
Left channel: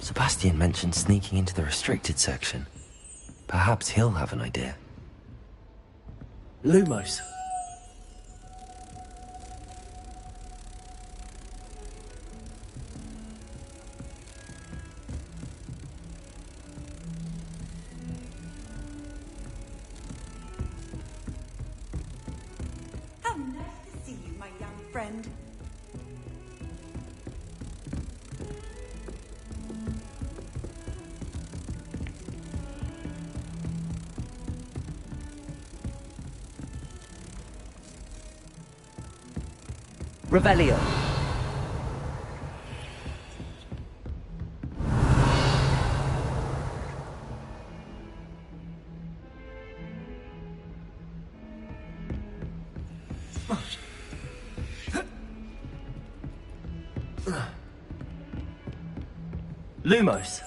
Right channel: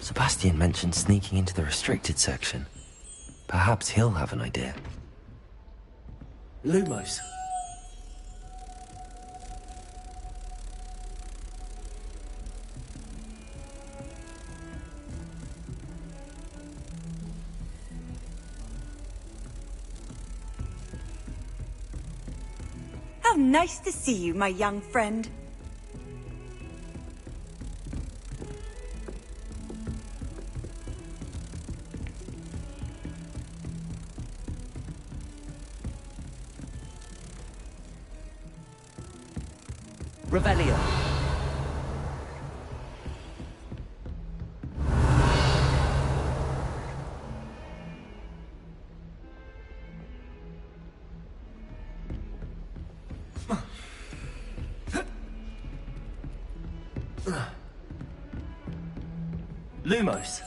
Sebastian mentioned sneaking into the restricted section. Perhaps he'll have an idea. Lumos. How nice to see you, my young friend. Revelio. Lumos.